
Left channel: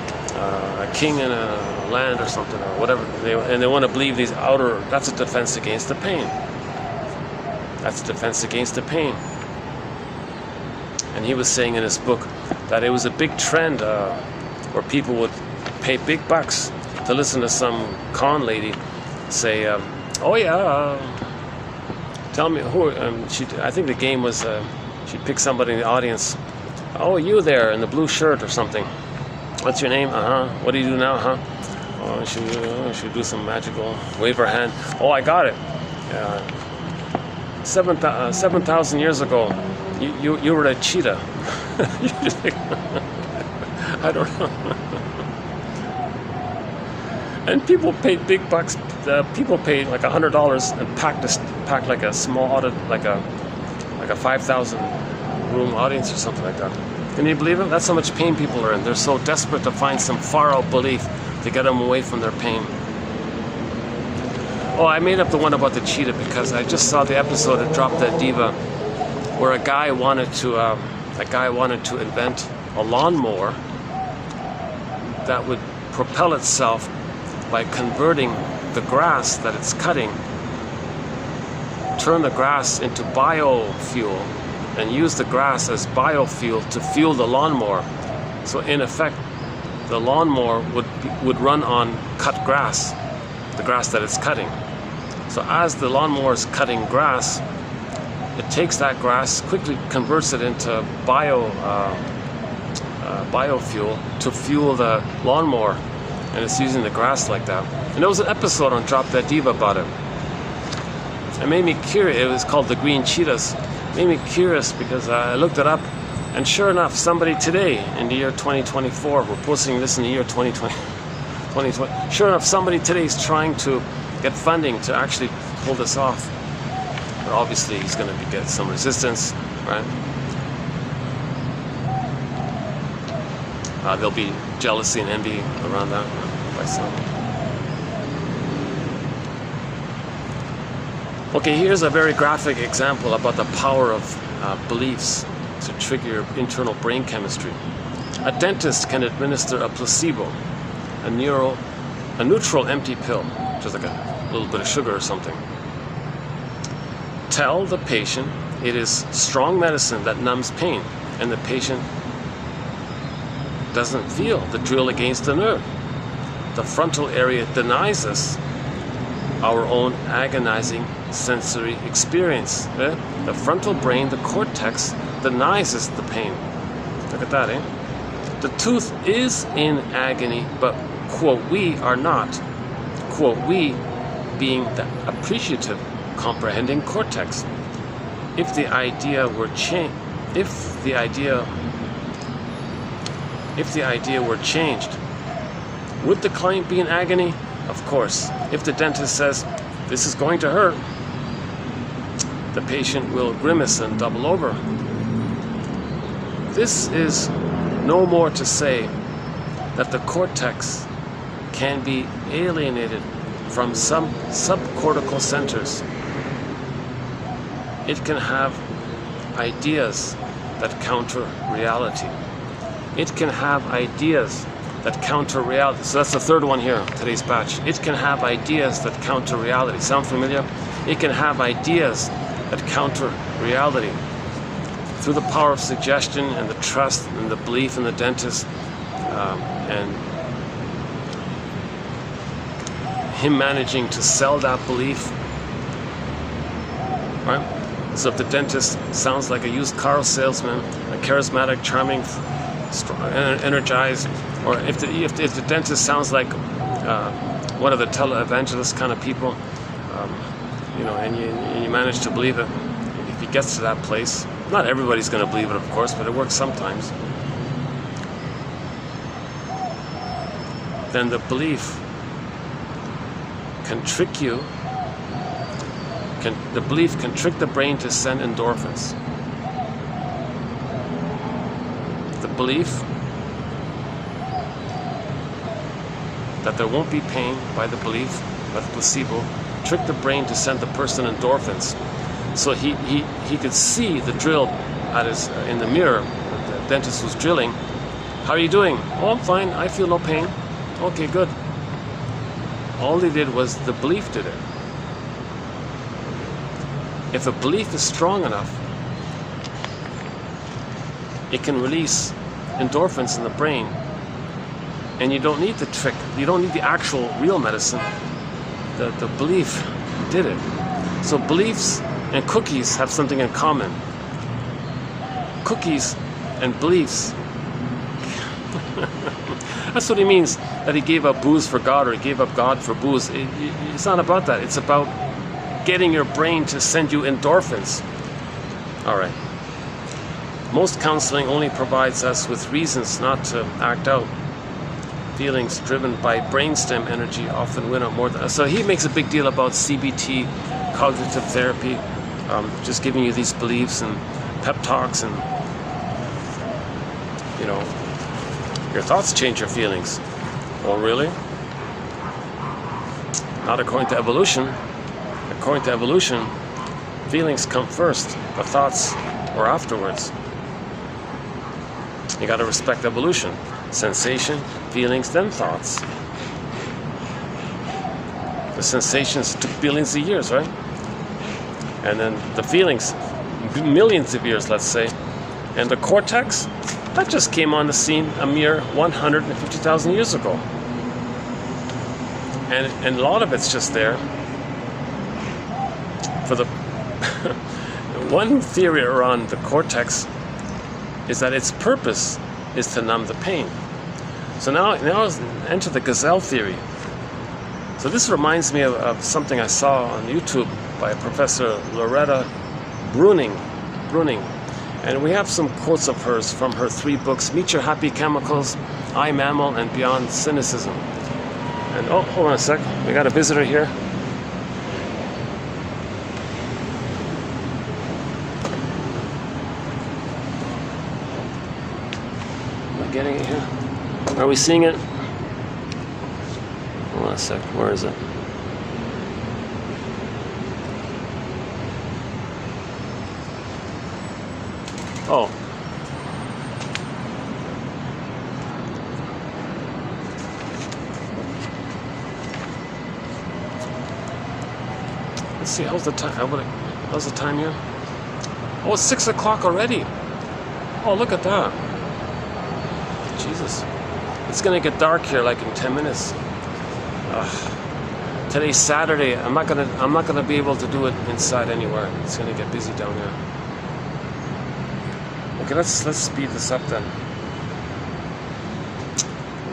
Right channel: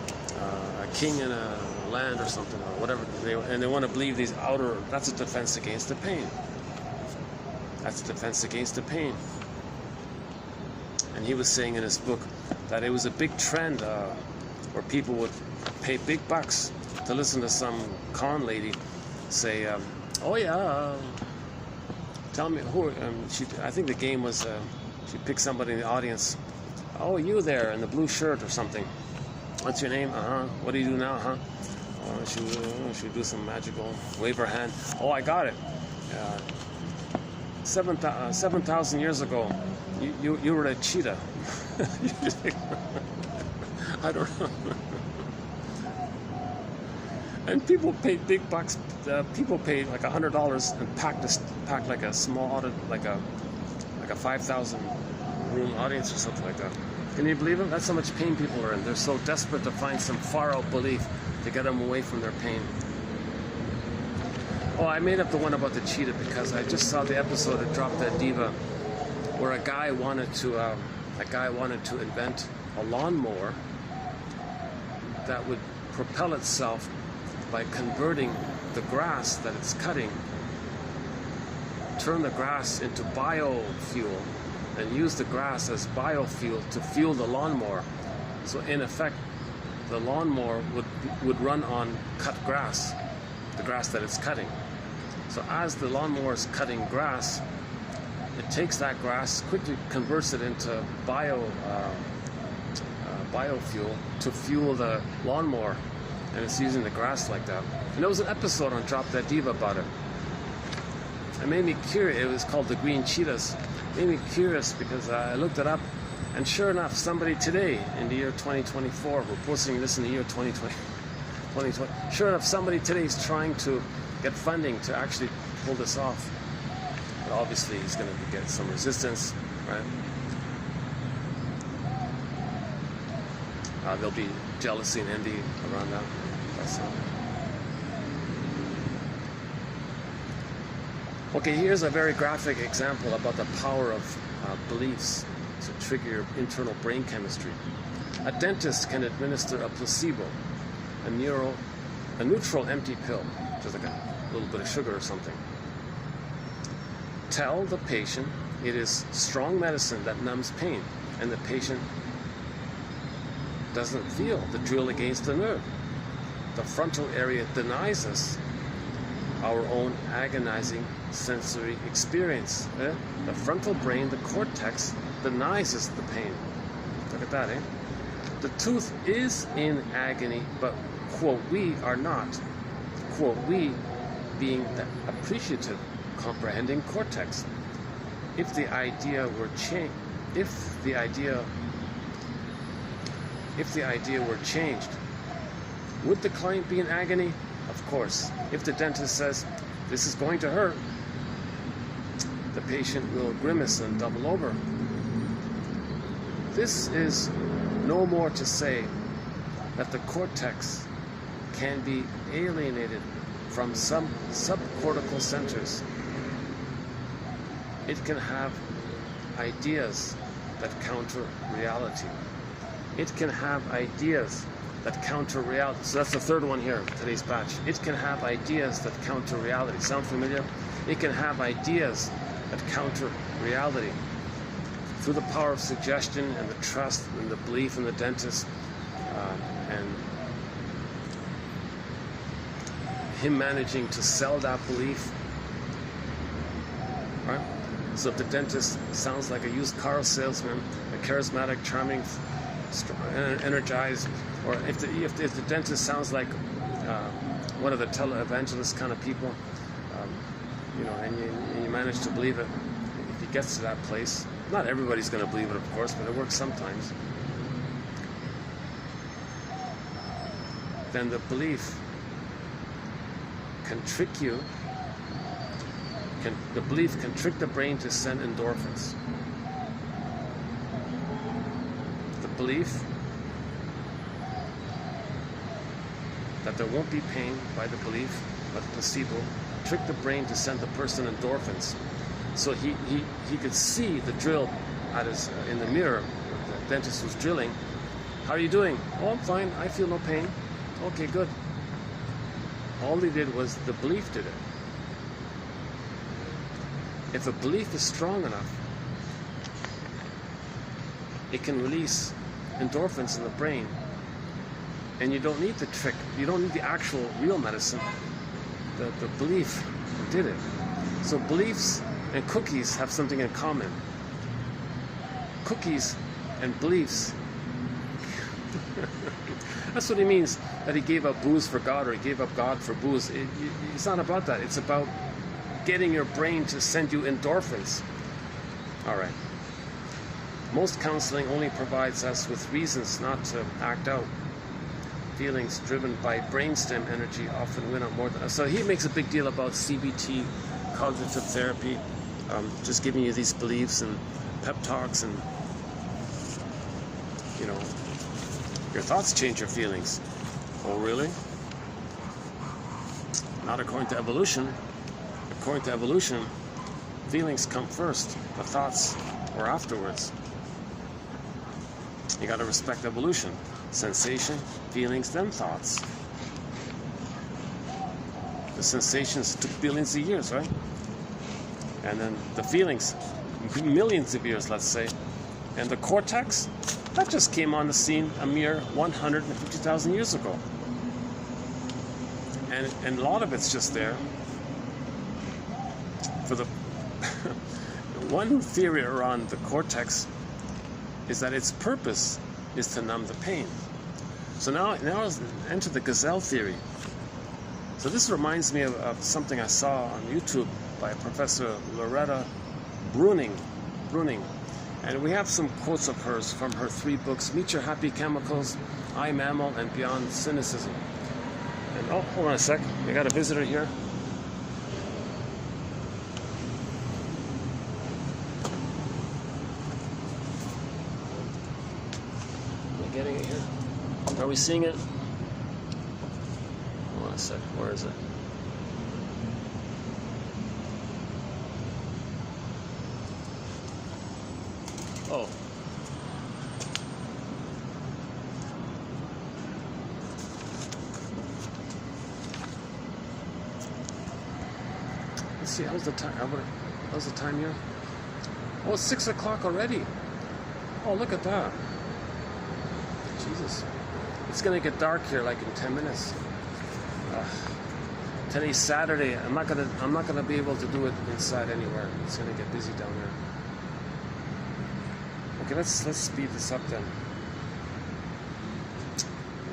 king in a land or something or whatever, and they want to believe these outer, that's a defense against the pain. That's a defense against the pain. And he was saying in his book that it was a big trend where people would pay big bucks to listen to some con lady say, oh yeah, Tell me who. I think the game was. She picked somebody in the audience. Oh, you there in the blue shirt or something. What's your name? What do you do now? Oh, should do some magical. Wave her hand. Oh, I got it. 7,000 years ago, you were a cheetah. I don't know. And people paid big bucks. People paid like $100 and packed like a small audit, like a 5,000 room audience or something like that. Can you believe it? That's how much pain people are in. They're so desperate to find some far out belief to get them away from their pain. Oh, I made up the one about the cheetah because I just saw the episode of Drop Dead Diva, where a guy wanted to invent a lawnmower that would propel itself by converting the grass that it's cutting, turn the grass into biofuel, and use the grass as biofuel to fuel the lawnmower. So in effect, the lawnmower would run on cut grass, the grass that it's cutting. So as the lawnmower is cutting grass, it takes that grass, quickly converts it into biofuel to fuel the lawnmower, and it's using the grass like that. And there was an episode on Drop Dead Diva about it. It made me curious. It was called The Green Cheetahs. It made me curious because I looked it up, and sure enough, somebody today in the year 2024, we're posting this in the year 2020, sure enough, somebody today is trying to get funding to actually pull this off. But obviously he's going to get some resistance, right? There'll be jealousy and envy around that. Okay, here's a very graphic example about the power of beliefs to trigger your internal brain chemistry. A dentist can administer a placebo, a neutral empty pill, which is like a little bit of sugar or something. Tell the patient it is strong medicine that numbs pain, and the patient doesn't feel the drill against the nerve. The frontal area denies us our own agonizing sensory experience. The frontal brain, the cortex, denies us the pain. Look at that, eh? The tooth is in agony, but, quote, we are not. Quote, we being the appreciative, comprehending cortex. If the idea were changed, would the client be in agony? Of course. If the dentist says, this is going to hurt, the patient will grimace and double over. This is no more to say that the cortex can be alienated from some subcortical centers. It can have ideas that counter reality. It can have ideas that counter reality. So that's the third one here, today's batch. It can have ideas that counter reality. Sound familiar? It can have ideas that counter reality. Through the power of suggestion and the trust and the belief in the dentist, and him managing to sell that belief, right? So if the dentist sounds like a used car salesman, a charismatic, charming, strong, energized, or if the dentist sounds like one of the televangelist kind of people, and you manage to believe it, if he gets to that place, not everybody's going to believe it, of course, but it works sometimes, then the belief can trick you. The belief can trick the brain to send endorphins. The belief that there won't be pain by the belief, by the placebo, trick the brain to send the person endorphins. So he could see the drill in the mirror. The dentist was drilling. How are you doing? Oh, I'm fine. I feel no pain. Okay, good. All he did was the belief did it. If a belief is strong enough, it can release endorphins in the brain, and you don't need the trick. You don't need the actual real medicine. The belief did it. So beliefs and cookies have something in common. Cookies and beliefs. That's what he means, that he gave up booze for God, or he gave up God for booze. It's not about that. It's about getting your brain to send you endorphins. All right. Most counseling only provides us with reasons not to act out. Feelings driven by brainstem energy often win out more than... So he makes a big deal about CBT, cognitive therapy, just giving you these beliefs and pep talks, and you know, your thoughts change your feelings. Oh, really? Not according to evolution. According to evolution, feelings come first, but thoughts are afterwards. You got to respect evolution. Sensation, feelings, then thoughts. The sensations took billions of years, right? And then the feelings, millions of years, let's say. And the cortex, that just came on the scene a mere 150,000 years ago. And a lot of it's just there for the... One theory around the cortex is that its purpose is to numb the pain. So now enter the gazelle theory. So this reminds me of something I saw on YouTube by Professor Loretta Bruning. And we have some quotes of hers from her 3 books, Meet Your Happy Chemicals, I, Mammal, and Beyond Cynicism. And oh, hold on a sec, we got a visitor here. Am I getting it here? Are we seeing it? Hold on a sec, where is it? Oh. Let's see, how's the time? How's the time here? Oh, it's 6 o'clock already. Oh, look at that. Jesus. It's gonna get dark here like in 10 minutes. Today's Saturday. I'm not gonna be able to do it inside anywhere. It's gonna get busy down here. Okay, let's speed this up then.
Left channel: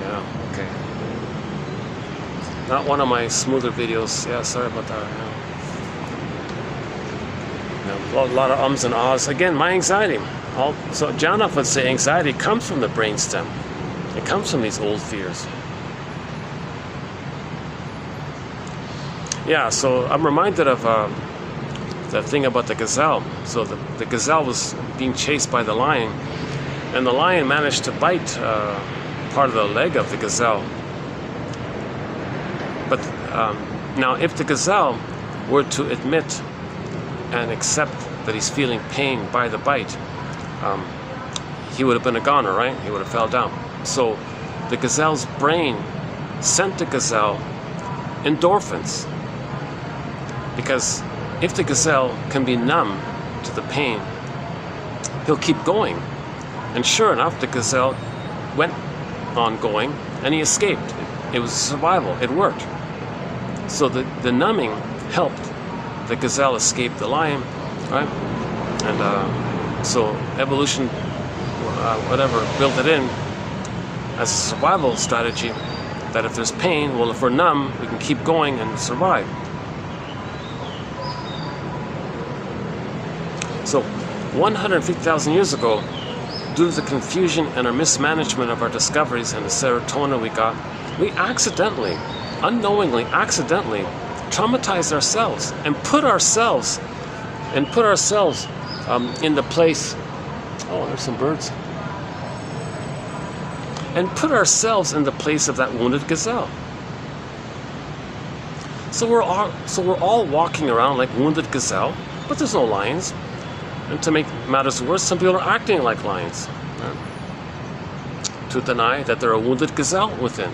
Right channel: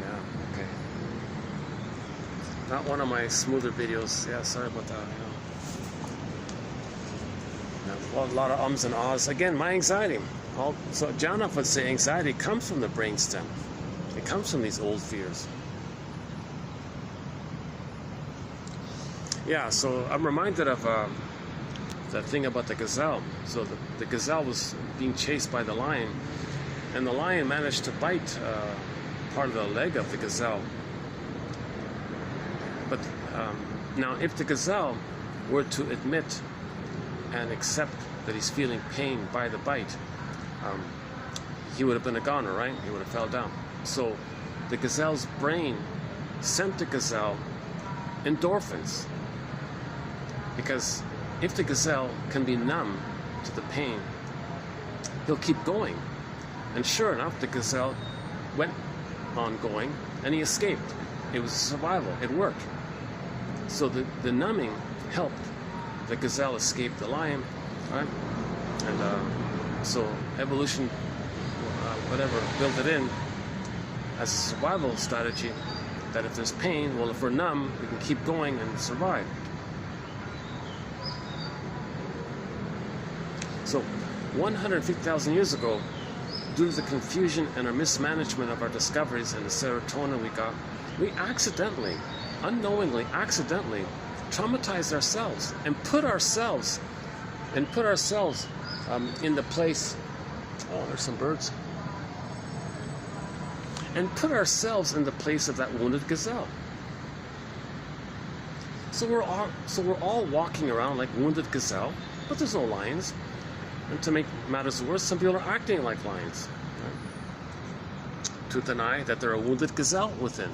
Yeah, okay. Not one of my smoother videos. Yeah, sorry about that. Yeah, a lot of ums and ahs. Again, my anxiety. So Janoff would say anxiety comes from the brainstem. It comes from these old fears. Yeah, so I'm reminded of the thing about the gazelle. So the gazelle was being chased by the lion, and the lion managed to bite part of the leg of the gazelle. But now, if the gazelle were to admit and accept that he's feeling pain by the bite, he would have been a goner, right? He would have fell down. So the gazelle's brain sent the gazelle endorphins, because if the gazelle can be numb to the pain, he'll keep going. And sure enough, the gazelle went on going, and he escaped. It was survival. It worked. So the numbing helped the gazelle escape the lion, right? And so evolution, whatever, built it in as a survival strategy, that if there's pain, well, if we're numb, we can keep going and survive. So 150,000 years ago, due to the confusion and our mismanagement of our discoveries and the serotonin we got, we accidentally, unknowingly, accidentally traumatized ourselves and put ourselves in the place. Oh, there's some birds. And put ourselves in the place of that wounded gazelle. So we're all walking around like wounded gazelle, but there's no lions. And to make matters worse, some people are acting like lions, right? To deny that they're a wounded gazelle within.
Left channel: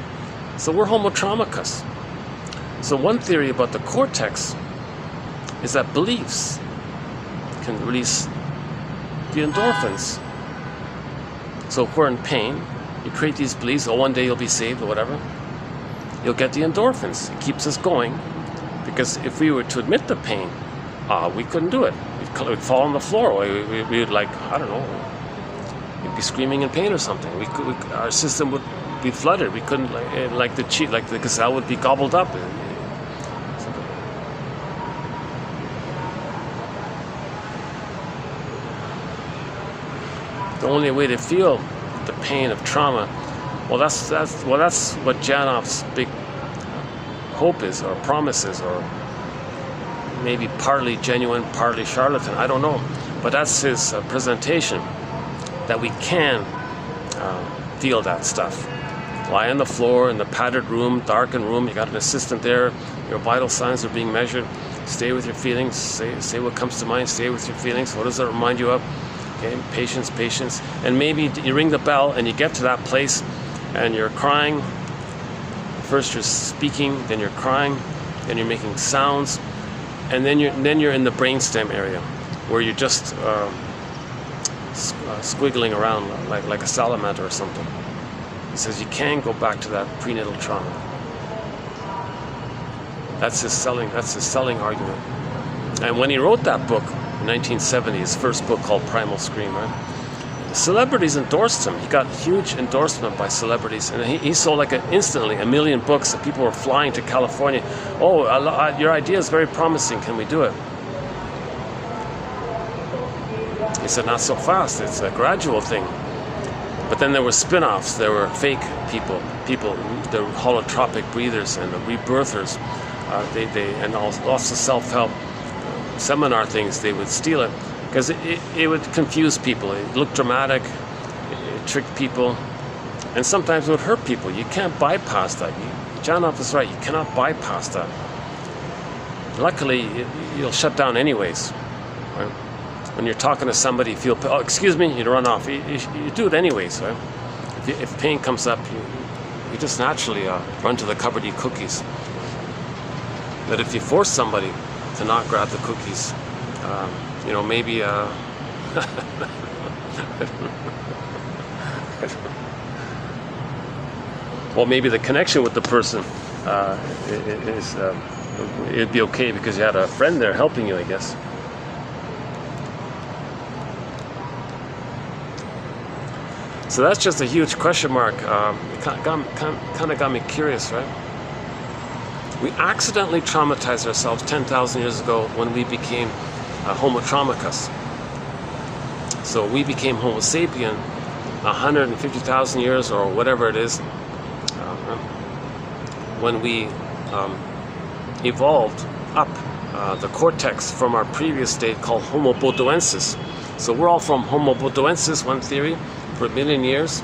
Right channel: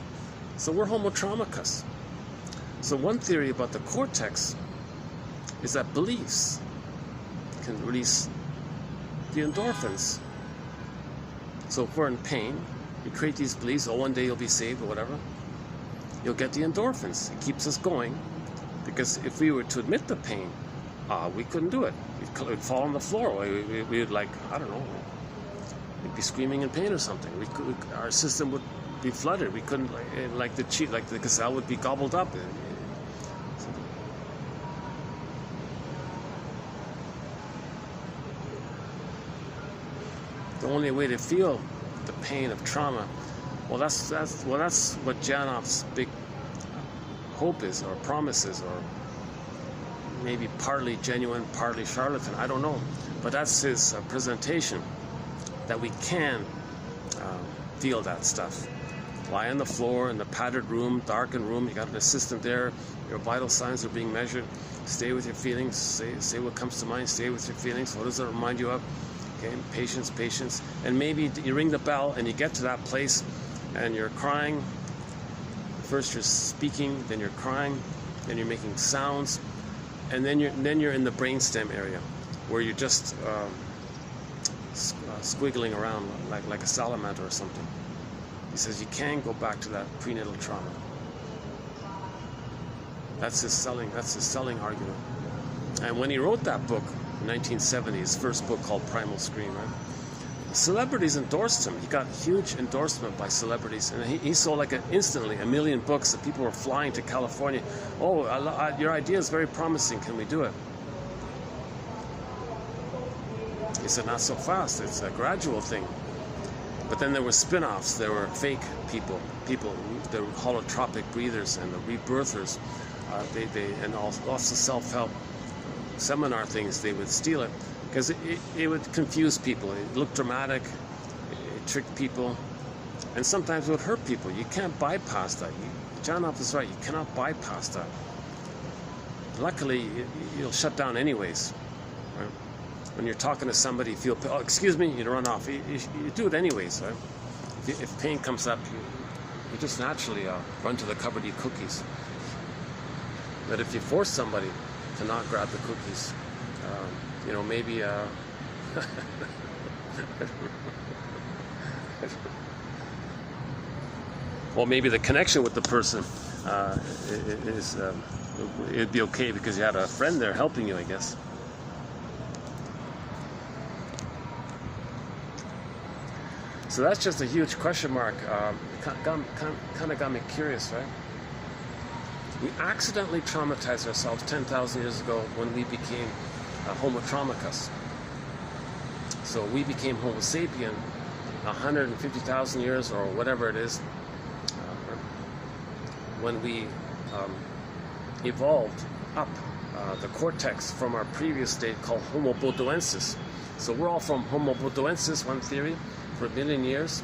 So we're homotraumicus. So one theory about the cortex is that beliefs can release the endorphins. So if we're in pain, you create these beliefs, oh, one day you'll be saved or whatever. You'll get the endorphins. It keeps us going, because if we were to admit the pain, we couldn't do it. We'd fall on the floor. We'd like, I don't know, we'd be screaming in pain or something. Our system would be flooded. We couldn't, like the gazelle would be gobbled up. The only way to feel the pain of trauma, well, that's what Janop's big hope is, or promise is, or maybe partly genuine, partly charlatan, I don't know. But that's his presentation, that we can feel that stuff. Lie on the floor in the padded room, darkened room, you got an assistant there, your vital signs are being measured. Stay with your feelings, say what comes to mind, stay with your feelings. What does that remind you of? Okay, patience, patience. And maybe you ring the bell and you get to that place and you're crying. First you're speaking, then you're crying, then you're making sounds, and then you're in the brainstem area where you're just squiggling around like a salamander or something. He says you can go back to that prenatal trauma. That's his selling argument. And when he wrote that book in 1970, his first book called Primal Scream, right? Celebrities endorsed him. He got huge endorsement by celebrities, and he sold instantly 1 million books. And people were flying to California. Oh, your idea is very promising. Can we do it? He said, not so fast. It's a gradual thing. But then there were spin-offs. There were fake people, the holotropic breathers and the rebirthers. And lots of self-help seminar things. They would steal it because it would confuse people. It looked dramatic. It tricked people, and sometimes it would hurt people. You can't bypass that. Janop is right. You cannot bypass that. Luckily, you'll shut down anyways. Right? When you're talking to somebody, you feel, oh, excuse me, you run off. You do it anyways, right? If pain comes up, you just naturally run to the cupboard, eat cookies. But if you force somebody to not grab the cookies, maybe well, maybe the connection with the person it'd be okay because you had a friend there helping you, I guess. So that's just a huge question mark. It kind of got me curious, right? We accidentally traumatized ourselves 10,000 years ago when we became Homo traumicus. So we became Homo sapien 150,000 years or whatever it is, when we evolved up the cortex from our previous state called Homo bodoensis. So we're all from Homo bodoensis, one theory, for 1 million years,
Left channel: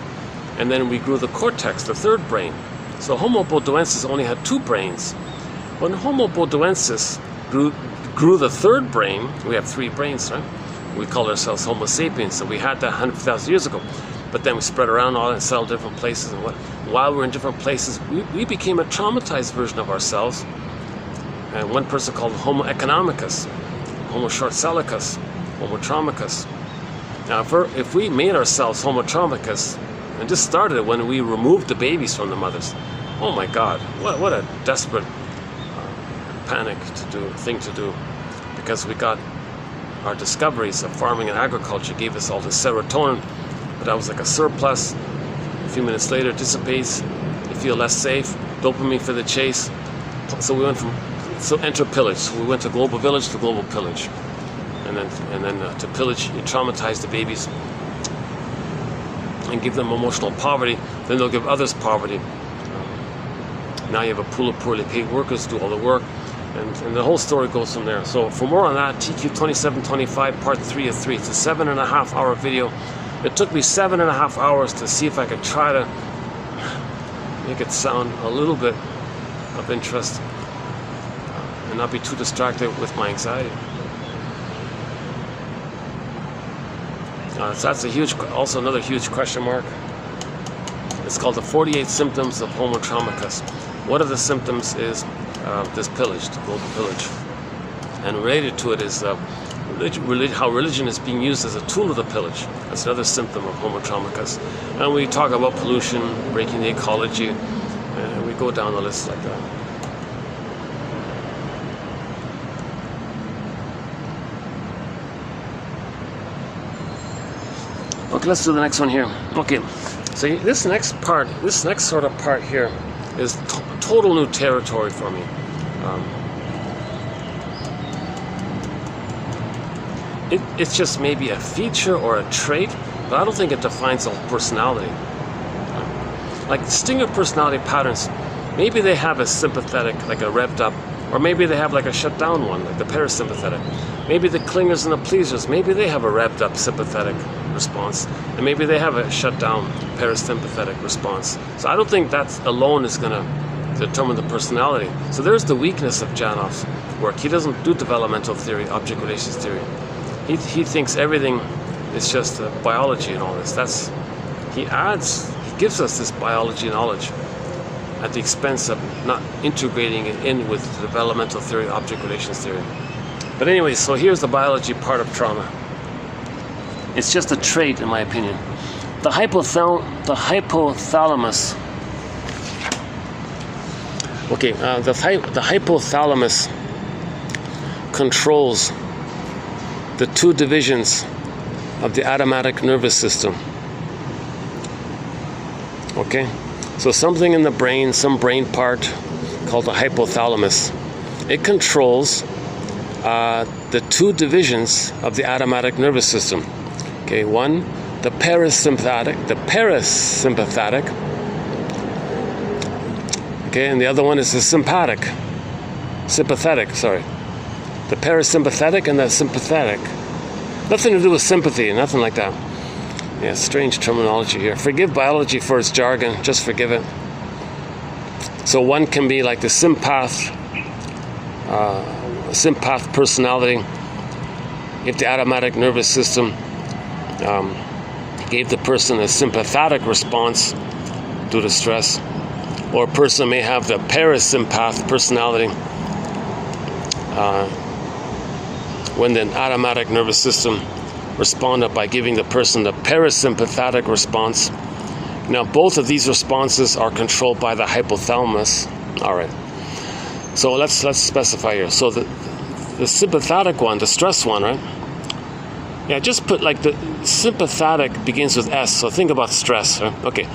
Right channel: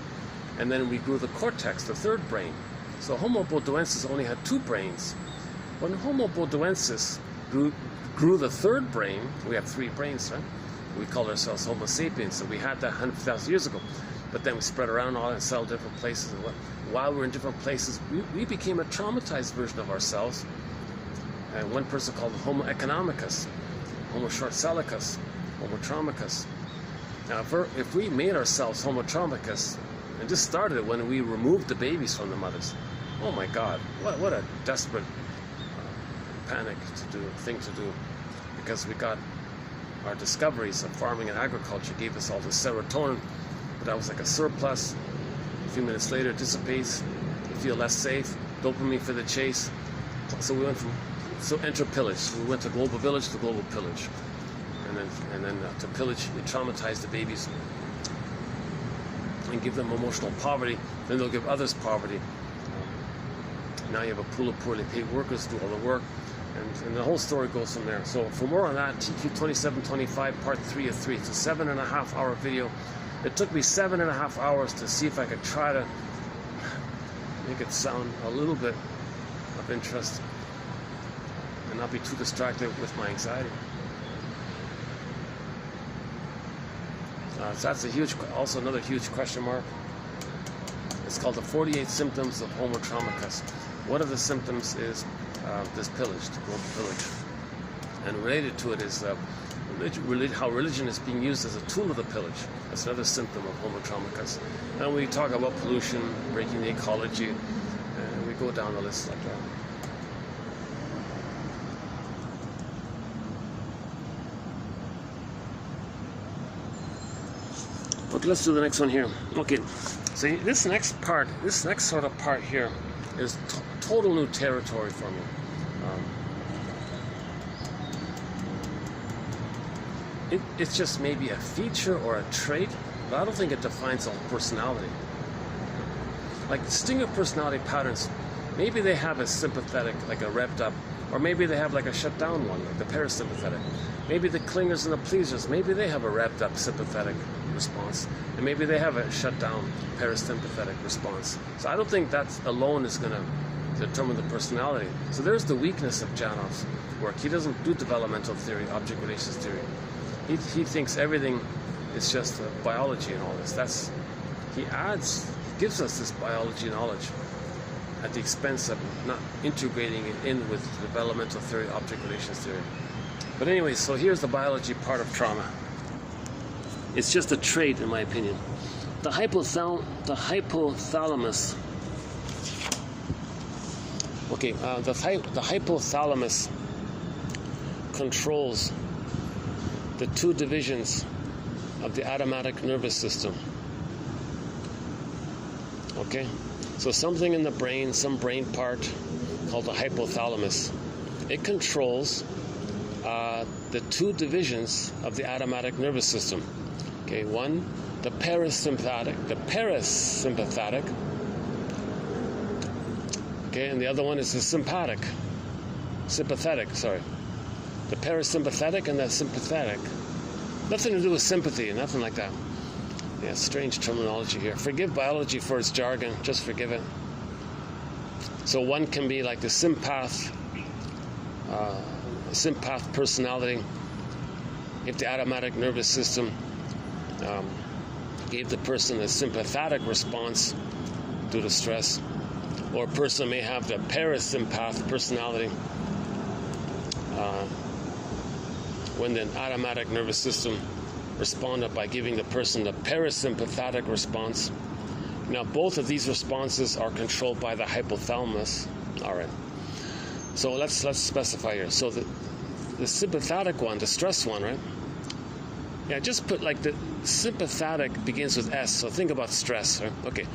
and then we grew the cortex, the third brain. So Homo bodoensis only had 2 brains. When Homo bodoensis grew the third brain, we have 3 brains, right? We call ourselves Homo sapiens, so we had that 100,000 years ago. But then we spread around all and settled different places, and while we were in different places, we became a traumatized version of ourselves. And one person called Homo economicus, Homo short-sellicus, Homo traumicus. Now, if we made ourselves Homo traumicus, and this started when we removed the babies from the mothers, oh my God, what a desperate thing to do, because we got our discoveries of farming and agriculture gave us all this serotonin, but that was like a surplus. A few minutes later, it dissipates. You feel less safe. Dopamine for the chase. So we went enter pillage. So we went to global village to global pillage, and then to pillage, you traumatize the babies and give them emotional poverty. Then they'll give others poverty. Now you have a pool of poorly paid workers do all the work. And the whole story goes from there. So for more on that, TQ 2725, part 3 of 3. It's a 7.5 hour video. It took me 7.5 hours to see if I could try to make it sound a little bit of interest and not be too distracted with my anxiety. So that's also another huge question mark. It's called the 48 symptoms of Homo traumicus. One of the symptoms is this pillage, the global pillage. And related to it is how religion is being used as a tool of the pillage. That's another symptom of Homo traumicus. And we talk about pollution, breaking the ecology, and we go down the list like that. Okay, let's do the next one here. Okay, so this next sort of part here is total new territory for me. It's just maybe a feature or a trait, but I don't think it defines a personality. Like distinct personality patterns, maybe they have a sympathetic, like a revved up, or maybe they have like a shut down one, like the parasympathetic. Maybe the clingers and the pleasers, maybe they have a revved up sympathetic response, and maybe they have a shut down parasympathetic response. So I don't think that alone is going to determine the personality. So there's the weakness of Janov's work. He doesn't do developmental theory, object relations theory. He thinks everything is just biology and all this. He gives us this biology knowledge at the expense of not integrating it in with the developmental theory, object relations theory. But anyway, so here's the biology part of trauma. It's just a trait, in my opinion. The hypothalamus. Okay, the hypothalamus controls the two divisions of the automatic nervous system. Okay, so something in the brain, some brain part called the hypothalamus, it controls the two divisions of the automatic nervous system. Okay, one, the parasympathetic. Okay, and the other one is the sympathetic. The parasympathetic and the sympathetic. Nothing to do with sympathy, nothing like that. Yeah, strange terminology here. Forgive biology for its jargon, just forgive it. So one can be like the sympath personality. If the automatic nervous system gave the person a sympathetic response due to stress, or a person may have the parasympath personality when the automatic nervous system responded by giving the person the parasympathetic response. Now, both of these responses are controlled by the hypothalamus. All right. So let's specify here. So the sympathetic one, the stress one, right? Yeah, just put like the sympathetic begins with S. So think about stress. Right? Okay.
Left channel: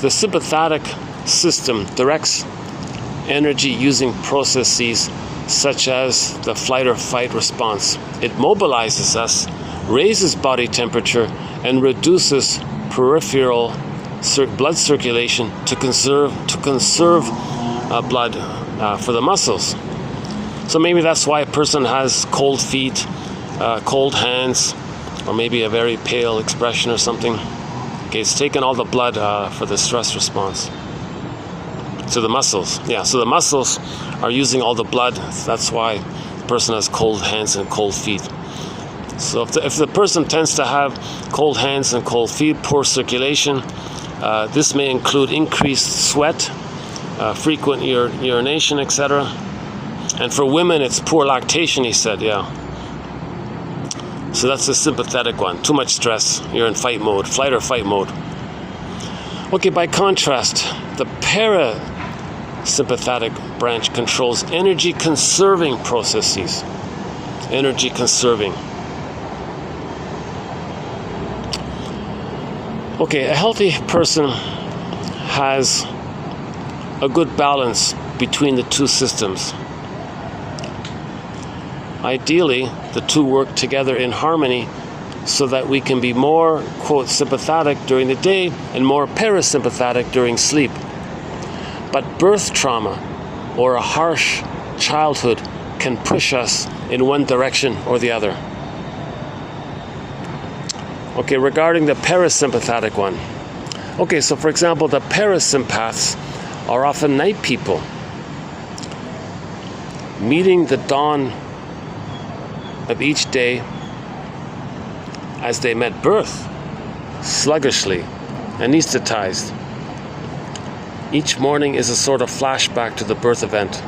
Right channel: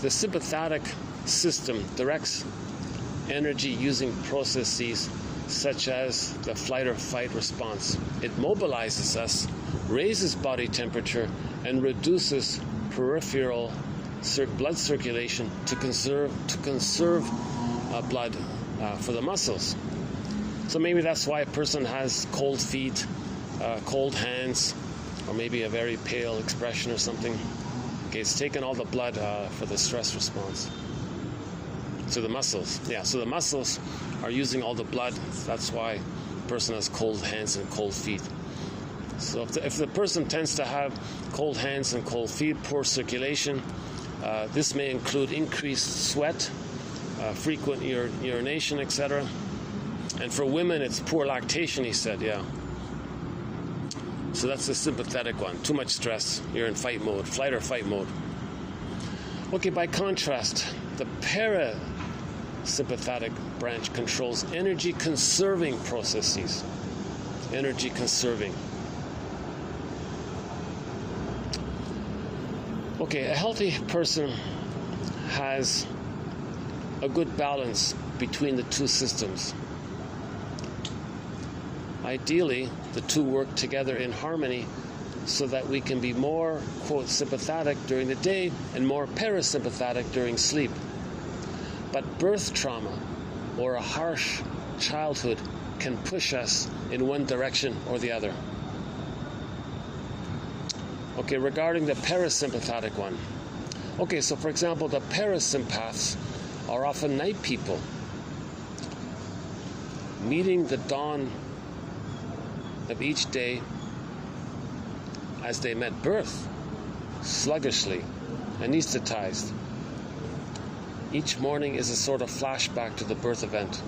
The sympathetic system directs energy using processes such as the flight or fight response. It mobilizes us, raises body temperature, and reduces peripheral blood circulation to conserve blood for the muscles. So maybe that's why a person has cold feet, cold hands, or maybe a very pale expression or something. Okay, it's taken all the blood for the stress response to the muscles. Yeah, so the muscles are using all the blood. That's why the person has cold hands and cold feet. So if the person tends to have cold hands and cold feet, poor circulation, this may include increased sweat, frequent urination, etc. And for women, it's poor lactation, he said, yeah. So that's the sympathetic one. Too much stress, you're in fight mode, flight or fight mode. Okay, by contrast, the parasympathetic branch controls energy conserving processes. Energy conserving. Okay, a healthy person has a good balance between the two systems. Ideally, the two work together in harmony so that we can be more, quote, sympathetic during the day and more parasympathetic during sleep. But birth trauma or a harsh childhood can push us in one direction or the other. Okay, regarding the parasympathetic one. Okay, so for example, the parasympaths are often night people, meeting the dawn of each day as they met birth, sluggishly, anesthetized. Each morning is a sort of flashback to the birth event.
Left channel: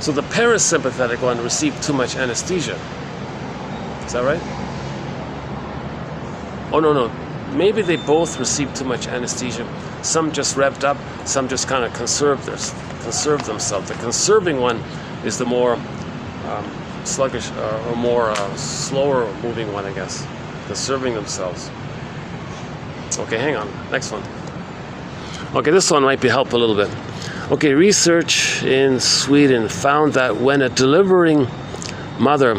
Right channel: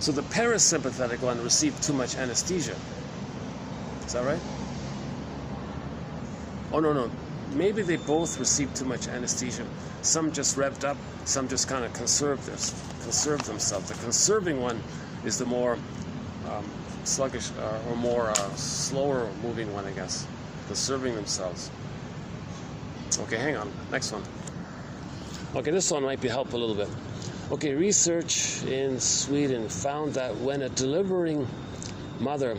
So the parasympathetic one received too much anesthesia. Is that right? Oh, no. Maybe they both received too much anesthesia. Some just revved up, some just kind of conserved themselves. The conserving one is the more sluggish or more slower moving one, I guess. They're serving themselves. Okay, hang on. Next one. Okay, this one might be helpful a little bit. Okay, research in Sweden found that when a delivering mother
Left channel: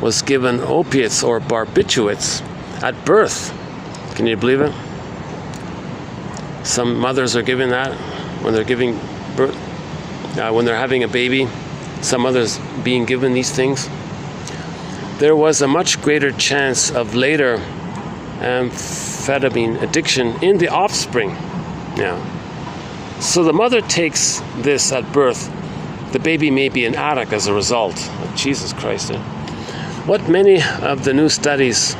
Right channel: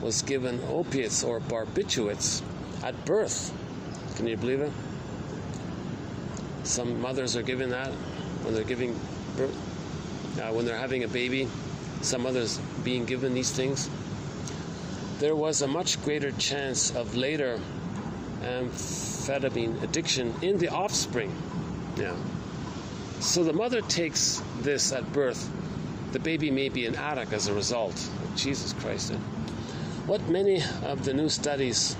was given opiates or barbiturates at birth, can you believe it? Some mothers are giving that when they're giving birth, when they're having a baby. Some mothers being given these things. There was a much greater chance of later amphetamine addiction in the offspring. Yeah. So the mother takes this at birth. The baby may be an addict as a result. Oh, Jesus Christ. What many of the new studies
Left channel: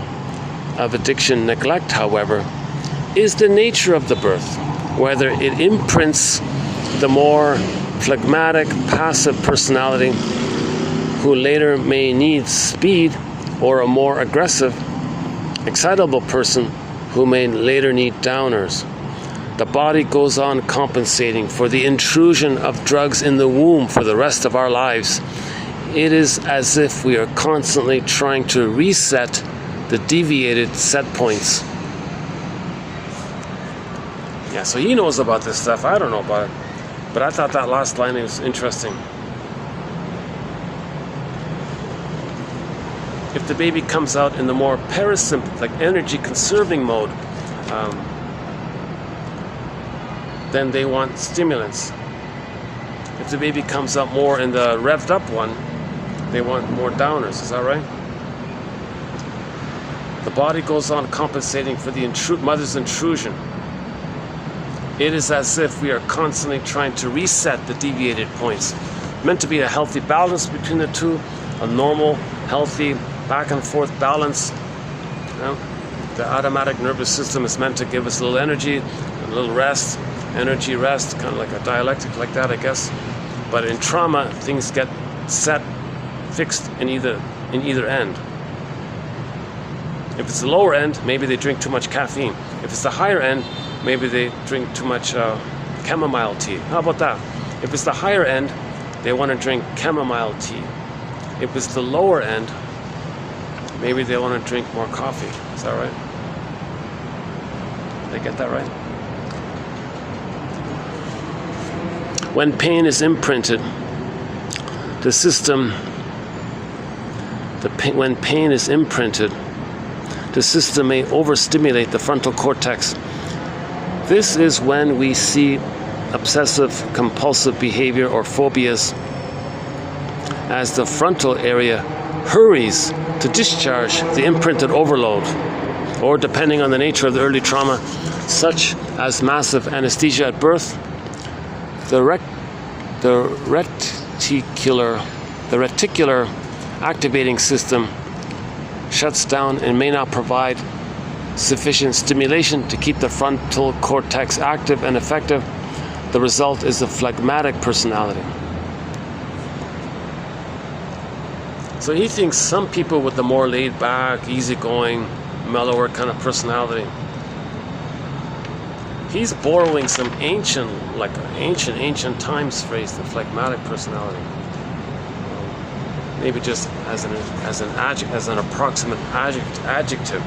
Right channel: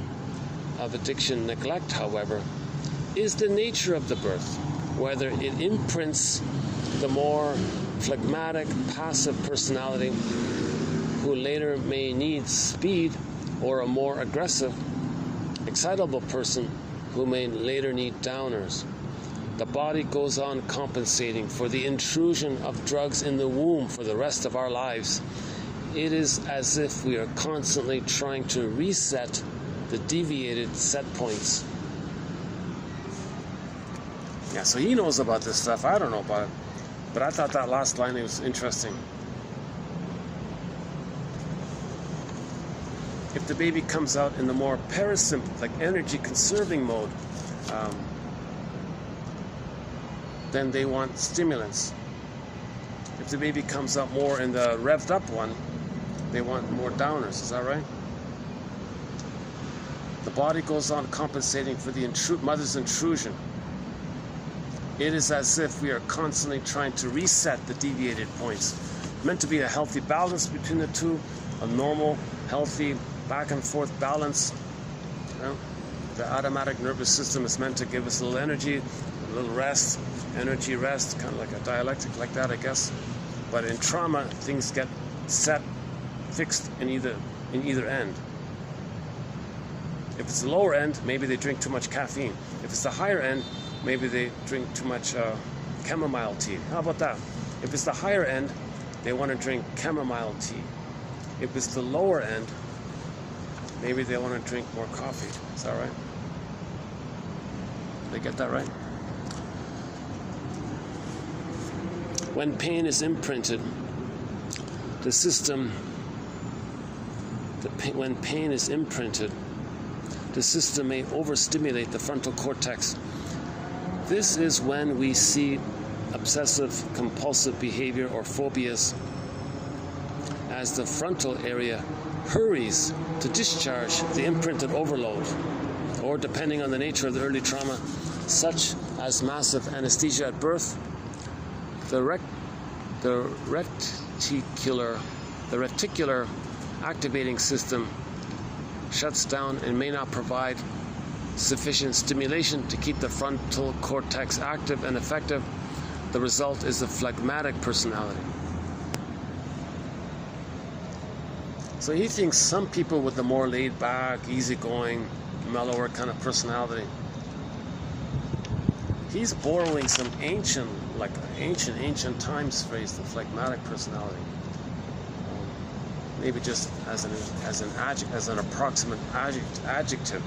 of addiction neglect, however, is the nature of the birth, whether it imprints the more phlegmatic, passive personality who later may need speed, or a more aggressive, excitable person who may later need downers. The body goes on compensating for the intrusion of drugs in the womb for the rest of our lives. It is as if we are constantly trying to reset the deviated set points. Yeah, so he knows about this stuff. I don't know about it. But I thought that last line was interesting. If the baby comes out in the more parasympathetic, energy-conserving mode, then they want stimulants. If the baby comes out more in the revved-up one, they want more downers. Is that right? The body goes on compensating for the mother's intrusion. It is as if we are constantly trying to reset the deviated points. Meant to be a healthy balance between the two, a normal, healthy, back and forth balance. You know, the automatic nervous system is meant to give us a little energy, a little rest, energy rest, kind of like a dialectic like that, I guess. But in trauma, things get fixed in either end. If it's the lower end, maybe they drink too much caffeine. If it's the higher end, maybe they drink too much chamomile tea. How about that? If it's the higher end, they want to drink chamomile tea. If it's the lower end, maybe they want to drink more coffee. Is that right? Did I get that right? When pain is imprinted, the system, when pain is imprinted, the system may overstimulate the frontal cortex. This is when we see obsessive compulsive behavior or phobias, as the frontal area hurries to discharge the imprinted overload, or depending on the nature of the early trauma, such as massive anesthesia at birth, the reticular activating system shuts down and may not provide sufficient stimulation to keep the frontal cortex active and effective. The result is a phlegmatic personality. So he thinks some people with the more laid back, easygoing, mellower kind of personality, he's borrowing some ancient times phrase, the phlegmatic personality. Maybe just as an approximate adjective.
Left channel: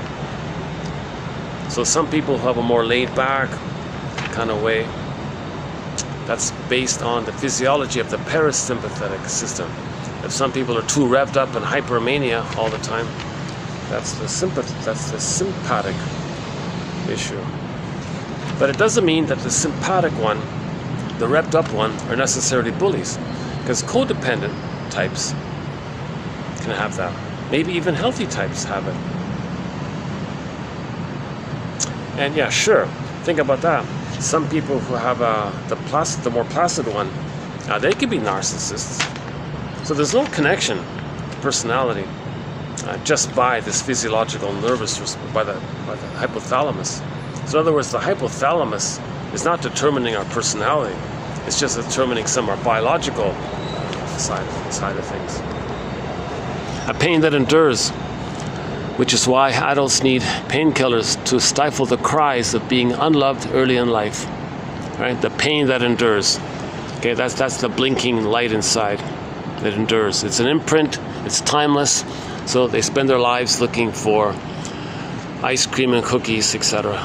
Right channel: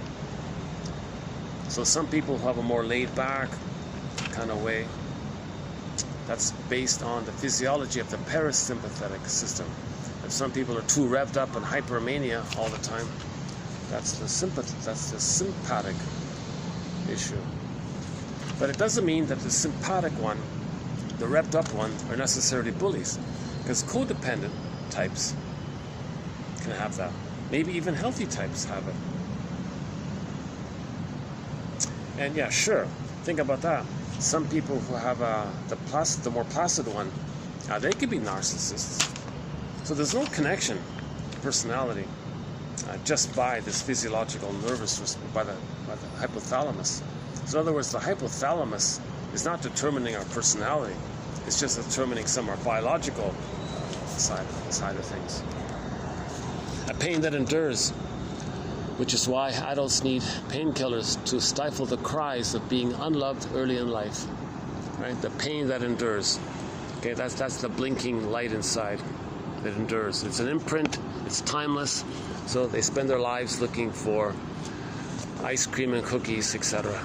So some people have a more laid back kind of way. That's based on the physiology of the parasympathetic system. If some people are too revved up and hypermania all the time, that's the sympathetic issue. But it doesn't mean that the sympathetic one, the revved up one, are necessarily bullies, because codependent types can have that. Maybe even healthy types have it. And yeah, sure, think about that. Some people who have the more placid one, they could be narcissists. So there's no connection to personality just by this physiological nervous by the hypothalamus. So in other words, the hypothalamus is not determining our personality. It's just determining some of our biological side of things. A pain that endures, which is why adults need painkillers to stifle the cries of being unloved early in life. Right? The pain that endures. Okay, that's the blinking light inside. that endures. It's an imprint, it's timeless, so they spend their lives looking for ice cream and cookies, etc.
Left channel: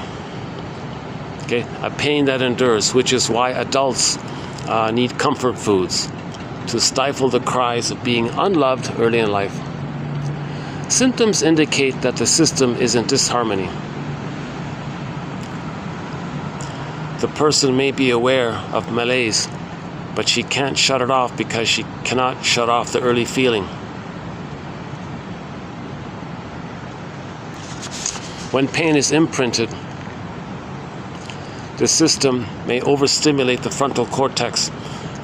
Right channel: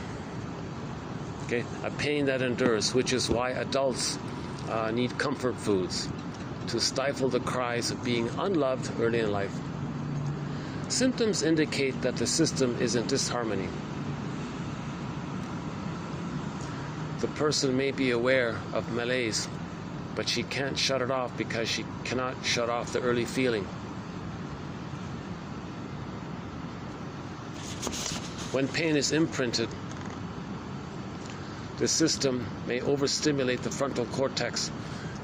Okay, a pain that endures, which is why adults need comfort foods to stifle the cries of being unloved early in life. Symptoms indicate that the system is in disharmony. The person may be aware of malaise, but she can't shut it off because she cannot shut off the early feeling. When pain is imprinted, the system may overstimulate the frontal cortex.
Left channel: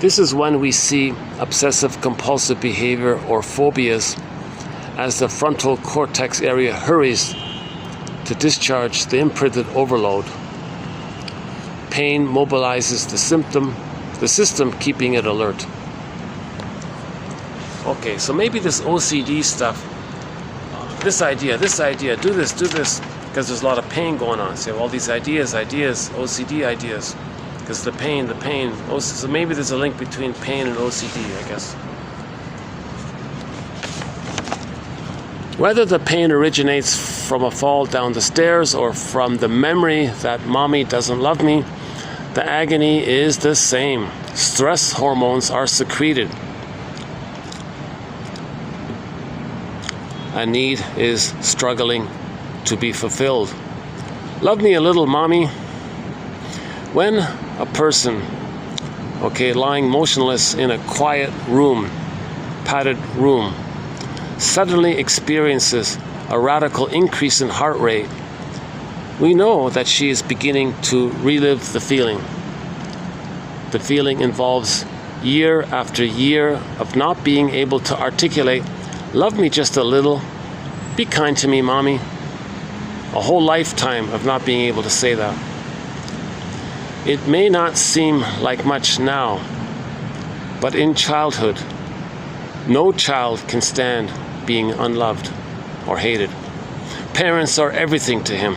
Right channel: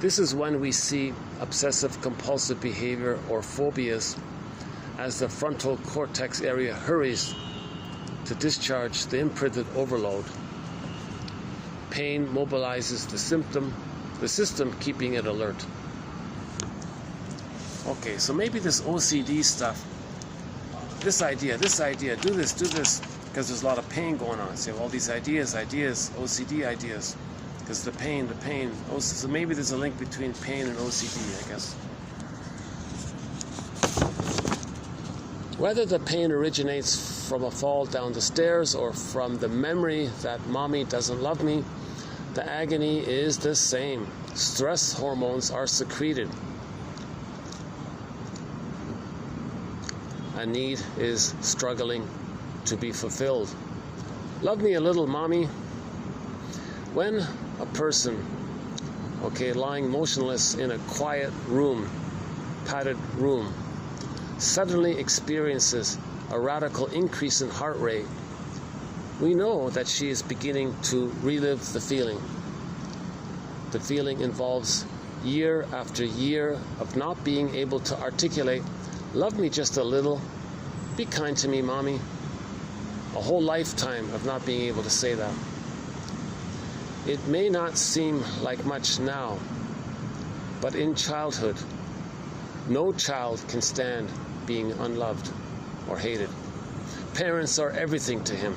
This is when we see obsessive compulsive behavior or phobias, as the frontal cortex area hurries to discharge the imprinted overload. Pain mobilizes the system, keeping it alert. Okay, so maybe this OCD stuff, this idea, do this, because there's a lot of pain going on. So all these ideas, OCD ideas, because the pain, so maybe there's a link between pain and OCD, I guess. Whether the pain originates from a fall down the stairs or from the memory that mommy doesn't love me, the agony is the same. Stress hormones are secreted. A need is struggling to be fulfilled. Love me a little, mommy. When a person, lying motionless in a quiet room, padded room, suddenly experiences a radical increase in heart rate, we know that she is beginning to relive the feeling. The feeling involves year after year of not being able to articulate, love me just a little, be kind to me, mommy. A whole lifetime of not being able to say that. It may not seem like much now, but in childhood, no child can stand being unloved or hated. Parents are everything to him,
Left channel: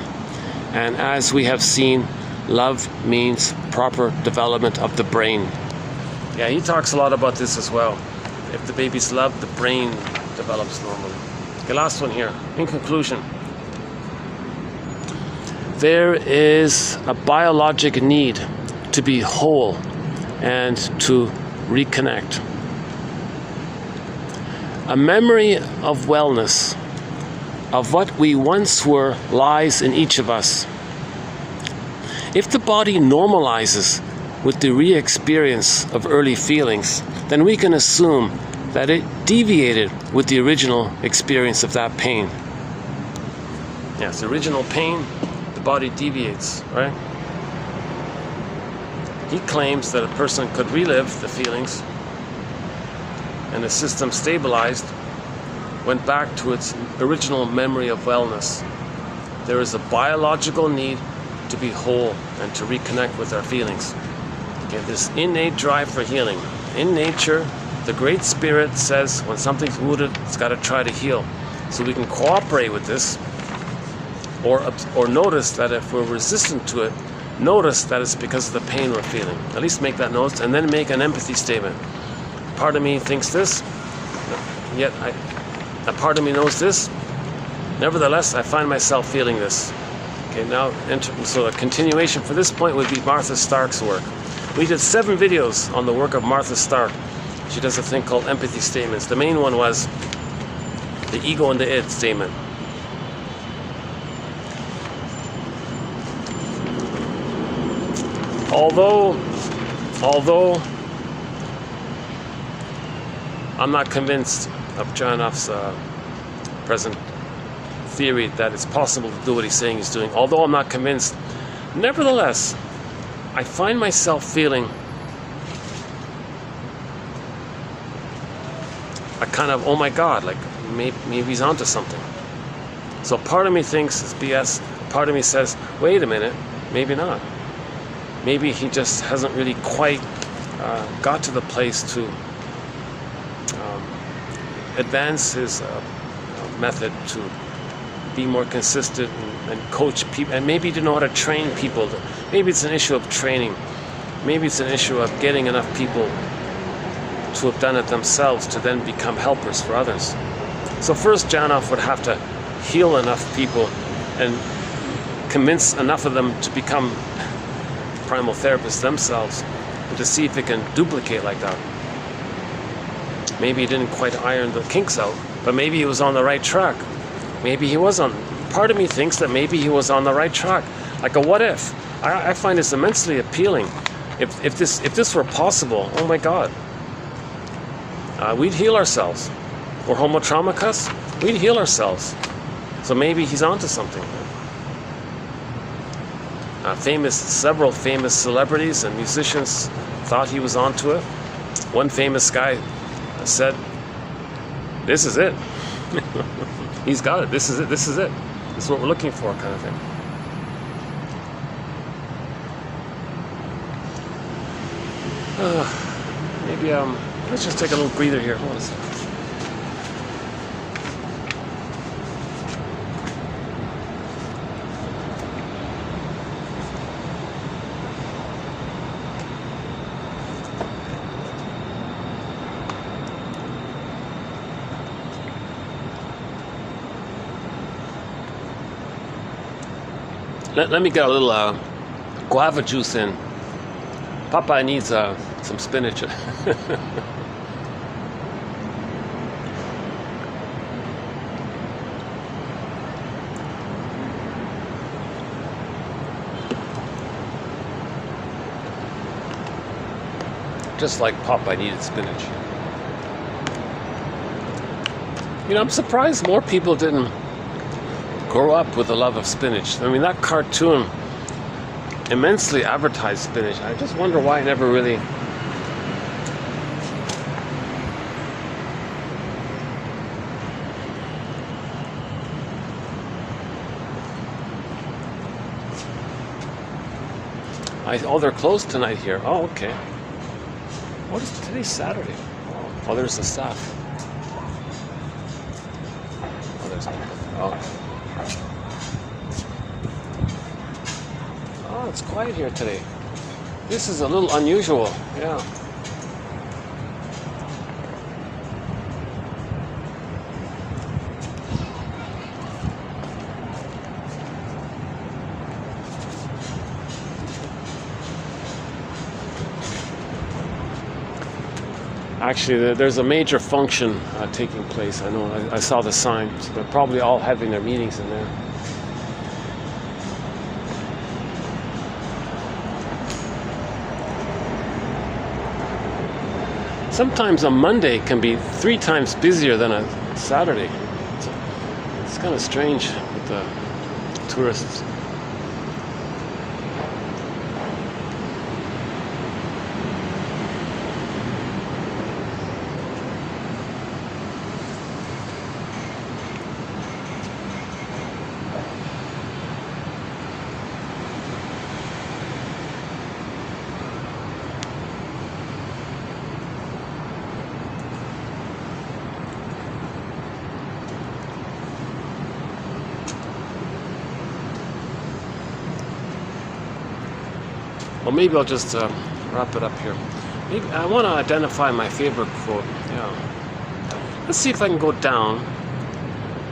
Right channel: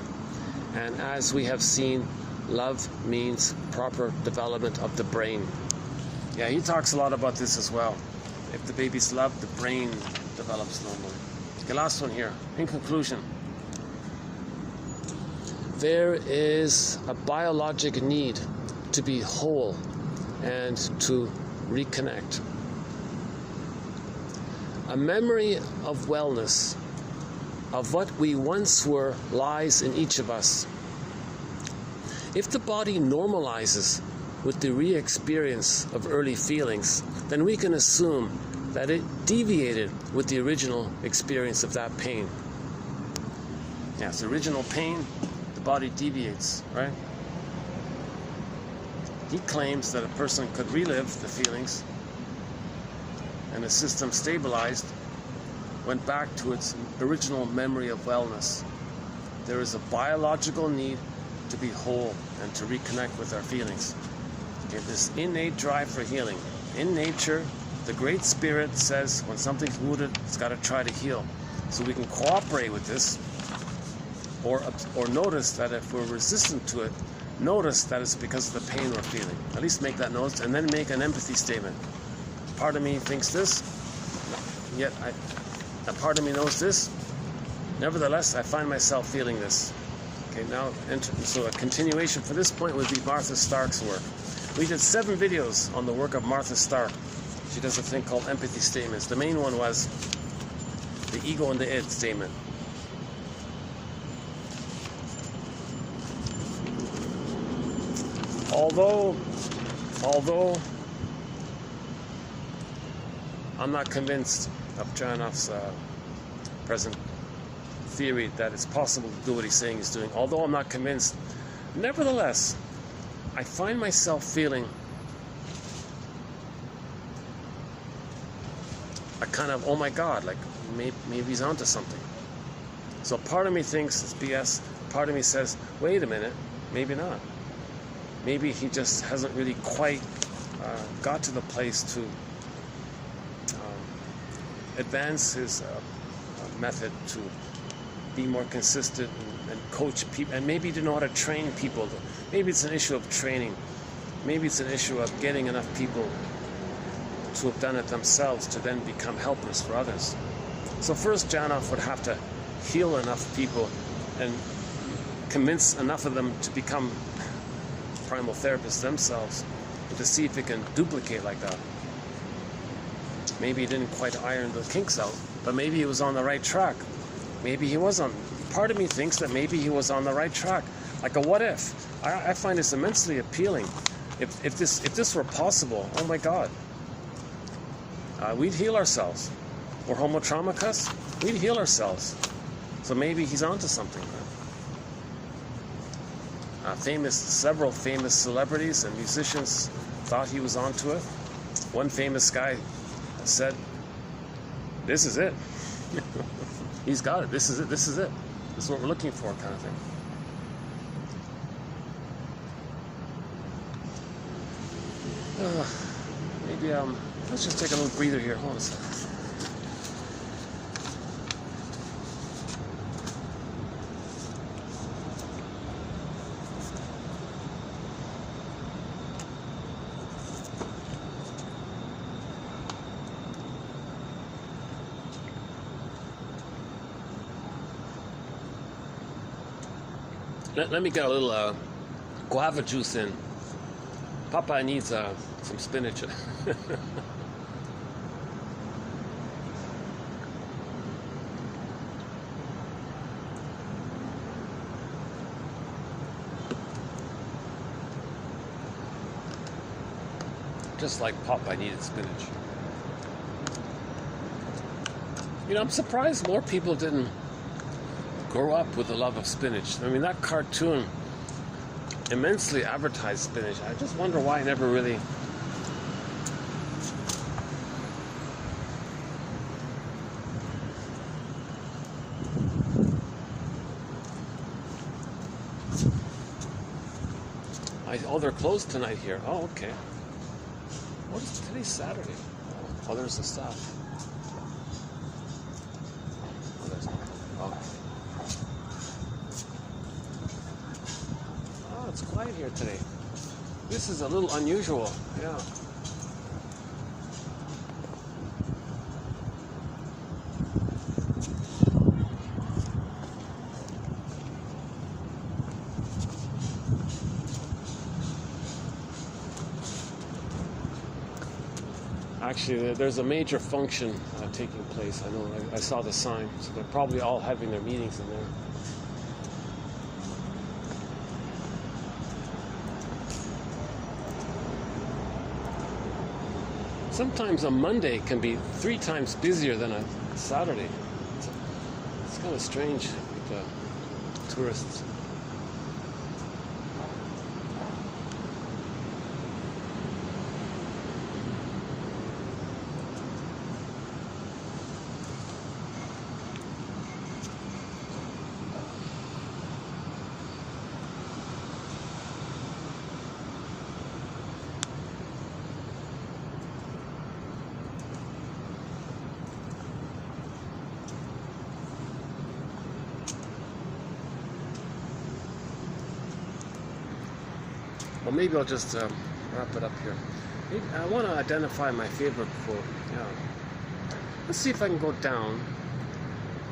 and as we have seen, love means proper development of the brain. Yeah, he talks a lot about this as well. If the baby's loved, the brain develops normally. The last one here. In conclusion, there is a biologic need to be whole and to reconnect. A memory of wellness, of what we once were, lies in each of us. If the body normalizes with the re-experience of early feelings, then we can assume that it deviated with the original experience of that pain. Yes, original pain, the body deviates, right? He claims that a person could relive the feelings and the system stabilized, went back to its original memory of wellness. There is a biological need to be whole and to reconnect with our feelings. Okay, this innate drive for healing. In nature, the Great Spirit says when something's wounded, it's got to try to heal. So we can cooperate with this, or notice that if we're resistant to it, notice that it's because of the pain we're feeling. At least make that note, and then make an empathy statement. Part of me thinks this, yet a part of me knows this. Nevertheless, I find myself feeling this. Okay, now, so a continuation for this point would be Martha Stark's work. We did 7 videos on the work of Martha Stark. She does a thing called empathy statements. The main one was the ego and the id statement. Although I'm not convinced of John Off's present theory that it's possible to do what he's saying he's doing, although I'm not convinced, nevertheless, I find myself feeling a kind of, oh my God, like maybe he's onto something. So part of me thinks it's BS, part of me says, wait a minute, maybe not. Maybe he just hasn't really quite got to the place to advance his method to be more consistent and coach people, and maybe to know how to train people. Maybe it's an issue of training. Maybe it's an issue of getting enough people to have done it themselves to then become helpers for others. So first Janov would have to heal enough people and convince enough of them to become primal therapists themselves, and to see if they can duplicate like that. Maybe he didn't quite iron the kinks out, but maybe he was on the right track. Maybe he was on. Part of me thinks that maybe he was on the right track. Like a what if. I find this immensely appealing. If this were possible, oh my God, we'd heal ourselves. Or homo traumacus, we'd heal ourselves. So maybe he's onto something. Several famous celebrities and musicians thought he was onto it. One famous guy said, "This is it." He's got it. This is it. This is it. This is what we're looking for, kind of thing. Maybe let's just take a little breather here. Hold on a second. Let me get a little guava juice in. Papa needs some spinach. Just like Popeye needed spinach. You know, I'm surprised more people didn't grow up with a love of spinach. I mean, that cartoon immensely advertised spinach. I just wonder why I never really... Oh, they're closed tonight here. Oh, okay. What is today's Saturday? Oh, there's the staff. Oh, there's... Oh. Oh, it's quiet here today. This is a little unusual. Yeah. Actually, there's a major function taking place. I know. I saw the sign. So they're probably all having their meetings in there. Sometimes a Monday can be 3 times busier than a Saturday. It's kind of strange with the tourists. Well, maybe I'll just wrap it up here. Maybe I want to identify my favorite quote. Yeah. Let's see if I can go down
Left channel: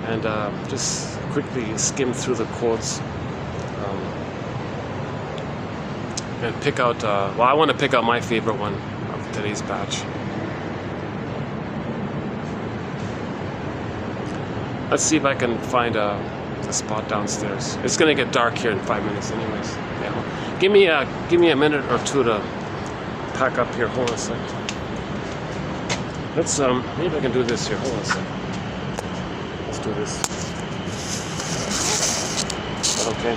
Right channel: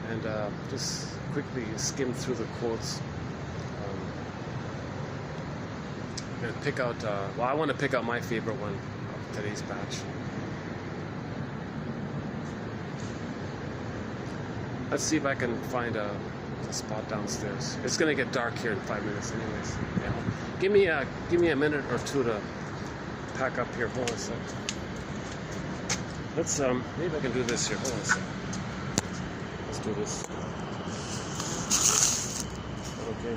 and just quickly skim through the quotes and pick out. Well, I want to pick out my favorite one of today's batch. Let's see if I can find a spot downstairs. It's gonna get dark here in 5 minutes, anyways. Yeah. Give me a minute or two to pack up here. Hold on a second. Let's maybe I can do this here. Hold on a second. Let's do this. Okay.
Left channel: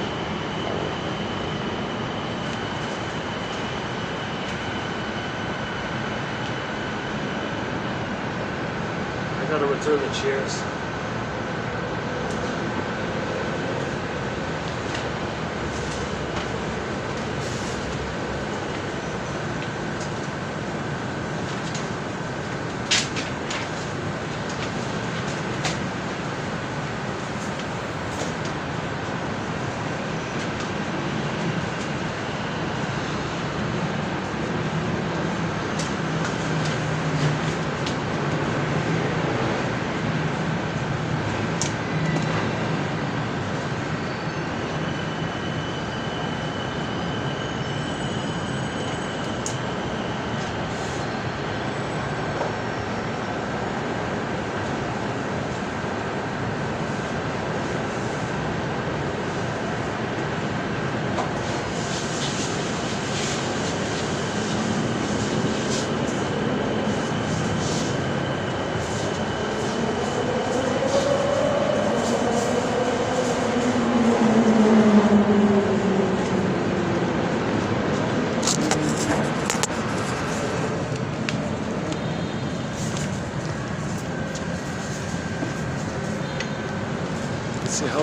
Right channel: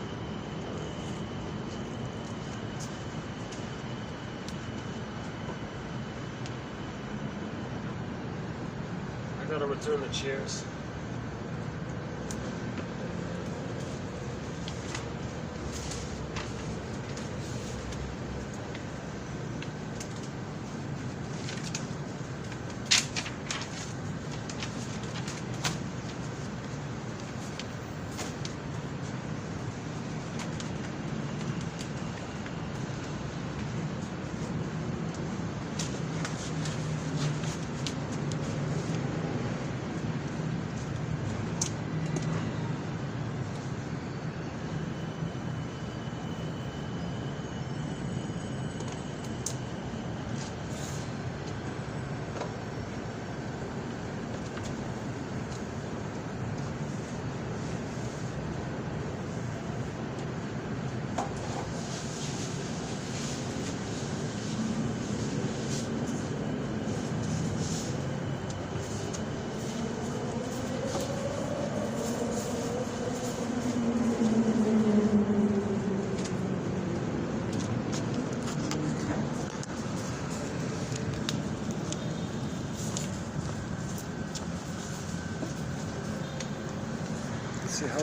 I gotta return the chairs.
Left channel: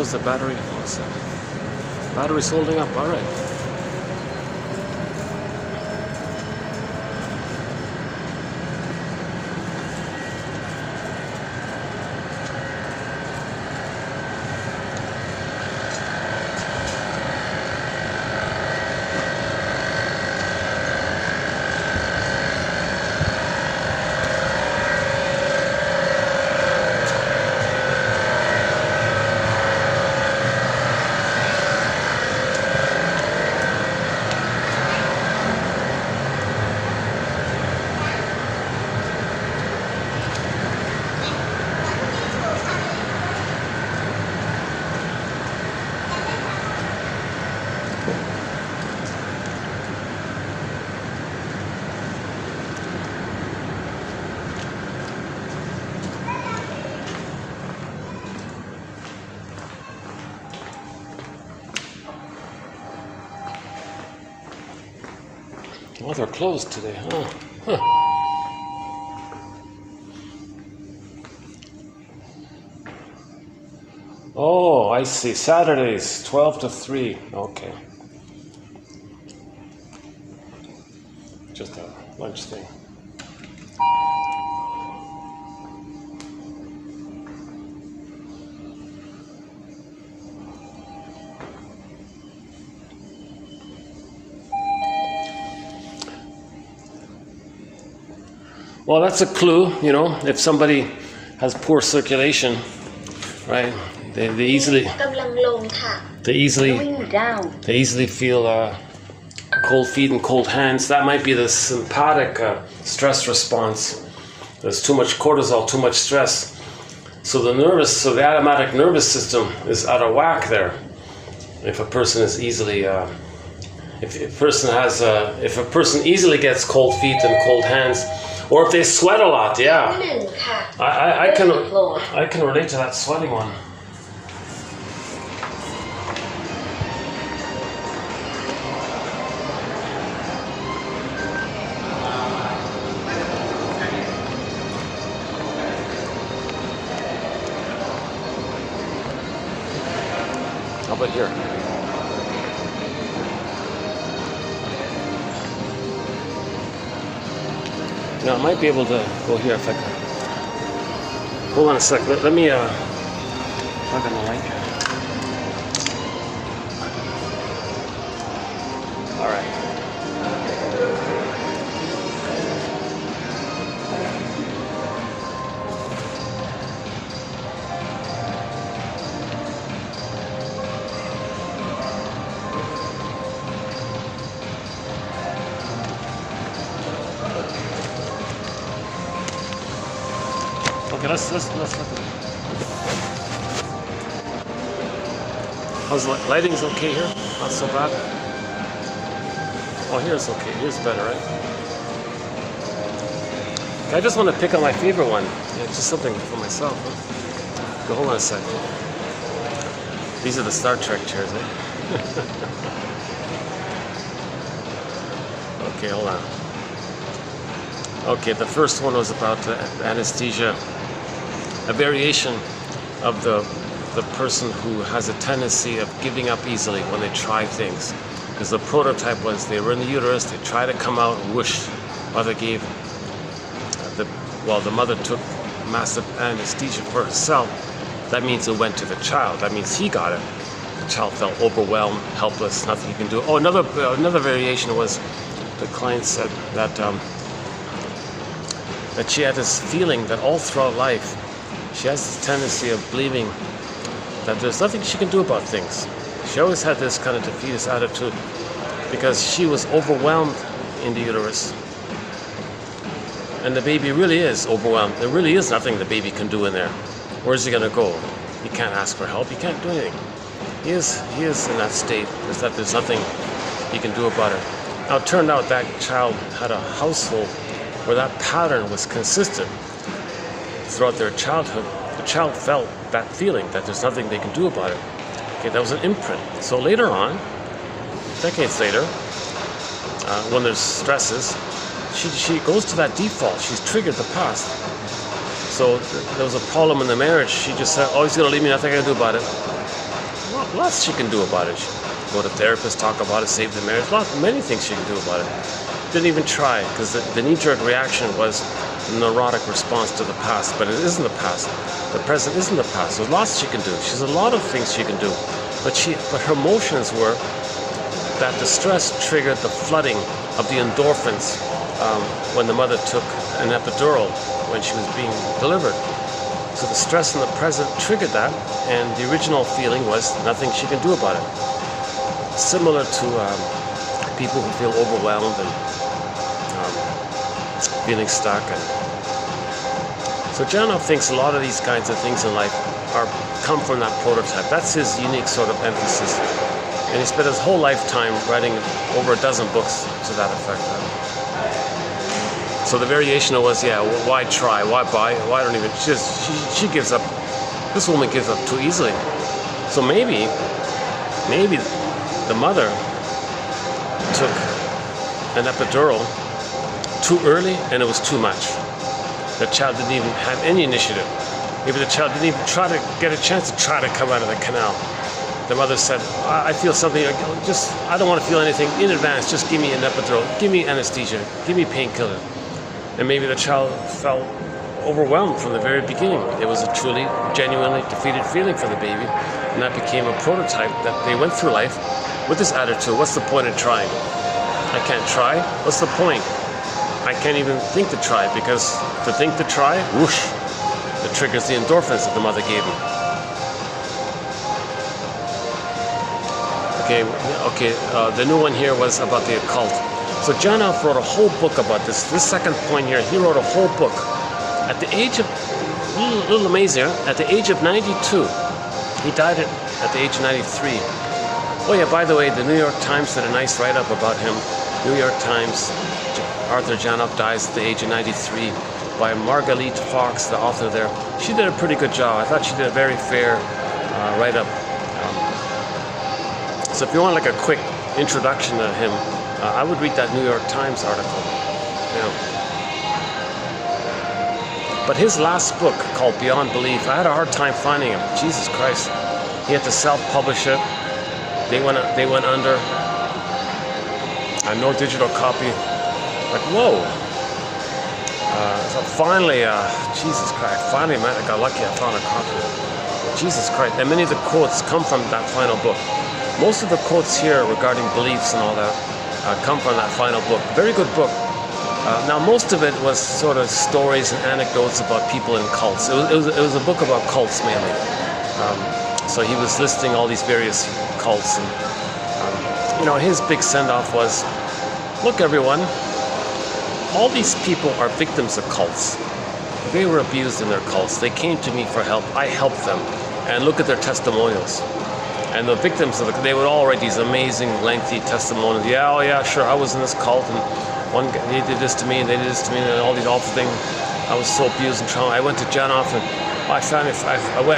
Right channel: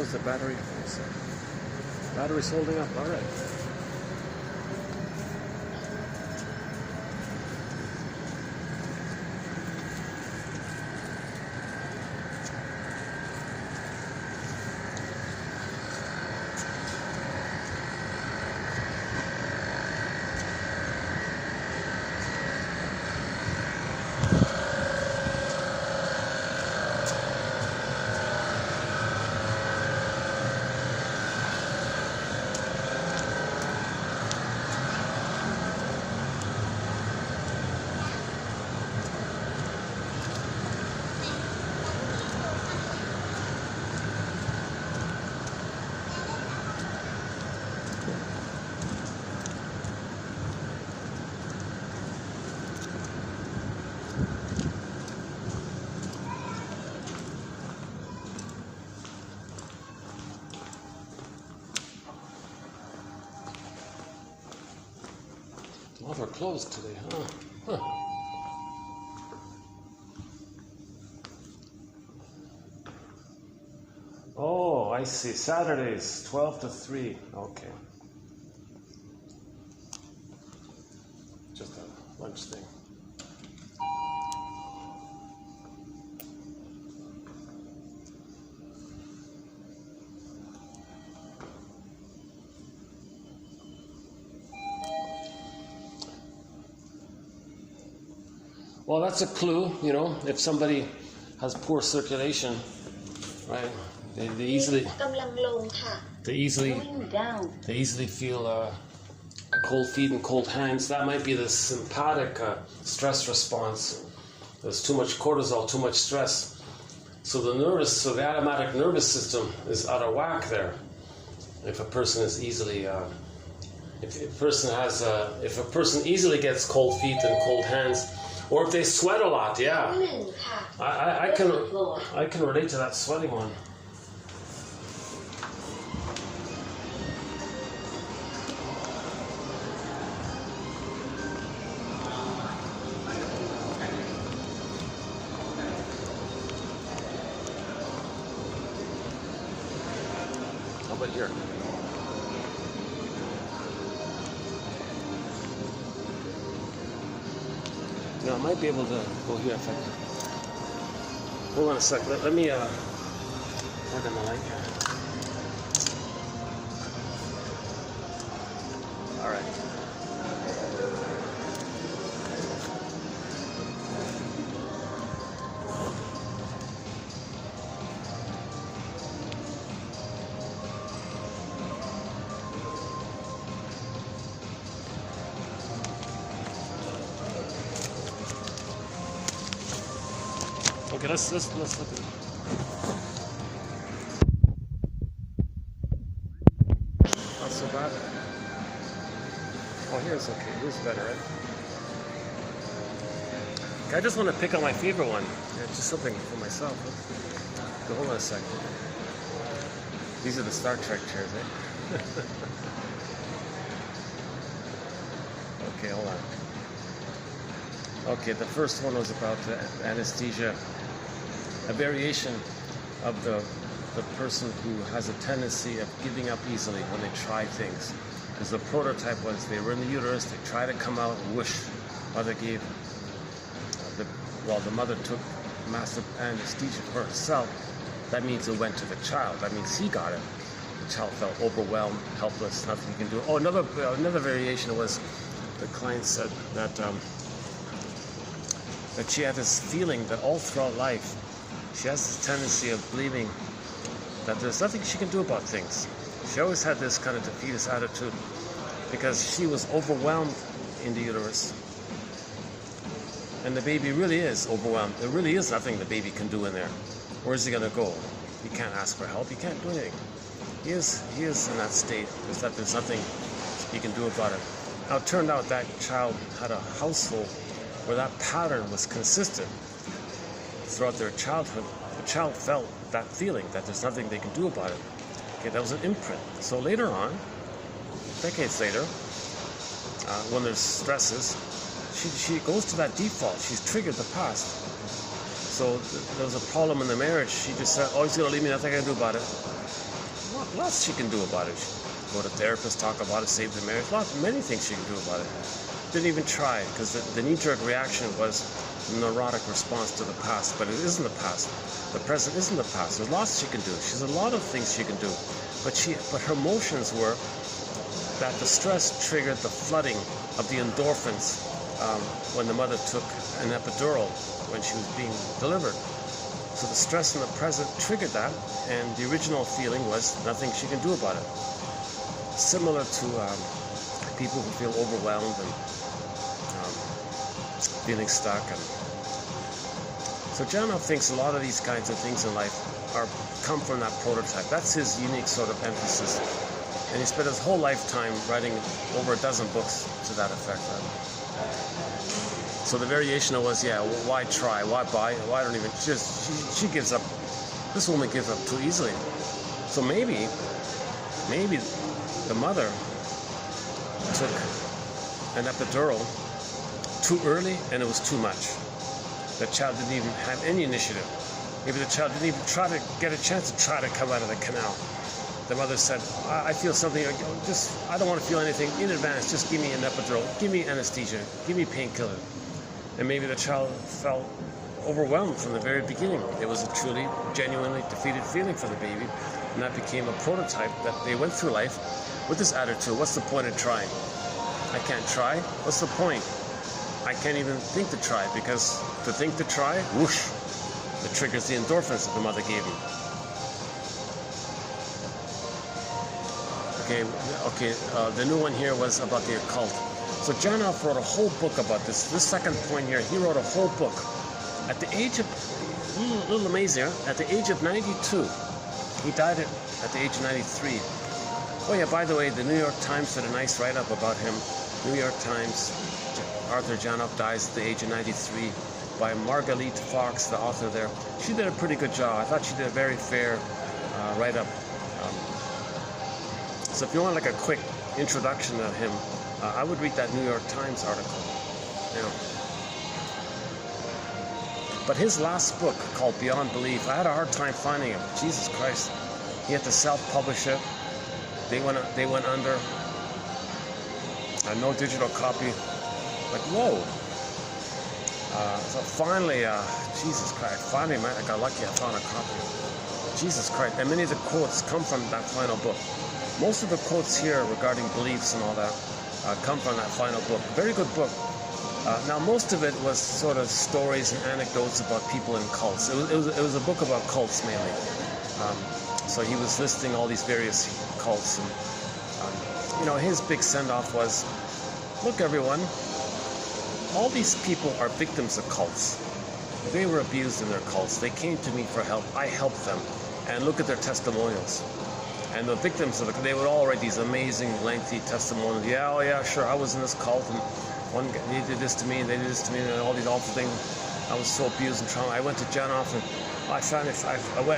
How's the battery? Battery's holding up, all right. Oh, they're closed today, huh? Oh, I see. Saturdays, 12 to 3. Okay. Just a lunch thing. Well, that's a clue, you know, if somebody has poor circulation, right? They easily feel cold feet and cold hands. That might be the sympathetic stress response. There's too much cortisol, too much stress. So the automatic nervous system is out of whack there. If a person is easily, if a person easily gets cold feet and cold hands, or if they sweat a lot, yeah. I can relate to that sweating one. How about here? Now I might be able to go here if I can. Hold on a sec. Let me plug in the light here. All right. Okay, let's look at it. How's the lighting's okay here? Not so bad. Oh, here's okay. Here's better, right? I just want to pick on my favorite one. Yeah, just something for myself. Huh? Hold on a second. These are the Star Trek chairs, eh? Okay, hold on. Okay, the first one was about anesthesia. A variation of the person who has a tendency of giving up easily when they try things. Because the prototype was they were in the uterus, they try to come out, whoosh, mother gave, the mother took massive anesthesia for herself. That means it went to the child. That means he got it. The child felt overwhelmed, helpless, nothing he can do. Oh, another variation was the client said that she had this feeling that all throughout life, she has this tendency of believing that there's nothing she can do about things. She always had this kind of defeatist attitude because she was overwhelmed in the uterus. And the baby really is overwhelmed. There really is nothing the baby can do in there. Where's he gonna go? He can't ask for help, he can't do anything. He is in that state, is that there's nothing he can do about it. Now it turned out that child had a household where that pattern was consistent throughout their childhood. The child felt that feeling that there's nothing they can do about it. Okay, that was an imprint. So later on, decades later, when there's stresses, she goes to that default. She's triggered the past. So there was a problem in the marriage. She just said, oh, he's gonna leave me, nothing I can do about it. lots she can do about it. She can go to therapists, talk about it, save the marriage. Many things she can do about it. Didn't even try, because the knee-jerk reaction was a neurotic response to the past, but it isn't the past. The present isn't the past. There's lots she can do. She's a lot of things she can do, but her emotions were that the stress triggered the flooding of the endorphins when the mother took an epidural when she was being delivered. So the stress in the present triggered that, and the original feeling was nothing she can do about it. Similar to people who feel overwhelmed and feeling stuck. And so Janov thinks a lot of these kinds of things in life come from that prototype. That's his unique sort of emphasis. And he spent his whole lifetime writing over a dozen books to that effect. So the variation was, yeah, why try? Why buy? Why don't even? She gives up. This woman gives up too easily. So maybe the mother took an epidural too early and it was too much. The child didn't even have any initiative. Maybe the child didn't even try to get a chance to try to come out of the canal. The mother said, I feel something, I don't want to feel anything in advance, just give me an epidural, give me anesthesia, give me painkiller. And maybe the child felt overwhelmed from the very beginning. It was a truly, genuinely defeated feeling for the baby, and that became a prototype that they went through life with this attitude. What's the point of trying? I can't try. What's the point? I can't even think to try, because to think to try, whoosh, it triggers the endorphins that the mother gave me. Okay, the new one here was about the occult. So Janov wrote a whole book about this. This second point here, he wrote a whole book. At the age of, a little amazing, at the age of 92, he died at the age of 93. Oh yeah, by the way, the New York Times did a nice write-up about him. New York Times, Arthur Janov dies at the age of 93 by Margalit Fox, the author there. She did a pretty good job. I thought she did a very fair write-up. So if you want like a quick introduction to him, I would read that New York Times article. Yeah. But his last book, called Beyond Belief, I had a hard time finding him. Jesus Christ. He had to self-publish it. They went under. No digital copy. Like, whoa. So finally, Jesus Christ, finally, man, I got lucky, I found a copy. Jesus Christ. And many of the quotes come from that final book. Most of the quotes here regarding beliefs and all that come from that final book. Very good book. Now, most of it was sort of stories and anecdotes about people in cults. It was a book about cults mainly. So he was listing all these various cults. And, his big send-off was, look, everyone, all these people are victims of cults. They were abused in their cults. They came to me for help. I helped them. And look at their testimonials. And the victims they would all write these amazing, lengthy testimonials. Yeah, oh yeah, sure, I was in this cult, and one guy, they did this to me, and they did this to me, and all these awful things. I was so abused and traumatized. I went to Janov, and I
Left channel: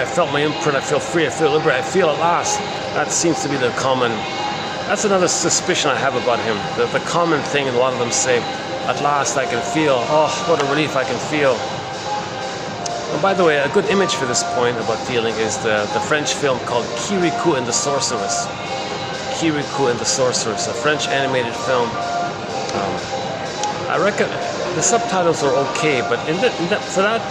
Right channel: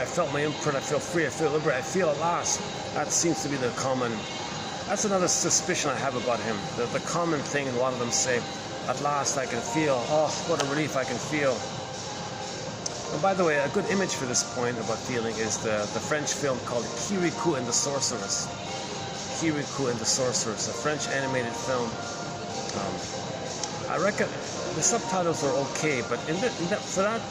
felt my imprint. I feel free. I feel liberated. I feel at last. That seems to be the common. That's another suspicion I have about him. The common thing, and a lot of them say, at last I can feel. Oh, what a relief I can feel. And by the way, a good image for this point about feeling is the French film called Kirikou and the Sorceress. Kirikou and the Sorceress, a French animated film. I reckon the subtitles are okay, but for that,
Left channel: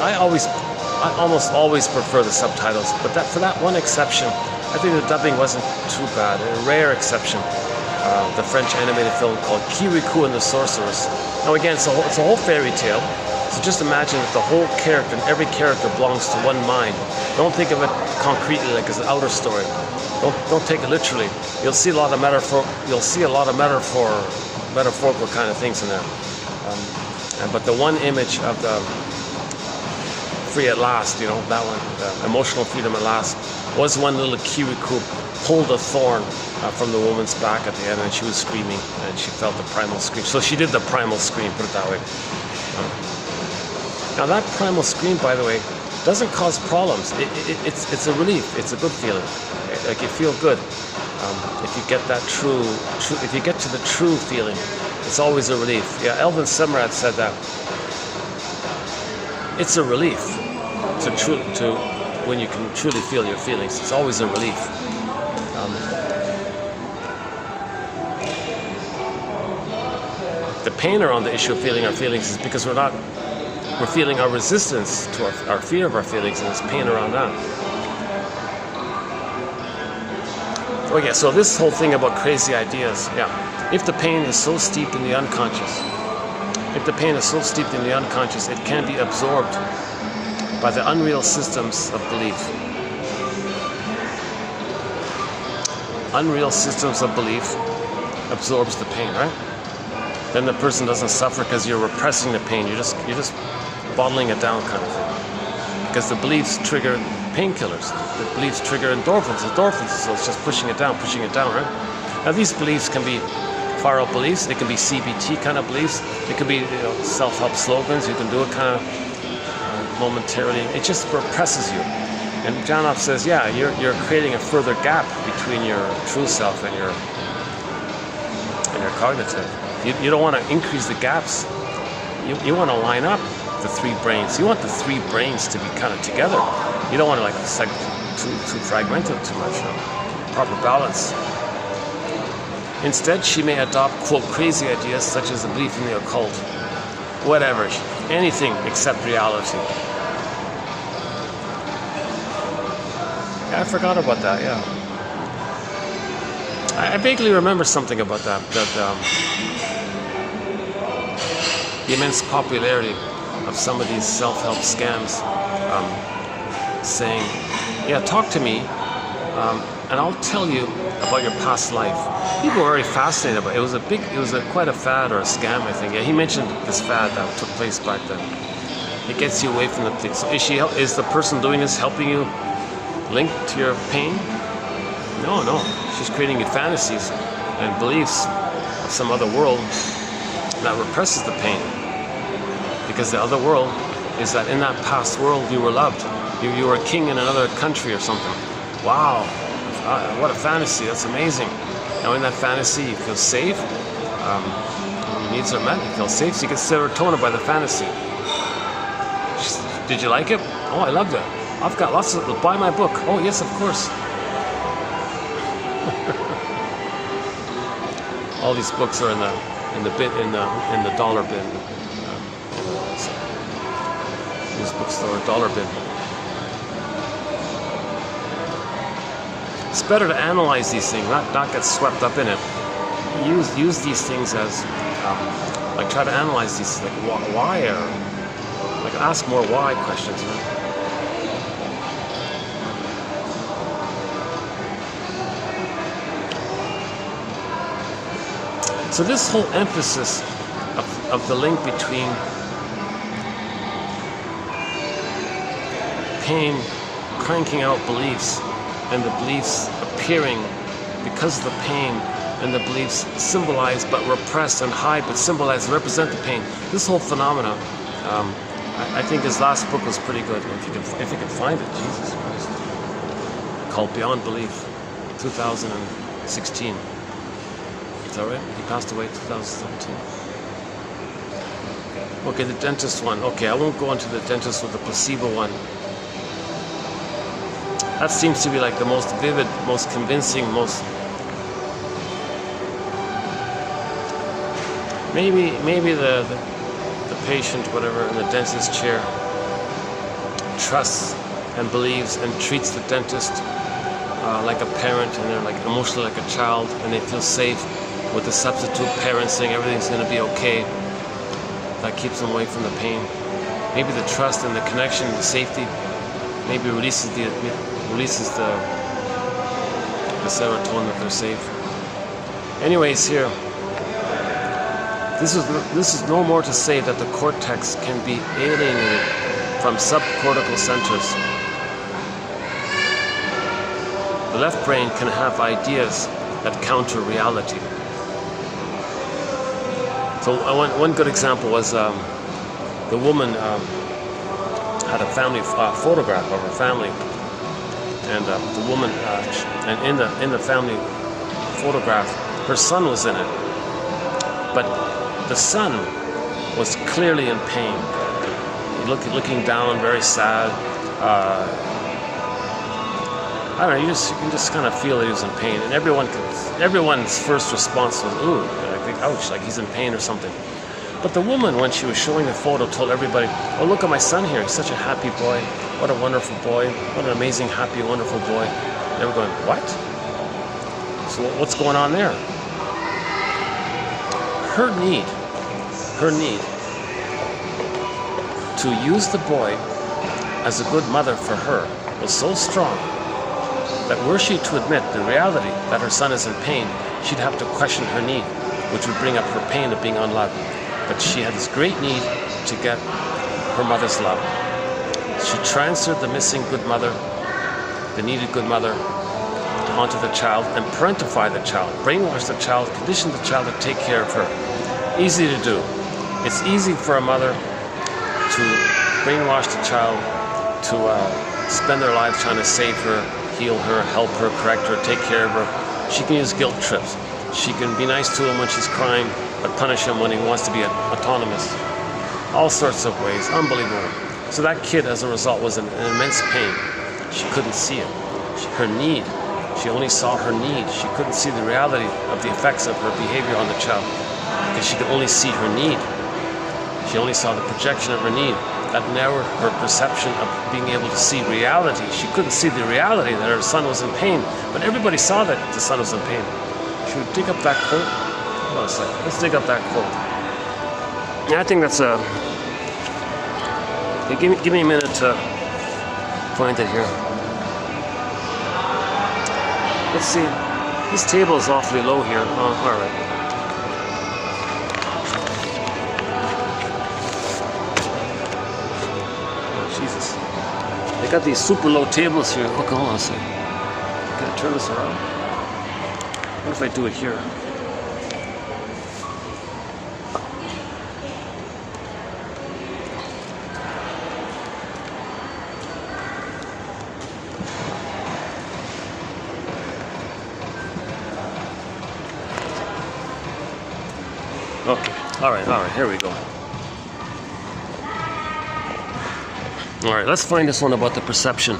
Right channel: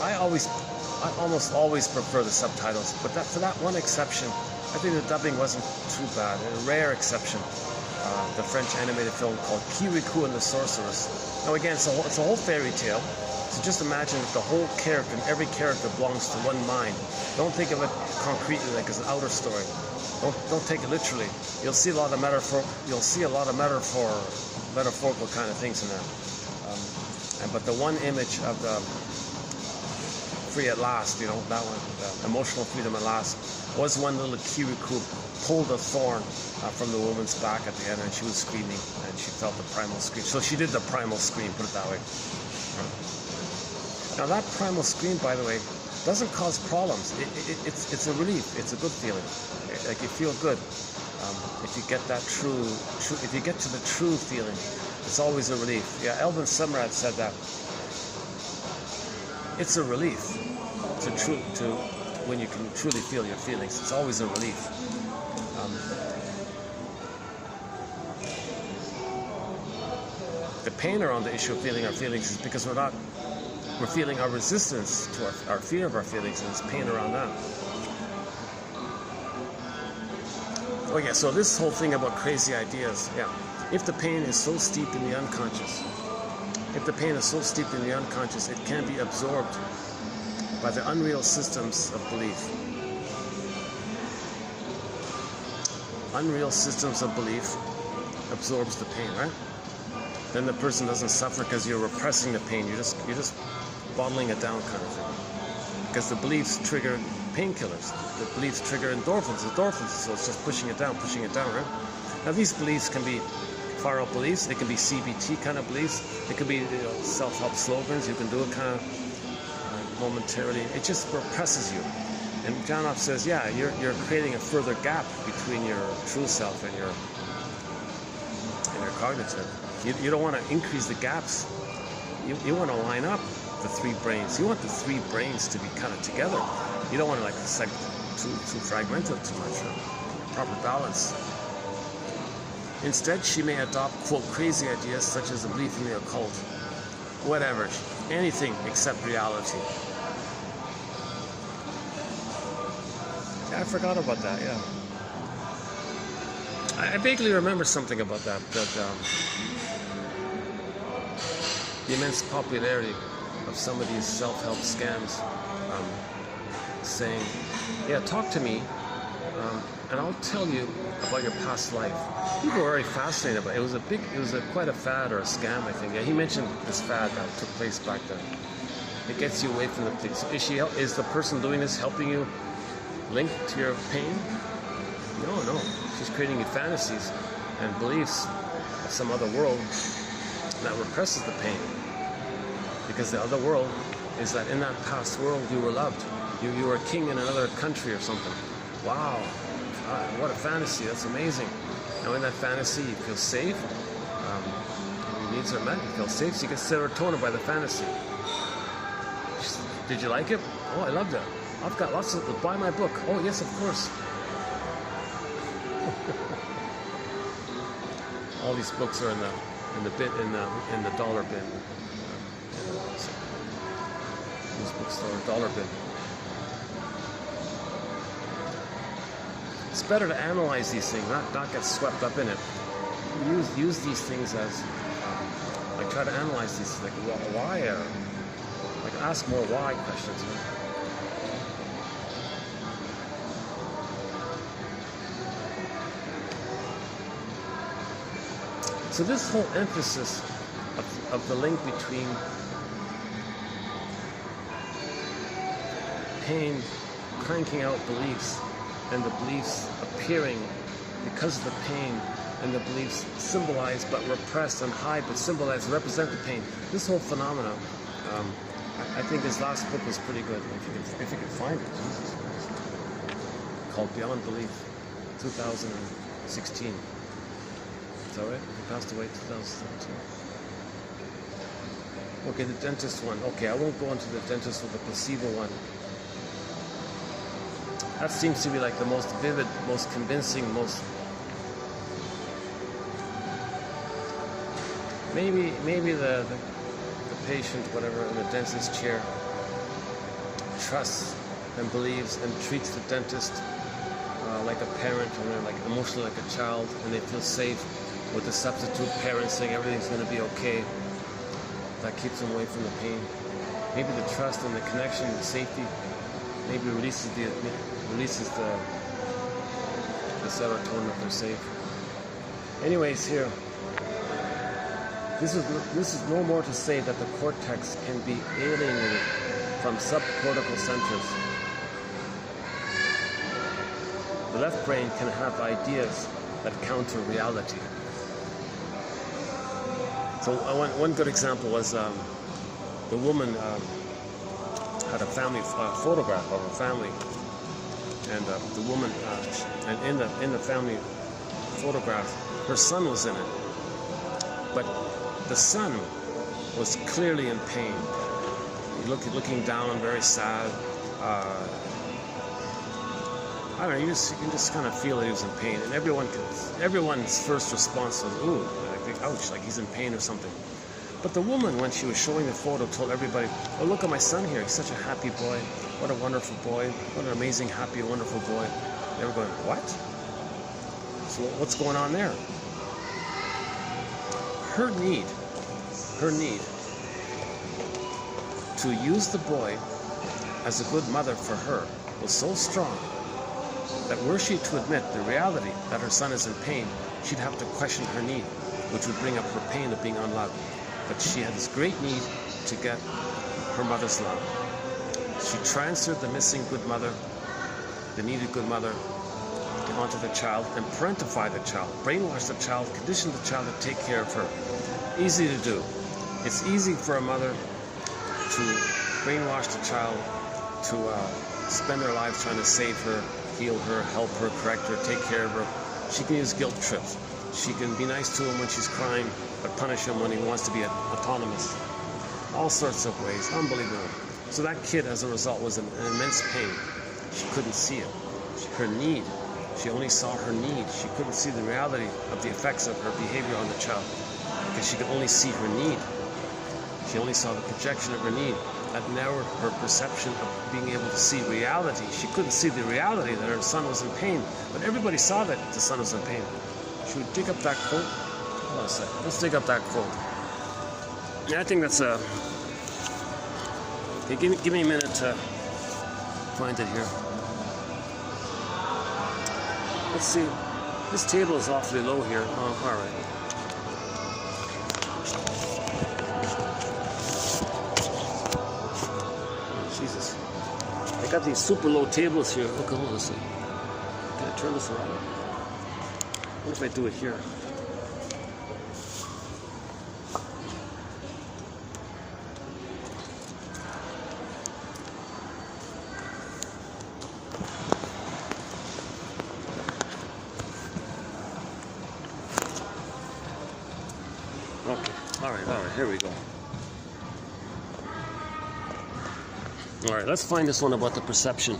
I almost always prefer the subtitles. But for that one exception, I think the dubbing wasn't too bad. A rare exception. The French animated film called Kirikou and the Sorceress. Now again, it's a whole fairy tale. So just imagine that the whole character and every character belongs to one mind. Don't think of it concretely like it's an outer story. Don't take it literally. You'll see a lot of metaphorical kind of things in there. But the one image of the free at last, that one, the emotional freedom at last, was one little Kirikou pulled a thorn from the woman's back at the end, and she was screaming, and she felt the primal scream. So she did the primal scream, put it that way. Now that primal scream, by the way, doesn't cause problems. It's a relief. It's a good feeling. Like you feel good. If you get that if you get to the true feeling, it's always a relief. Yeah, Elvin Semrad said that. It's a relief to when you can truly feel your feelings. It's always a relief. The pain around the issue of feeling our feelings is because we're feeling our resistance to our fear of our feelings, and there's pain around that. Okay, so this whole thing about crazy ideas, yeah. If the pain is so steeped in the unconscious, it can be absorbed by the unreal systems of belief. Unreal systems of belief absorbs the pain, right? Then the person doesn't suffer because you're repressing the pain. You're just bottling it down, kind of thing. Because the beliefs trigger painkillers. The beliefs trigger endorphins, so it's just pushing it down, right? Now these beliefs can be far-out beliefs. They can be CBT kind of beliefs. They can be self-help slogans. You can do it kind of momentarily. It just represses you. And Janoff says, yeah, you're creating a further gap between your true self and your cognitive. You don't want to increase the gaps. You want to line up the three brains. You want the three brains to be kind of together. You don't want to too fragmented too much. Proper balance. Instead, she may adopt, quote, crazy ideas such as a belief in the occult. Whatever. Anything except reality. Yeah, I forgot about that, yeah. I vaguely remember something about that. The immense popularity of some of these self-help scams, saying, yeah, talk to me, and I'll tell you about your past life. People were already fascinated about it. It was quite a fad or a scam, I think. Yeah, he mentioned this fad that took place back then. It gets you away from the thing. So is the person doing this helping you link to your pain? No. She's creating you fantasies and beliefs of some other world that represses the pain. Because the other world is that in that past world you were loved. You were a king in another country or something. Wow, what a fantasy, that's amazing. Now in that fantasy you feel safe, your needs are met, you feel safe, so you get serotonin by the fantasy. Did you like it? Oh, I loved it. I've got lots of, buy my book. Oh yes, of course. All these books are in the dollar bin. This bookstore, dollar bin. It's better to analyze these things, not get swept up in it. Use these things as try to analyze these, why, or ask more why questions. So this whole emphasis of the link between pain cranking out beliefs and the beliefs appearing because of the pain, and the beliefs symbolize but repress and hide but symbolize and represent the pain. This whole phenomena, I think his last book was pretty good. If you can find it, Jesus Christ. Called Beyond Belief, 2016. Is that right? He passed away in 2017. Okay, the dentist one. Okay, I won't go into the dentist with the placebo one. That seems to be like the most vivid, most convincing, most... Maybe the patient, whatever, in the dentist chair trusts and believes and treats the dentist like a parent, and they're like emotionally like a child, and they feel safe with the substitute parent saying everything's going to be okay. That keeps them away from the pain. Maybe the trust and the connection and the safety maybe releases the serotonin that they're safe. Anyways, here, this is no more to say that the cortex can be alienated from subcortical centers. The left brain can have ideas that counter reality. So one good example was the woman had a family photograph of her family, and the woman, and in the family photograph, her son was in it, but the son was clearly in pain, looking down, very sad. I don't know, you can just kind of feel that he was in pain. And everyone's first response was, ooh, like, ouch, like he's in pain or something. But the woman, when she was showing the photo, told everybody, oh, look at my son here. He's such a happy boy. What a wonderful boy. What an amazing, happy, wonderful boy. And they were going, what? So what's going on there? Her need to use the boy as a good mother for her was so strong that were she to admit the reality that her son is in pain, she'd have to question her need, which would bring up her pain of being unloved. But she had this great need to get her mother's love. She transferred the missing good mother, the needed good mother, onto the child and parentified the child, brainwashed the child, conditioned the child to take care of her. Easy to do. It's easy for a mother to brainwash the child, to spend their lives trying to save her, heal her, help her, correct her, take care of her. She can use guilt trips. She can be nice to him when she's crying, but punish him when he wants to be autonomous. All sorts of ways. Unbelievable. So that kid, as a result, was in immense pain. She couldn't see it. Her need. She only saw her need. She couldn't see the reality of the effects of her behavior on the child because she could only see her need. She only saw the projection of her need. That narrowed her perception of being able to see reality. She couldn't see the reality that her son was in pain, but everybody saw that the son was in pain. Should we dig up that quote? Hold on a second. Let's dig up that quote. Yeah, I think that's a... Okay, give me a minute to find it here. Let's see. This table is awfully low here. Oh, all right. Jesus. They got these super low tables here. Look, hold on a second. Gotta turn this around. What if I do it here? Okay. All right. Here we go. All right, let's find this one about the perception.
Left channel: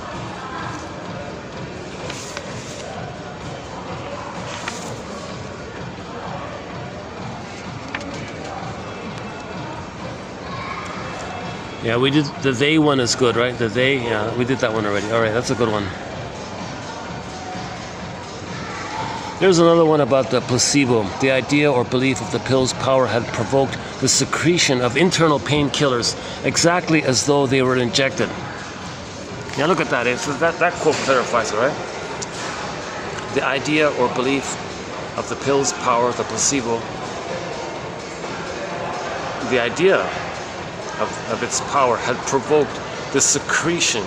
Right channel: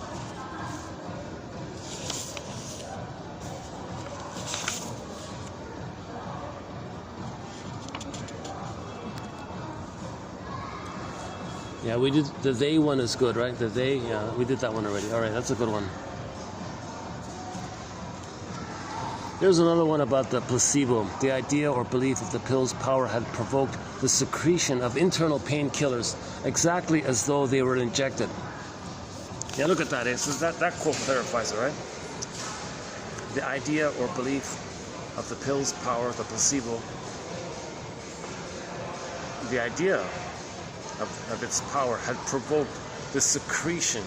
Yeah, we did the they one is good, right? The they, yeah, we did that one already. All right, that's a good one. Here's another one about the placebo. The idea or belief of the pill's power had provoked the secretion of internal painkillers, exactly as though they were injected. Now look at that. That quote clarifies it, right? The idea or belief of the pill's power, the placebo, the idea of its power had provoked the secretion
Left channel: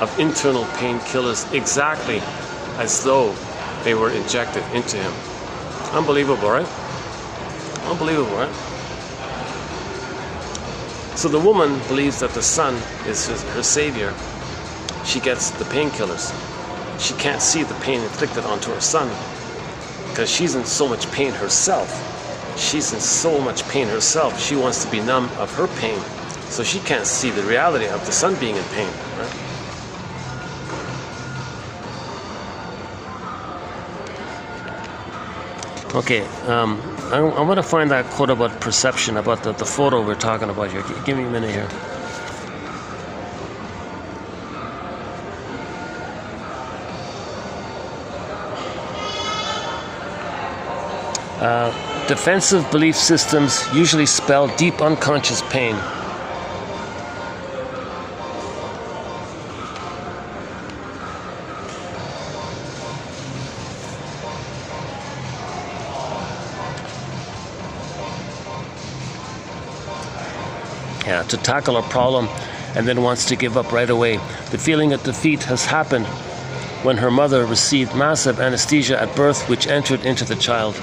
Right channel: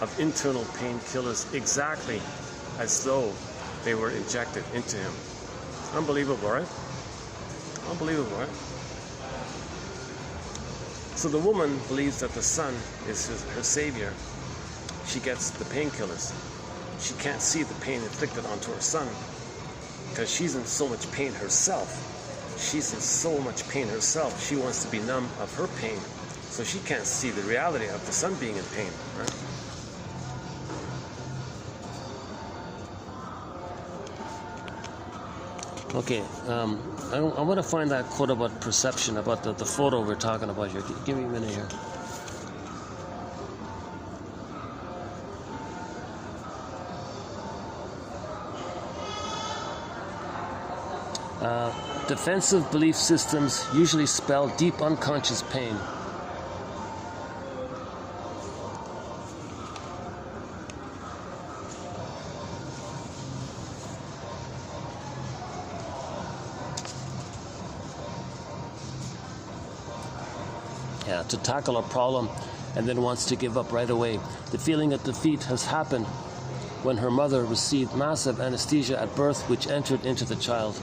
of internal painkillers, exactly as though they were injected into him. Unbelievable, right? Unbelievable, right? So the woman believes that the son is her savior. She gets the painkillers. She can't see the pain inflicted onto her son because she's in so much pain herself. She's in so much pain herself. She wants to be numb of her pain. So she can't see the reality of the son being in pain, right? Okay, I want to find that quote about perception, about the photo we're talking about here. Give me a minute here. Defensive belief systems usually spell deep unconscious pain. Yeah, to tackle a problem and then wants to give up right away. The feeling of defeat has happened when her mother received massive anesthesia at birth, which entered into the child.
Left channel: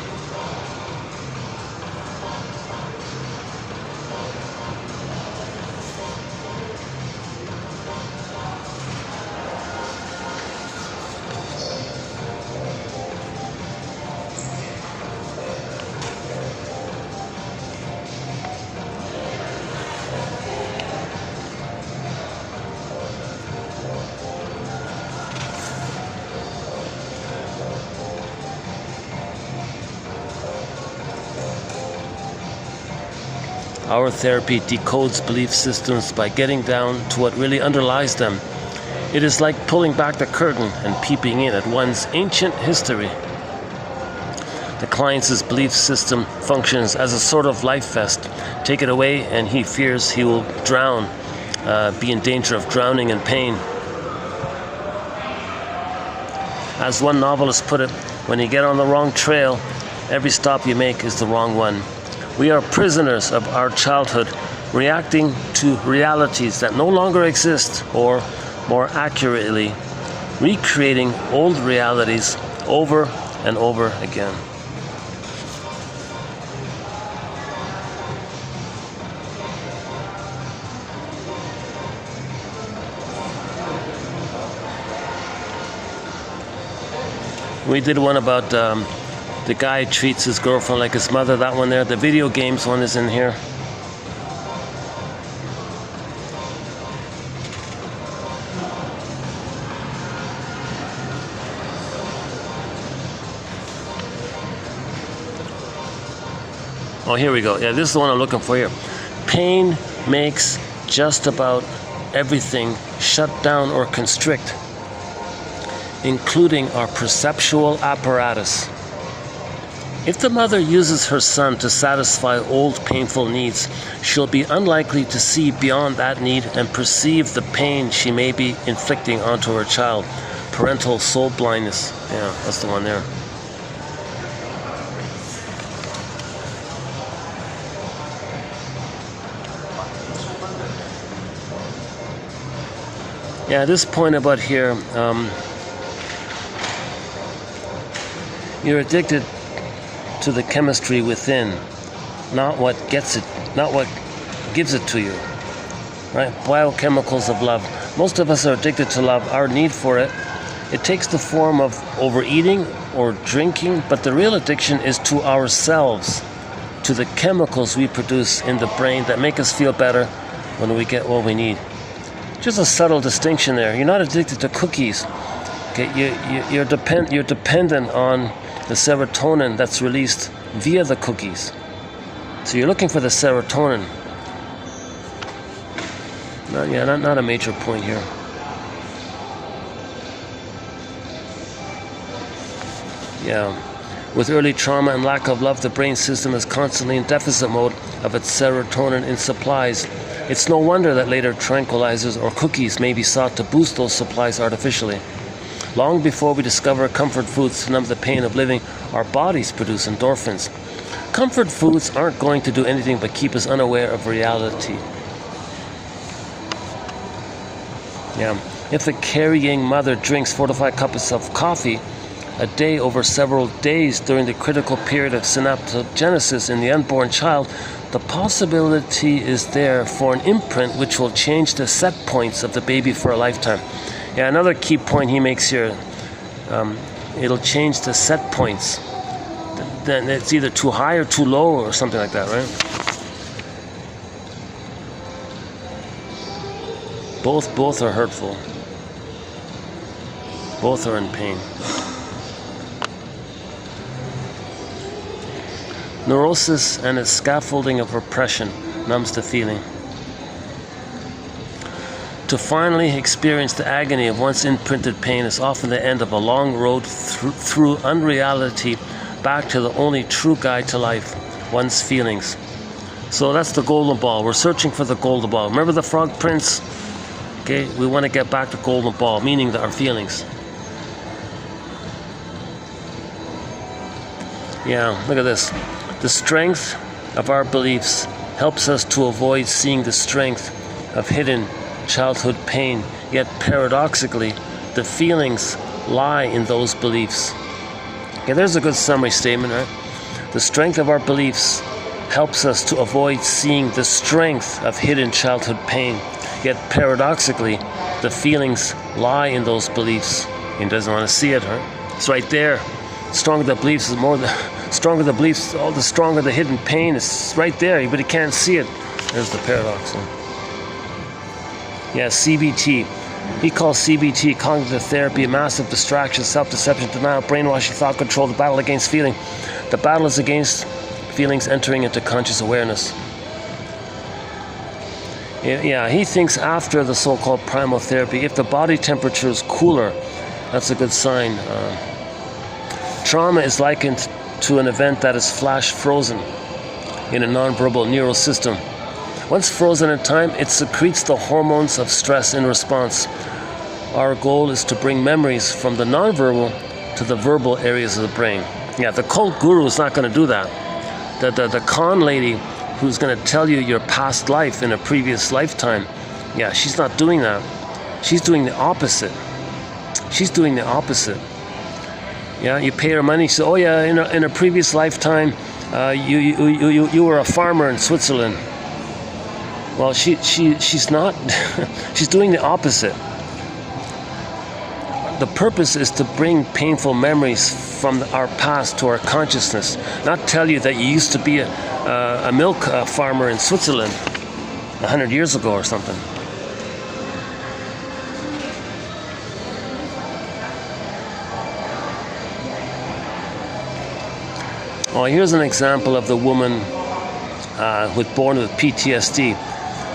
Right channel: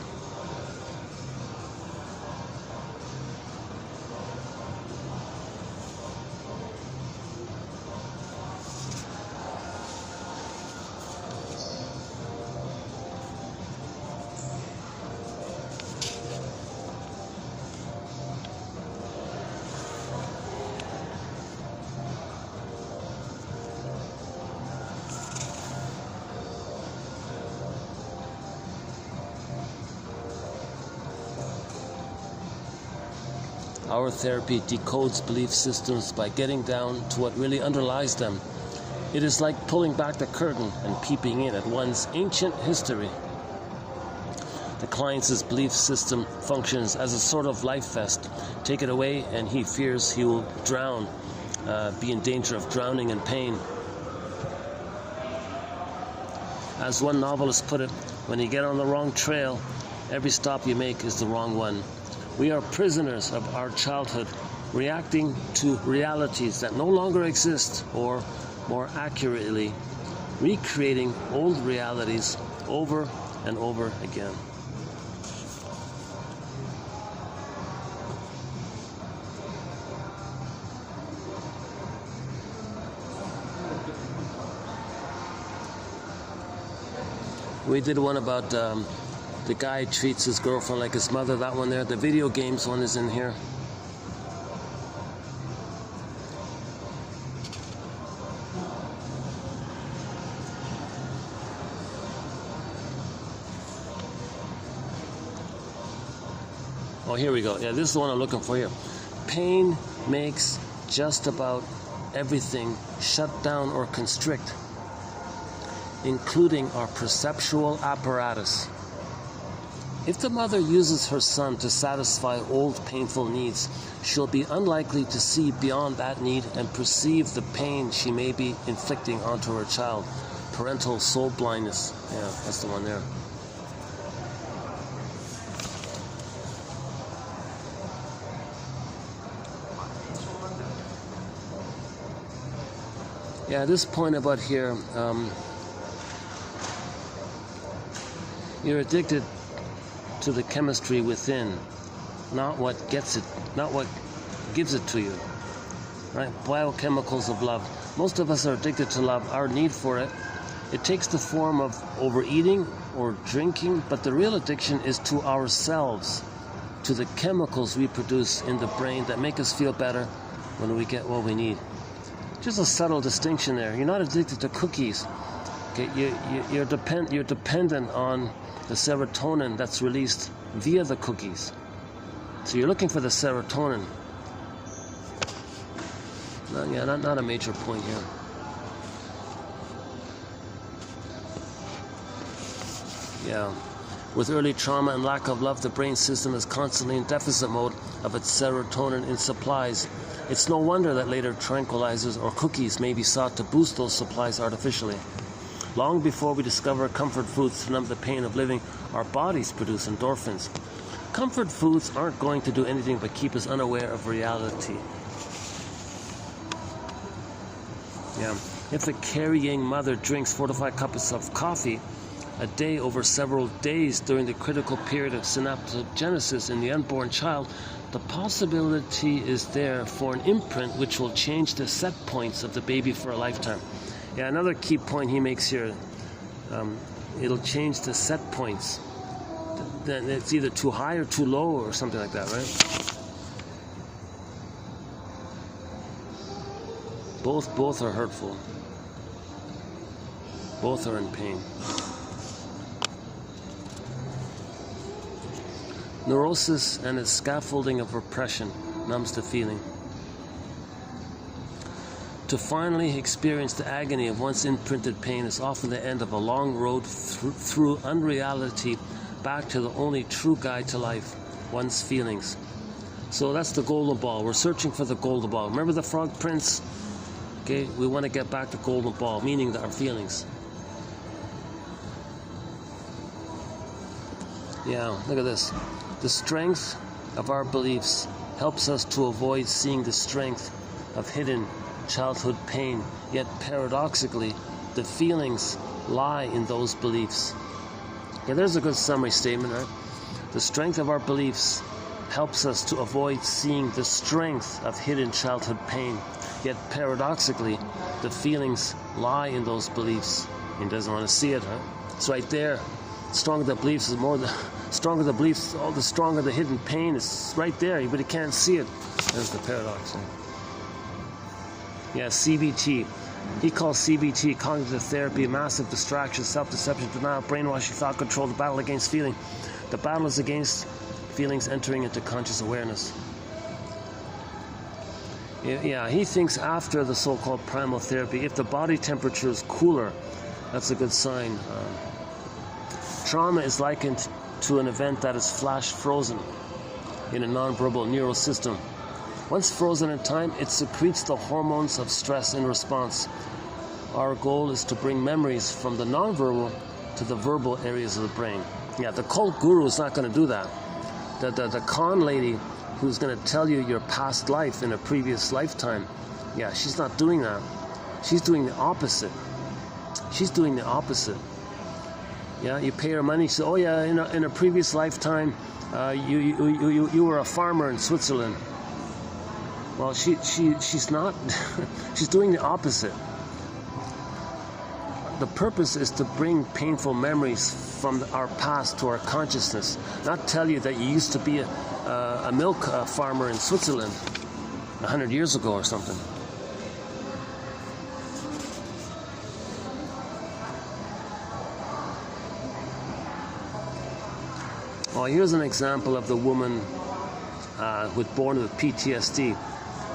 Our therapy decodes belief systems by getting down to what really underlies them. It is like pulling back the curtain and peeping in at one's ancient history. The client's belief system functions as a sort of life vest. Take it away and he fears he will drown, be in danger of drowning in pain. As one novelist put it, when you get on the wrong trail, every stop you make is the wrong one. We are prisoners of our childhood, reacting to realities that no longer exist, or more accurately, recreating old realities over and over again. We did one about the guy treats his girlfriend like his mother, that one there. The video games one is in here. Oh, here we go. Yeah, this is the one I'm looking for here. Pain makes just about everything shut down or constrict, including our perceptual apparatus. If the mother uses her son to satisfy old painful needs, she'll be unlikely to see beyond that need and perceive the pain she may be inflicting onto her child. Parental soul blindness. Yeah, that's the one there. Yeah, this point about here, you're addicted to the chemistry within, not what gets it, not what gives it to you, right? Biochemicals of love. Most of us are addicted to love. Our need for it, it takes the form of overeating or drinking, but the real addiction is to ourselves, to the chemicals we produce in the brain that make us feel better when we get what we need. Just a subtle distinction there. You're not addicted to cookies. Okay, you're dependent on the serotonin that's released via the cookies. So you're looking for the serotonin. Not a major point here. Yeah. With early trauma and lack of love, the brain system is constantly in deficit mode of its serotonin in supplies. It's no wonder that later tranquilizers or cookies may be sought to boost those supplies artificially. Long before we discover comfort foods to numb the pain of living, our bodies produce endorphins. Comfort foods aren't going to do anything but keep us unaware of reality. Yeah. If a carrying mother drinks 4 to 5 cups of coffee a day over several days during the critical period of synaptogenesis in the unborn child, the possibility is there for an imprint which will change the set points of the baby for a lifetime. Yeah, another key point he makes here, it'll change the set points. Then it's either too high or too low or something like that, right? Both are hurtful. Both are in pain. Neurosis and its scaffolding of repression numbs the feeling. To finally experience the agony of once imprinted pain is often the end of a long road through unreality back to the only true guide to life, one's feelings. So that's the golden ball. We're searching for the golden ball. Remember the Frog Prince? Okay, we want to get back to golden ball, meaning our feelings. Yeah, look at this. The strength of our beliefs helps us to avoid seeing the strength of hidden childhood pain, yet paradoxically, the feelings lie in those beliefs. Okay, there's a good summary statement, right? The strength of our beliefs helps us to avoid seeing the strength of hidden childhood pain, yet paradoxically, the feelings lie in those beliefs. He doesn't want to see it, right? It's right there. The stronger the beliefs, stronger the beliefs, all the stronger the hidden pain. It's right there, but he can't see it. There's the paradox. Yeah, CBT. He calls CBT, cognitive therapy, a massive distraction, self-deception, denial, brainwashing, thought control, the battle against feeling. The battle is against feelings entering into conscious awareness. Yeah, he thinks after the so-called primal therapy, if the body temperature is cooler, that's a good sign. Trauma is likened to an event that is flash frozen in a nonverbal neural system. Once frozen in time, it secretes the hormones of stress in response. Our goal is to bring memories from the nonverbal to the verbal areas of the brain. Yeah, the cult guru is not going to do that. The con lady who's going to tell you your past life in a previous lifetime, yeah, she's not doing that. She's doing the opposite. She's doing the opposite. Yeah, you pay her money. She says, oh yeah, in a previous lifetime, you were a farmer in Switzerland. Well, she's not. She's doing the opposite. The purpose is to bring painful memories from our past to our consciousness, not tell you that you used to be a milk farmer in Switzerland 100 years ago or something. Oh, here's an example of the woman who was born with PTSD.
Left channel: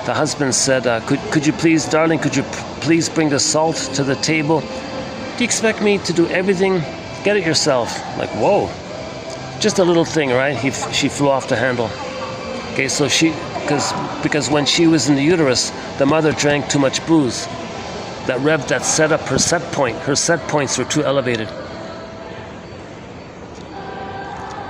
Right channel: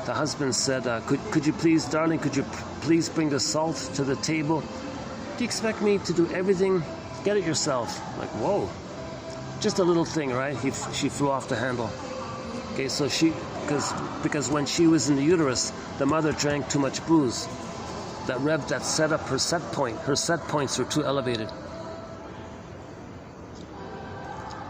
The husband said, could you please, darling, could you please bring the salt to the table? Do you expect me to do everything? Get it yourself. Like, whoa. Just a little thing, right? She flew off the handle. Okay, so because when she was in the uterus, the mother drank too much booze. That set up her set point. Her set points were too elevated.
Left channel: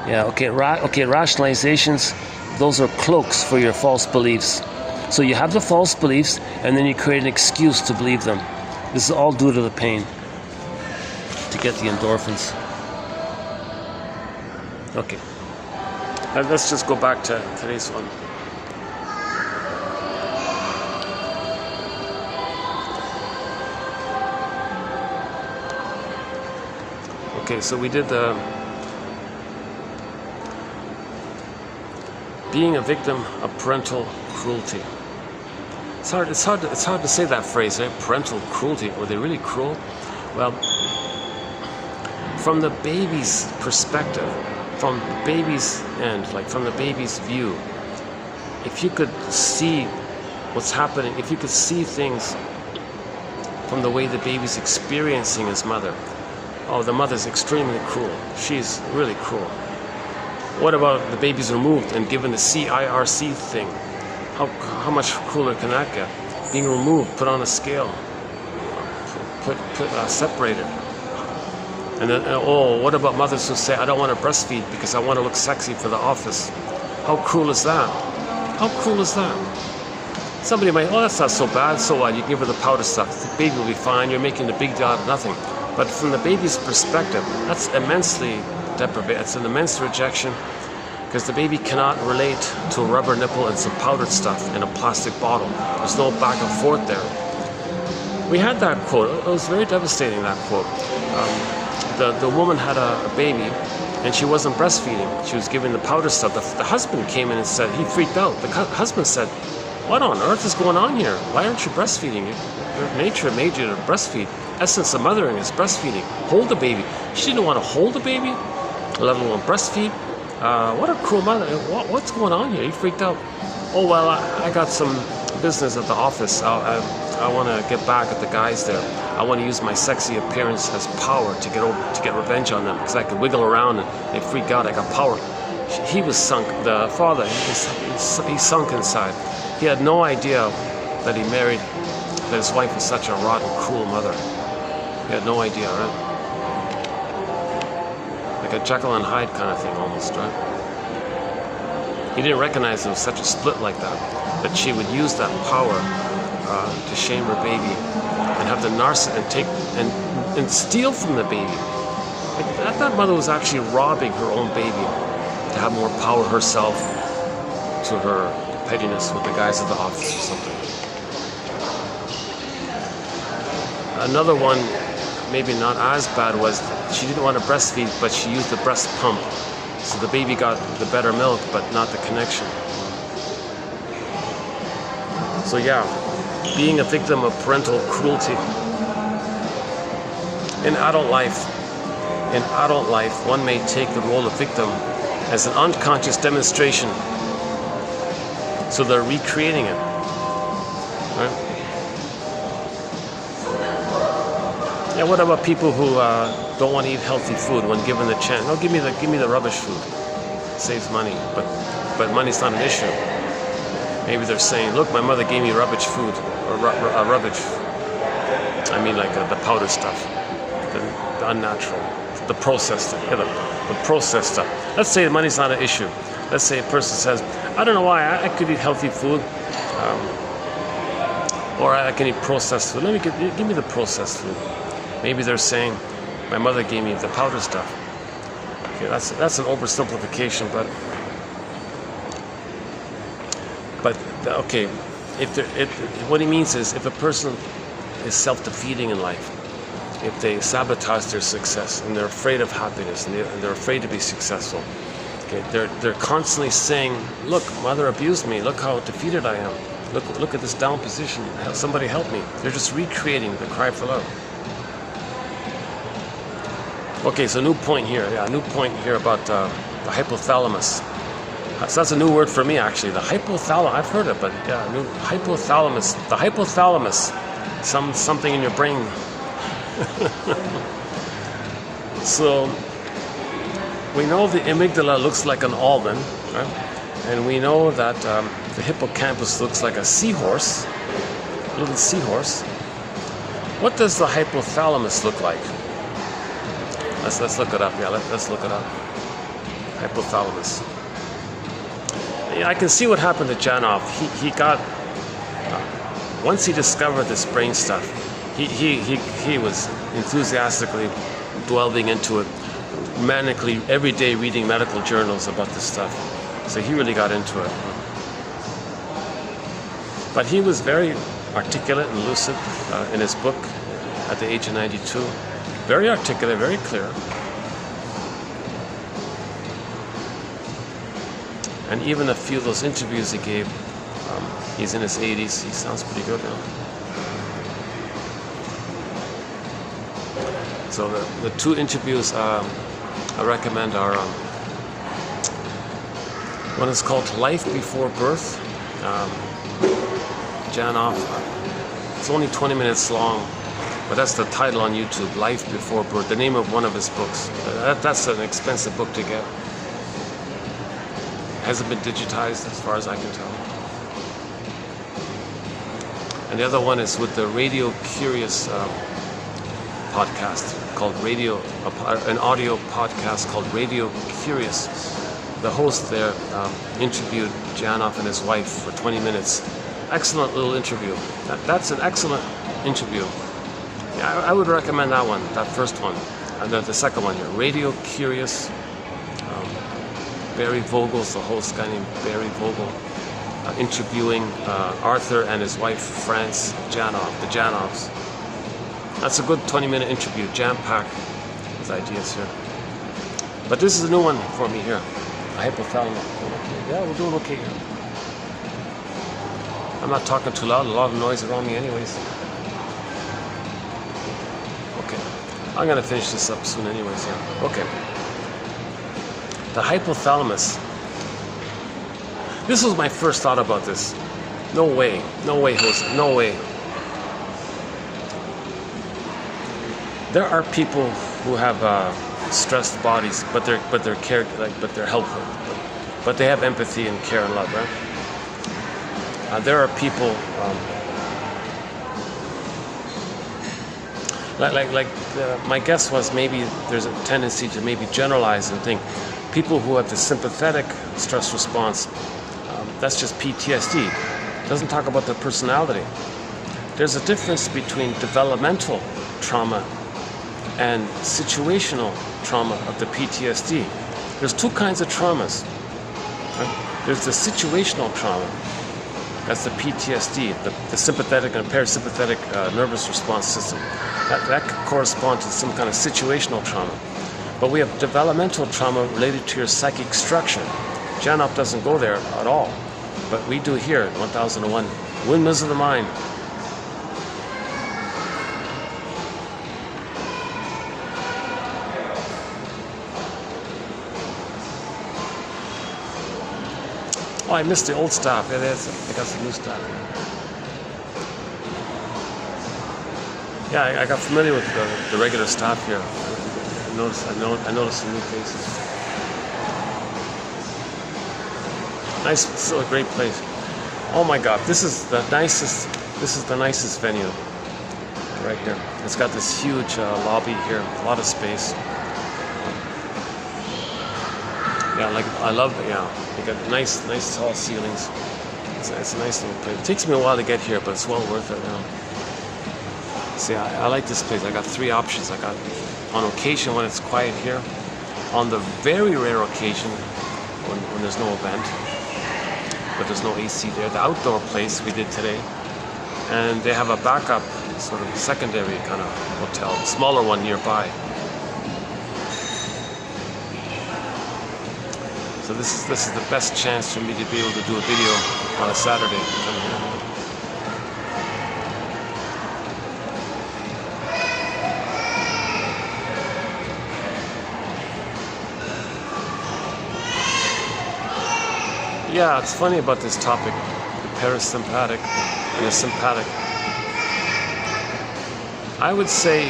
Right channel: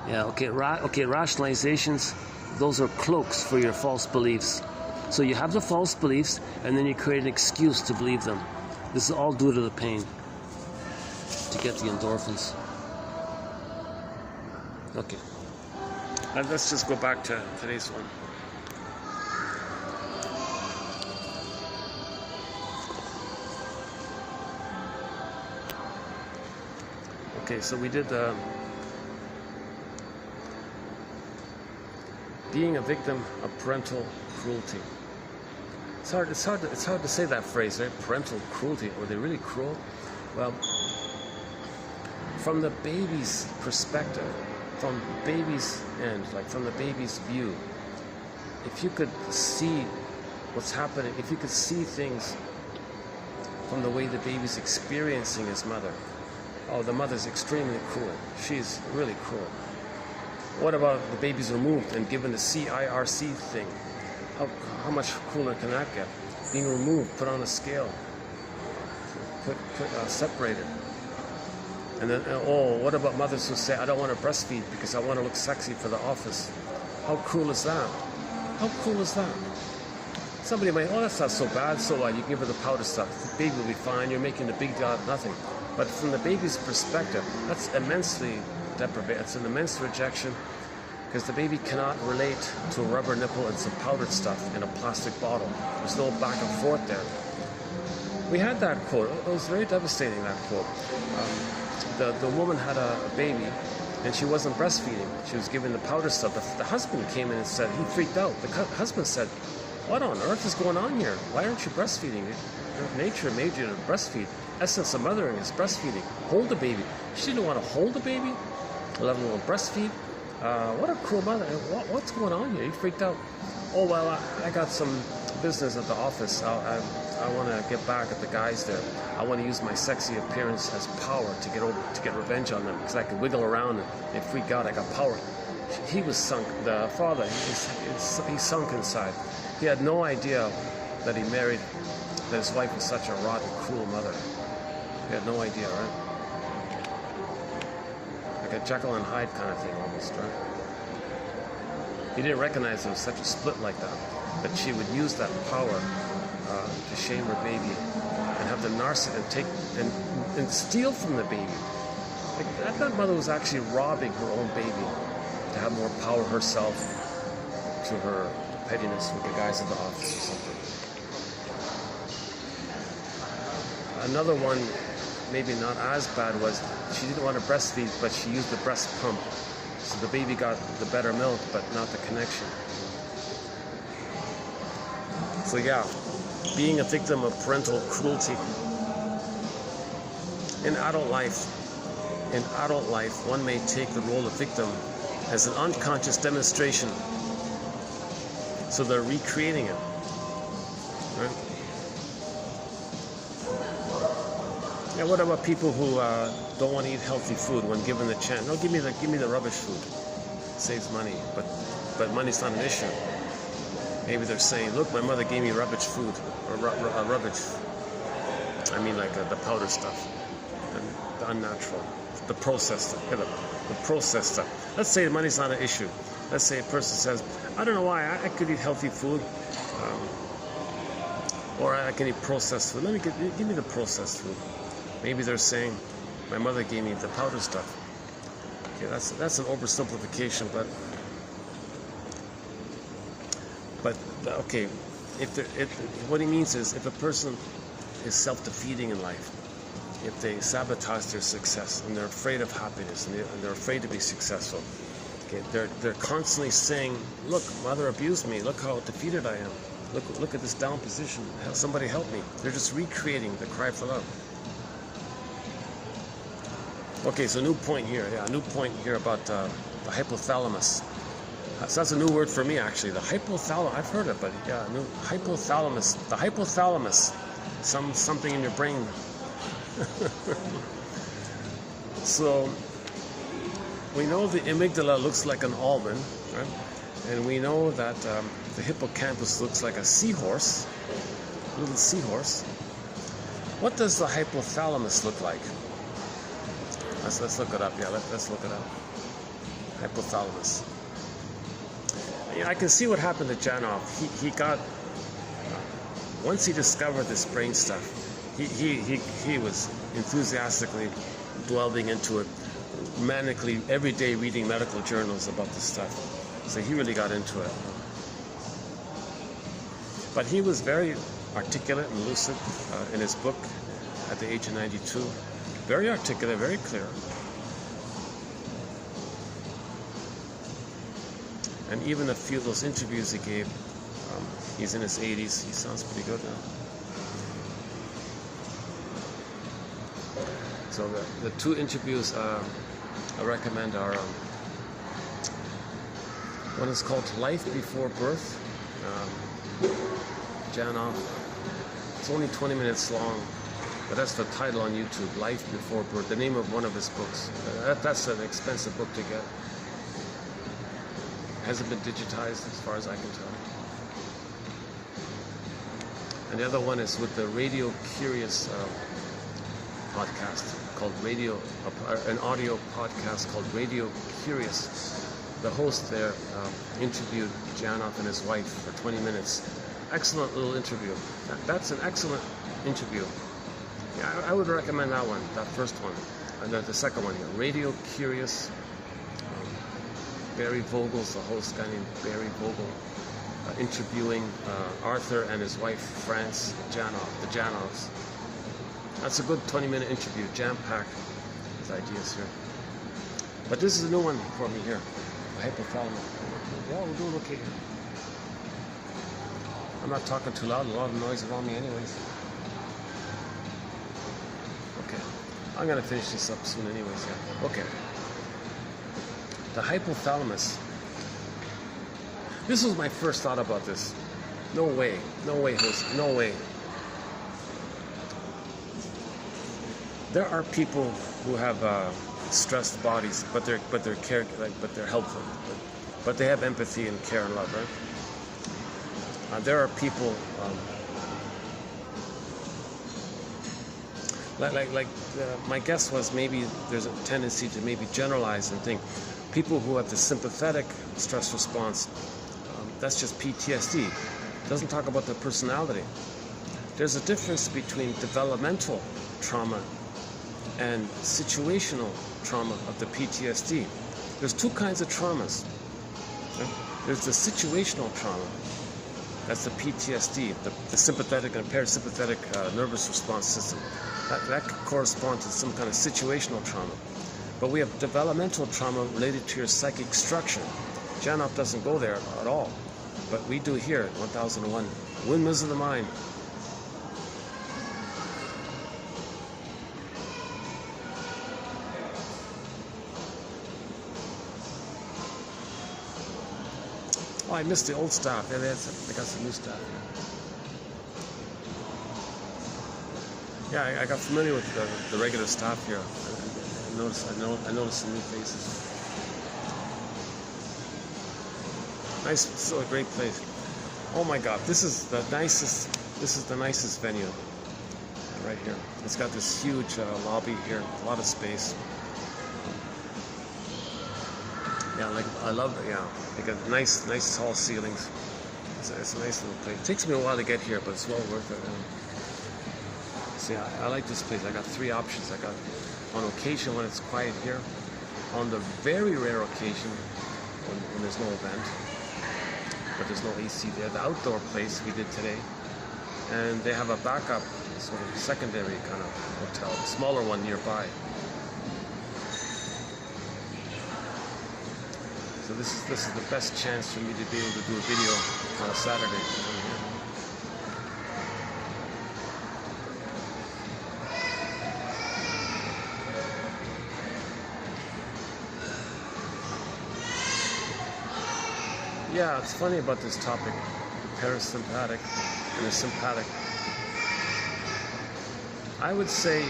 Yeah, okay, rationalizations, those are cloaks for your false beliefs. So you have the false beliefs, and then you create an excuse to believe them. This is all due to the pain, to get the endorphins. Okay, let's just go back to today's one. Okay, so we did the being a victim of parental cruelty. It's hard to say that phrase, right? Parental cruelty. Were they really cruel? Well, from the baby's perspective, from the baby's end, like from the baby's view, if you could see what's happening, if you could see things from the way the baby's experiencing his mother, oh, the mother's extremely cruel. She's really cruel. What about the baby's removed and given the CIRC thing? How much cooler can that get? Being removed, put on a scale, separated. And then, oh, what about mothers who say, I don't want to breastfeed because I want to look sexy for the office? How cruel is that? How cruel is that? Somebody might, oh, that's not so bad, so what? You give her the powder stuff, the baby will be fine, you're making a big deal out of nothing. But from the baby's perspective, that's immensely deprivation, it's an immense rejection, because the baby cannot relate to a rubber nipple and some powdered stuff in a plastic bottle. There's no back and forth there. We had that quote. It was very devastating, that quote. The woman had a baby, and she wasn't breastfeeding. She was giving the powder stuff. The husband came in and said, he freaked out. The husband said, what on earth is going on here? Why aren't you breastfeeding? Your nature made you to breastfeed. Essence of mothering is breastfeeding. Hold the baby. She didn't want to hold the baby, let alone breastfeed. What a cruel mother. What's going on here? He freaked out. Oh, well, I got some business at the office. I want to get back at the guys there. I want to use my sexy appearance as power to get revenge on them, because I could wiggle around and they freak out. I got power. He was sunk. The father, he sunk inside. He had no idea that that his wife was such a rotten, cruel mother. He had no idea, right? Like a Jekyll and Hyde kind of thing, almost, right? He didn't recognize there was such a split like that she would use that power to shame her baby and have the narcissist and take and steal from the baby. Like, that mother was actually robbing her own baby to have more power herself, to her pettiness with the guys at the office or something. Another one, maybe not as bad, was she didn't want to breastfeed, but she used the breast pump. So the baby got the better milk, but not the connection. So yeah, being a victim of parental cruelty. In adult life, one may take the role of victim as an unconscious demonstration. So they're recreating it. right? Yeah, what about people who don't want to eat healthy food when given the chance? No, give me the rubbish food. It saves money, but money's not an issue. Maybe they're saying, look, my mother gave me rubbish food, or rubbish. I mean, like the powder stuff, the unnatural, the processed stuff. Yeah, the processed stuff. Let's say money's not an issue. Let's say a person says, I don't know why, I could eat healthy food, or I can eat processed food. Give me the processed food. Maybe they're saying, my mother gave me the powder stuff. Okay, that's an oversimplification, but okay, what he means is if a person is self-defeating in life, if they sabotage their success and they're afraid of happiness and they're afraid to be successful, okay, they're constantly saying, look, mother abused me, look how defeated I am, look at this down position, somebody help me. They're just recreating the cry for love. Okay, so new point here about the hypothalamus. So that's a new word for me, actually. The hypothalamus, I've heard it, but yeah, new hypothalamus. The hypothalamus, something in your brain. So we know the amygdala looks like an almond, right? And we know that the hippocampus looks like a seahorse, a little seahorse. What does the hypothalamus look like? Let's look it up. Yeah, let's look it up. Hypothalamus. Yeah, I can see what happened to Janov. He got once he discovered this brain stuff. He was enthusiastically delving into it, manically every day reading medical journals about this stuff. So he really got into it. But he was very articulate and lucid in his book at the age of 92. Very articulate, very clear. And even a few of those interviews he gave, he's in his 80s, he sounds pretty good now. So the two interviews I recommend are, one is called Life Before Birth. Janov, it's only 20 minutes long. But that's the title on YouTube, Life Before Birth, the name of one of his books. That's an expensive book to get. Hasn't been digitized as far as I can tell. And the other one is with the Radio Curious podcast called an audio podcast called Radio Curious. The host there interviewed Janov and his wife for 20 minutes. Excellent little interview. That's an excellent interview. I would recommend that one, that first one, and then the second one here, Radio Curious. Barry Vogel's the host, guy named Barry Vogel, interviewing Arthur and his wife France Janov, the Janovs. That's a good 20-minute interview, jam-packed with ideas here. But this is a new one for me here, hypothalamus. Yeah, we're doing okay here. I'm not talking too loud, a lot of noise around me anyways. I'm going to finish this up soon anyways here. Okay. The hypothalamus. This was my first thought about this. No way, Jose, no way. There are people who have stressed bodies, but they're helpful. But they have empathy and care and love, right? There are people my guess was maybe there's a tendency to maybe generalize and think people who have the sympathetic stress response, that's just PTSD. It doesn't talk about their personality. There's a difference between developmental trauma and situational trauma of the PTSD. There's two kinds of traumas. Right? There's the situational trauma. That's the PTSD, the sympathetic and parasympathetic nervous response system. That could correspond to some kind of situational trauma. But we have developmental trauma related to your psychic structure. Janov doesn't go there at all. But we do here, 1001. Windmills of the mind. Oh, I missed the old stuff. It is because the new stuff. Yeah, I got familiar with the regular staff here. I noticed some new faces. Nice, still a great place. Oh my God, this is the nicest venue right here. It's got this huge lobby here, a lot of space. Yeah, like I love it. Yeah, you got nice tall ceilings. It's a nice little place. It takes me a while to get here, but it's well worth it now. See, I like this place. I got 3 options. I got on occasion when it's quiet here, on the very rare occasion when there's no event, but there's no AC there. The outdoor place we did today, and they have a backup sort of secondary kind of hotel, a smaller one nearby. So this is the best chance for me to be able to do a video on a Saturday. Yeah, it's funny about this topic, the parasympathetic and the sympathetic. I would say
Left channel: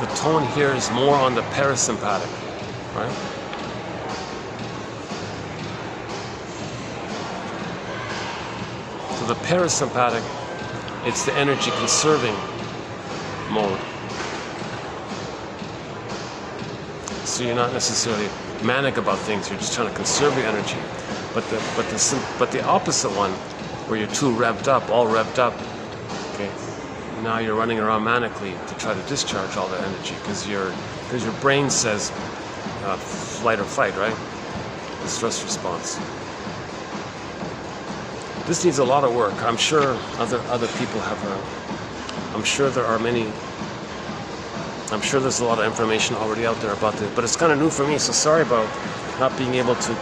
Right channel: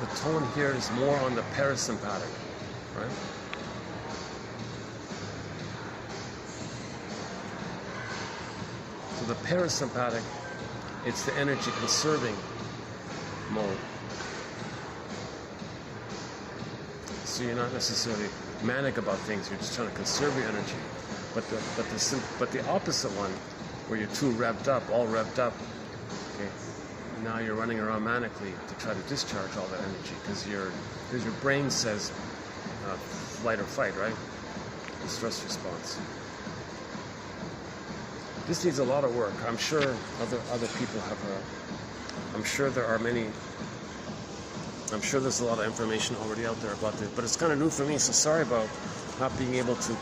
the tone here is more on the parasympathetic, right? So the parasympathetic, it's the energy conserving mode. So you're not necessarily manic about things, you're just trying to conserve your energy. But the opposite one, where you're too revved up, all revved up, okay? Now you're running around manically to try to discharge all the energy because your brain says flight or fight, right? The stress response. This needs a lot of work. I'm sure other people have. I'm sure there are many. I'm sure there's a lot of information already out there about this, but it's kind of new for me. So sorry about not being able to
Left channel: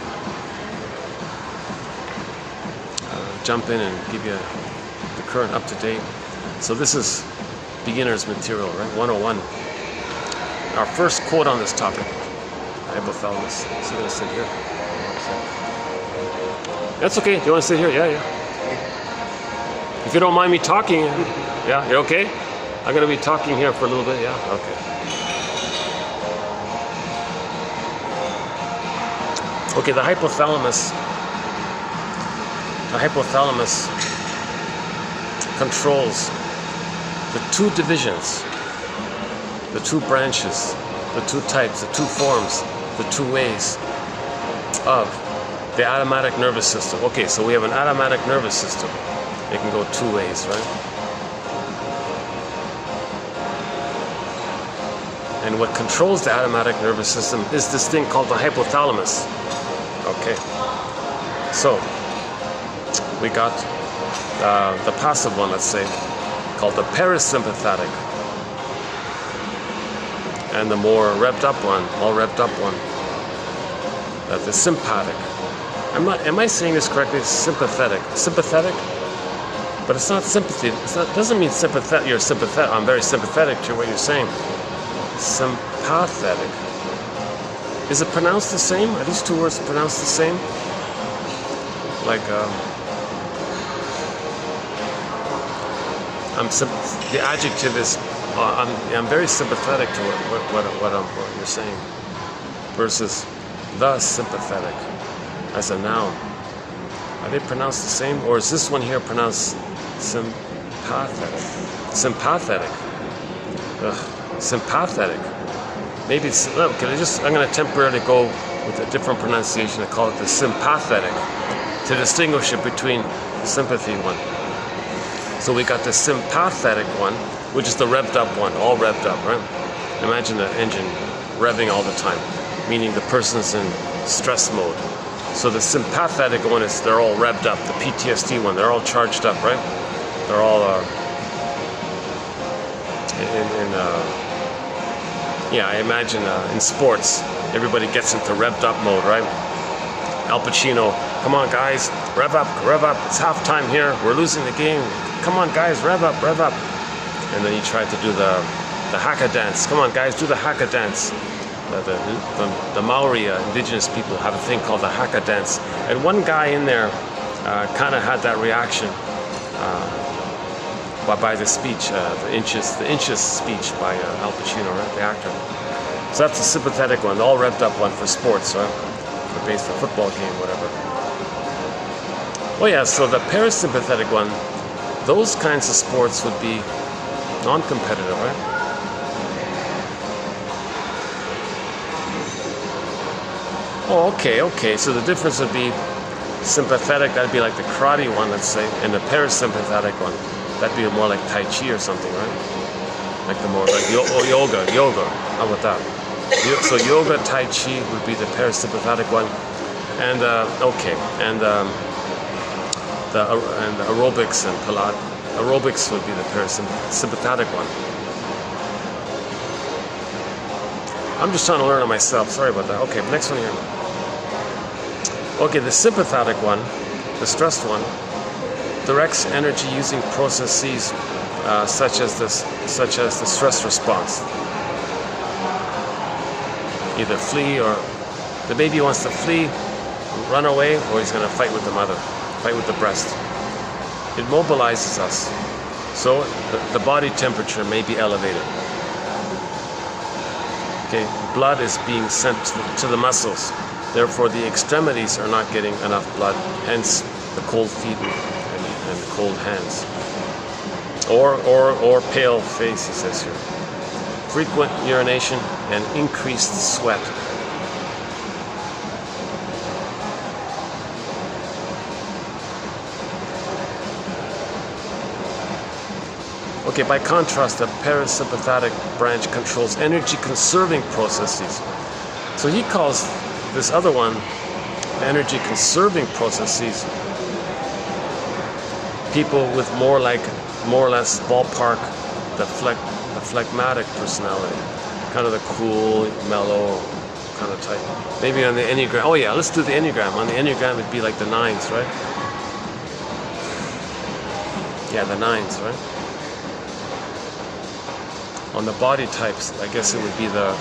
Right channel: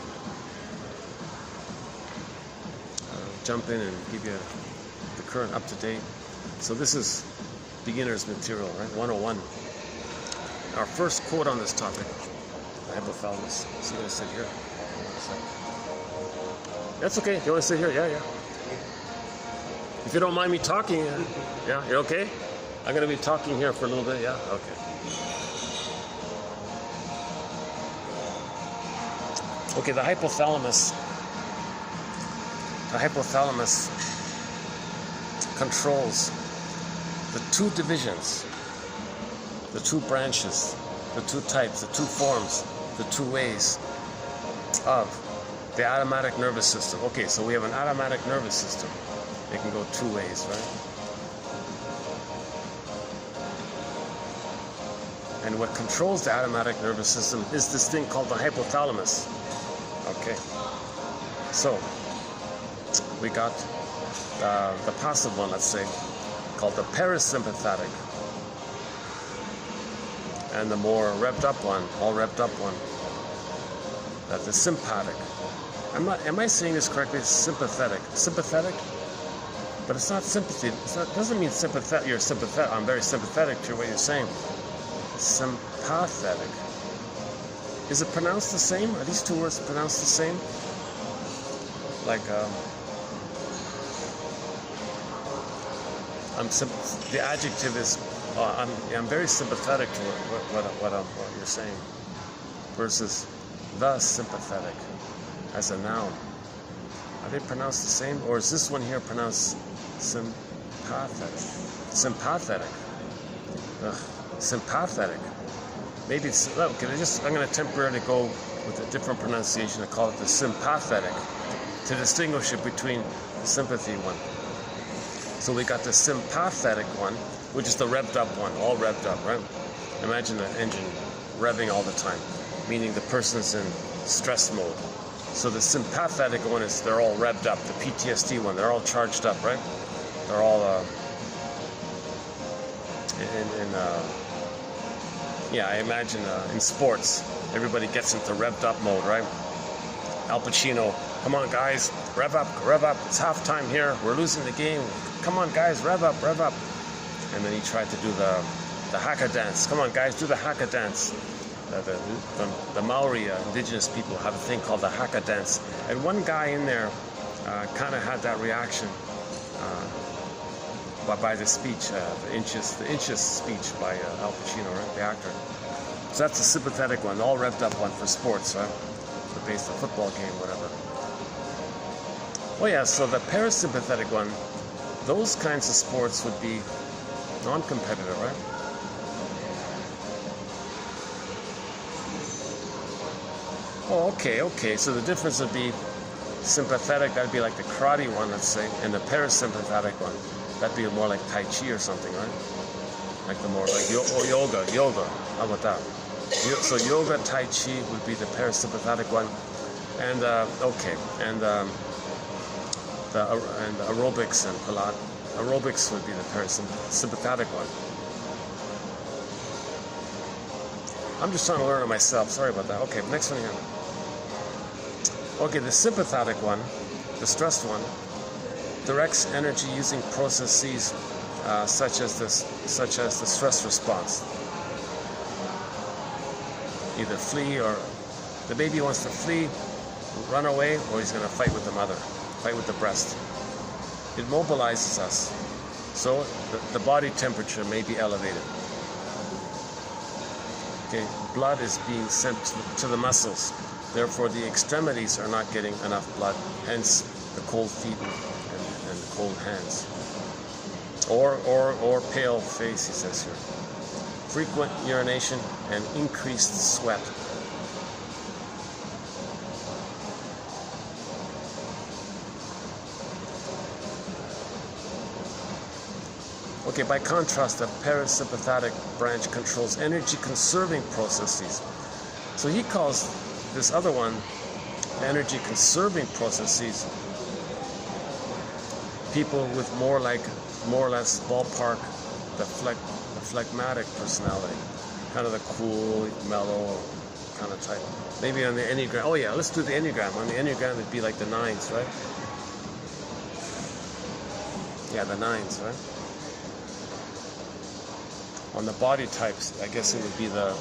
jump in and give you the current up to date. So this is beginner's material, right? 101. Our first quote on this topic, hypothalamus. So you're gonna sit here. That's okay. Do you want to sit here? Yeah. If you don't mind me talking, yeah, you're okay? I'm gonna be talking here for a little bit, yeah? Okay. Okay, the hypothalamus controls the 2 divisions, the 2 branches, the 2 types, the 2 forms, the 2 ways of the automatic nervous system. Okay, so we have an automatic nervous system. It can go 2 ways, right? And what controls the automatic nervous system is this thing called the hypothalamus. Okay, so we got the passive one, let's say, called the parasympathetic, and the more revved up one, all revved up one, the sympathetic. Am I saying this correctly? Sympathetic, but it's not sympathy. Doesn't mean sympathetic. You're sympathetic. I'm very sympathetic to what you're saying. Sympathetic. Is it pronounced the same? Are these 2 words pronounced the same? Like, the adjective is, I'm very sympathetic to what you're saying, versus the sympathetic as a noun. Are they pronounced the same, or is this one here pronounced sympathetic? Sympathetic. Ugh, sympathetic. Maybe it's, look, I'm going to temporarily go with a different pronunciation and call it the sympathetic to distinguish it between the sympathy one. So we got the sympathetic one, which is the revved up one, all revved up, right? Imagine the engine revving all the time, meaning the person's in stress mode. So the sympathetic one is they're all revved up, the PTSD one, they're all charged up, right? They're all yeah, I imagine in sports, everybody gets into revved up mode, right? Al Pacino, come on guys, rev up, it's halftime here, we're losing the game. Come on guys, rev up. And then he tried to do the haka dance. Come on guys, do the haka dance. The Maori indigenous people have a thing called the haka dance. And one guy in there kind of had that reaction. by the speech, the inches speech by Al Pacino, right, the actor. So that's the sympathetic one, the all revved up one for sports, right? For based on a football game, whatever. Oh yeah, so the parasympathetic one, those kinds of sports would be non-competitive, right? Oh, okay. So the difference would be sympathetic, that'd be like the karate one, let's say, and the parasympathetic one, that'd be more like Tai Chi or something, right? Like the more like yoga. How about that? So yoga, Tai Chi would be the parasympathetic one, and the aerobics and Pilates. Aerobics would be the parasympathetic one. I'm just trying to learn it myself. Sorry about that. Okay, next one here. Okay, the sympathetic one, the stressed one, directs energy using processes such as the stress response. Either flee, or the baby wants to flee, run away, or he's going to fight with the mother, fight with the breast. It mobilizes us, so the body temperature may be elevated. Okay, blood is being sent to the muscles. Therefore, the extremities are not getting enough blood. Hence, the cold feet and cold hands, or pale face. He says here. Frequent urination and increased sweat. Okay, by contrast, the parasympathetic branch controls energy-conserving processes. So he calls this other one energy-conserving processes. People with more or less ballpark, the phlegmatic personality, kind of the cool, mellow kind of type. Maybe on the Enneagram. Oh yeah, let's do the Enneagram. On the Enneagram, it'd be like the 9s, right? Yeah, the 9s, right? On the body types, I guess it would be the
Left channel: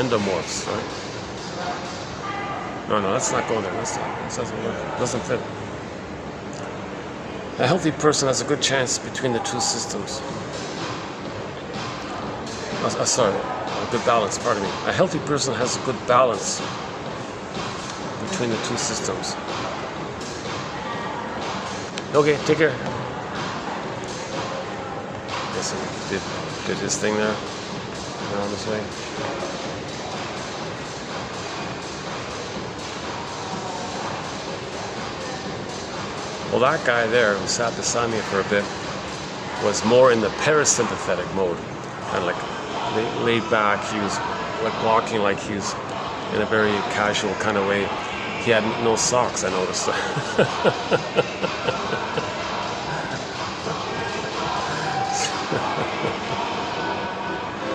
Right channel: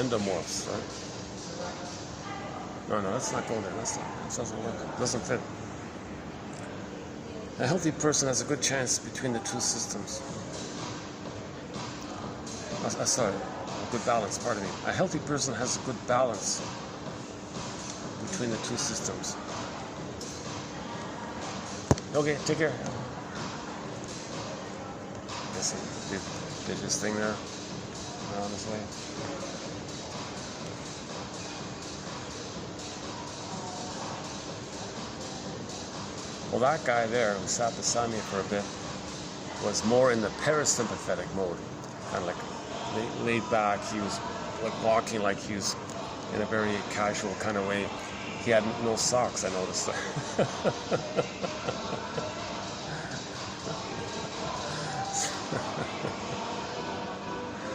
endomorphs, right? No, let's not go there. That doesn't work. It doesn't fit. A healthy person has a good chance between the two systems. Sorry, a good balance, pardon me. A healthy person has a good balance between the two systems. Okay, take care. Guess he did his thing there. Around this way. Well, that guy there who sat beside me for a bit was more in the parasympathetic mode, and like laid back. He was like walking like he was in a very casual kind of way. He had no socks, I noticed.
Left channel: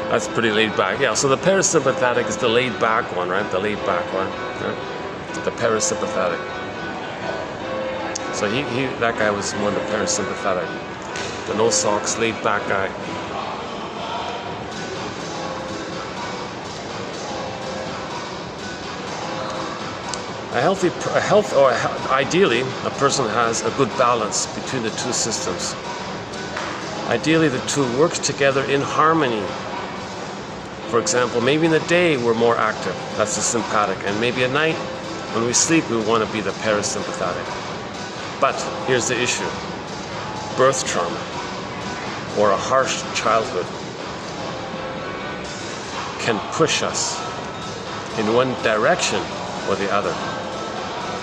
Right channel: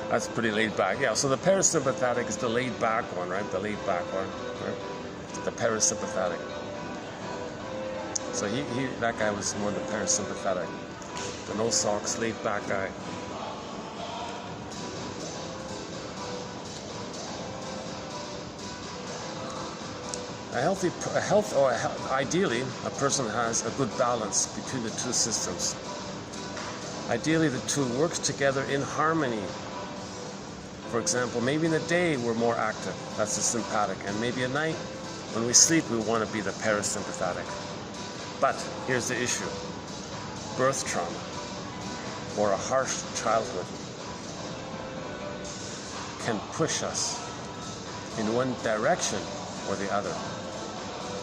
That's pretty laid back. Yeah, so the parasympathetic is the laid back one, right? The laid back one. Right? The parasympathetic. So that guy was more the parasympathetic. The no socks, laid back guy. Ideally, a person has a good balance between the two systems. Ideally, the two work together in harmony. For example, maybe in the day we're more active, that's the sympathetic, and maybe at night when we sleep we want to be the parasympathetic. But here's the issue. Birth trauma or a harsh childhood can push us in one direction or the other.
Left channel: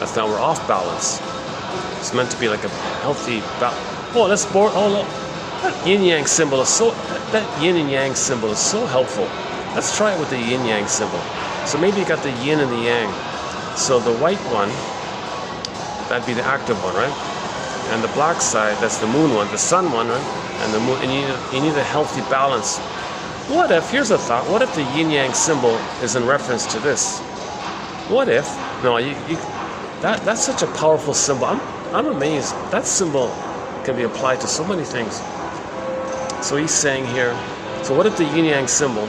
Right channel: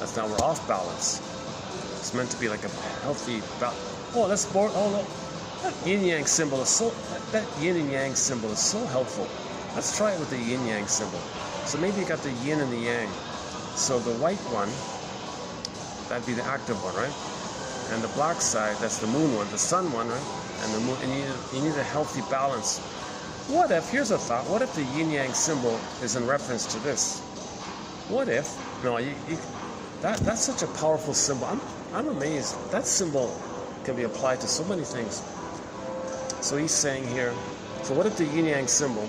That's now we're off balance. It's meant to be like a healthy balance. Oh, that's boring. Oh no, that yin yang symbol is so. That yin and yang symbol is so helpful. Let's try it with the yin yang symbol. So maybe you got the yin and the yang. So the white one, that'd be the active one, right? And the black side, that's the moon one, the sun one, right? And the moon. And you need a healthy balance. What if? Here's a thought. What if the yin yang symbol is in reference to this? What if? No, that's such a powerful symbol. I'm amazed. That symbol can be applied to so many things. So he's saying here, so what if the yin-yang symbol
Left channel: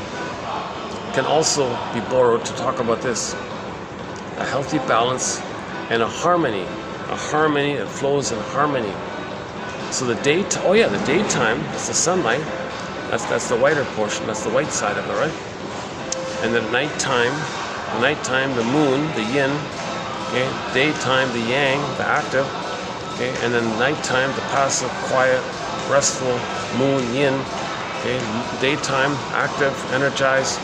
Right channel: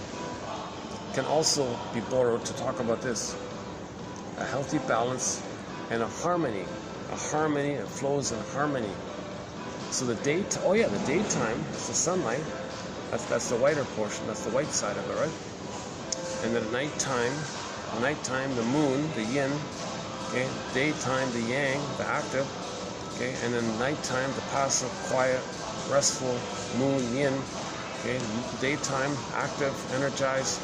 can also be borrowed to talk about this? A healthy balance and a harmony. A harmony that flows in harmony. So the the daytime is the sunlight. That's the whiter portion. That's the white side of it, right? And then nighttime, the moon, the yin. Okay. Daytime, the yang, the active. Okay. And then nighttime, the passive, quiet, restful moon, yin. Okay. Daytime, active, energized.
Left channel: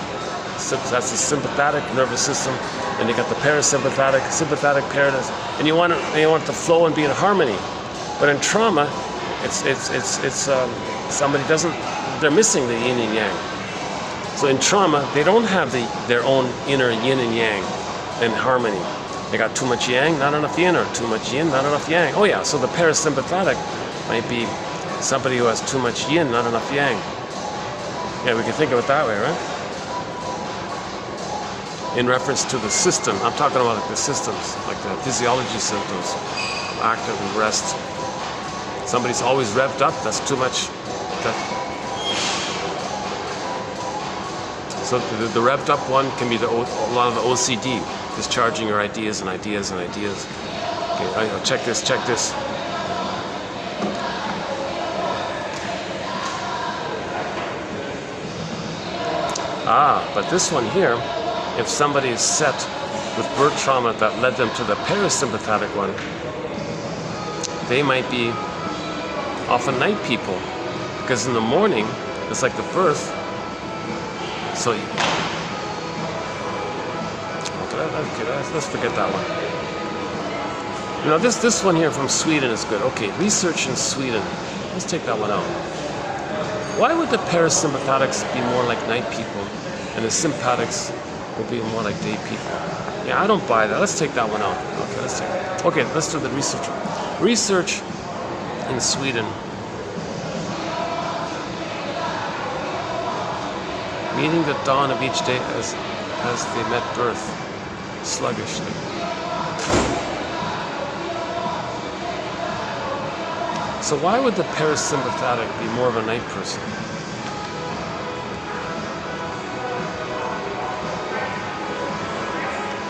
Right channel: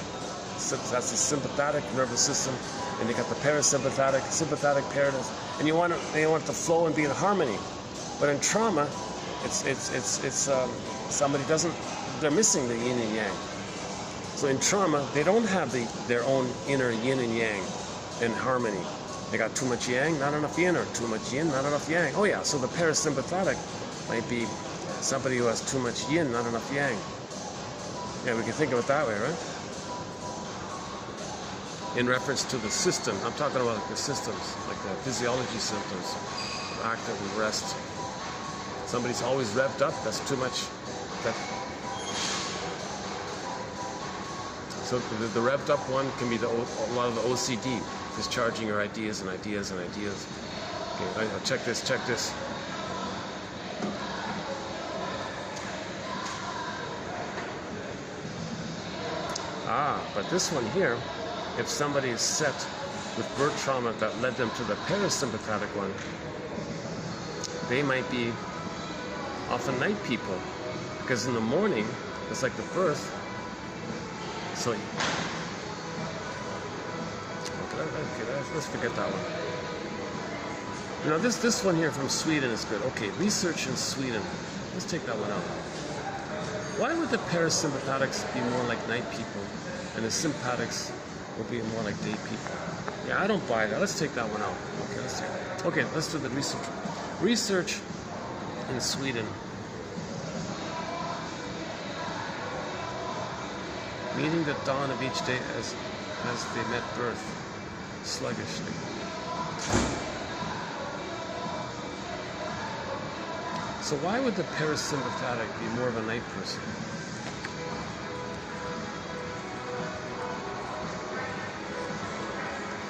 That's the sympathetic nervous system. And you got the parasympathetic, sympathetic paradigm. And you want it to flow and be in harmony. But in trauma, somebody doesn't. They're missing the yin and yang. So in trauma, they don't have their own inner yin and yang in harmony. They got too much yang, not enough yin, or too much yin, not enough yang. Oh yeah, so the parasympathetic might be somebody who has too much yin, not enough yang. Yeah, we can think of it that way, right? In reference to the system, I'm talking about like the systems, like the physiology symptoms, active and rest. Somebody's always revved up, that's too much. So the revved up one can be a lot of the OCD, discharging your ideas and ideas and ideas. Okay, check this. But this one here, if somebody is set with birth trauma that led them to the parasympathetic one, they might be often night people, because in the morning it's like the birth. So okay, let's forget that one. You know, this one here from Sweden is good. Okay, research in Sweden. Let's take that one out. Why would the parasympathetics be more like night people and the sympathetics will be more like day people? Yeah, I don't buy that. Let's take that one out. Okay, let's do the research. Research in Sweden. Meeting the dawn of each day as they met birth, sluggishly. So why would the parasympathetic be more of a night person?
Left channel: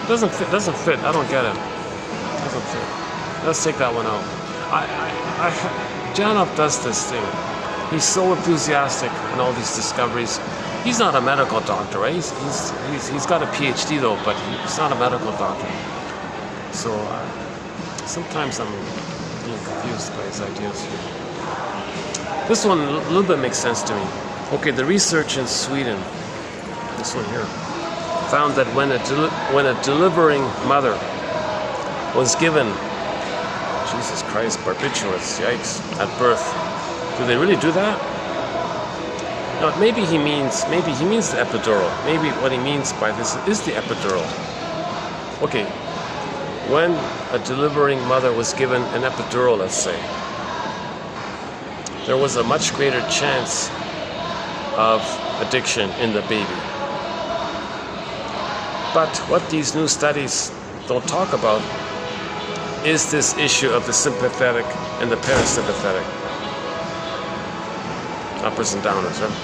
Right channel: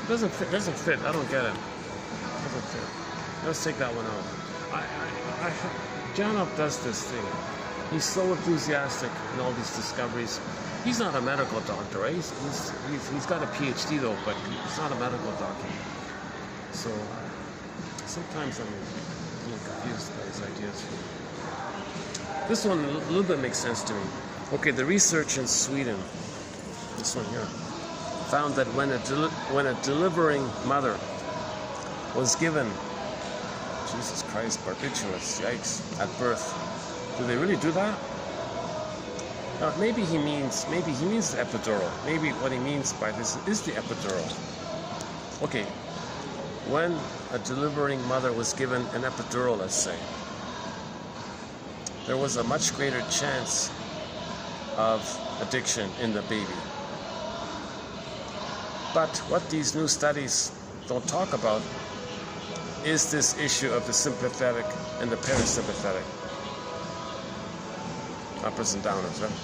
Doesn't fit. I don't get it. Doesn't fit. Let's take that one out. Janov does this thing. He's so enthusiastic in all these discoveries. He's not a medical doctor, right? He's got a PhD though, but he's not a medical doctor. So sometimes I'm a little confused by his ideas. This one a little bit makes sense to me. Okay, the research in Sweden, this one here, found that when a delivering mother was given, Jesus Christ, barbiturates, yikes, at birth. Do they really do that? No, maybe he means the epidural. Maybe what he means by this is the epidural. Okay, when a delivering mother was given an epidural, let's say, there was a much greater chance of addiction in the baby. But what these new studies don't talk about is this issue of the sympathetic and the parasympathetic. Uppers and downers, right?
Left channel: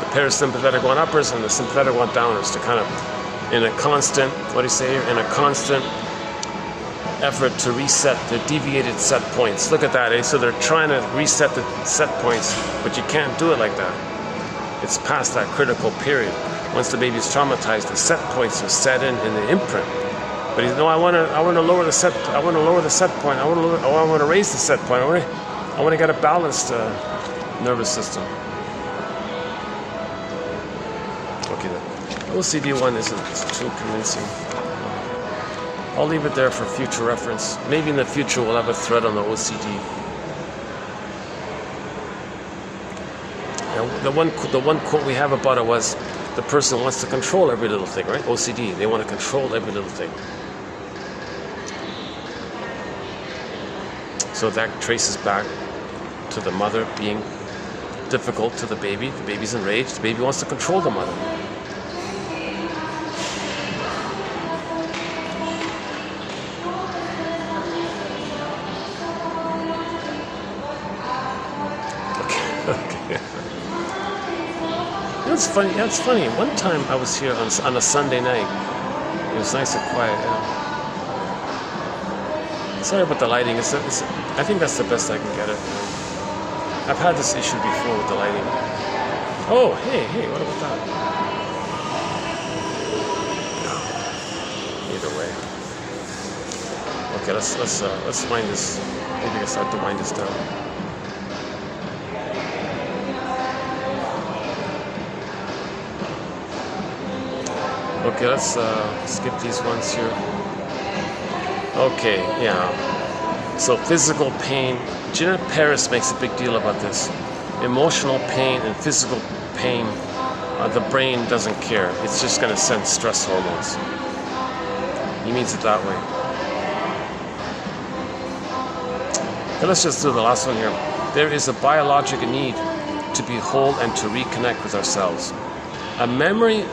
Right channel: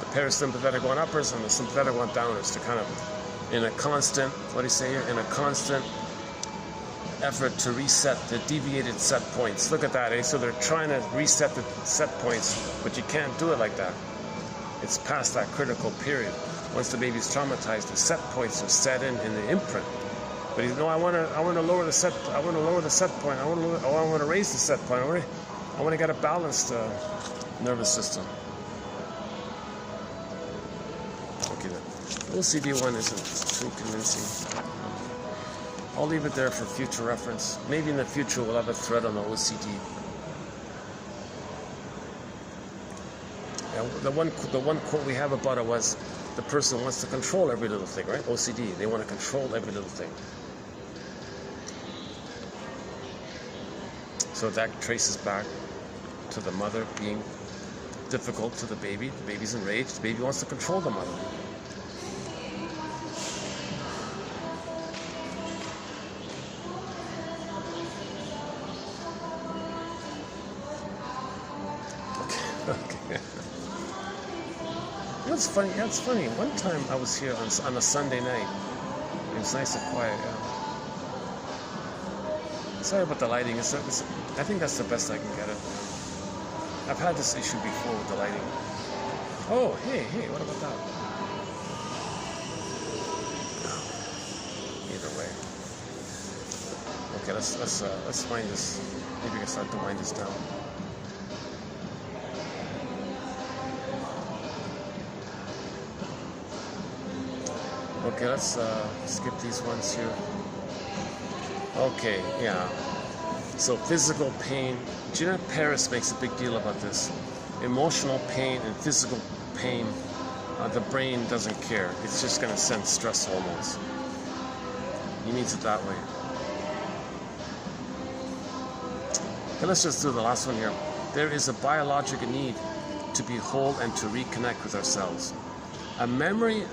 The parasympathetic one uppers and the sympathetic one downers, to kind of, in a constant, what do you say here? In a constant effort to reset the deviated set points. Look at that, eh? So they're trying to reset the set points, but you can't do it like that. It's past that critical period. Once the baby's traumatized, the set points are set in the imprint. But I want to lower the set. I want to lower the set point. I want to raise the set point. I want to get a balanced nervous system. Okay, the OCD one isn't too convincing. I'll leave it there for future reference. Maybe in the future we'll have a thread on the OCD. Now, the one quote we have about it was, the person wants to control every little thing, right? OCD, they want to control every little thing. So that traces back to the mother being difficult to the baby. The baby's enraged. The baby wants to control the mother. Okay. That's funny. That's funny. One time I was here on a Sunday night. It was nice and quiet. Yeah. Sorry about the lighting. I think that's the best I can get it. I've had this issue before with the lighting. Oh, hey, what about that? Either way. Okay, let's wind this. Maybe I can start to wind this down. Okay, let's skip these ones here. Okay, yeah. So physical pain. Janet Paris makes a big deal about this. Emotional pain and physical pain, the brain doesn't care. It's just going to send stress hormones. He means it that way. Okay, let's just do the last one here. There is a biological need to be whole and to reconnect with ourselves. A memory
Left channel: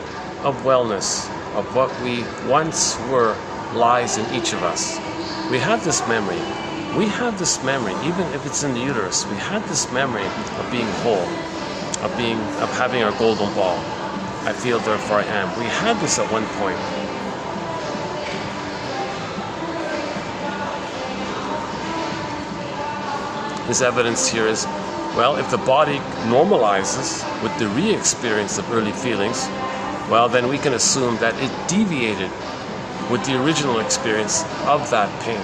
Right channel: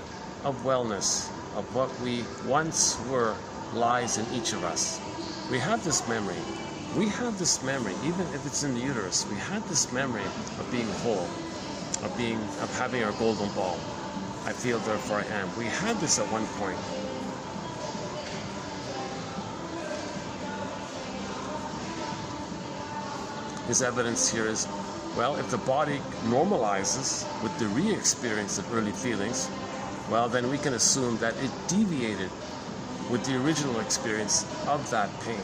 of wellness, of what we once were, lies in each of us. We have this memory. We have this memory, even if it's in the uterus. We have this memory of being whole, of having our golden ball. I feel, therefore I am. We had this at one point. His evidence here is, well, if the body normalizes with the re-experience of early feelings, well, then we can assume that it deviated with the original experience of that pain.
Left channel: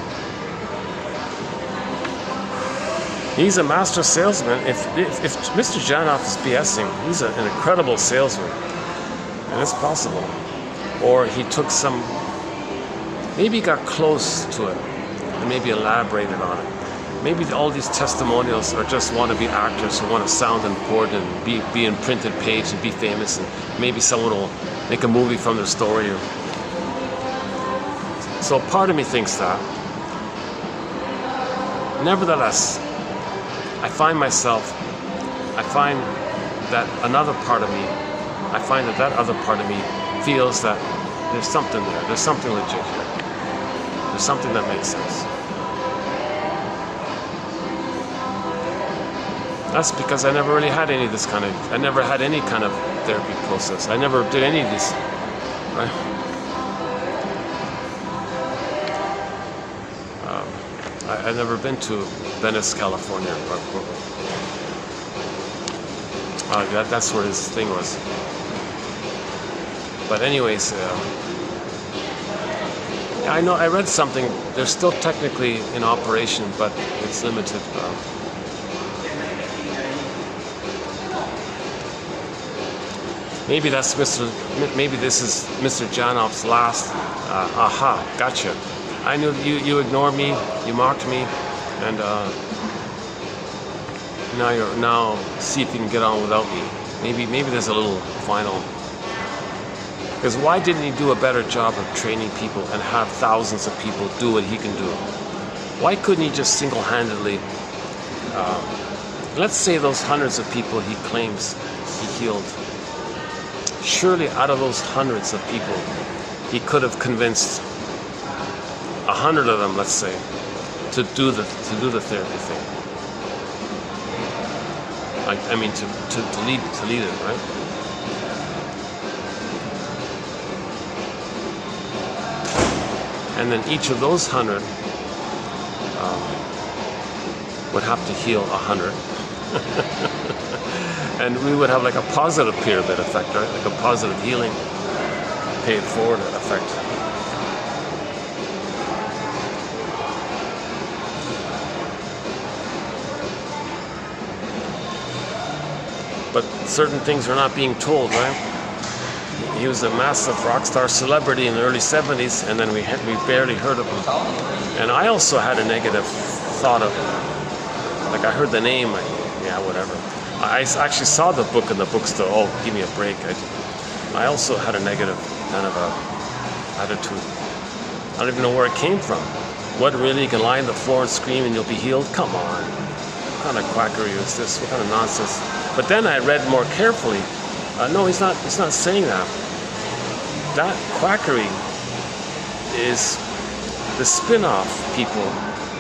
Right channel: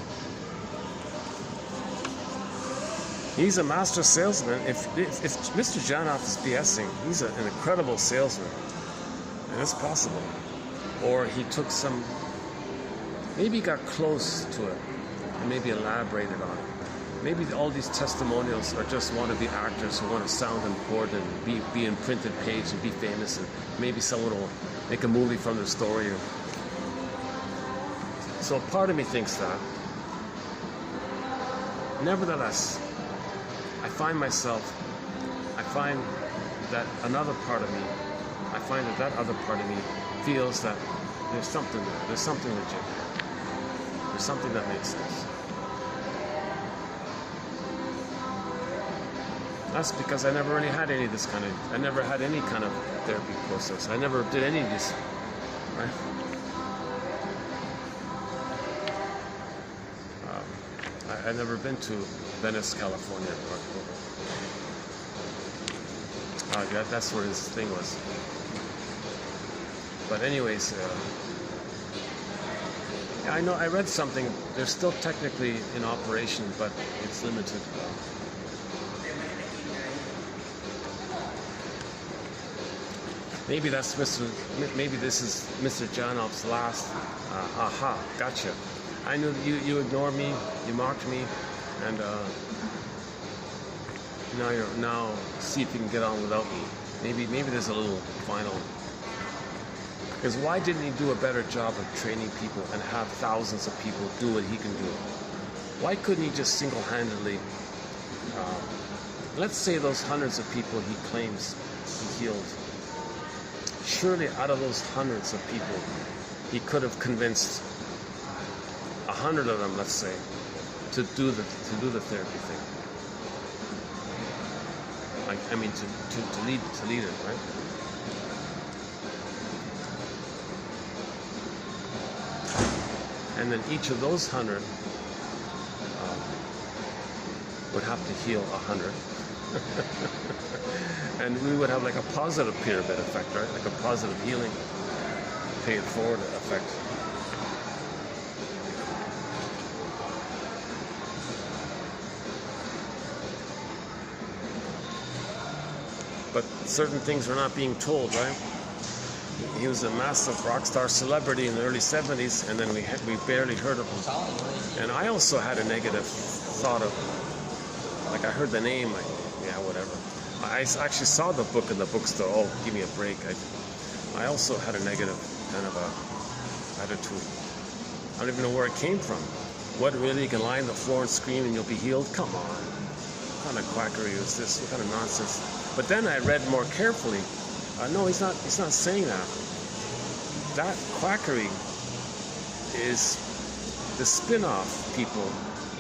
He's a master salesman. If Mr. Janoff is BSing, he's an incredible salesman. And it's possible. Or he took maybe he got close to it and maybe elaborated on it. Maybe all these testimonials are just wannabe actors who want to sound important and be in printed page and be famous, and maybe someone will make a movie from their story. So part of me thinks that. Nevertheless, I find that another part of me, that other part of me feels that there's something there. There's something legit here. There's something that makes sense. That's because I never really had any of this kind of, I never had any kind of therapy process. I never did any of this, right? I've never been to Venice, California. That's where his thing was. But anyways, I know I read something. They're still technically in operation, but it's limited. Maybe this is Mr. Janoff's last. Aha, gotcha. I knew you ignored me, you mocked me, and now see if you can get on without me. Maybe there's a little final. Because why didn't he do a better job of training people and have thousands of people do what he can do? Why couldn't he just single-handedly, let's say those hundreds of people he claims he healed. Surely out of those hundreds of people, he could have convinced 100 of them, let's say, to do the therapy thing. I mean, to lead it, right? And then each of those 100 would have to heal 100. And we would have like a positive pyramid effect, right? Like a positive healing, pay it forward effect. But certain things are not being told, right? He was a massive rock star celebrity in the early 70s, and then we barely heard of him. And I also had a negative thought of him. Like I heard the name, like, yeah, whatever. I actually saw the book in the bookstore. Oh, give me a break. I also had a negative kind of attitude. I don't even know where it came from. What, really? You can lie on the floor and scream and you'll be healed? Come on. What kind of quackery is this? What kind of nonsense? But then I read more carefully. No, he's not saying that. That quackery is the spin-off people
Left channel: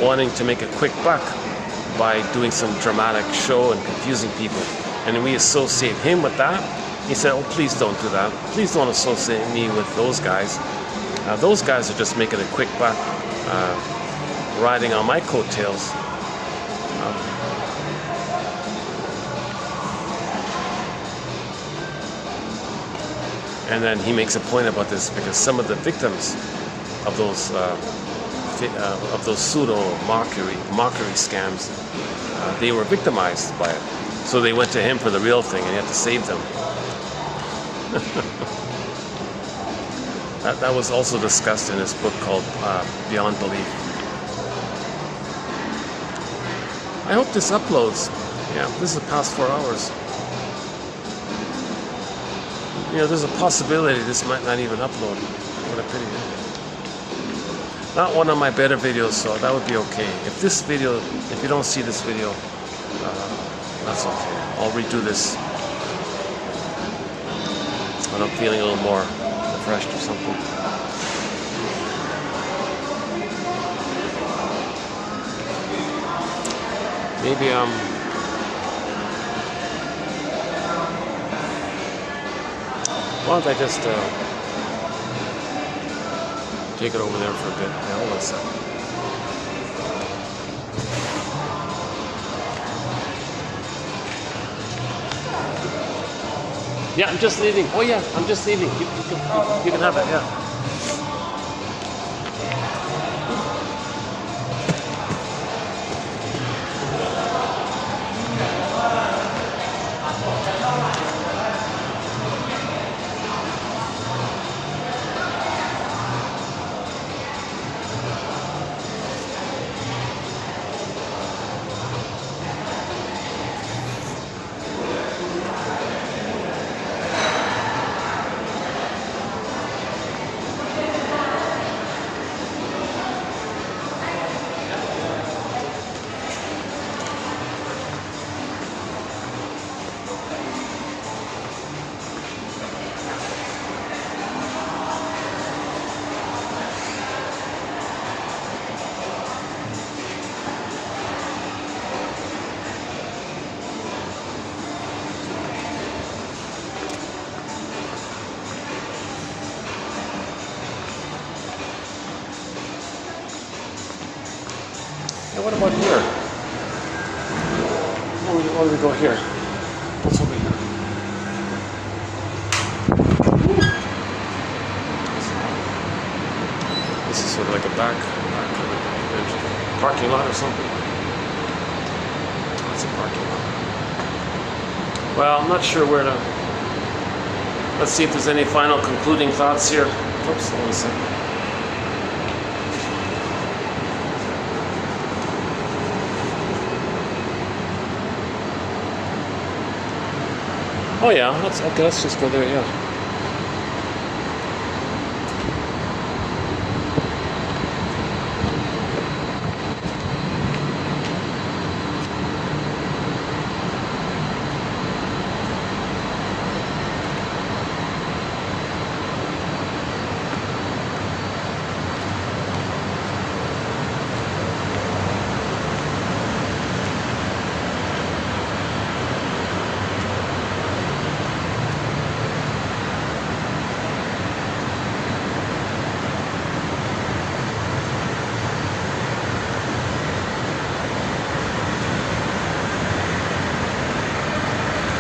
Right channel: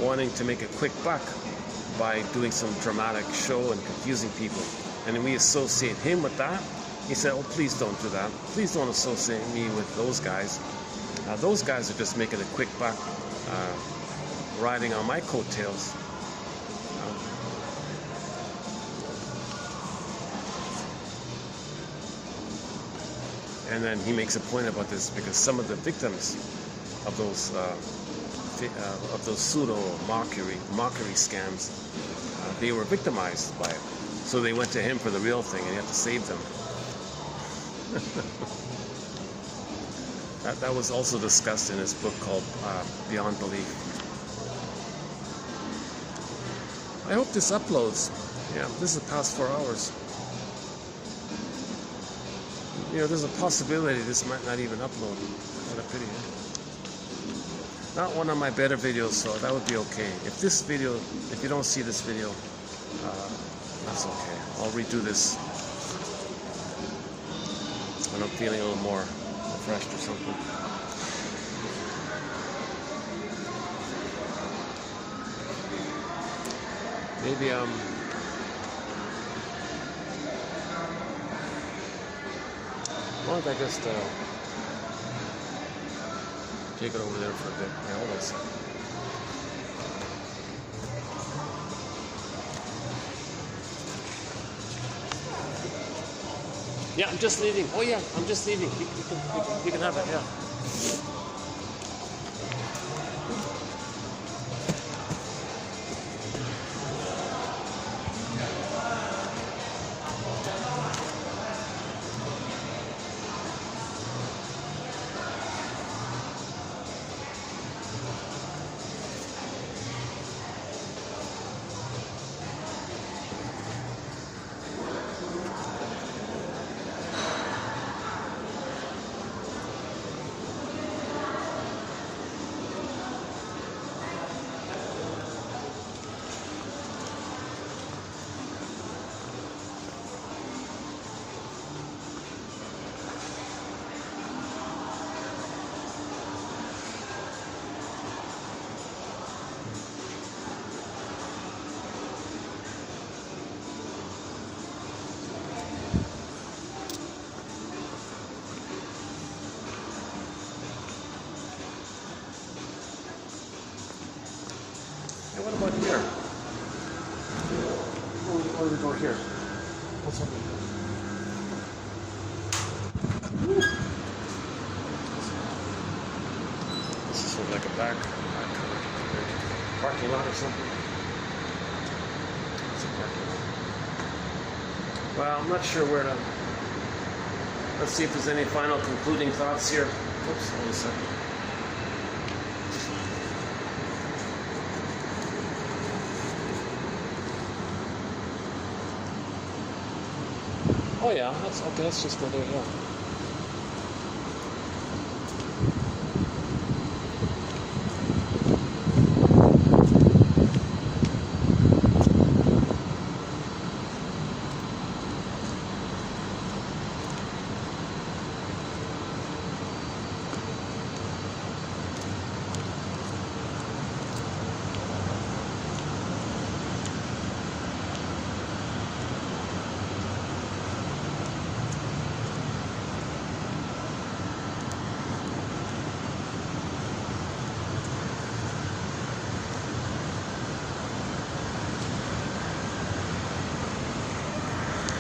wanting to make a quick buck by doing some dramatic show and confusing people. And we associate him with that. He said, oh, please don't do that. Please don't associate me with those guys. Those guys are just making a quick buck, riding on my coattails. And then he makes a point about this because some of the victims of those pseudo mockery scams, they were victimized by it. So they went to him for the real thing, and he had to save them. That was also discussed in his book called Beyond Belief. I hope this uploads. Yeah, this is past 4 hours. You know, there's a possibility this might not even upload. What a pity. Not one of my better videos, so that would be okay. If you don't see this video, that's okay. I'll redo this when I'm feeling a little more refreshed or something. Maybe why don't I just take it over there for a bit? Yeah, hold on a second. Yeah, I'm just leaving. Oh yeah, I'm just leaving. You can have it, yeah. What about here? Why don't we go here? What's over here? This is sort of like a back parking lot or something. That's a parking lot. Well, I'm not sure where to. Let's see if there's any final concluding thoughts here. Oops, hold on a second. Oh yeah, that's okay. Let's just go there. Yeah.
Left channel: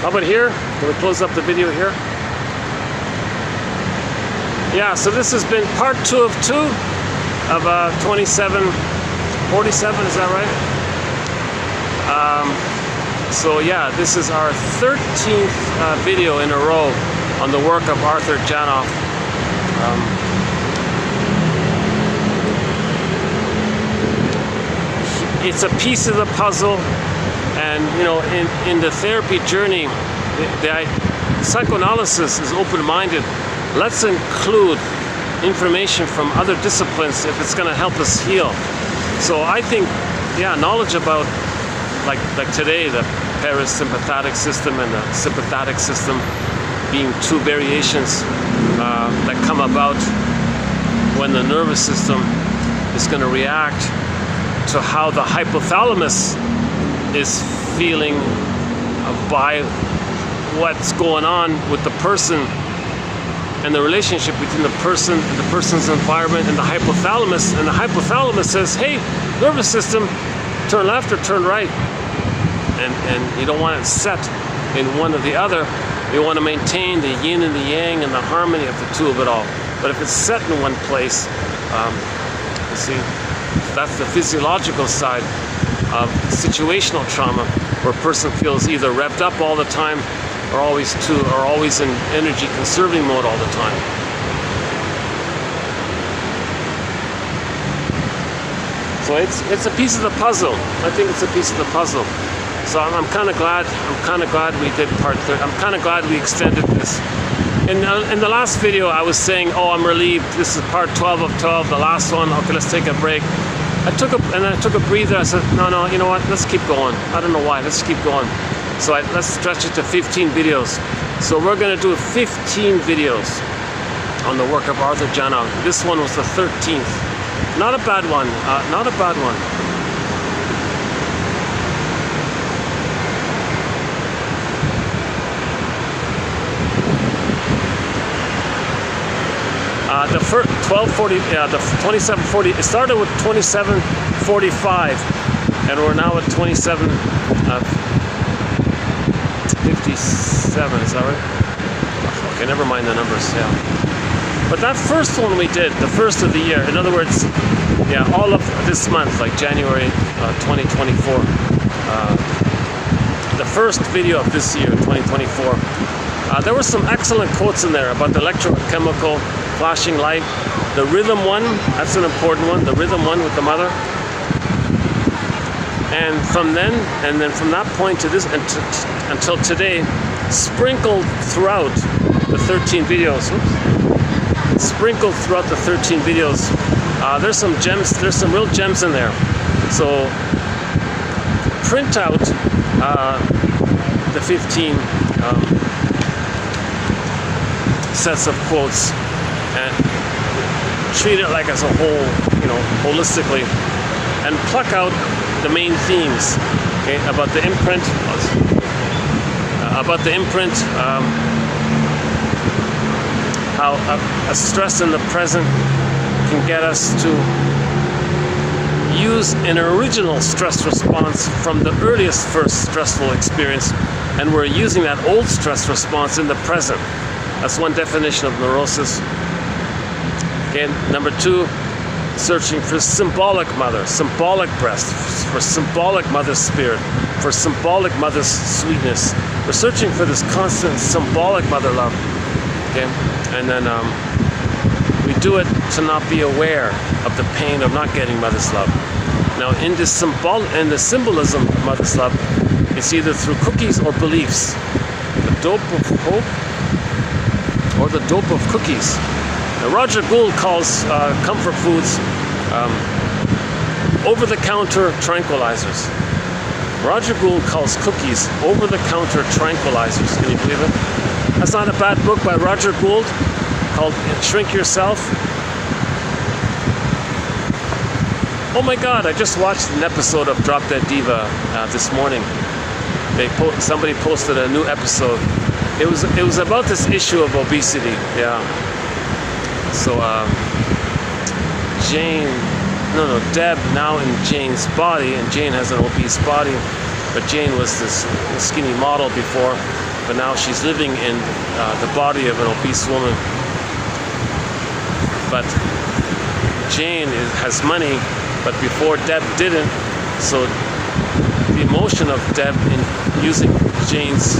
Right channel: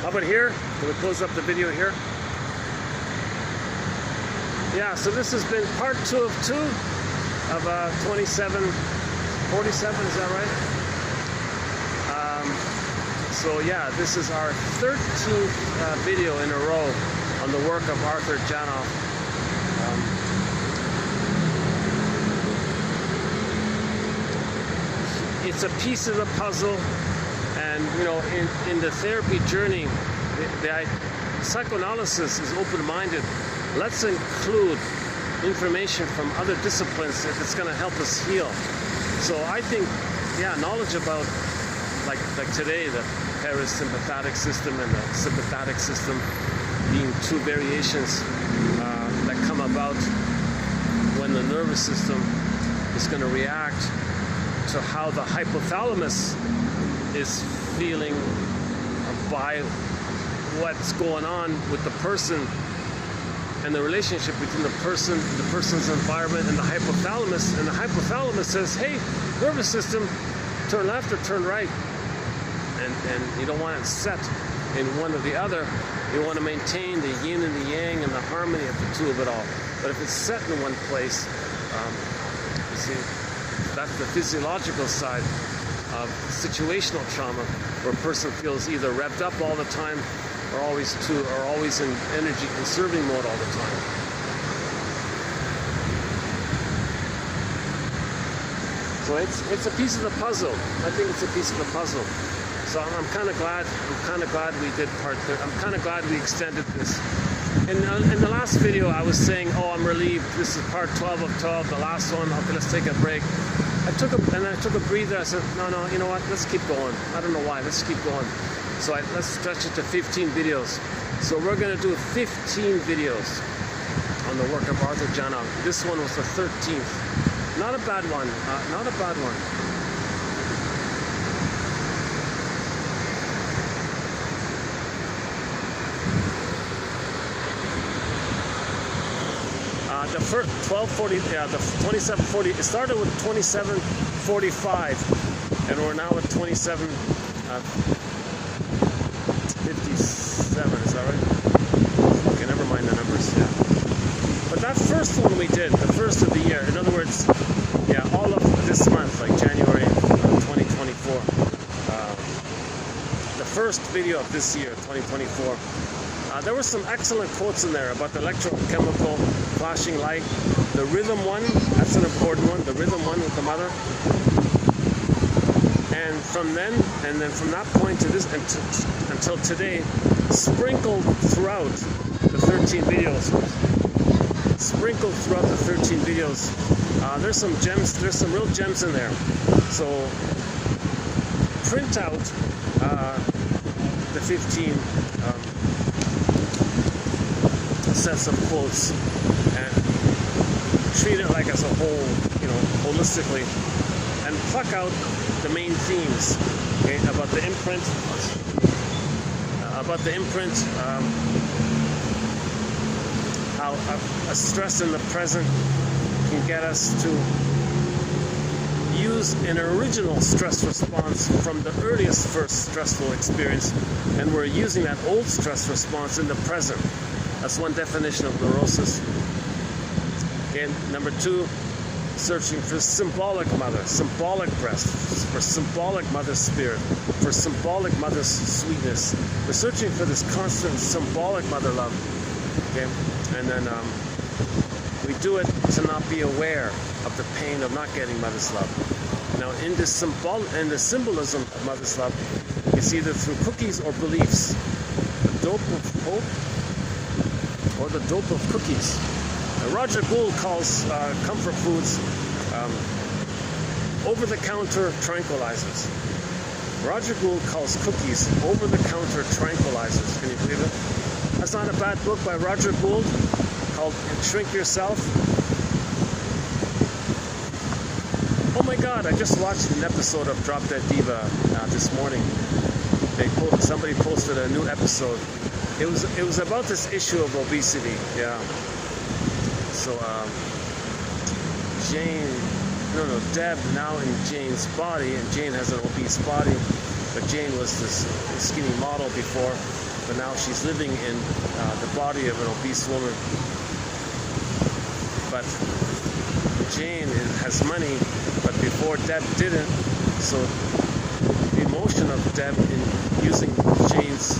How about here? Can we close up the video here? Yeah, so this has been part 2 of 2 of 2747, is that right? So yeah, this is our 13th video in a row on the work of Arthur Janoff. It's a piece of the puzzle. And you know, in the therapy journey, the psychoanalysis is open-minded. Let's include information from other disciplines if it's going to help us heal. So I think, yeah, knowledge about like today, the parasympathetic system and the sympathetic system being two variations that come about when the nervous system is going to react to how the hypothalamus is feeling by what's going on with the person and the relationship between the person and the person's environment and the hypothalamus. And the hypothalamus says, hey, nervous system, turn left or turn right. And you don't want it set in one or the other. We want to maintain the yin and the yang and the harmony of the two of it all. But if it's set in one place, you see, that's the physiological side of situational trauma, where a person feels either revved up all the time or always in energy conserving mode all the time. So it's a piece of the puzzle. I think it's a piece of the puzzle. So I'm kind of glad we did part 3. I'm kind of glad we extended this. In the last video, I was saying, oh, I'm relieved. This is part 12 of 12, the last one. Okay, let's take a break. I took a breather. I said, no, you know what? Let's keep going. I don't know why. Let's keep going. So let's stretch it to 15 videos. So we're going to do 15 videos on the work of Arthur Janov. This one was the 13th. Not a bad one. Not a bad one. The first 1240, the 2740. It started with 2745, and we're now at 2757. Is that right? Okay, never mind the numbers. Yeah. But that first one we did, the first of the year. In other words, yeah, all of this month, like January 2024. The first video of this year, 2024. There were some excellent quotes in there about the electrochemical flashing light. The rhythm one, that's an important one, the rhythm one with the mother. And from that point to this, until today, sprinkled throughout the 13 videos. Sprinkled throughout the 13 videos. There's some gems, there's some real gems in there. So print out the 15 sets of quotes and treat it like as a whole, you know, holistically, and pluck out the main themes, okay, about the imprint, how a stress in the present can get us to use an original stress response from the earliest first stressful experience, and we're using that old stress response in the present. That's one definition of neurosis. Okay, number 2, searching for symbolic mother, symbolic breast, for symbolic mother's spirit, for symbolic mother's sweetness. We're searching for this constant symbolic mother love. Okay, and then we do it to not be aware of the pain of not getting mother's love. Now, in the symbolism of mother's love, it's either through cookies or beliefs. The dope of hope, or the dope of cookies. Now, Roger Gould calls comfort foods over-the-counter tranquilizers. Roger Gould calls cookies over-the-counter tranquilizers. Can you believe it? That's not a bad book by Roger Gould called Shrink Yourself. Oh my God, I just watched an episode of Drop Dead Diva this morning. Somebody posted a new episode. It was about this issue of obesity, yeah. So Deb now in Jane's body, and Jane has an obese body, but Jane was this skinny model before, but now she's living in the body of an obese woman. But Jane has money, but before Deb didn't, so the emotion of Deb in using Jane's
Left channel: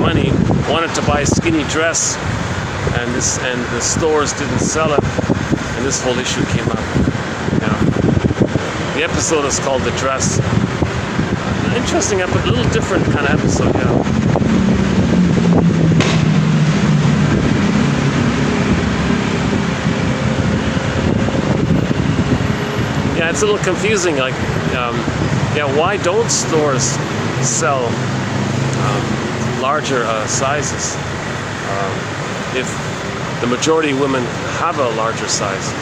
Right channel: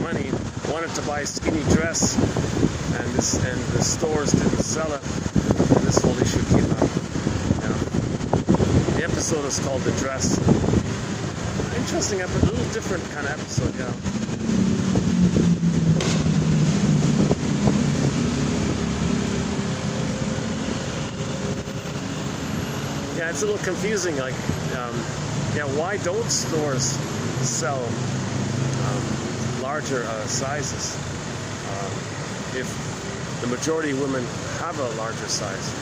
money, wanted to buy a skinny dress, and the stores didn't sell it, and this whole issue came up. The episode is called The Dress. Interesting episode, a little different kind of episode, Yeah, it's a little confusing. Like, why don't stores sell larger sizes if the majority of women have a larger size?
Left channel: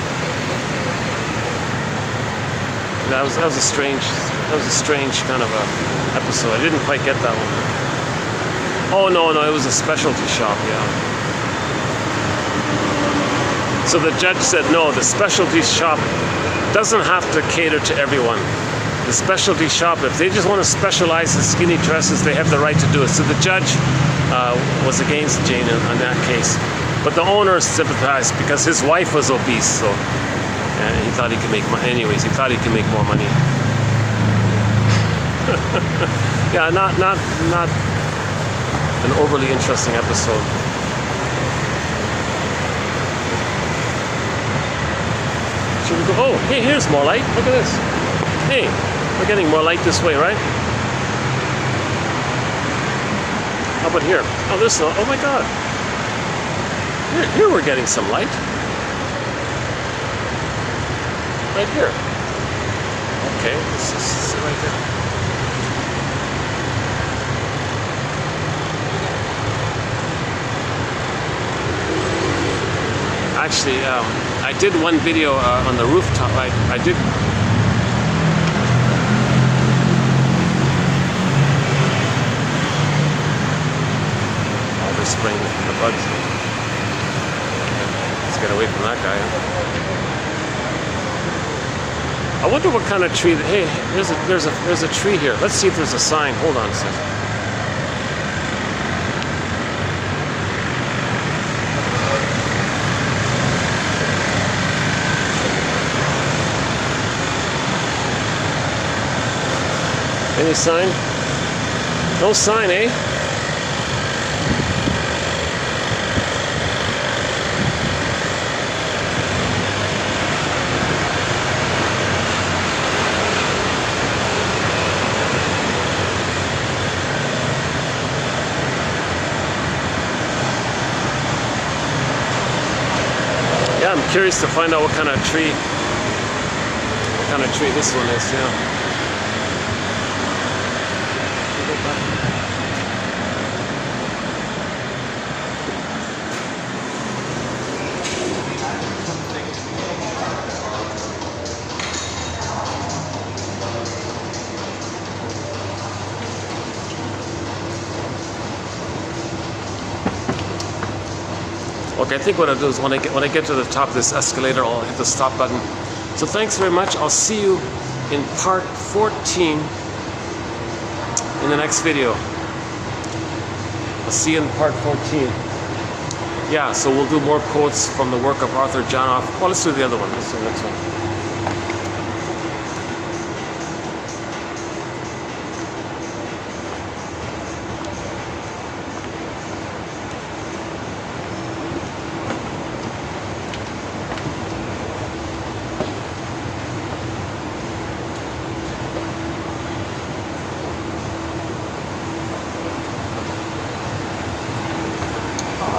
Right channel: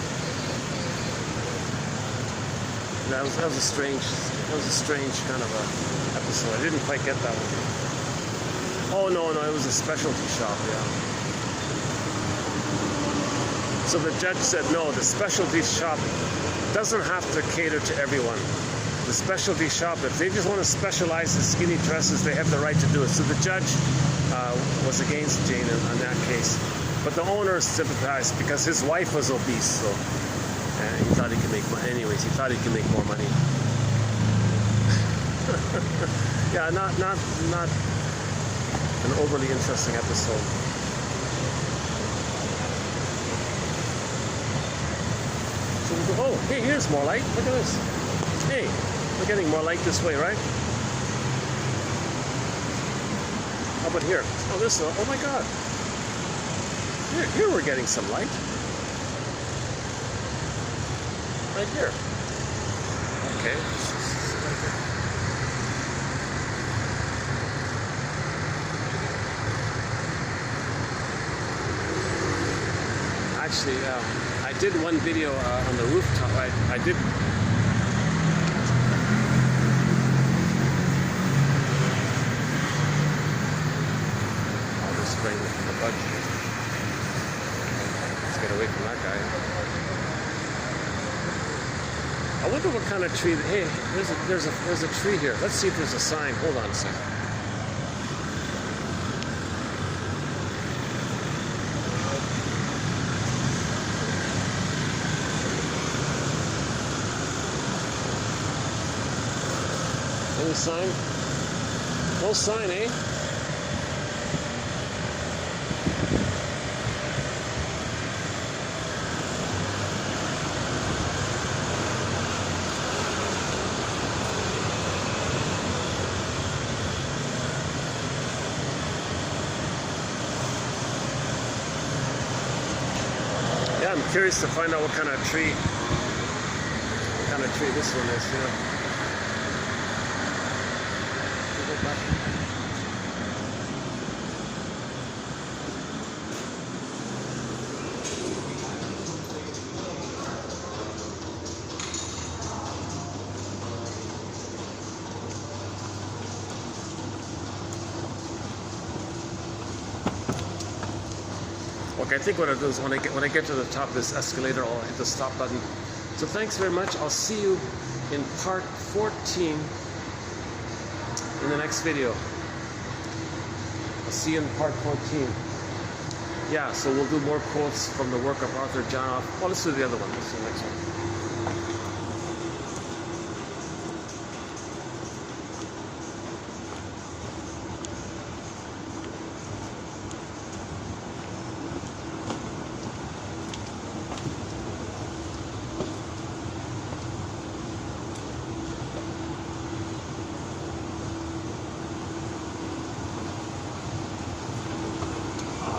That was a strange kind of a episode. I didn't quite get that one. Oh no, it was a specialty shop, yeah. So the judge said no, the specialty shop doesn't have to cater to everyone. The specialty shop, if they just want to specialize in skinny dresses, they have the right to do it. So the judge was against Jane in that case. But the owner sympathized because his wife was obese, so and he thought he could make money. Anyways, he thought he could make more money. Yeah, not an overly interesting episode. Should we go? Oh, hey, here's more light. Look at this. Hey, we're getting more light this way, right? How about here? Oh, this. Oh my God. Here we're getting some light. Right here. Okay, let's just sit right there. Actually, I did one video on the rooftop. I did. All this spraying from the bugs. Let's get away from that guy. I wonder what kind of tree. Hey, there's a tree here. Let's see if there's a sign. Hold on a second. Any sign? No sign, eh? Yeah, I'm curious to find out what kind of tree this one is, yeah. Okay, I think what I'll do is when I get to the top of this escalator, I'll hit the stop button. So thanks very much. I'll see you in part 14 in the next video. I'll see you in part 14. Yeah, so we'll do more quotes from the work of Arthur Janoff. Well, let's do the other one. Let's do the next one.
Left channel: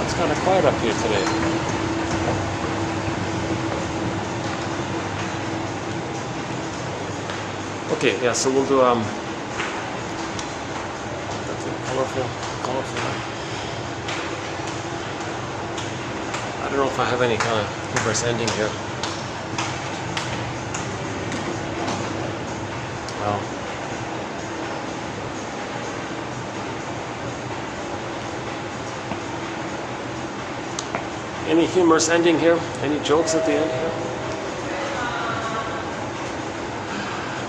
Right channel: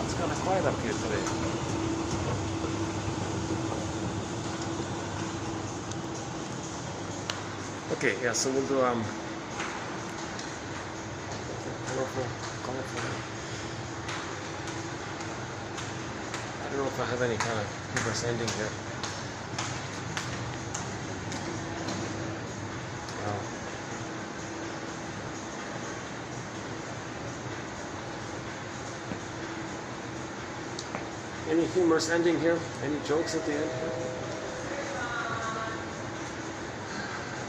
It's kind of quiet up here today. Okay, yeah, so we'll do colorful. I don't know if I have any kind of humorous ending here. Well. Any humorous ending here? Any jokes at the end here?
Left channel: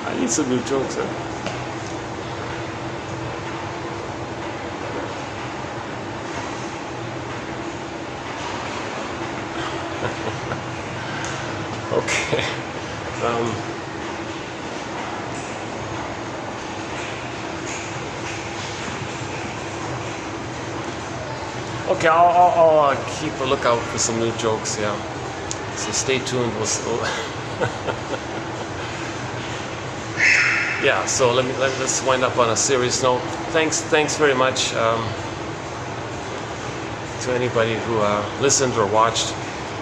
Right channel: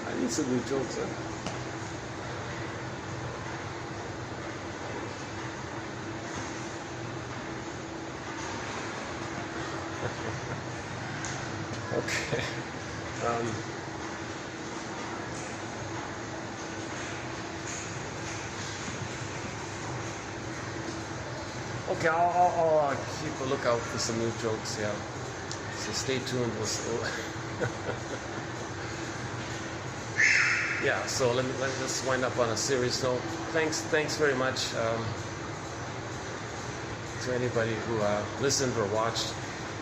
I need some new jokes here. Okay. Okay, I'll keep a lookout for some new jokes, yeah. So stay tuned. Yeah, so let's wind up on a serious note. Thanks very much to anybody who listened or watched.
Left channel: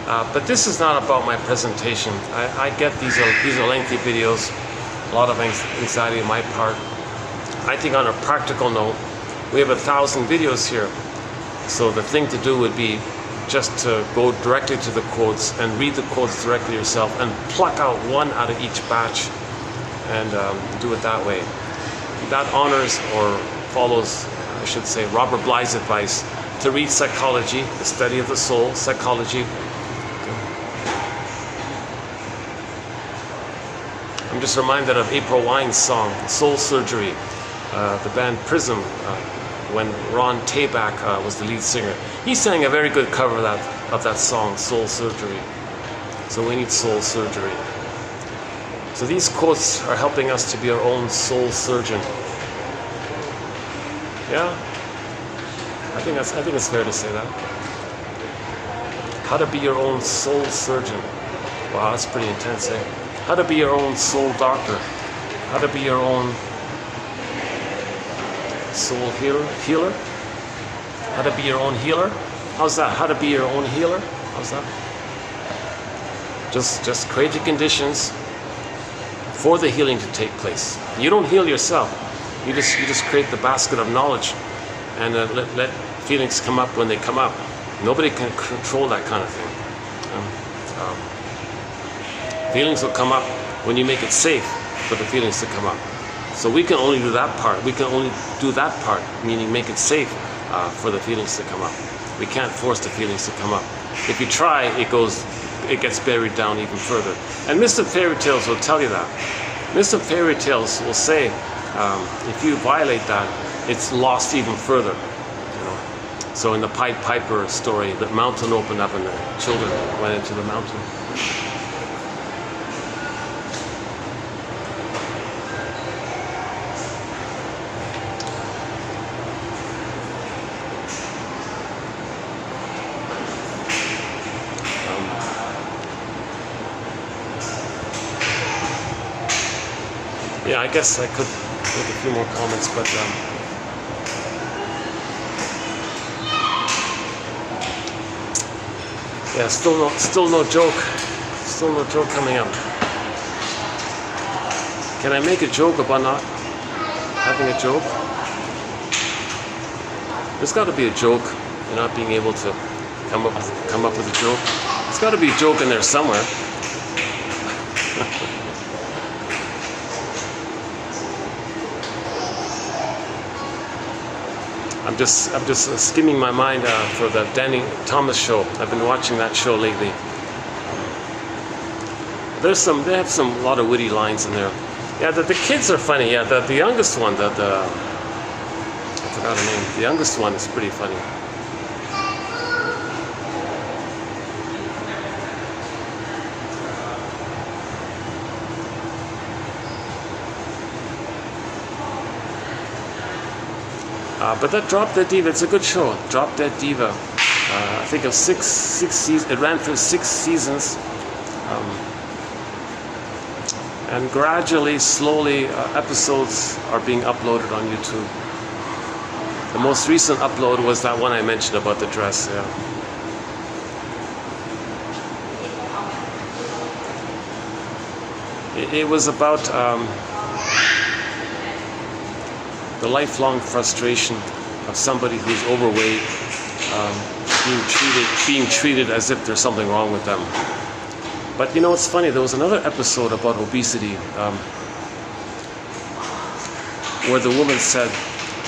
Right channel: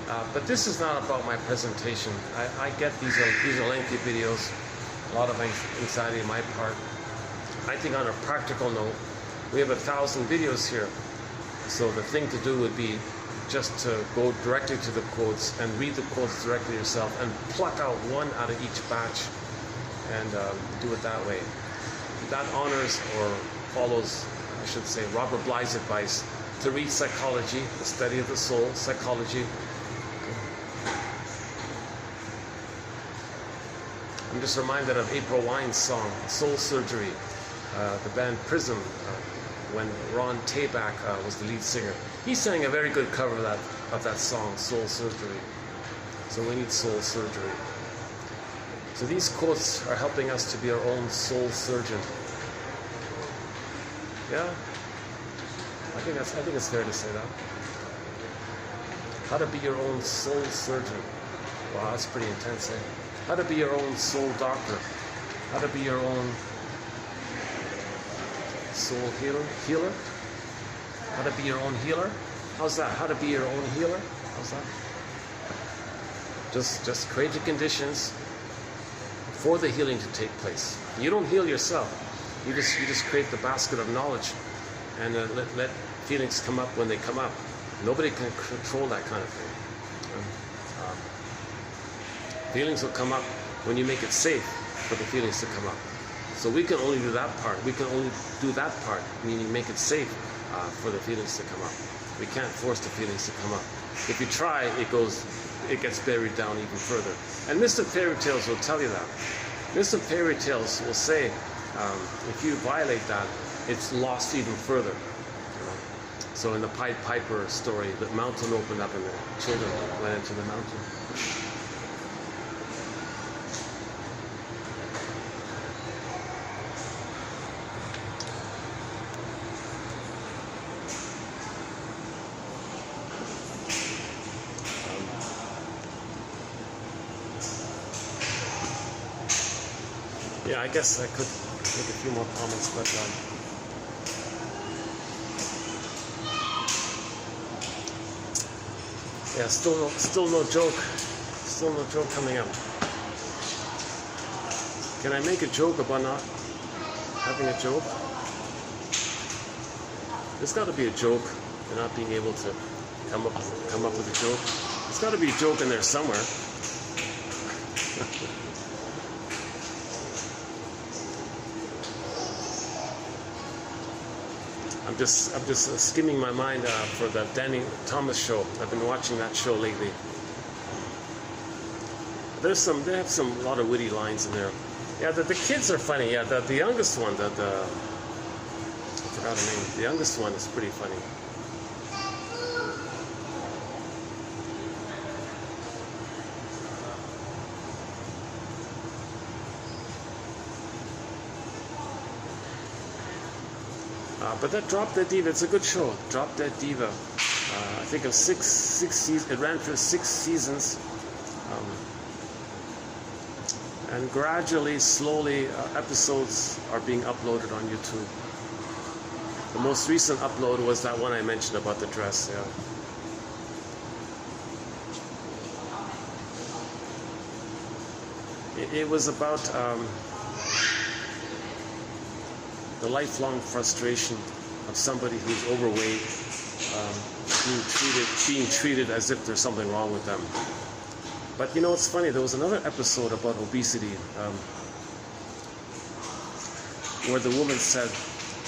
But this is not about my presentation. I get these are lengthy videos, a lot of anxiety on my part. I think on a practical note, we have 1,000 videos here. So the thing to do would be just to go directly to the quotes and read the quotes directly yourself and pluck out one out of each batch and do it that way. That honors or follows, I should say, Robert Bly's advice to read psychology, the study of the soul, psychology. I'm just reminded of April Wine's song, Soul Surgery. The band Prism when Ron Tabak was the lead singer. He sang a very good cover of that song, Soul Surgery. So we need soul surgery. So these quotes are helping us to be our own soul surgeon. Yeah, I think it's fair to say that. How to be your own soul surgeon. Wow, that's pretty intense, eh? How to be your own soul doctor. How to be your own soul healer. How to be your own healer. How's that? How to be your own healer. How's that? Just create the conditions for the healing to take place. You don't heal yourself. You just create the basket of knowledge, and let feelings come up when they come up. Nobody can control that kind of thing. Feelings will come up when you make it safe for the feelings to come up. So we can only do that part. We can only do that part, meaning make it safe for the feelings to come up. We can't force the feelings to come up. If you try, it gets buried down even further. And Myths and Fairy Tales will tell you that. Myths and Fairy Tales will say, if you violate that, it's lost even further. You know? So in the Pied Piper story, the mountain opened up and the children went into the mountain. Yeah, I guess I could make a few more comments, but yeah, still no joke coming up. Can I make a joke about not having a joke? There's got to be a joke. You're not being able to come up with a joke. There's got to be a joke in there somewhere. I'm just skimming my mind for the Danny Thomas show. I've been watching that show lately. They have a lot of witty lines in there. Yeah, the kids are funny. Yeah, the youngest one, I forgot her name. The youngest one is pretty funny. But that Drop Dead Diva, it's a good show. Drop Dead Diva. I think of six seasons. It ran for 6 seasons. And gradually, slowly, episodes are being uploaded on YouTube. The most recent upload was that one I mentioned about the dress. Yeah. It was about the lifelong frustration of somebody who's overweight, being treated as if there's something wrong with them. But you know, it's funny, there was another episode about obesity where the woman said,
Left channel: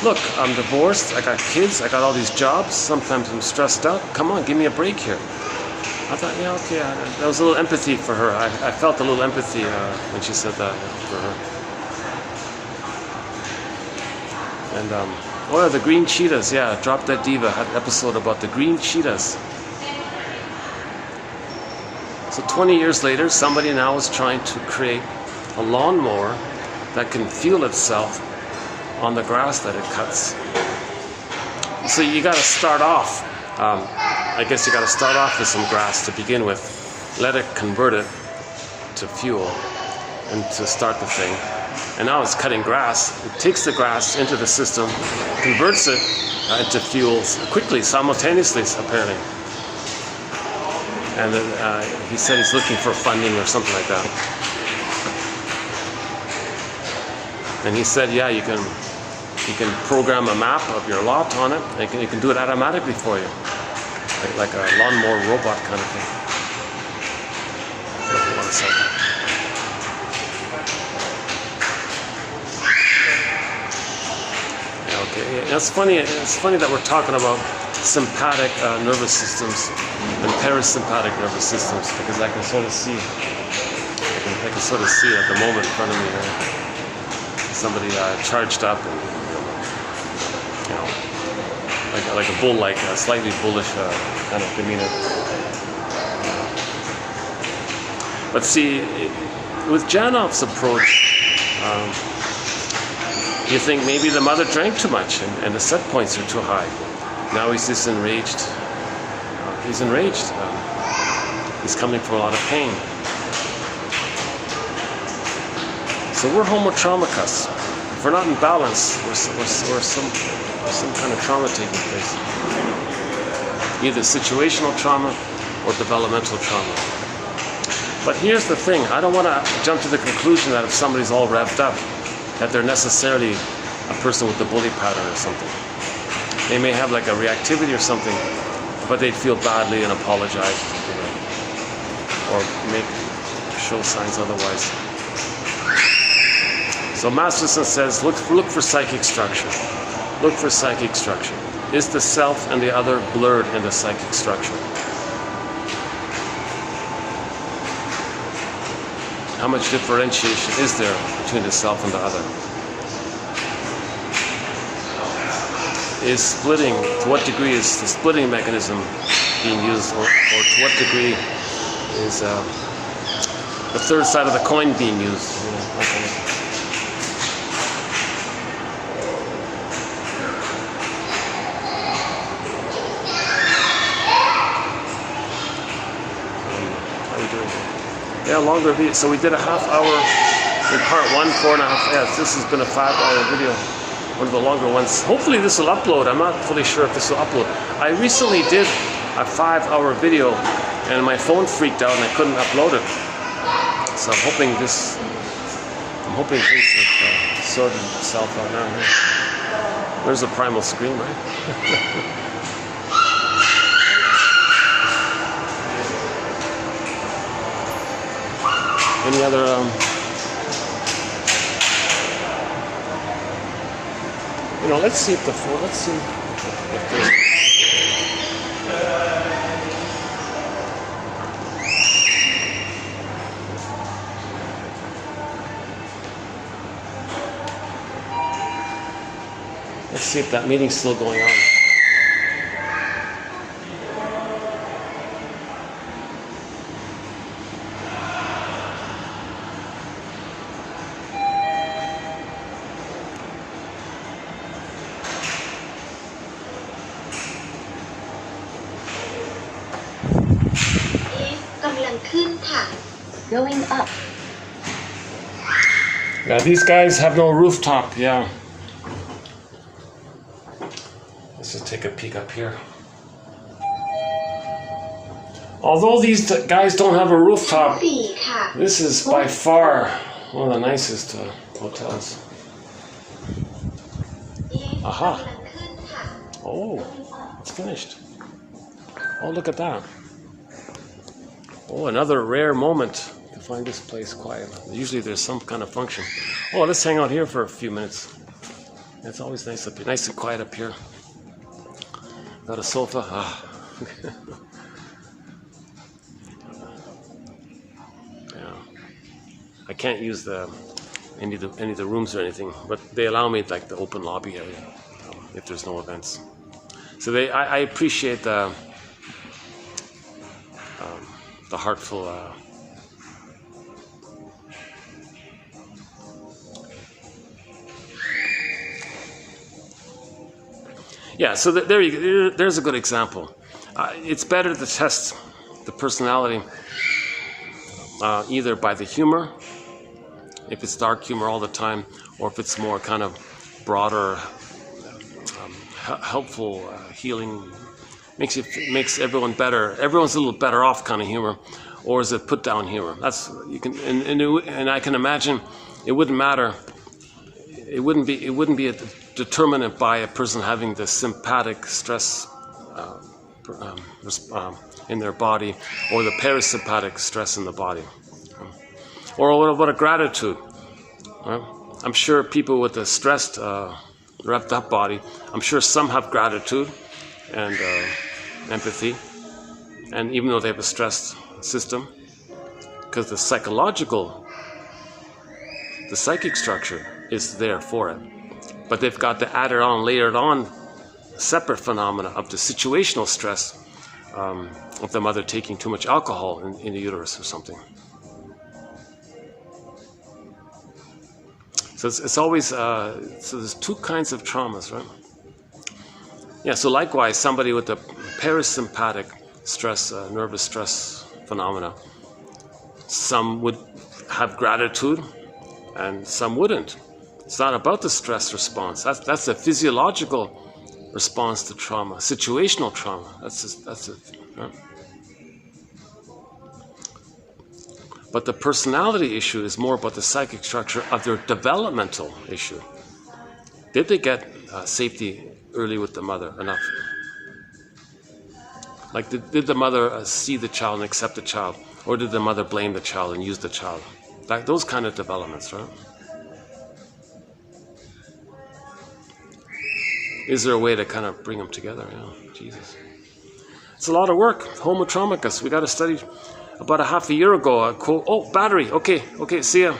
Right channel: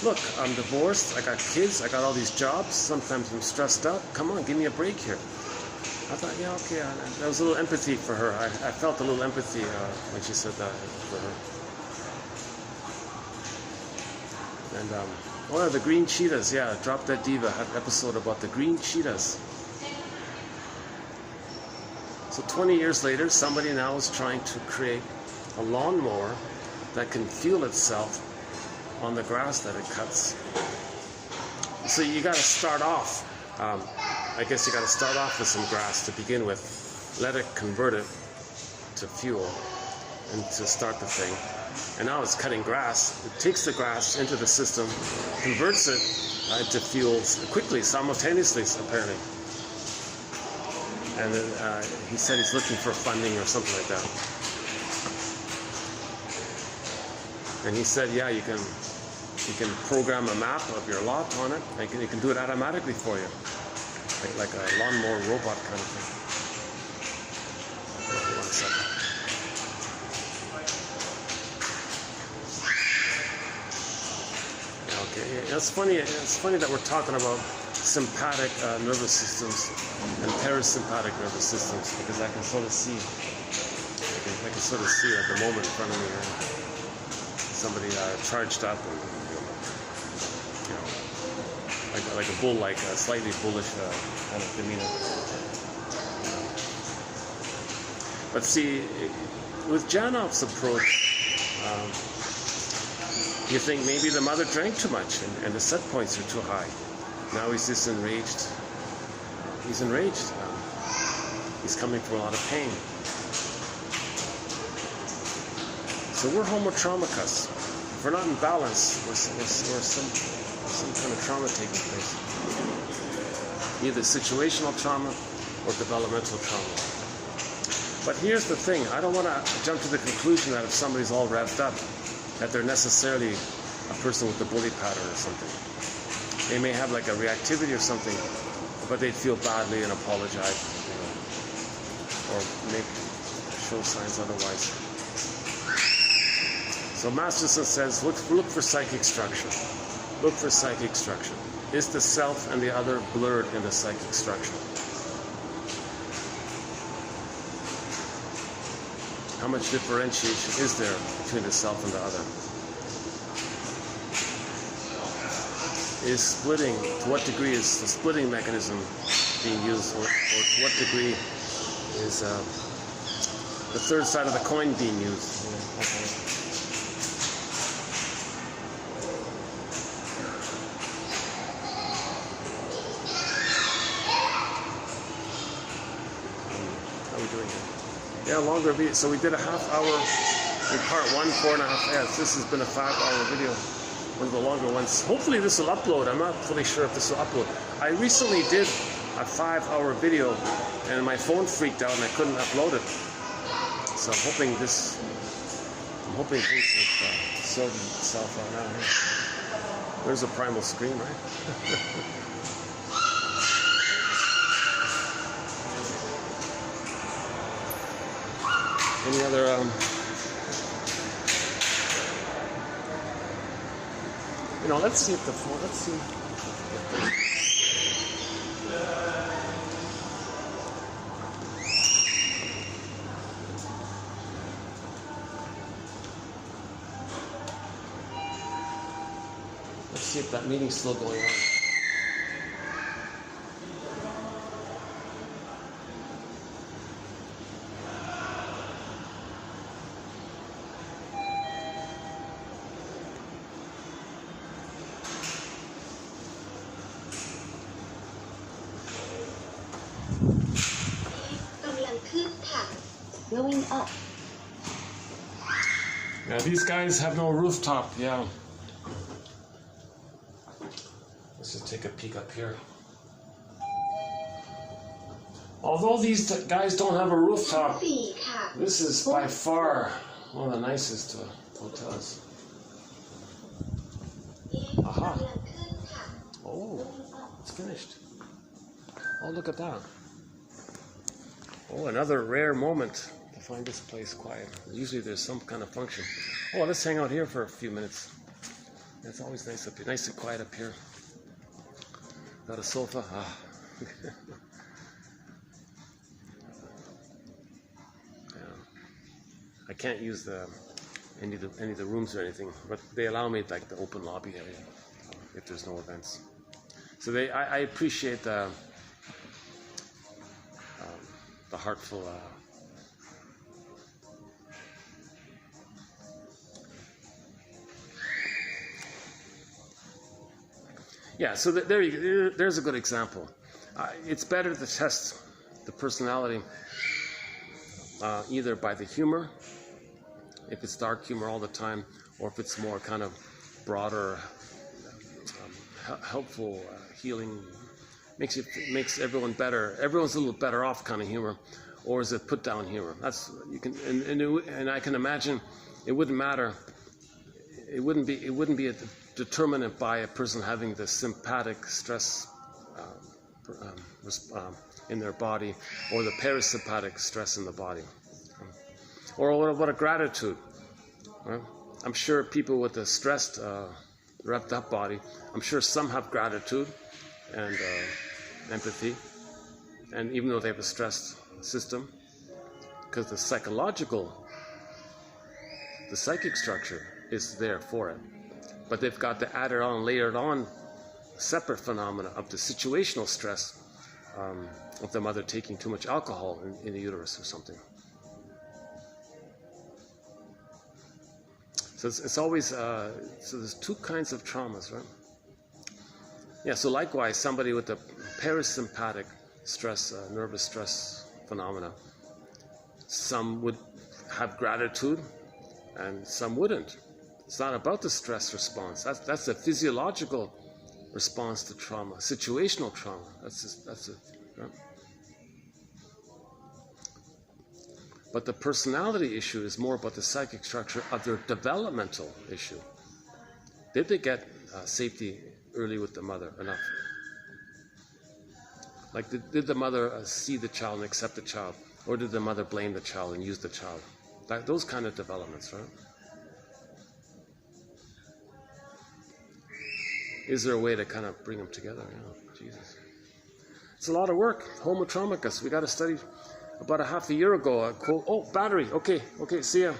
look, I'm divorced, I got kids, I got all these jobs, sometimes I'm stressed out, come on, give me a break here. I thought, yeah, okay, there was a little empathy for her. I felt a little empathy when she said that for her. And, oh yeah, the green cheetahs, yeah, Drop Dead Diva had an episode about the green cheetahs. So 20 years later, somebody now is trying to create a lawnmower that can fuel itself on the grass that it cuts. So you gotta start off, I guess you gotta start off with some grass to begin with. Let it convert it to fuel and to start the thing. And now it's cutting grass. It takes the grass into the system, converts it into fuels quickly, simultaneously, apparently. And he said he's looking for funding or something like that. And he said, yeah, you can program a map of your lot on it, and you can do it automatically for you, like a lawnmower robot kind of thing. Hold on a second. It's funny that we're talking about sympathetic nervous systems and parasympathetic nervous systems, because I can sort of see at the moment in front of me somebody charged up, and, you know, like a bull-like, slightly bullish kind of demeanor. But see, with Janoff's approach, you think maybe the mother drank too much and the set points are too high. Now he's just enraged. He's enraged. He's coming from a lot of pain. So we're homotraumicus. If we're not in balance, we're some kind of trauma taking place. Either situational trauma or developmental trauma. But here's the thing, I don't want to jump to the conclusion that if somebody's all revved up, that they're necessarily a person with a bully pattern or something. They may have like a reactivity or something, but they'd feel badly and apologize, or show signs otherwise. So Masterson says, look for psychic structure. Look for psychic structure. Is the self and the other blurred in the psychic structure? How much differentiation is there between the self and the other? Is splitting, to what degree is the splitting mechanism being used, or to what degree is the third side of the coin being used? Yeah, longer video. So we did a half hour in part 1, 4.5. Yeah, this has been a 5-hour video. One of the longer ones. Hopefully this will upload. I'm not fully sure if this will upload. I recently did a 5-hour video and my phone freaked out and I couldn't upload it. So I'm hoping things have sorted itself out now. There's a primal scream, right? Any other let's see if that meeting's still going on. Going up. Yeah, these guys have no rooftop, yeah. Let's just take a peek up here. Although these guys don't have a rooftop, this is by far one of the nicest hotels. Aha. Oh, it's finished. Oh, look at that. Oh, another rare moment to find this place quiet. Usually there's some kind of function. Oh, let's hang out here for a few minutes. It's always nice up here, nice and quiet up here. Got a sofa. Ah. Yeah. I can't use any of the rooms or anything, but they allow me like the open lobby area if there's no events. So I appreciate the heartful yeah, so there's a good example. It's better to test the personality either by the humor, if it's dark humor all the time, or if it's more kind of broader, helpful, healing, makes everyone better. Everyone's a little better off kind of humor, or is it put down humor? That's you can, and I can imagine it wouldn't matter. It wouldn't be a determinant by a person having the sympathetic stress in their body, or the parasympathetic stress in the body, or what about a gratitude? Right? I'm sure people with a stressed, wrapped up body, I'm sure some have gratitude and empathy, and even though they have a stressed system, because the psychic structure is there for it, but they've got to add it on, layer it on separate phenomena of the situational stress of the mother taking too much alcohol in the uterus or something. So it's always, so there's two kinds of traumas, right? Yeah, so likewise, somebody with a parasympathetic stress, nervous stress phenomena, some would have gratitude and some wouldn't. It's not about the stress response. That's a physiological response to trauma, situational trauma. That's it. Right? But the personality issue is more about the psychic structure of their developmental issue. Did they get safety early with the mother enough? Like, did the mother see the child and accept the child? Or did the mother blame the child and use the child? Like those kind of developments, right? Is there a way to kind of bring them together? Yeah, Jesus. It's a lot of work. Homo traumicus. We got to study about a half a year ago. Oh, battery. Okay, see ya.